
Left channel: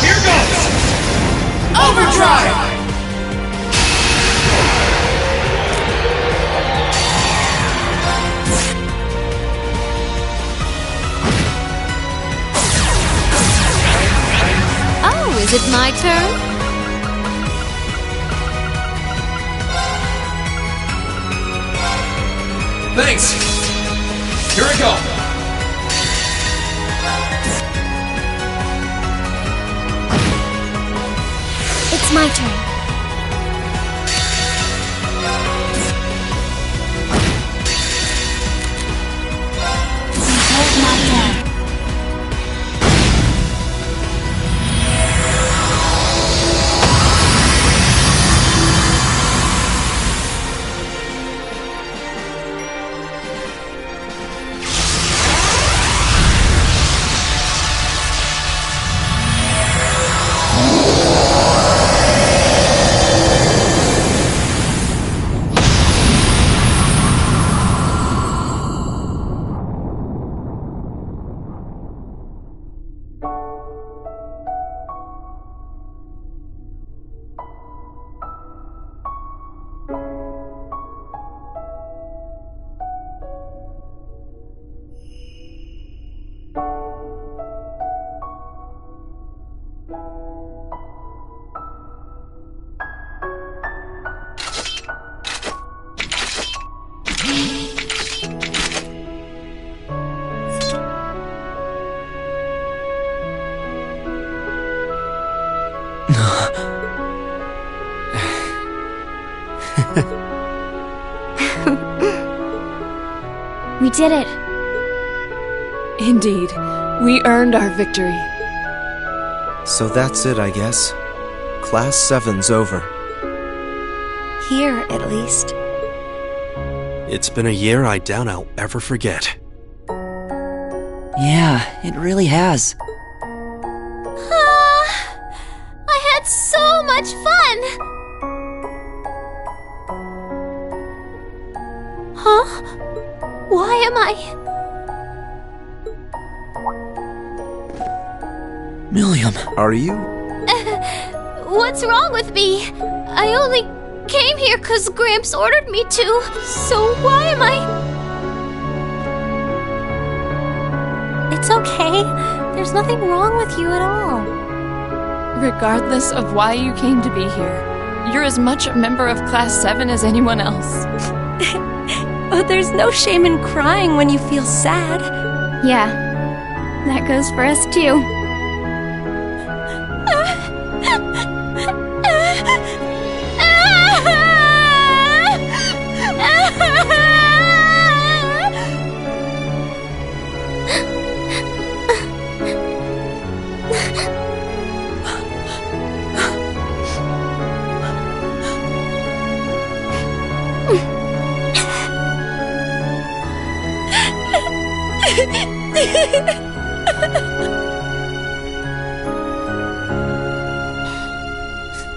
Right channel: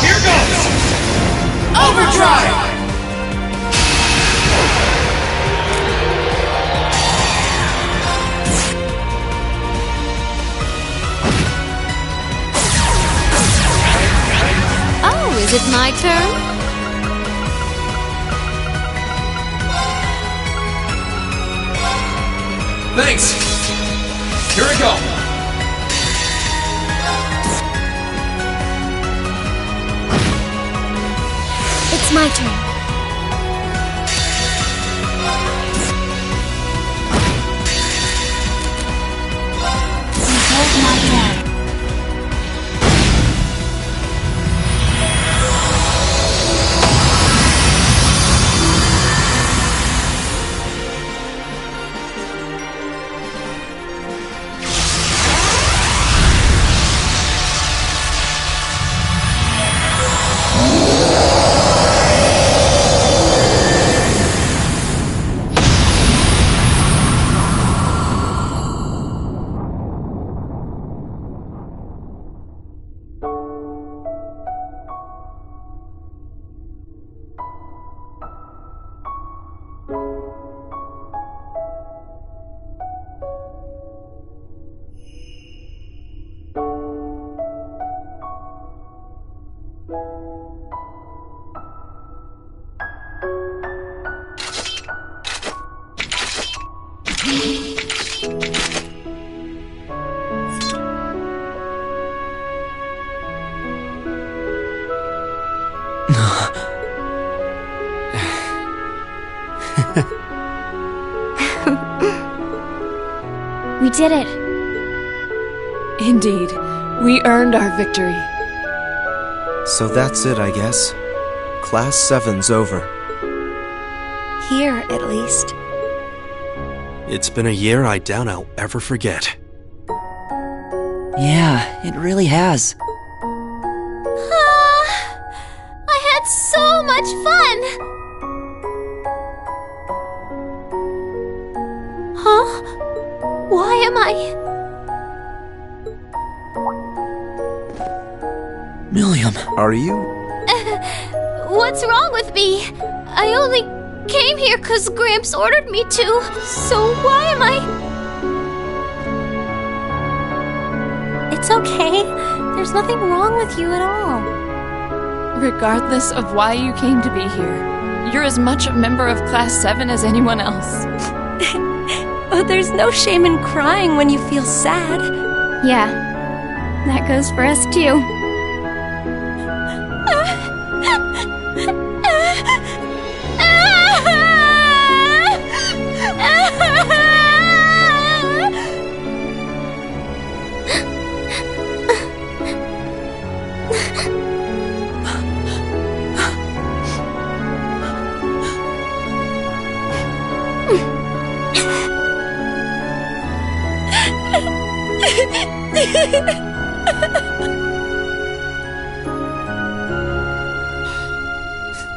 Here goes! Overdrive! Oh, is it my turn? Thanks! Here I go! It's my turn. Behold my death. We did it. Indeed, we earned our victory. So that's it, I guess. Class 7's over. Here, at least. It's been a year I doubt I'll ever forget. Yeah, it really has. I had so much fun! Huh? Why am I... Milliam, are you? What's wrong with me? I only came here because Gramps ordered me to, so why am I... It's okay. There's nothing wrong with you at all. Regardless of why you came to be here, you're as much a member of Class 7 as anyone else. But there's no shame in crying when you feel sad. Yeah, that goes for us too.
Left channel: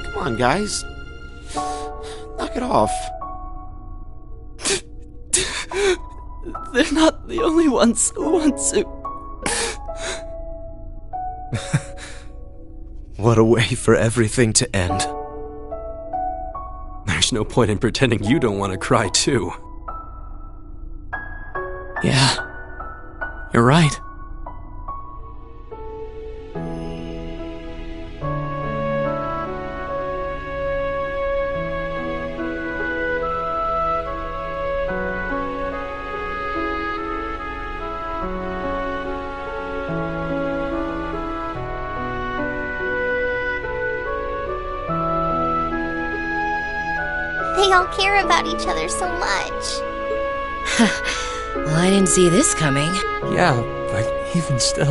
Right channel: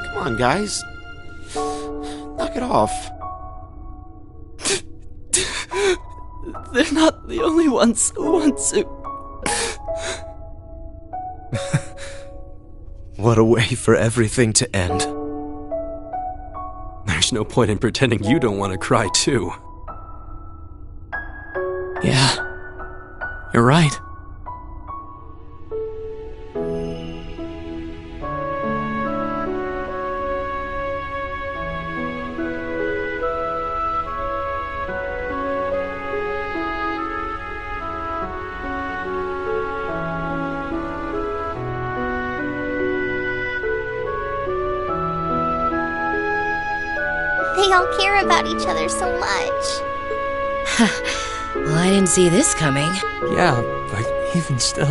Come on, guys. Knock it off. They're not the only ones who want to. What a way for everything to end. There's no point in pretending you don't want to cry, too. Yeah, you're right. They all care about each other so much. Well, I didn't see this coming. Yeah, but even still.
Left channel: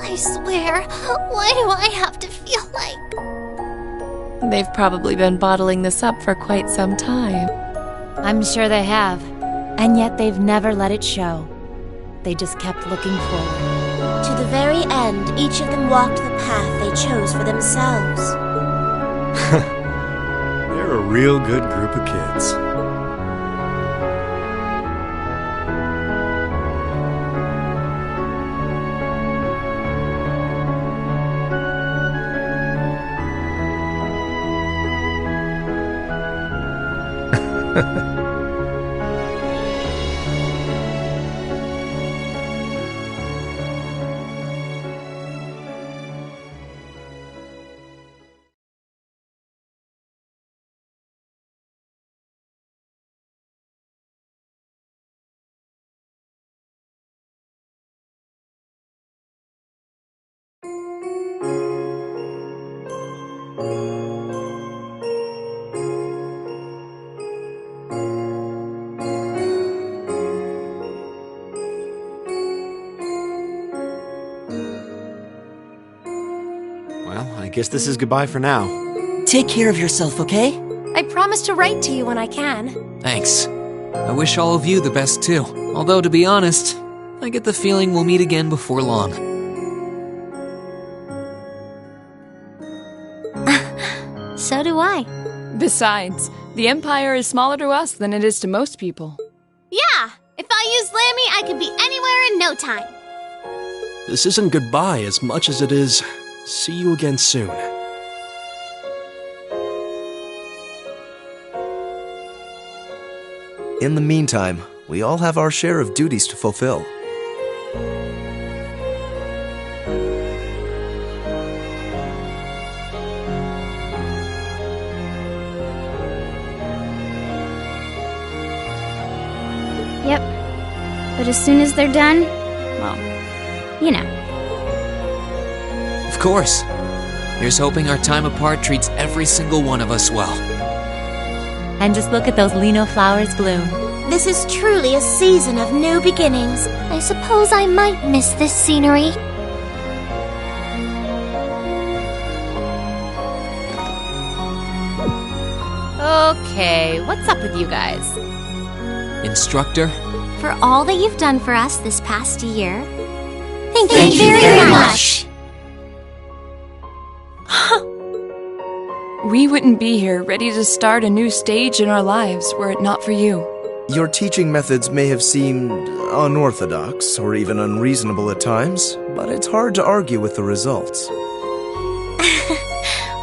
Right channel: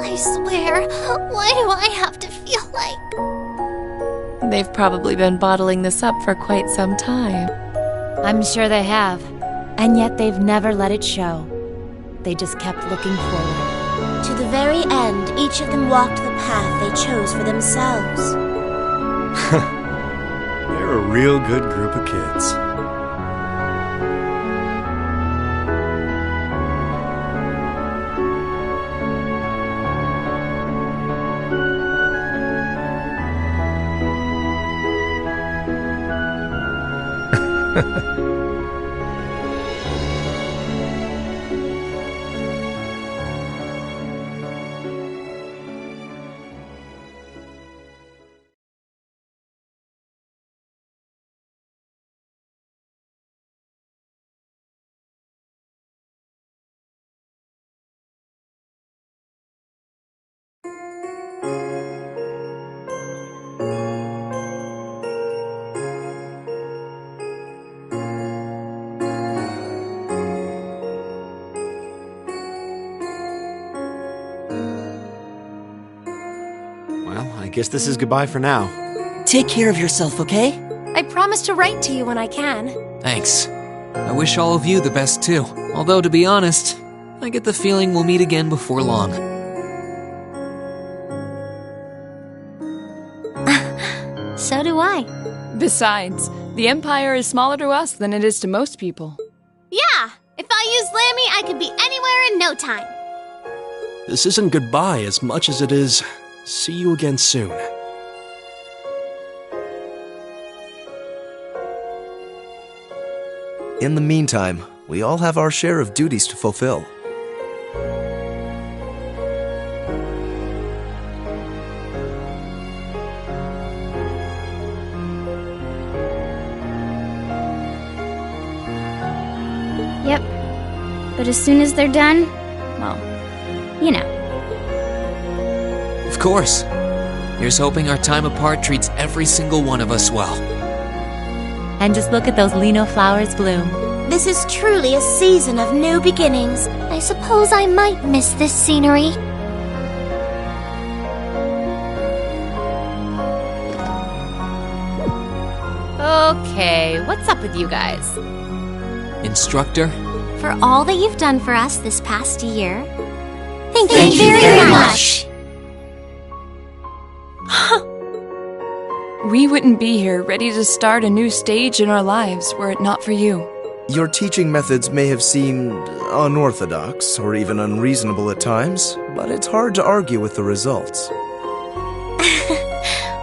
I swear, why do I have to feel like... They've probably been bottling this up for quite some time. I'm sure they have. And yet they've never let it show. They just kept looking forward. To the very end, each of them walked the path they chose for themselves. They're a real good group of kids. Well, I guess this is goodbye for now. Take care of yourself, okay? I promise to write to you when I can. Thanks. I wish all of you the best too. Although, to be honest, I get the feeling we'll meet again before long. So do I. Besides, the Empire is smaller to us than it is to most people. Yeah, if I used Lammy, I could be anywhere in no time. This isn't goodbye as much as it is see you again soon. In the meantime, we all have our share of duties to fulfill. But as soon as they're done, well, you know. Of course. Here's hoping our time apart treats every single one of us well. And just look at those lino flowers bloom. This is truly a season of new beginnings. I suppose I might miss this scenery. Okay, what's up with you guys? Instructor? For all that you've done for us this past year, Thank you very much. We wouldn't be here ready to start a new stage in our lives were it not for you. Your teaching methods may have seemed unorthodox or even unreasonable at times, but it's hard to argue with the results.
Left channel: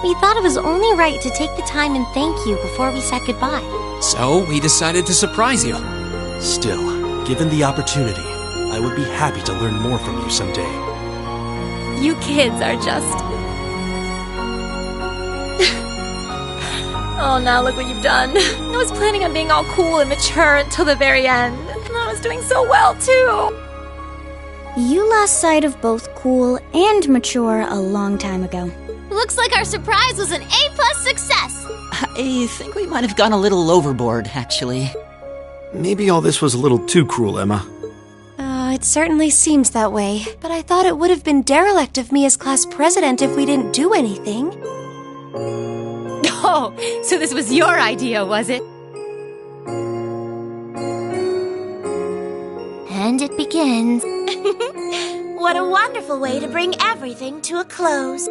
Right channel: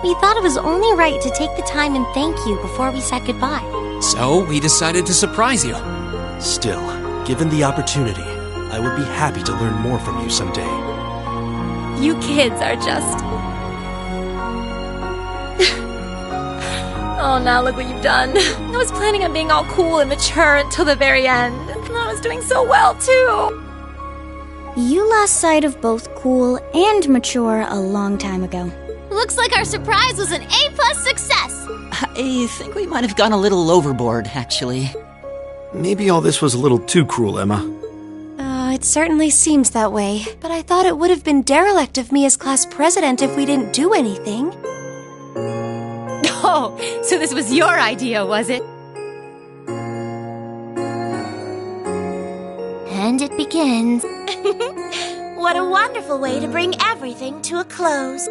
We thought it was only right to take the time and thank you before we said goodbye. So, we decided to surprise you. Still, given the opportunity, I would be happy to learn more from you someday. You kids are just... Oh, now look what you've done. I was planning on being all cool and mature until the very end. And I was doing so well, too. You lost sight of both cool and mature a long time ago. Looks like our surprise was an A+ success. I think we might have gone a little overboard, actually. Maybe all this was a little too cruel, Emma. It certainly seems that way. But I thought it would have been derelict of me as class president if we didn't do anything. Oh, so this was your idea, was it? And it begins. What a wonderful way to bring everything to a close.